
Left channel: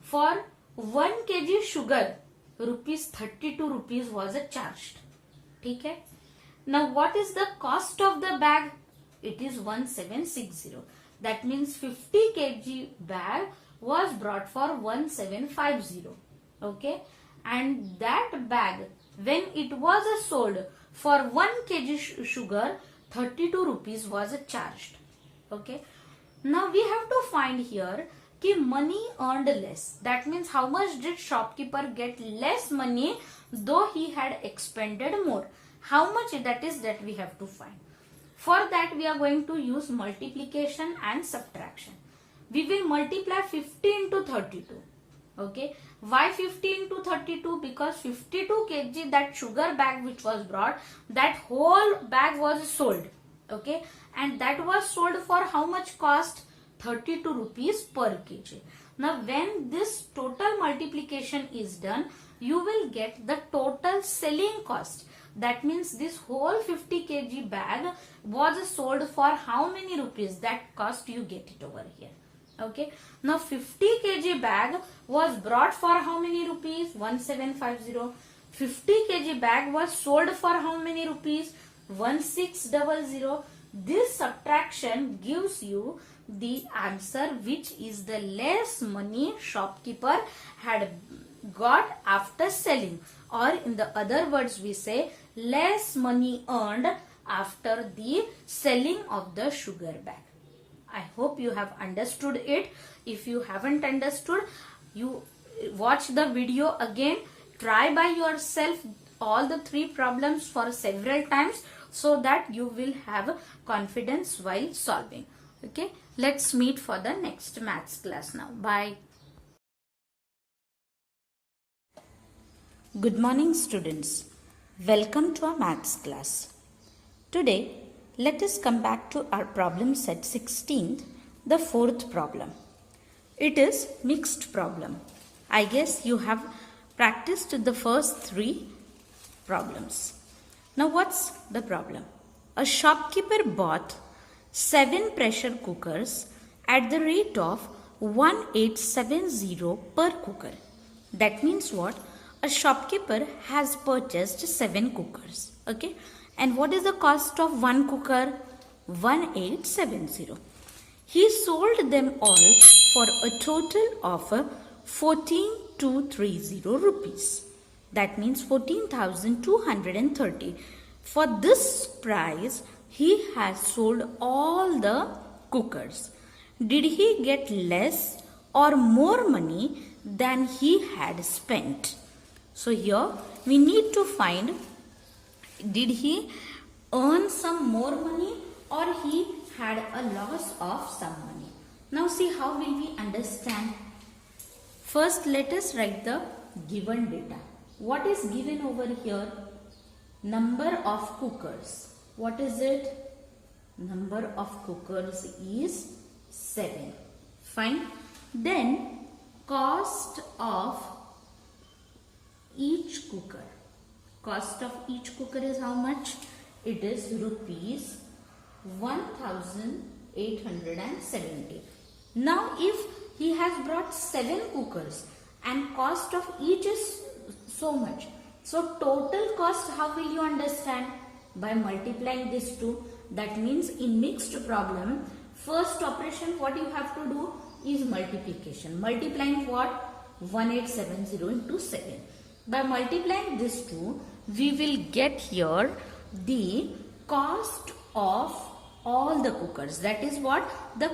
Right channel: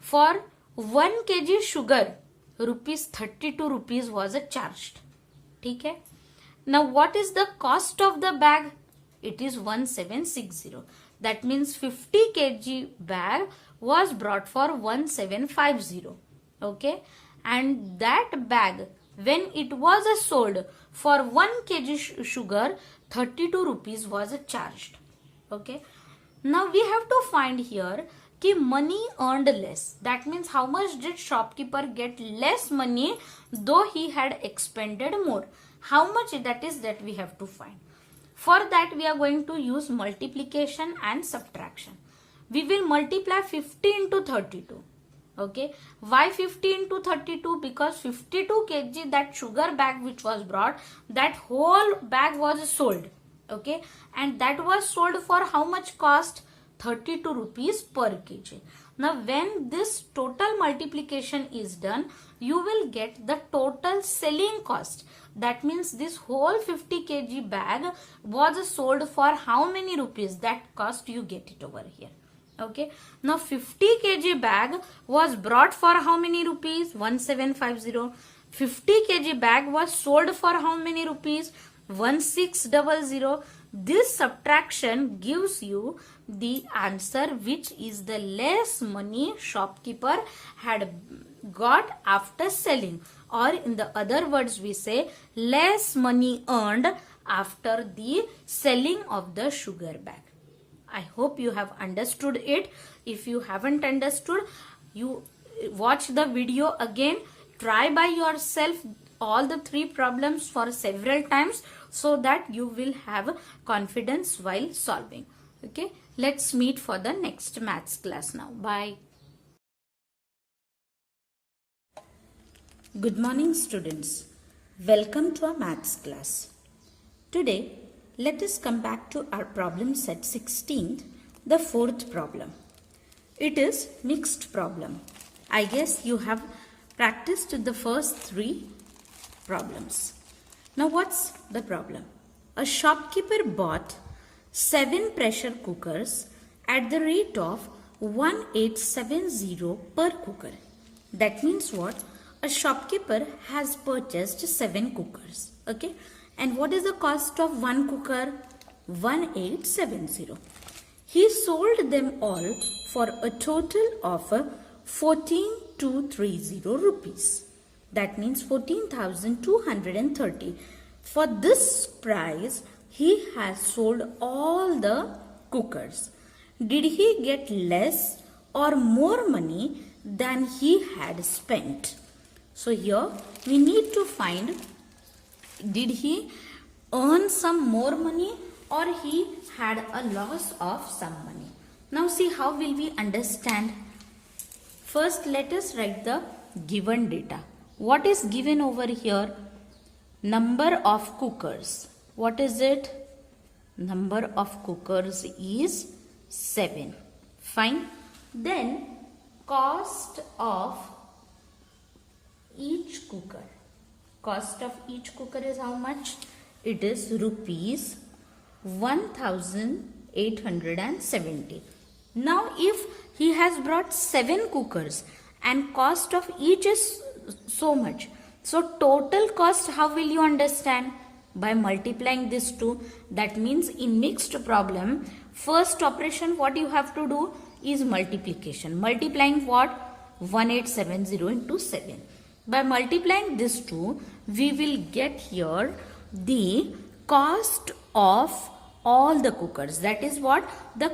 for 1 kg sugar, rupees 32 rupees was charged. Okay. Now what is the cost of the bag? It is 1760. That means 50 kg bag was brought for 1750. Okay. And that bag, when it was sold for 1 kg sugar, 32 rupees was charged. Okay. Now we have to find here कि money earned less. That means how much did shopkeeper get less money though he had expended more. How much that is that we have to find. For that we are going to use multiplication and subtraction. We will multiply 50 into 32. Okay. Why 50 into 32? Because 52 kg that sugar bag which was brought, that whole bag was sold. Okay. And that was sold for how much cost? 32 rupees per kg. Now when this total multiplication is done, you will get the total selling cost. That means this whole 50 kg bag was sold for how many rupees? That cost you get it over here. Okay. Now 50 kg bag was brought for how many rupees? 1750. 50 kg bag was sold for how many rupees? 1600. This subtraction gives you the answer, which is the less money shopkeeper had got after selling, or in the other words we say less money earned after the selling of the sugar bag. I hope you have understood it. If you haven't understood, you watch the video again, try by yourself all the 3 problems for several times so that you will have confidence while solving. Okay, let's meet for the next maths class now. Bye. Good morning, students. Welcome to our maths class. Today, let us come back to our problem set 16th, the 4th problem. It is mixed problem. I guess you have practiced the first 3 problems. Now what's the problem? A shopkeeper bought 7 pressure cookers at the rate of 1870 per cooker. That means what? A shopkeeper has purchased 7 cookers. Okay. And what is the cost of one cooker? 1870. He sold them all for a total of 14,230 rupees. That means 14,230. For this price, he has sold all the cookers. Did he get less or more money than he had spent? So here we need to find, did he earn some more money or he had a loss of some money? Now see how will we understand. First let us write the given data. What is given over here? Number of cookers. What is it? Number of cookers is 7. Fine. Then cost of each cooker. Cost of each cooker is how much? It is rupees 1870. Now if he has brought 7 cookers and cost of each is so much, so total cost how will you understand? By multiplying this 2. That means in mixed problem, first operation what you have to do is multiplication. Multiplying what? 1870 into 7. By multiplying this 2, we will get here the cost of all the cookers. That is what? The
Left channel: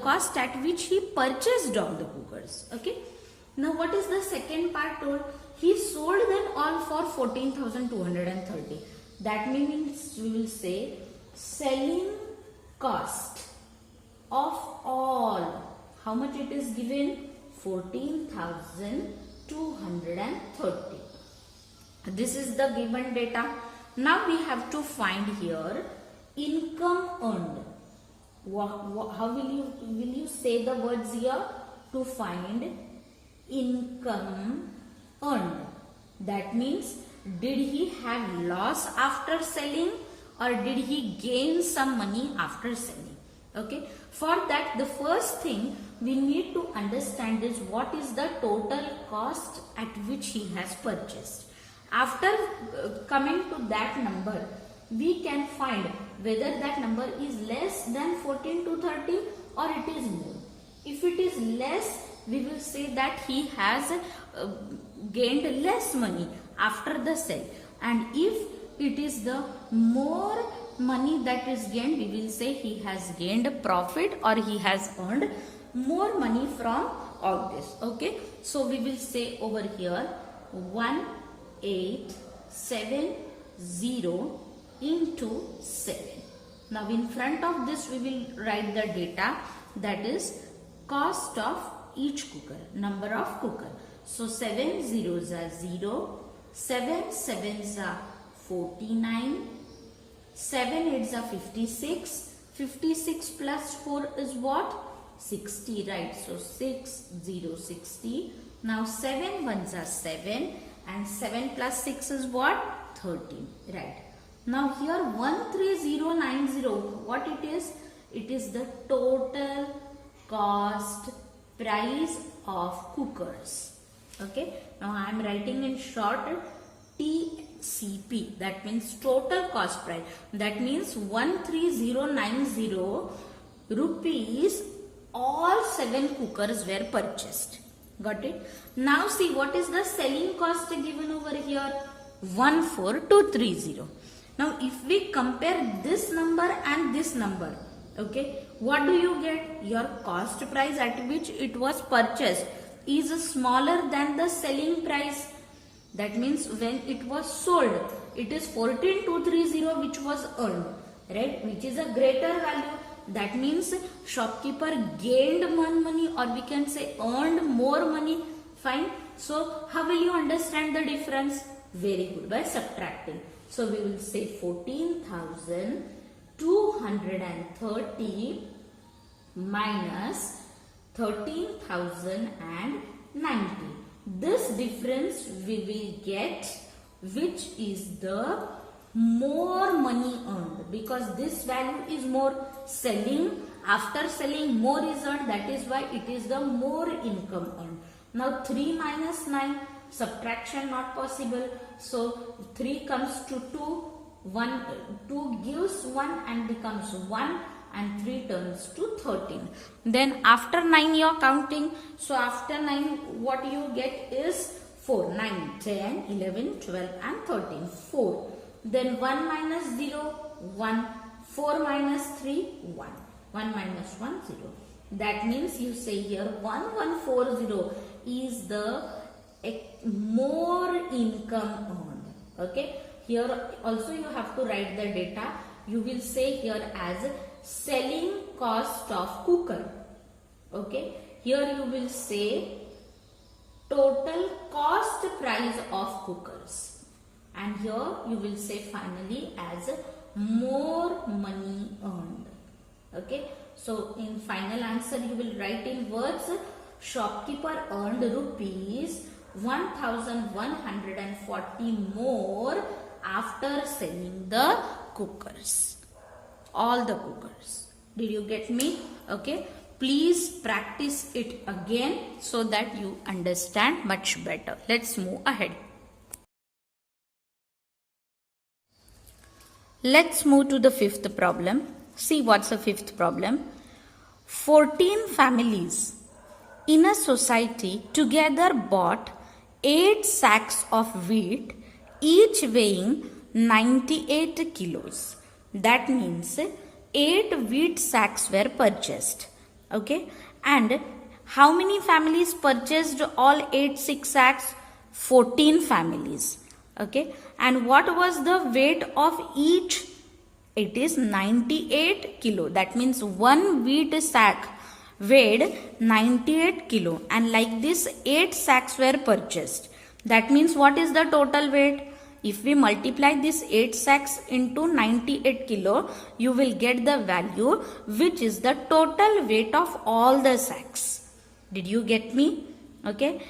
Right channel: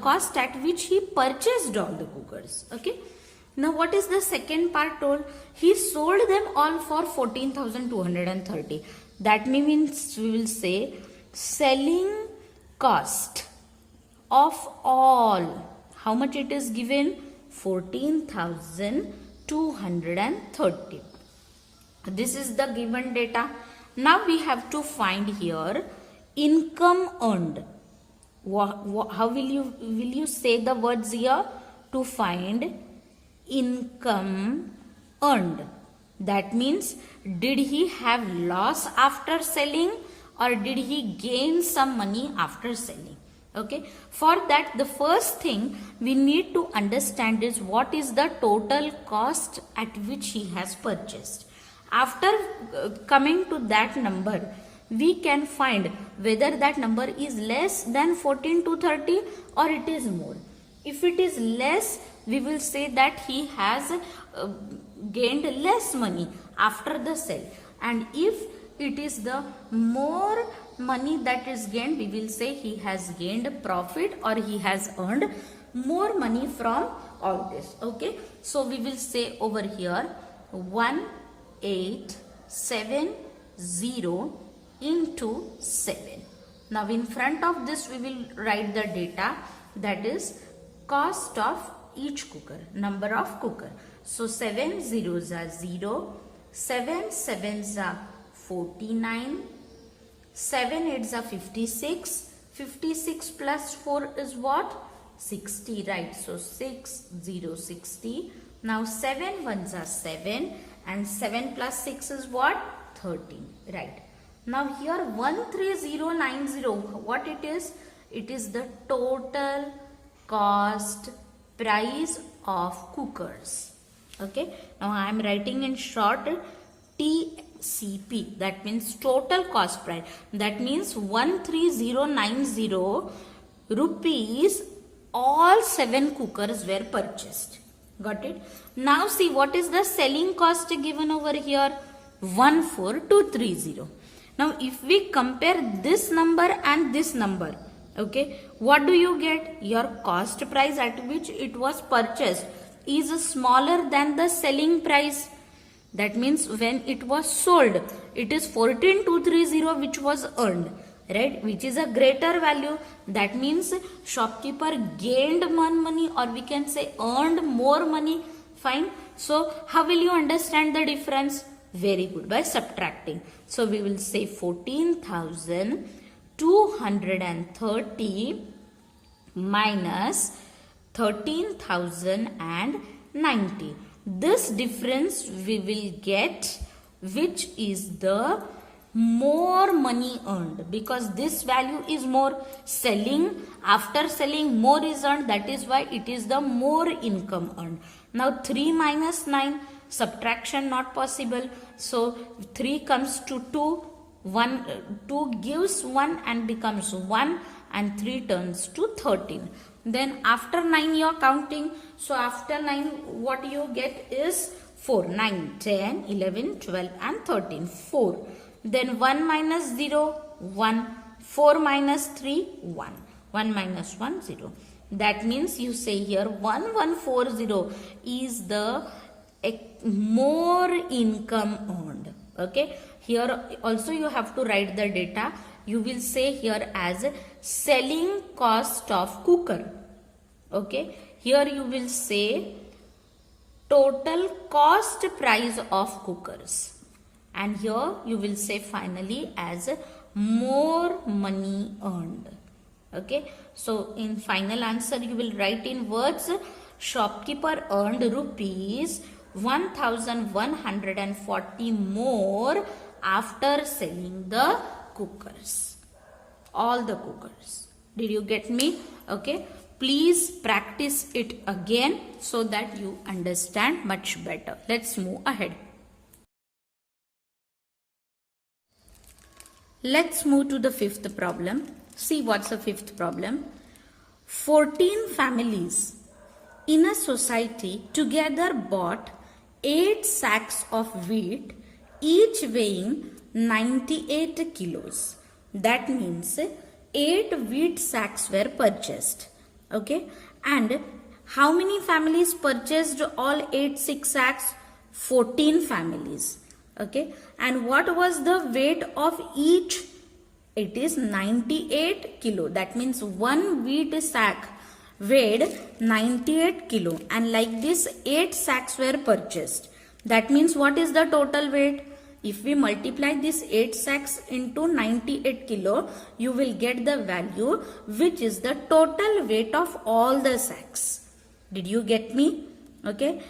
cost at which he purchased all the cookers. Okay. Now what is the second part told? He sold them all for 14,230. That means we will say selling cost of all. How much it is given? 14,230. This is the given data. Now we have to find here income earned. How will you say the words here? To find income earned. That means did he have loss after selling or did he gain some money after selling? Okay. For that, the first thing we need to understand is what is the total cost at which he has purchased. After coming to that number, we can find whether that number is less than 14,230 or it is more. If it is less, we will say that he has gained less money after the sale. And if it is the more money that is gained, we will say he has gained profit or he has earned more money from all this. Okay, so we will say over here 1870 into 7. Now in front of this we will write the data, that is cost of each cooker, number of cooker. So 7 zeros are 0, 7 sevens are 49, 7 eights are 56, 56 plus 4 is what? 60, right? So 6, 0, 60. Now 7 ones are 7 and 7 plus 6 is what? 13, right? Now here 13090, what it is? It is the total cost price of cookers. Okay, now I am writing in short TCP, that means total cost price. That means 13090 rupees all 7 cookers were purchased. Got it? Now see what is the selling cost given over here? 14230. Now if we compare this number and this number, okay, what do you get? Your cost price at which it was purchased is smaller than the selling price. That means when it was sold, it is 14230 which was earned, right? Which is a greater value. That means shopkeeper gained more money, or we can say earned more money. Fine. So how will you understand the difference? Very good, by subtracting. So we will say 14,230 minus 13,090. This difference we will get, which is the more money earned, because this value is more. Selling, after selling more is earned, that is why it is the more income earned. Now 3 minus 9, subtraction not possible. So 3 comes to 2, 2 gives 1 and becomes 1, and 3 turns to 13. Then after 9 you are counting. So after 9 what you get is 4. 9, 10, 11, 12 and 13. 4. Then 1 minus 0, 1. 4 minus 3, 1. 1 minus 1, 0. That means you say here 1140 is the more income earned. Okay. Here also you have to write the data. You will say here as selling cost of cooker. Okay. Here you will say total cost price of cookers. And here you will say finally as more money earned. Okay. So in final answer you will write in words, shopkeeper earned rupees 1140 more after selling the cookers. All the cookers. Did you get me? Okay. Please practice it again so that you understand much better. Let's move ahead. Let's move to the fifth problem. See what's the fifth problem. 14 families in a society together bought 8 sacks of wheat, each weighing 98 kilos. That means 8 wheat sacks were purchased. Okay. And how many families purchased all 8 sacks? 14 families. Okay. And what was the weight of each? It is 98 kilo. That means one wheat sack weighed 98 kilo. And like this 8 sacks were purchased. That means what is the total weight? If we multiply this 8 sacks into 98 kilo, you will get the value which is the total weight of all the sacks. Did you get me? Okay.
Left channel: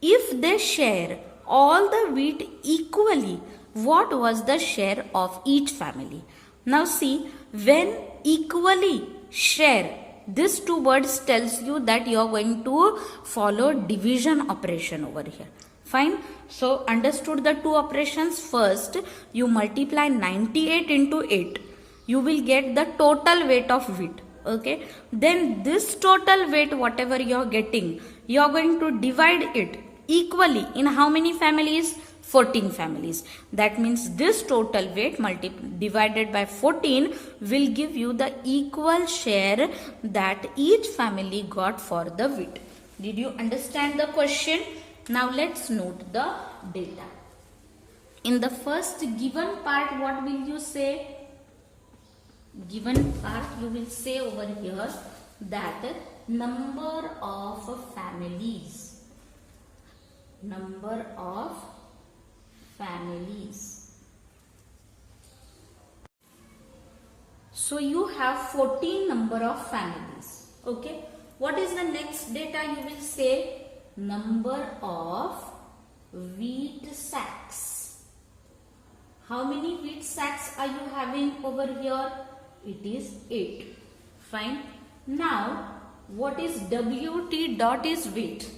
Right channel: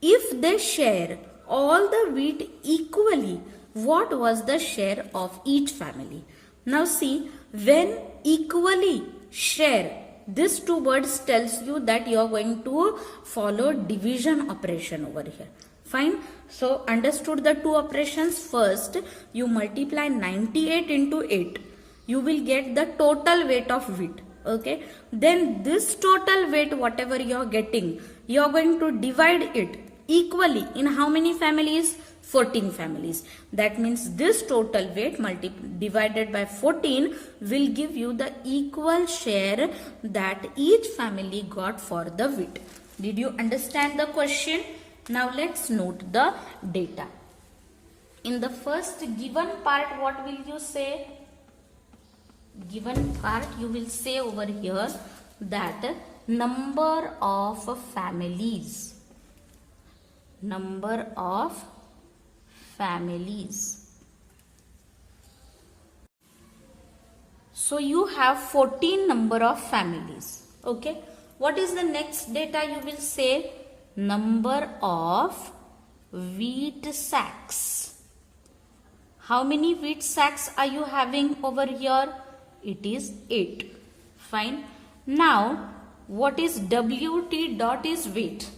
If they share all the wheat equally, what was the share of each family? Now see, when equally share, these two words tells you that you are going to follow division operation over here. Fine. So understood the two operations. First, you multiply 98 into 8. You will get the total weight of wheat. Okay. Then this total weight, whatever you are getting, you are going to divide it equally in how many families? 14 families. That means this total weight divided by 14 will give you the equal share that each family got for the wheat. Did you understand the question? Now let's note the data. In the first given part, what will you say? Given part, you will say over here that number of families. Number of families. So you have 14 number of families. Okay. What is the next data? You will say number of wheat sacks. How many wheat sacks are you having over here? It is 8. Fine. Now, what is WT dot is weight.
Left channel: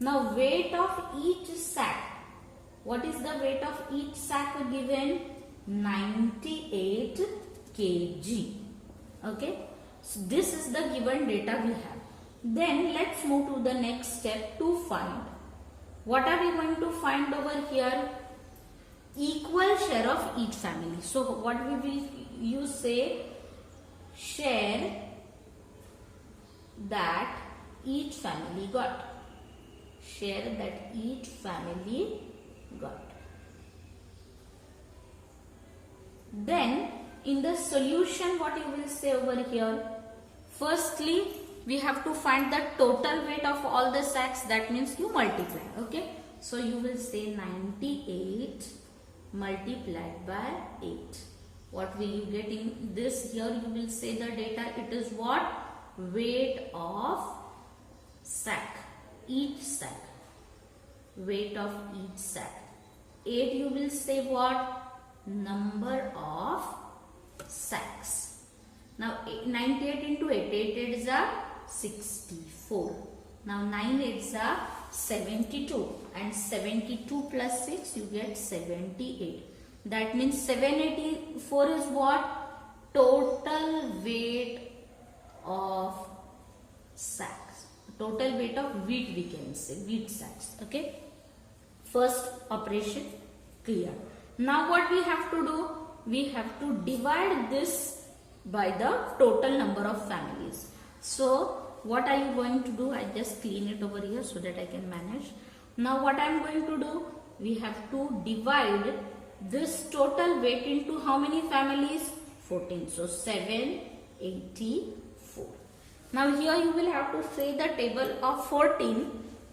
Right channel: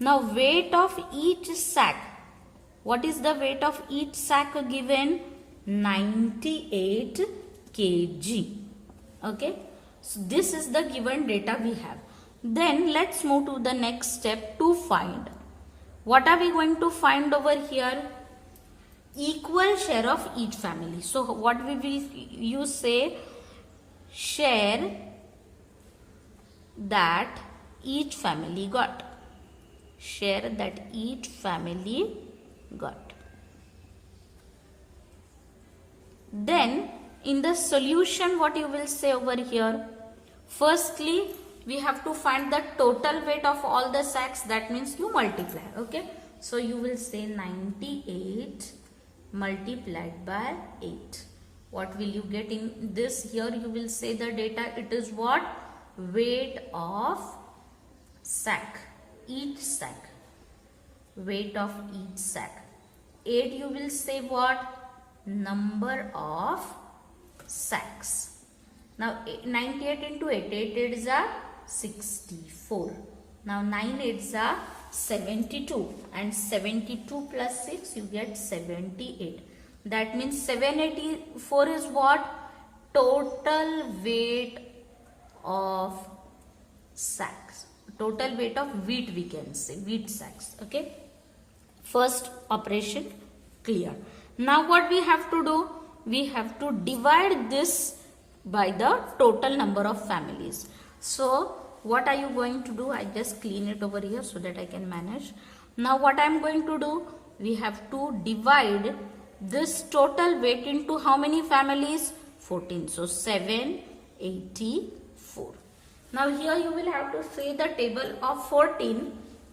Now, weight of each sack. What is the weight of each sack given? 98 kg. Okay. So, this is the given data we have. Then, let's move to the next step to find. What are we going to find over here? Equal share of each family. So, what we will you say? Share that each family got. Share that each family got. Then in the solution, what you will say over here? Firstly, we have to find the total weight of all the sacks. That means you multiply. Okay. So you will say 98 multiplied by 8. What will you get in this? Here you will say the data. It is what? Weight of sack. Each sack. Weight of each sack. 8 you will say what? Number of sacks. Now 98 into 8. 8 is a 64. Now 9 is a 72. And 72 plus 6 you get 78. That means 784 is what? Total weight of sacks. Total weight of wheat we can say. Wheat sacks. Okay. First operation clear. Now what we have to do? We have to divide this by the total number of families. So what are you going to do? I just clean it over here so that I can manage. Now what I am going to do? We have to divide this total weight into how many families? 14. So 784. Now here you will have to say the table of 14,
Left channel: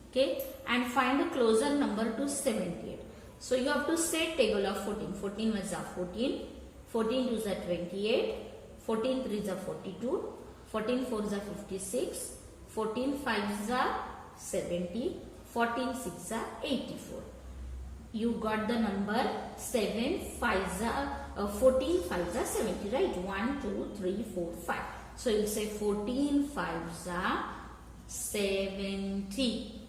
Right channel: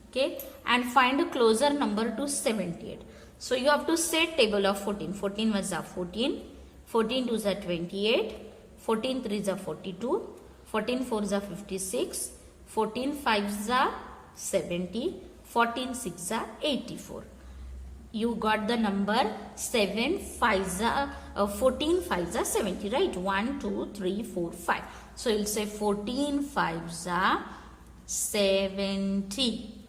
okay, and find a closer number to 78. So you have to say table of 14. 14 was a 14. 14 2 is a 28. 14 3 is a 42. 14 4 is a 56. 14 5 is a 70. 14 6 is a 84. You got the number 7 5 is a 14 5 is a 70, right? 1 2 3 4 5. So you will say 14 5 is a 70.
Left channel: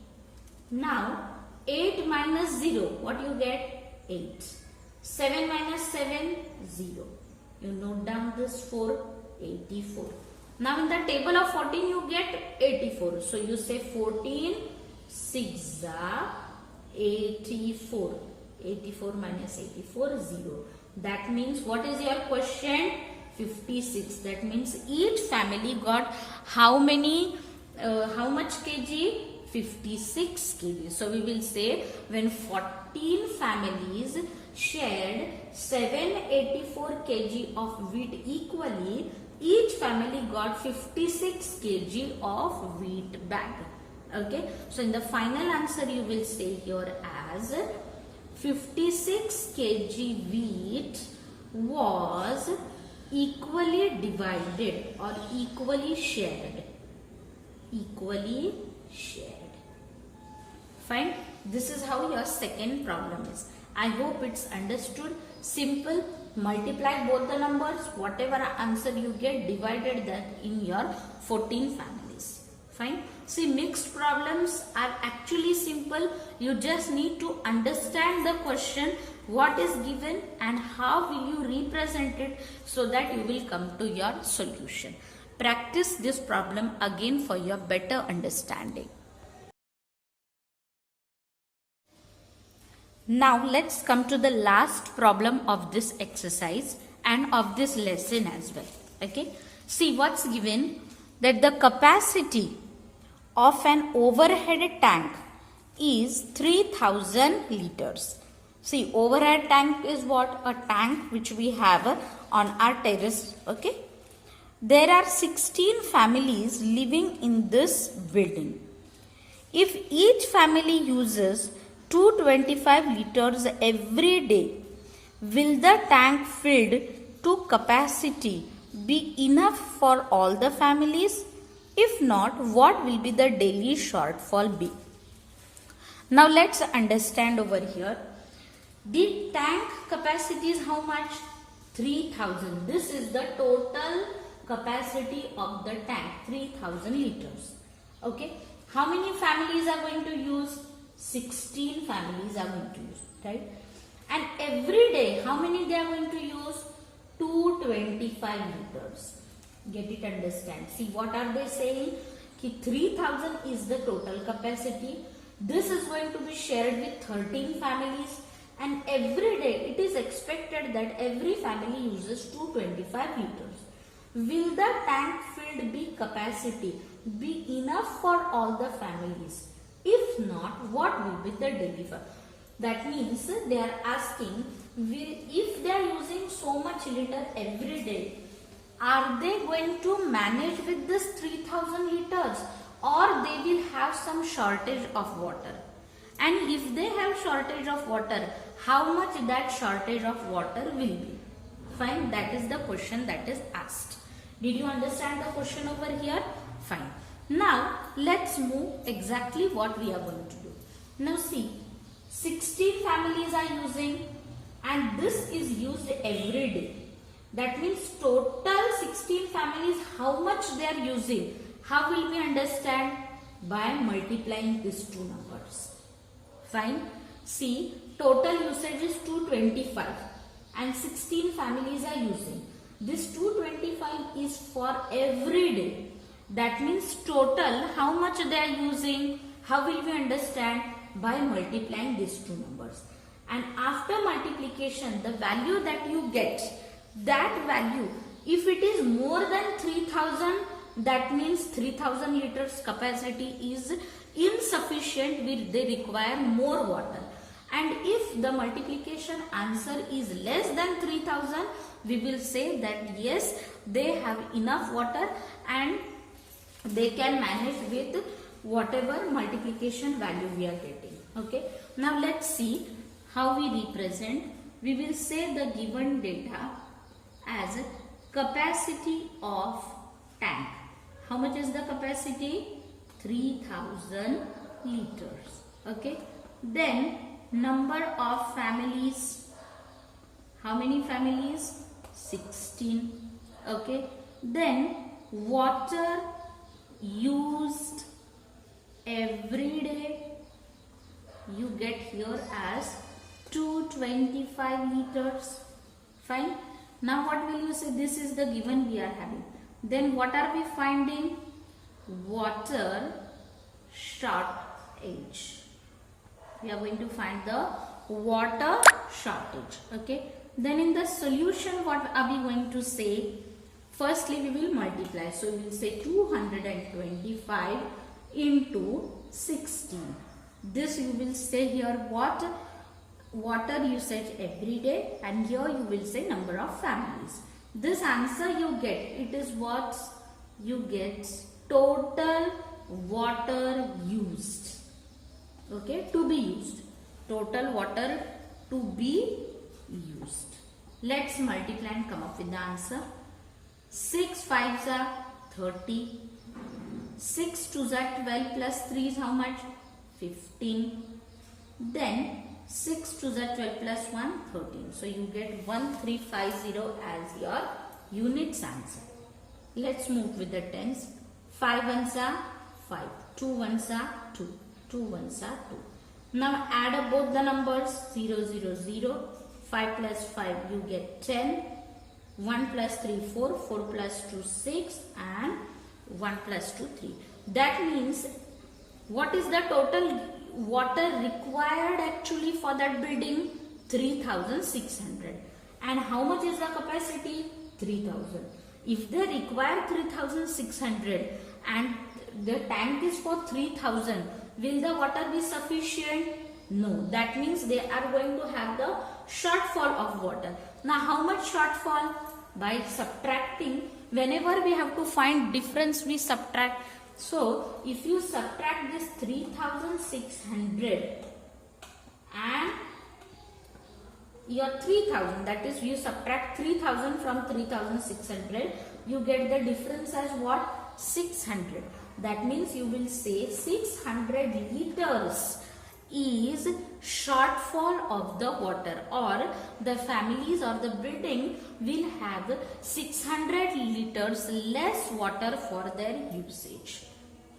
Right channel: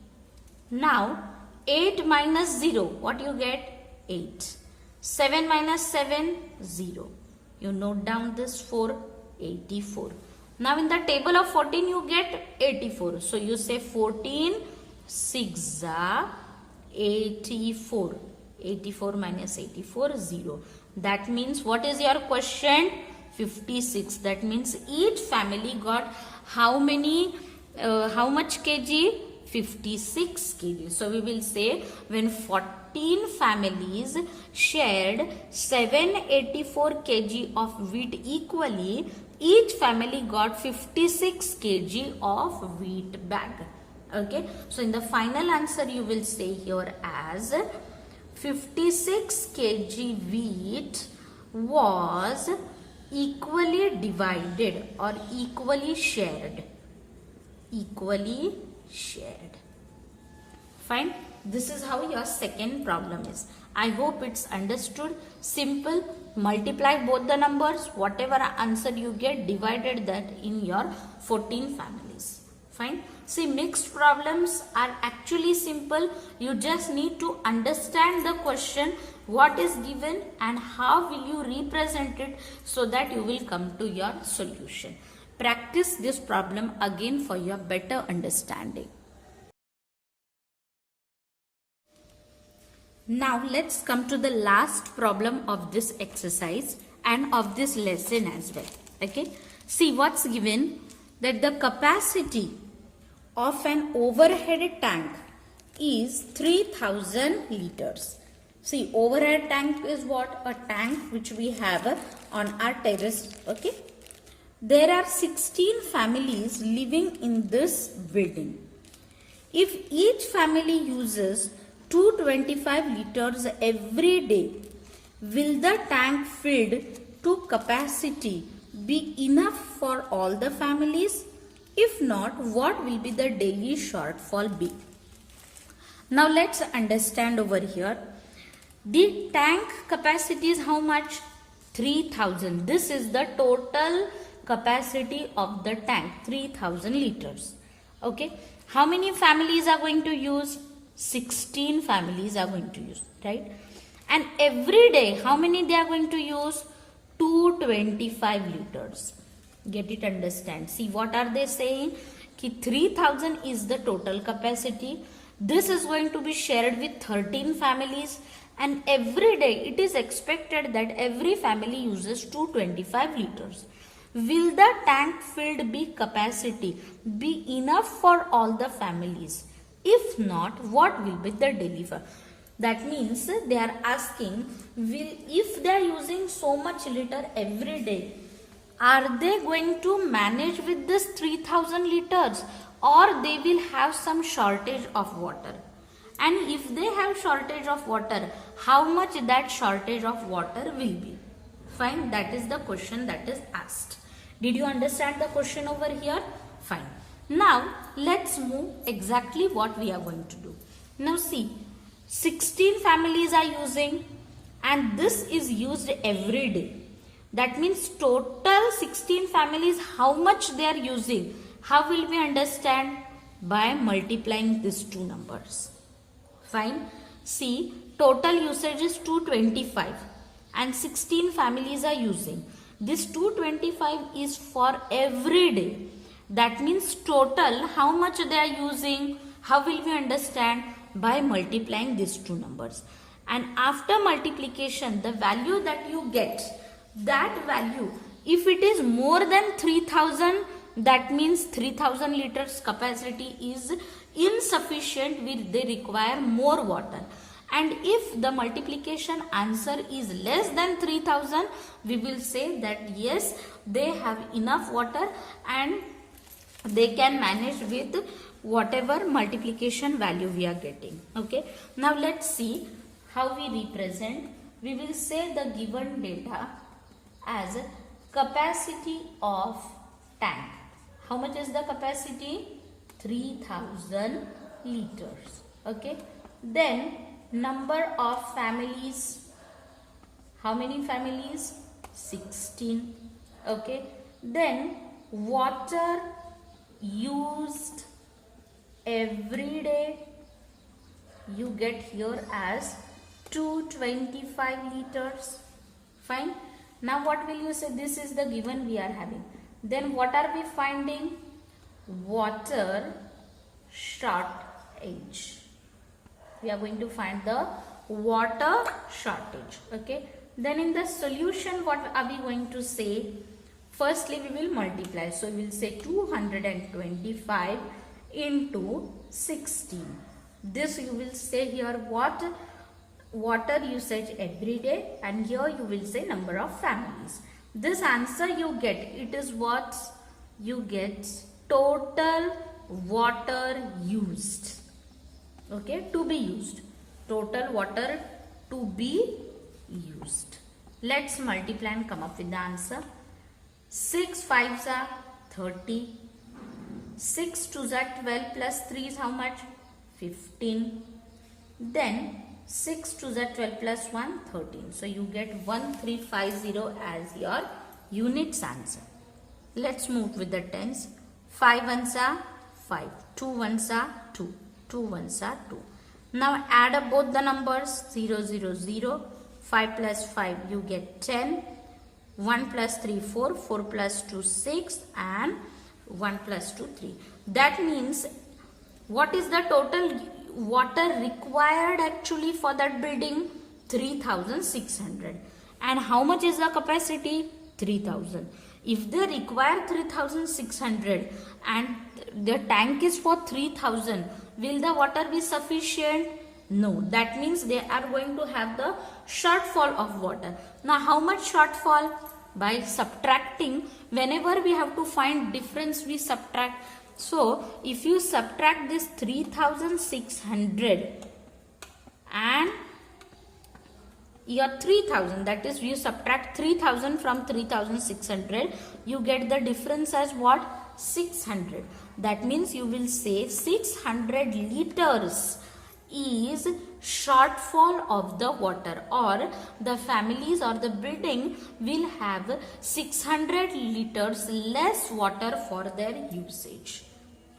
Now 8 minus 0, what you get? 8. 7 minus 7, 0. You note down this 4, 84. Now in the table of 14 you get 84. So you say 14 6 84. 84 minus 84, 0. That means what is your question? 56. That means each family got how many, how much kg? 56 kg. So we will say when 14 families shared 784 kg of wheat equally, each family got 56 kg of wheat bag. Okay. So in the final answer you will say here as 56 kg wheat was equally divided or equally shared. Equally shared. Fine. This is how your second problem is. I hope it's understood. Simple. Multiply both the numbers. Whatever answer you get, divided that in your 14 families. Fine. See, mixed problems are actually simple. You just need to understand the question, what is given and how will you represent it so that you will come to your solution. Practice this problem again for your better understanding. Now let's come to the last problem of this exercise and of this lesson as well. Okay. See what's given, that the capacity of an overhead tank is 3000 liters. See, overhead tank is what? A tank which we have on our terrace. Okay. There are 16 families living in this building. If each family uses 225 liters every day, will the tank filled to capacity be enough for all the families? If not, what will be the daily shortfall be? Now let's understand over here. The tank capacity is how much? 3000. This is the total capacity of the tank, 3000 liters. Okay. How many families are going to use? 16 families are going to use, right? And every day, how many they are going to use? 225 liters. Get it, understand? See, what are they saying? Ki 3000 is the total capacity. This is going to be shared with 13 families. And every day, it is expected that every family uses 225 liters. Will the tank filled be capacity be enough for all the families? If not, what will be the daily for? That means they are asking, if they are using so much liter every day, are they going to manage with this 3000 liters, or they will have some shortage of water? And if they have shortage of water, how much that shortage of water will be? Fine, that is the question that is asked. Did you understand the question over here? Fine. Now, let's move exactly what we are going to do. Now see, 16 families are using, and this is used every day. That means total 16 families, how much they are using? How will we understand? By multiplying these two numbers. Fine. See, total usage is 225 and 16 families are using. This 225 is for every day. That means total how much they are using. How will we understand? By multiplying these two numbers. And after multiplication, the value that you get, that value, if it is more than 3000, that means 3000 liters capacity is insufficient, they require more water. And if the multiplication answer is less than 3000, we will say that yes, they have enough water and they can manage with whatever multiplication value we are getting. Okay. Now let's see how we represent. We will say the given data as capacity of tank. How much is the capacity? 3000 liters. Okay. Then number of families. How many families? 16. Okay. Then water used every day, you get here as 225 liters. Fine. Now what will you say? This is the given we are having. Then what are we finding? Water shortage. We are going to find the water shortage. Okay. Then in the solution, what are we going to say? Firstly, we will multiply. So we will say 225 into 16. This you will say here what? Water usage every day, and here you will say number of families. This answer you get, it is what you get, total water used. Okay, to be used. Total water to be used. Let's multiply and come up with the answer. 6 5s are 30. 6 2s are 12 plus 3 is how much? 15. Then 6 2s are 12 plus 1, 13. So you get 1350 as your units answer. Let's move with the tens. 5 ones are 5. 2 ones are 2. 2 ones are 2. Now add up both the numbers. 0 0 0. 5 plus 5 you get 10. 1 plus 3 4. 4 plus 2 6. And 1 plus 2 3. That means what is the total water required actually for that building? 3600. And how much is the capacity? 3000. If they require 3600 and the tank is for 3000, will the water be sufficient? No. That means they are going to have the shortfall of water. Now how much shortfall? By subtracting. Whenever we have to find difference, we subtract. So if you subtract this 3600 and your 3000, that is you subtract 3000 from 3600, you get the difference as what? 600. That means you will say 600 liters is shortfall of the water, or the families or the building will have 600 liters less water for their usage.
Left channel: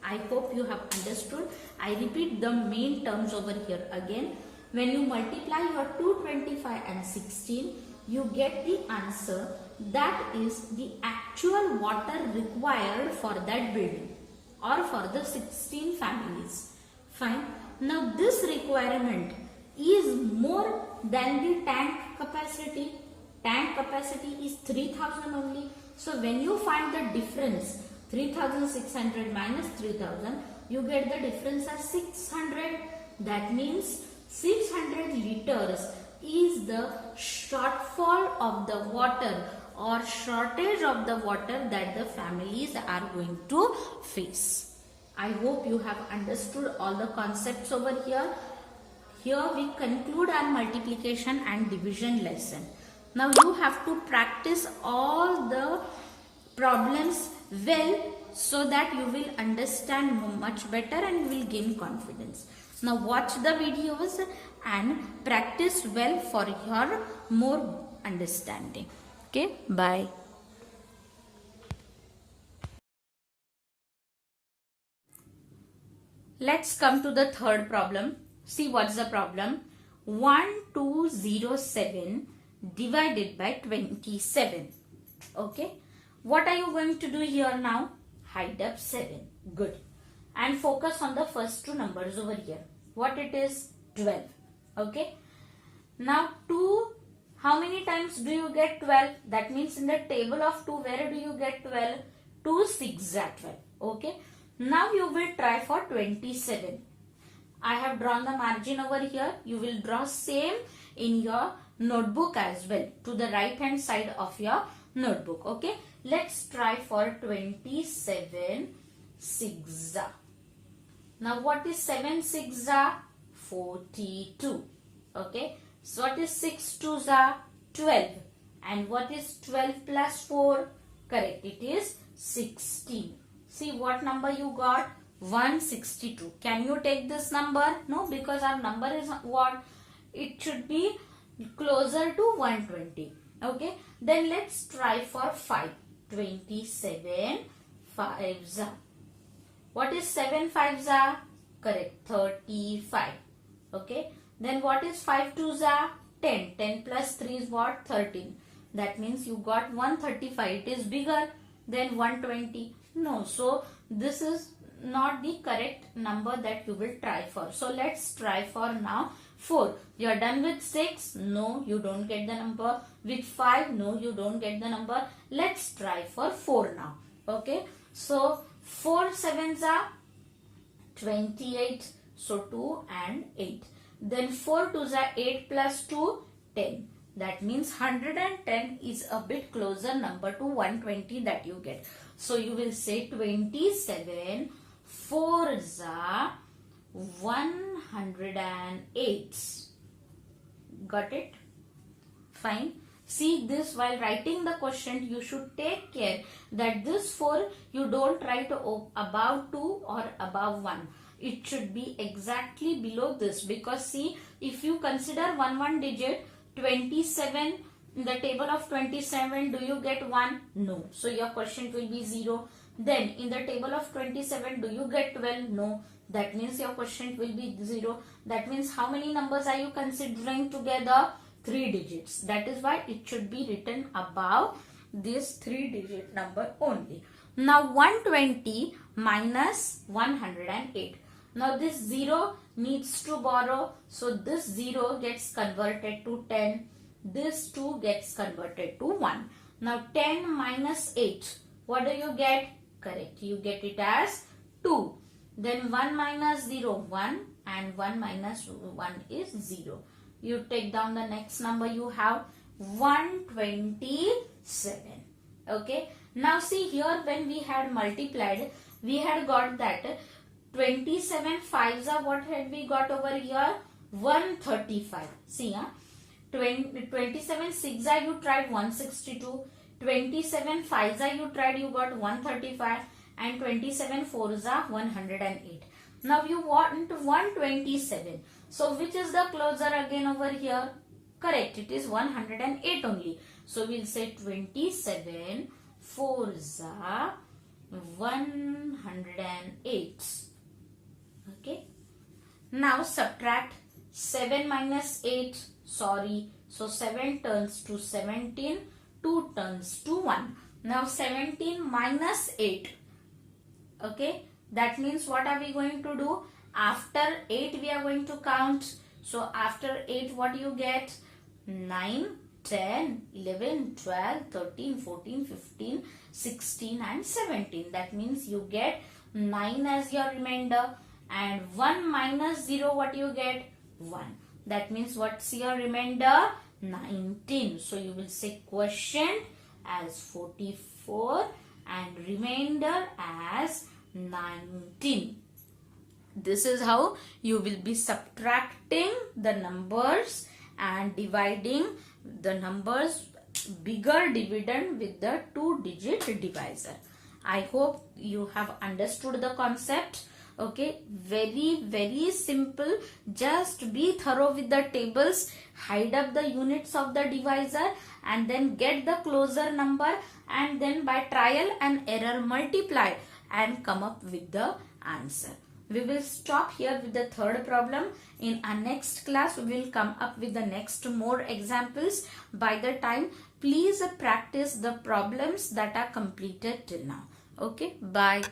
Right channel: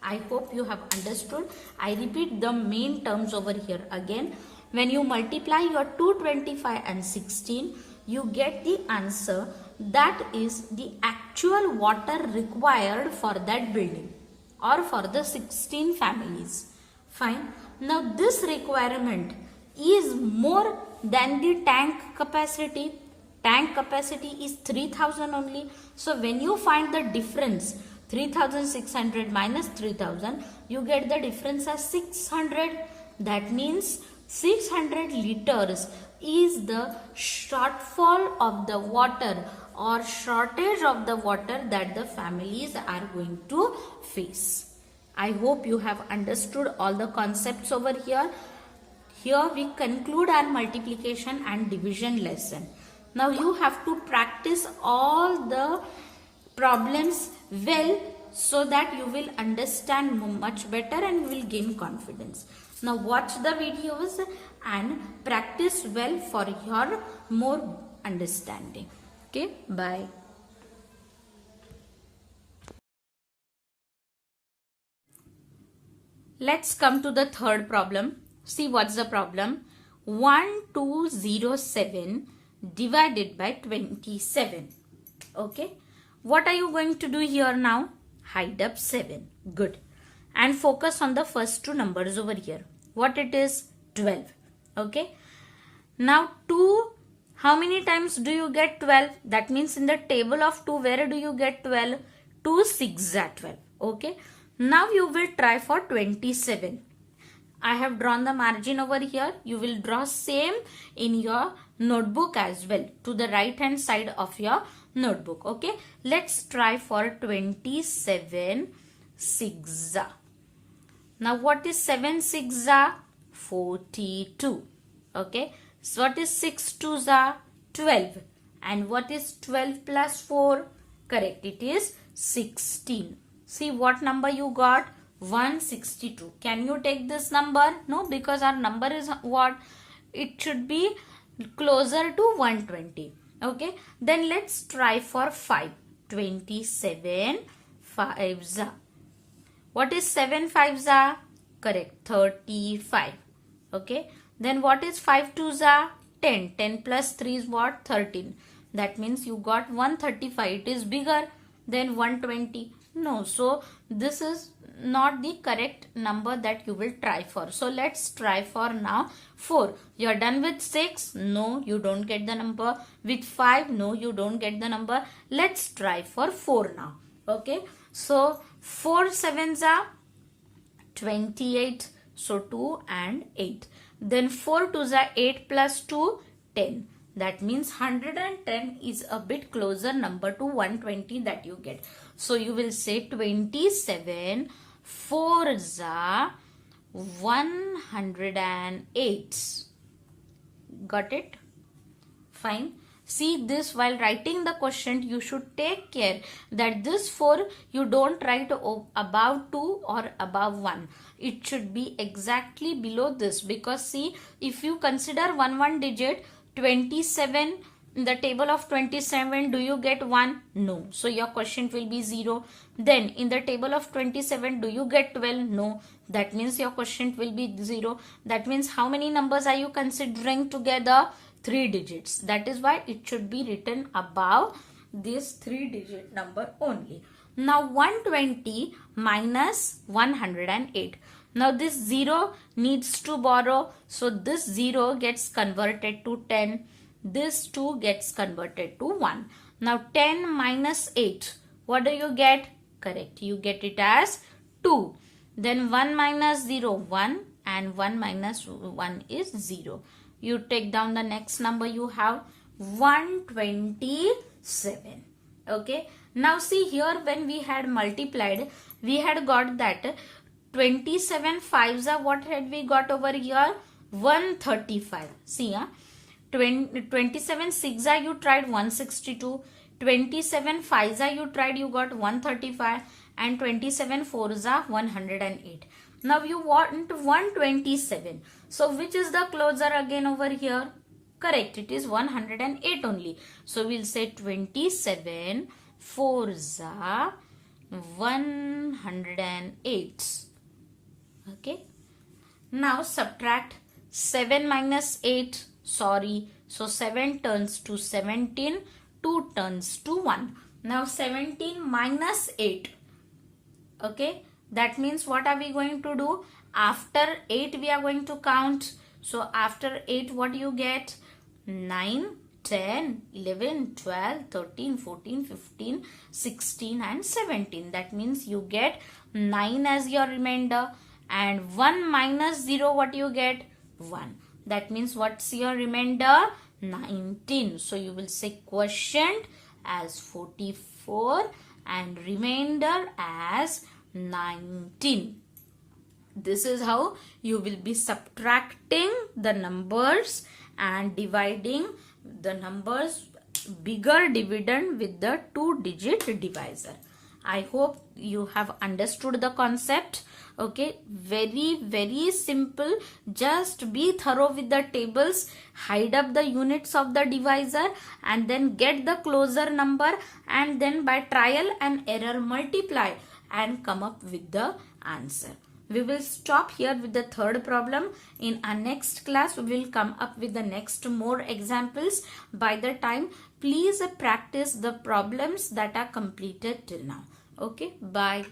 I hope you have understood. I repeat the main terms over here again. When you multiply your 225 and 16, you get the answer that is the actual water required for that building or for the 16 families. Fine. Now this requirement is more than the tank capacity. Tank capacity is 3000 only. So when you find the difference, 3600 minus 3000, you get the difference as 600. That means 600 liters is the shortfall of the water or shortage of the water that the families are going to face. I hope you have understood all the concepts over here. Here we conclude our multiplication and division lesson. Now you have to practice all the problems well so that you will understand much better and you will gain confidence. Now watch the videos and practice well for your more understanding. Okay, bye. Let's come to the third problem. See what's the problem. 1207 divided by 27. Okay. What are you going to do here now? Hide up 7. Good. And focus on the first two numbers over here. What it is? 12. Okay. Now 2, how many times do you get 12? That means in the table of 2, where do you get 12? 2 6 are 12. Okay. Now you will try for 27. I have drawn the margin over here. You will draw same in your notebook as well, to the right hand side of your notebook. Okay. Let's try for 27 6. Now what is 7 6 are? 42. Okay. So what is 6 2 are? 12. And what is 12 plus 4? Correct. It is 16. See what number you got? 162. Can you take this number? No, because our number is what? It should be closer to 120. Okay. Then let's try for 5. 27 5s. What is 7 5s are? Correct. 35. Okay. Then what is 5 2s are? 10. 10 plus 3 is what? 13. That means you got 135. It is bigger than 120. No. So this is not the correct number that you will try for. So let's try for now 4. You are done with 6. No, you don't get the number. With 5. No, you don't get the number. Let's try for 4 now. Okay. So 4 7s are 28. So 2 and 8. Then 4 2s are 8 plus 2 10. That means 110 is a bit closer number to 120 that you get. So you will say 27 4s are 108. Got it? Fine. See this, while writing the question, you should take care that this 4 you don't write above 2 or above 1. It should be exactly below this, because see, if you consider one digit, 27, in the table of 27, do you get 1? No. So your quotient will be 0. Then in the table of 27, do you get 12? No. That means your quotient will be 0. That means how many numbers are you considering together? 3 digits. That is why it should be written above this 3-digit number only. Now 120 minus 108. Now this 0 needs to borrow. So this 0 gets converted to 10. This 2 gets converted to 1. Now 10 minus 8. What do you get? Correct. You get it as 2. Then 1 minus 0, 1. And 1 minus 1 is 0. You take down the next number. You have 127. Okay. Now see here, when we had multiplied, we had got that 27 5s are, what had we got over here? 135. See, 27 6s are, you tried 162. 27 5s are, you tried, you got 135. And 27 4s are 108. Now you want 127. So which is the closer again over here? Correct, it is 108 only. So we'll say 27 4s are 108. Okay. Now subtract 7 minus 8. Sorry. So 7 turns to 17. 2 turns to 1. Now 17 minus 8. Okay. That means what are we going to do? After 8 we are going to count. So after 8 what you get? 9, 10, 11, 12, 13, 14, 15, 16 and 17. That means you get 9 as your remainder. And 1 minus 0, what you get? 1. That means what's your remainder? 19. So you will say quotient as 44 and remainder as 19. This is how you will be subtracting the numbers and dividing the numbers bigger dividend with the 2-digit divisor. I hope you have understood the concept. Okay, very simple. Just be thorough with the tables, hide up the units of the divisor and then get the closer number, and then by trial and error multiply and come up with the answer. We will stop here with the third problem. In our next class, we will come up with the next more examples. By the time, please practice the problems that are completed till now. Okay, bye.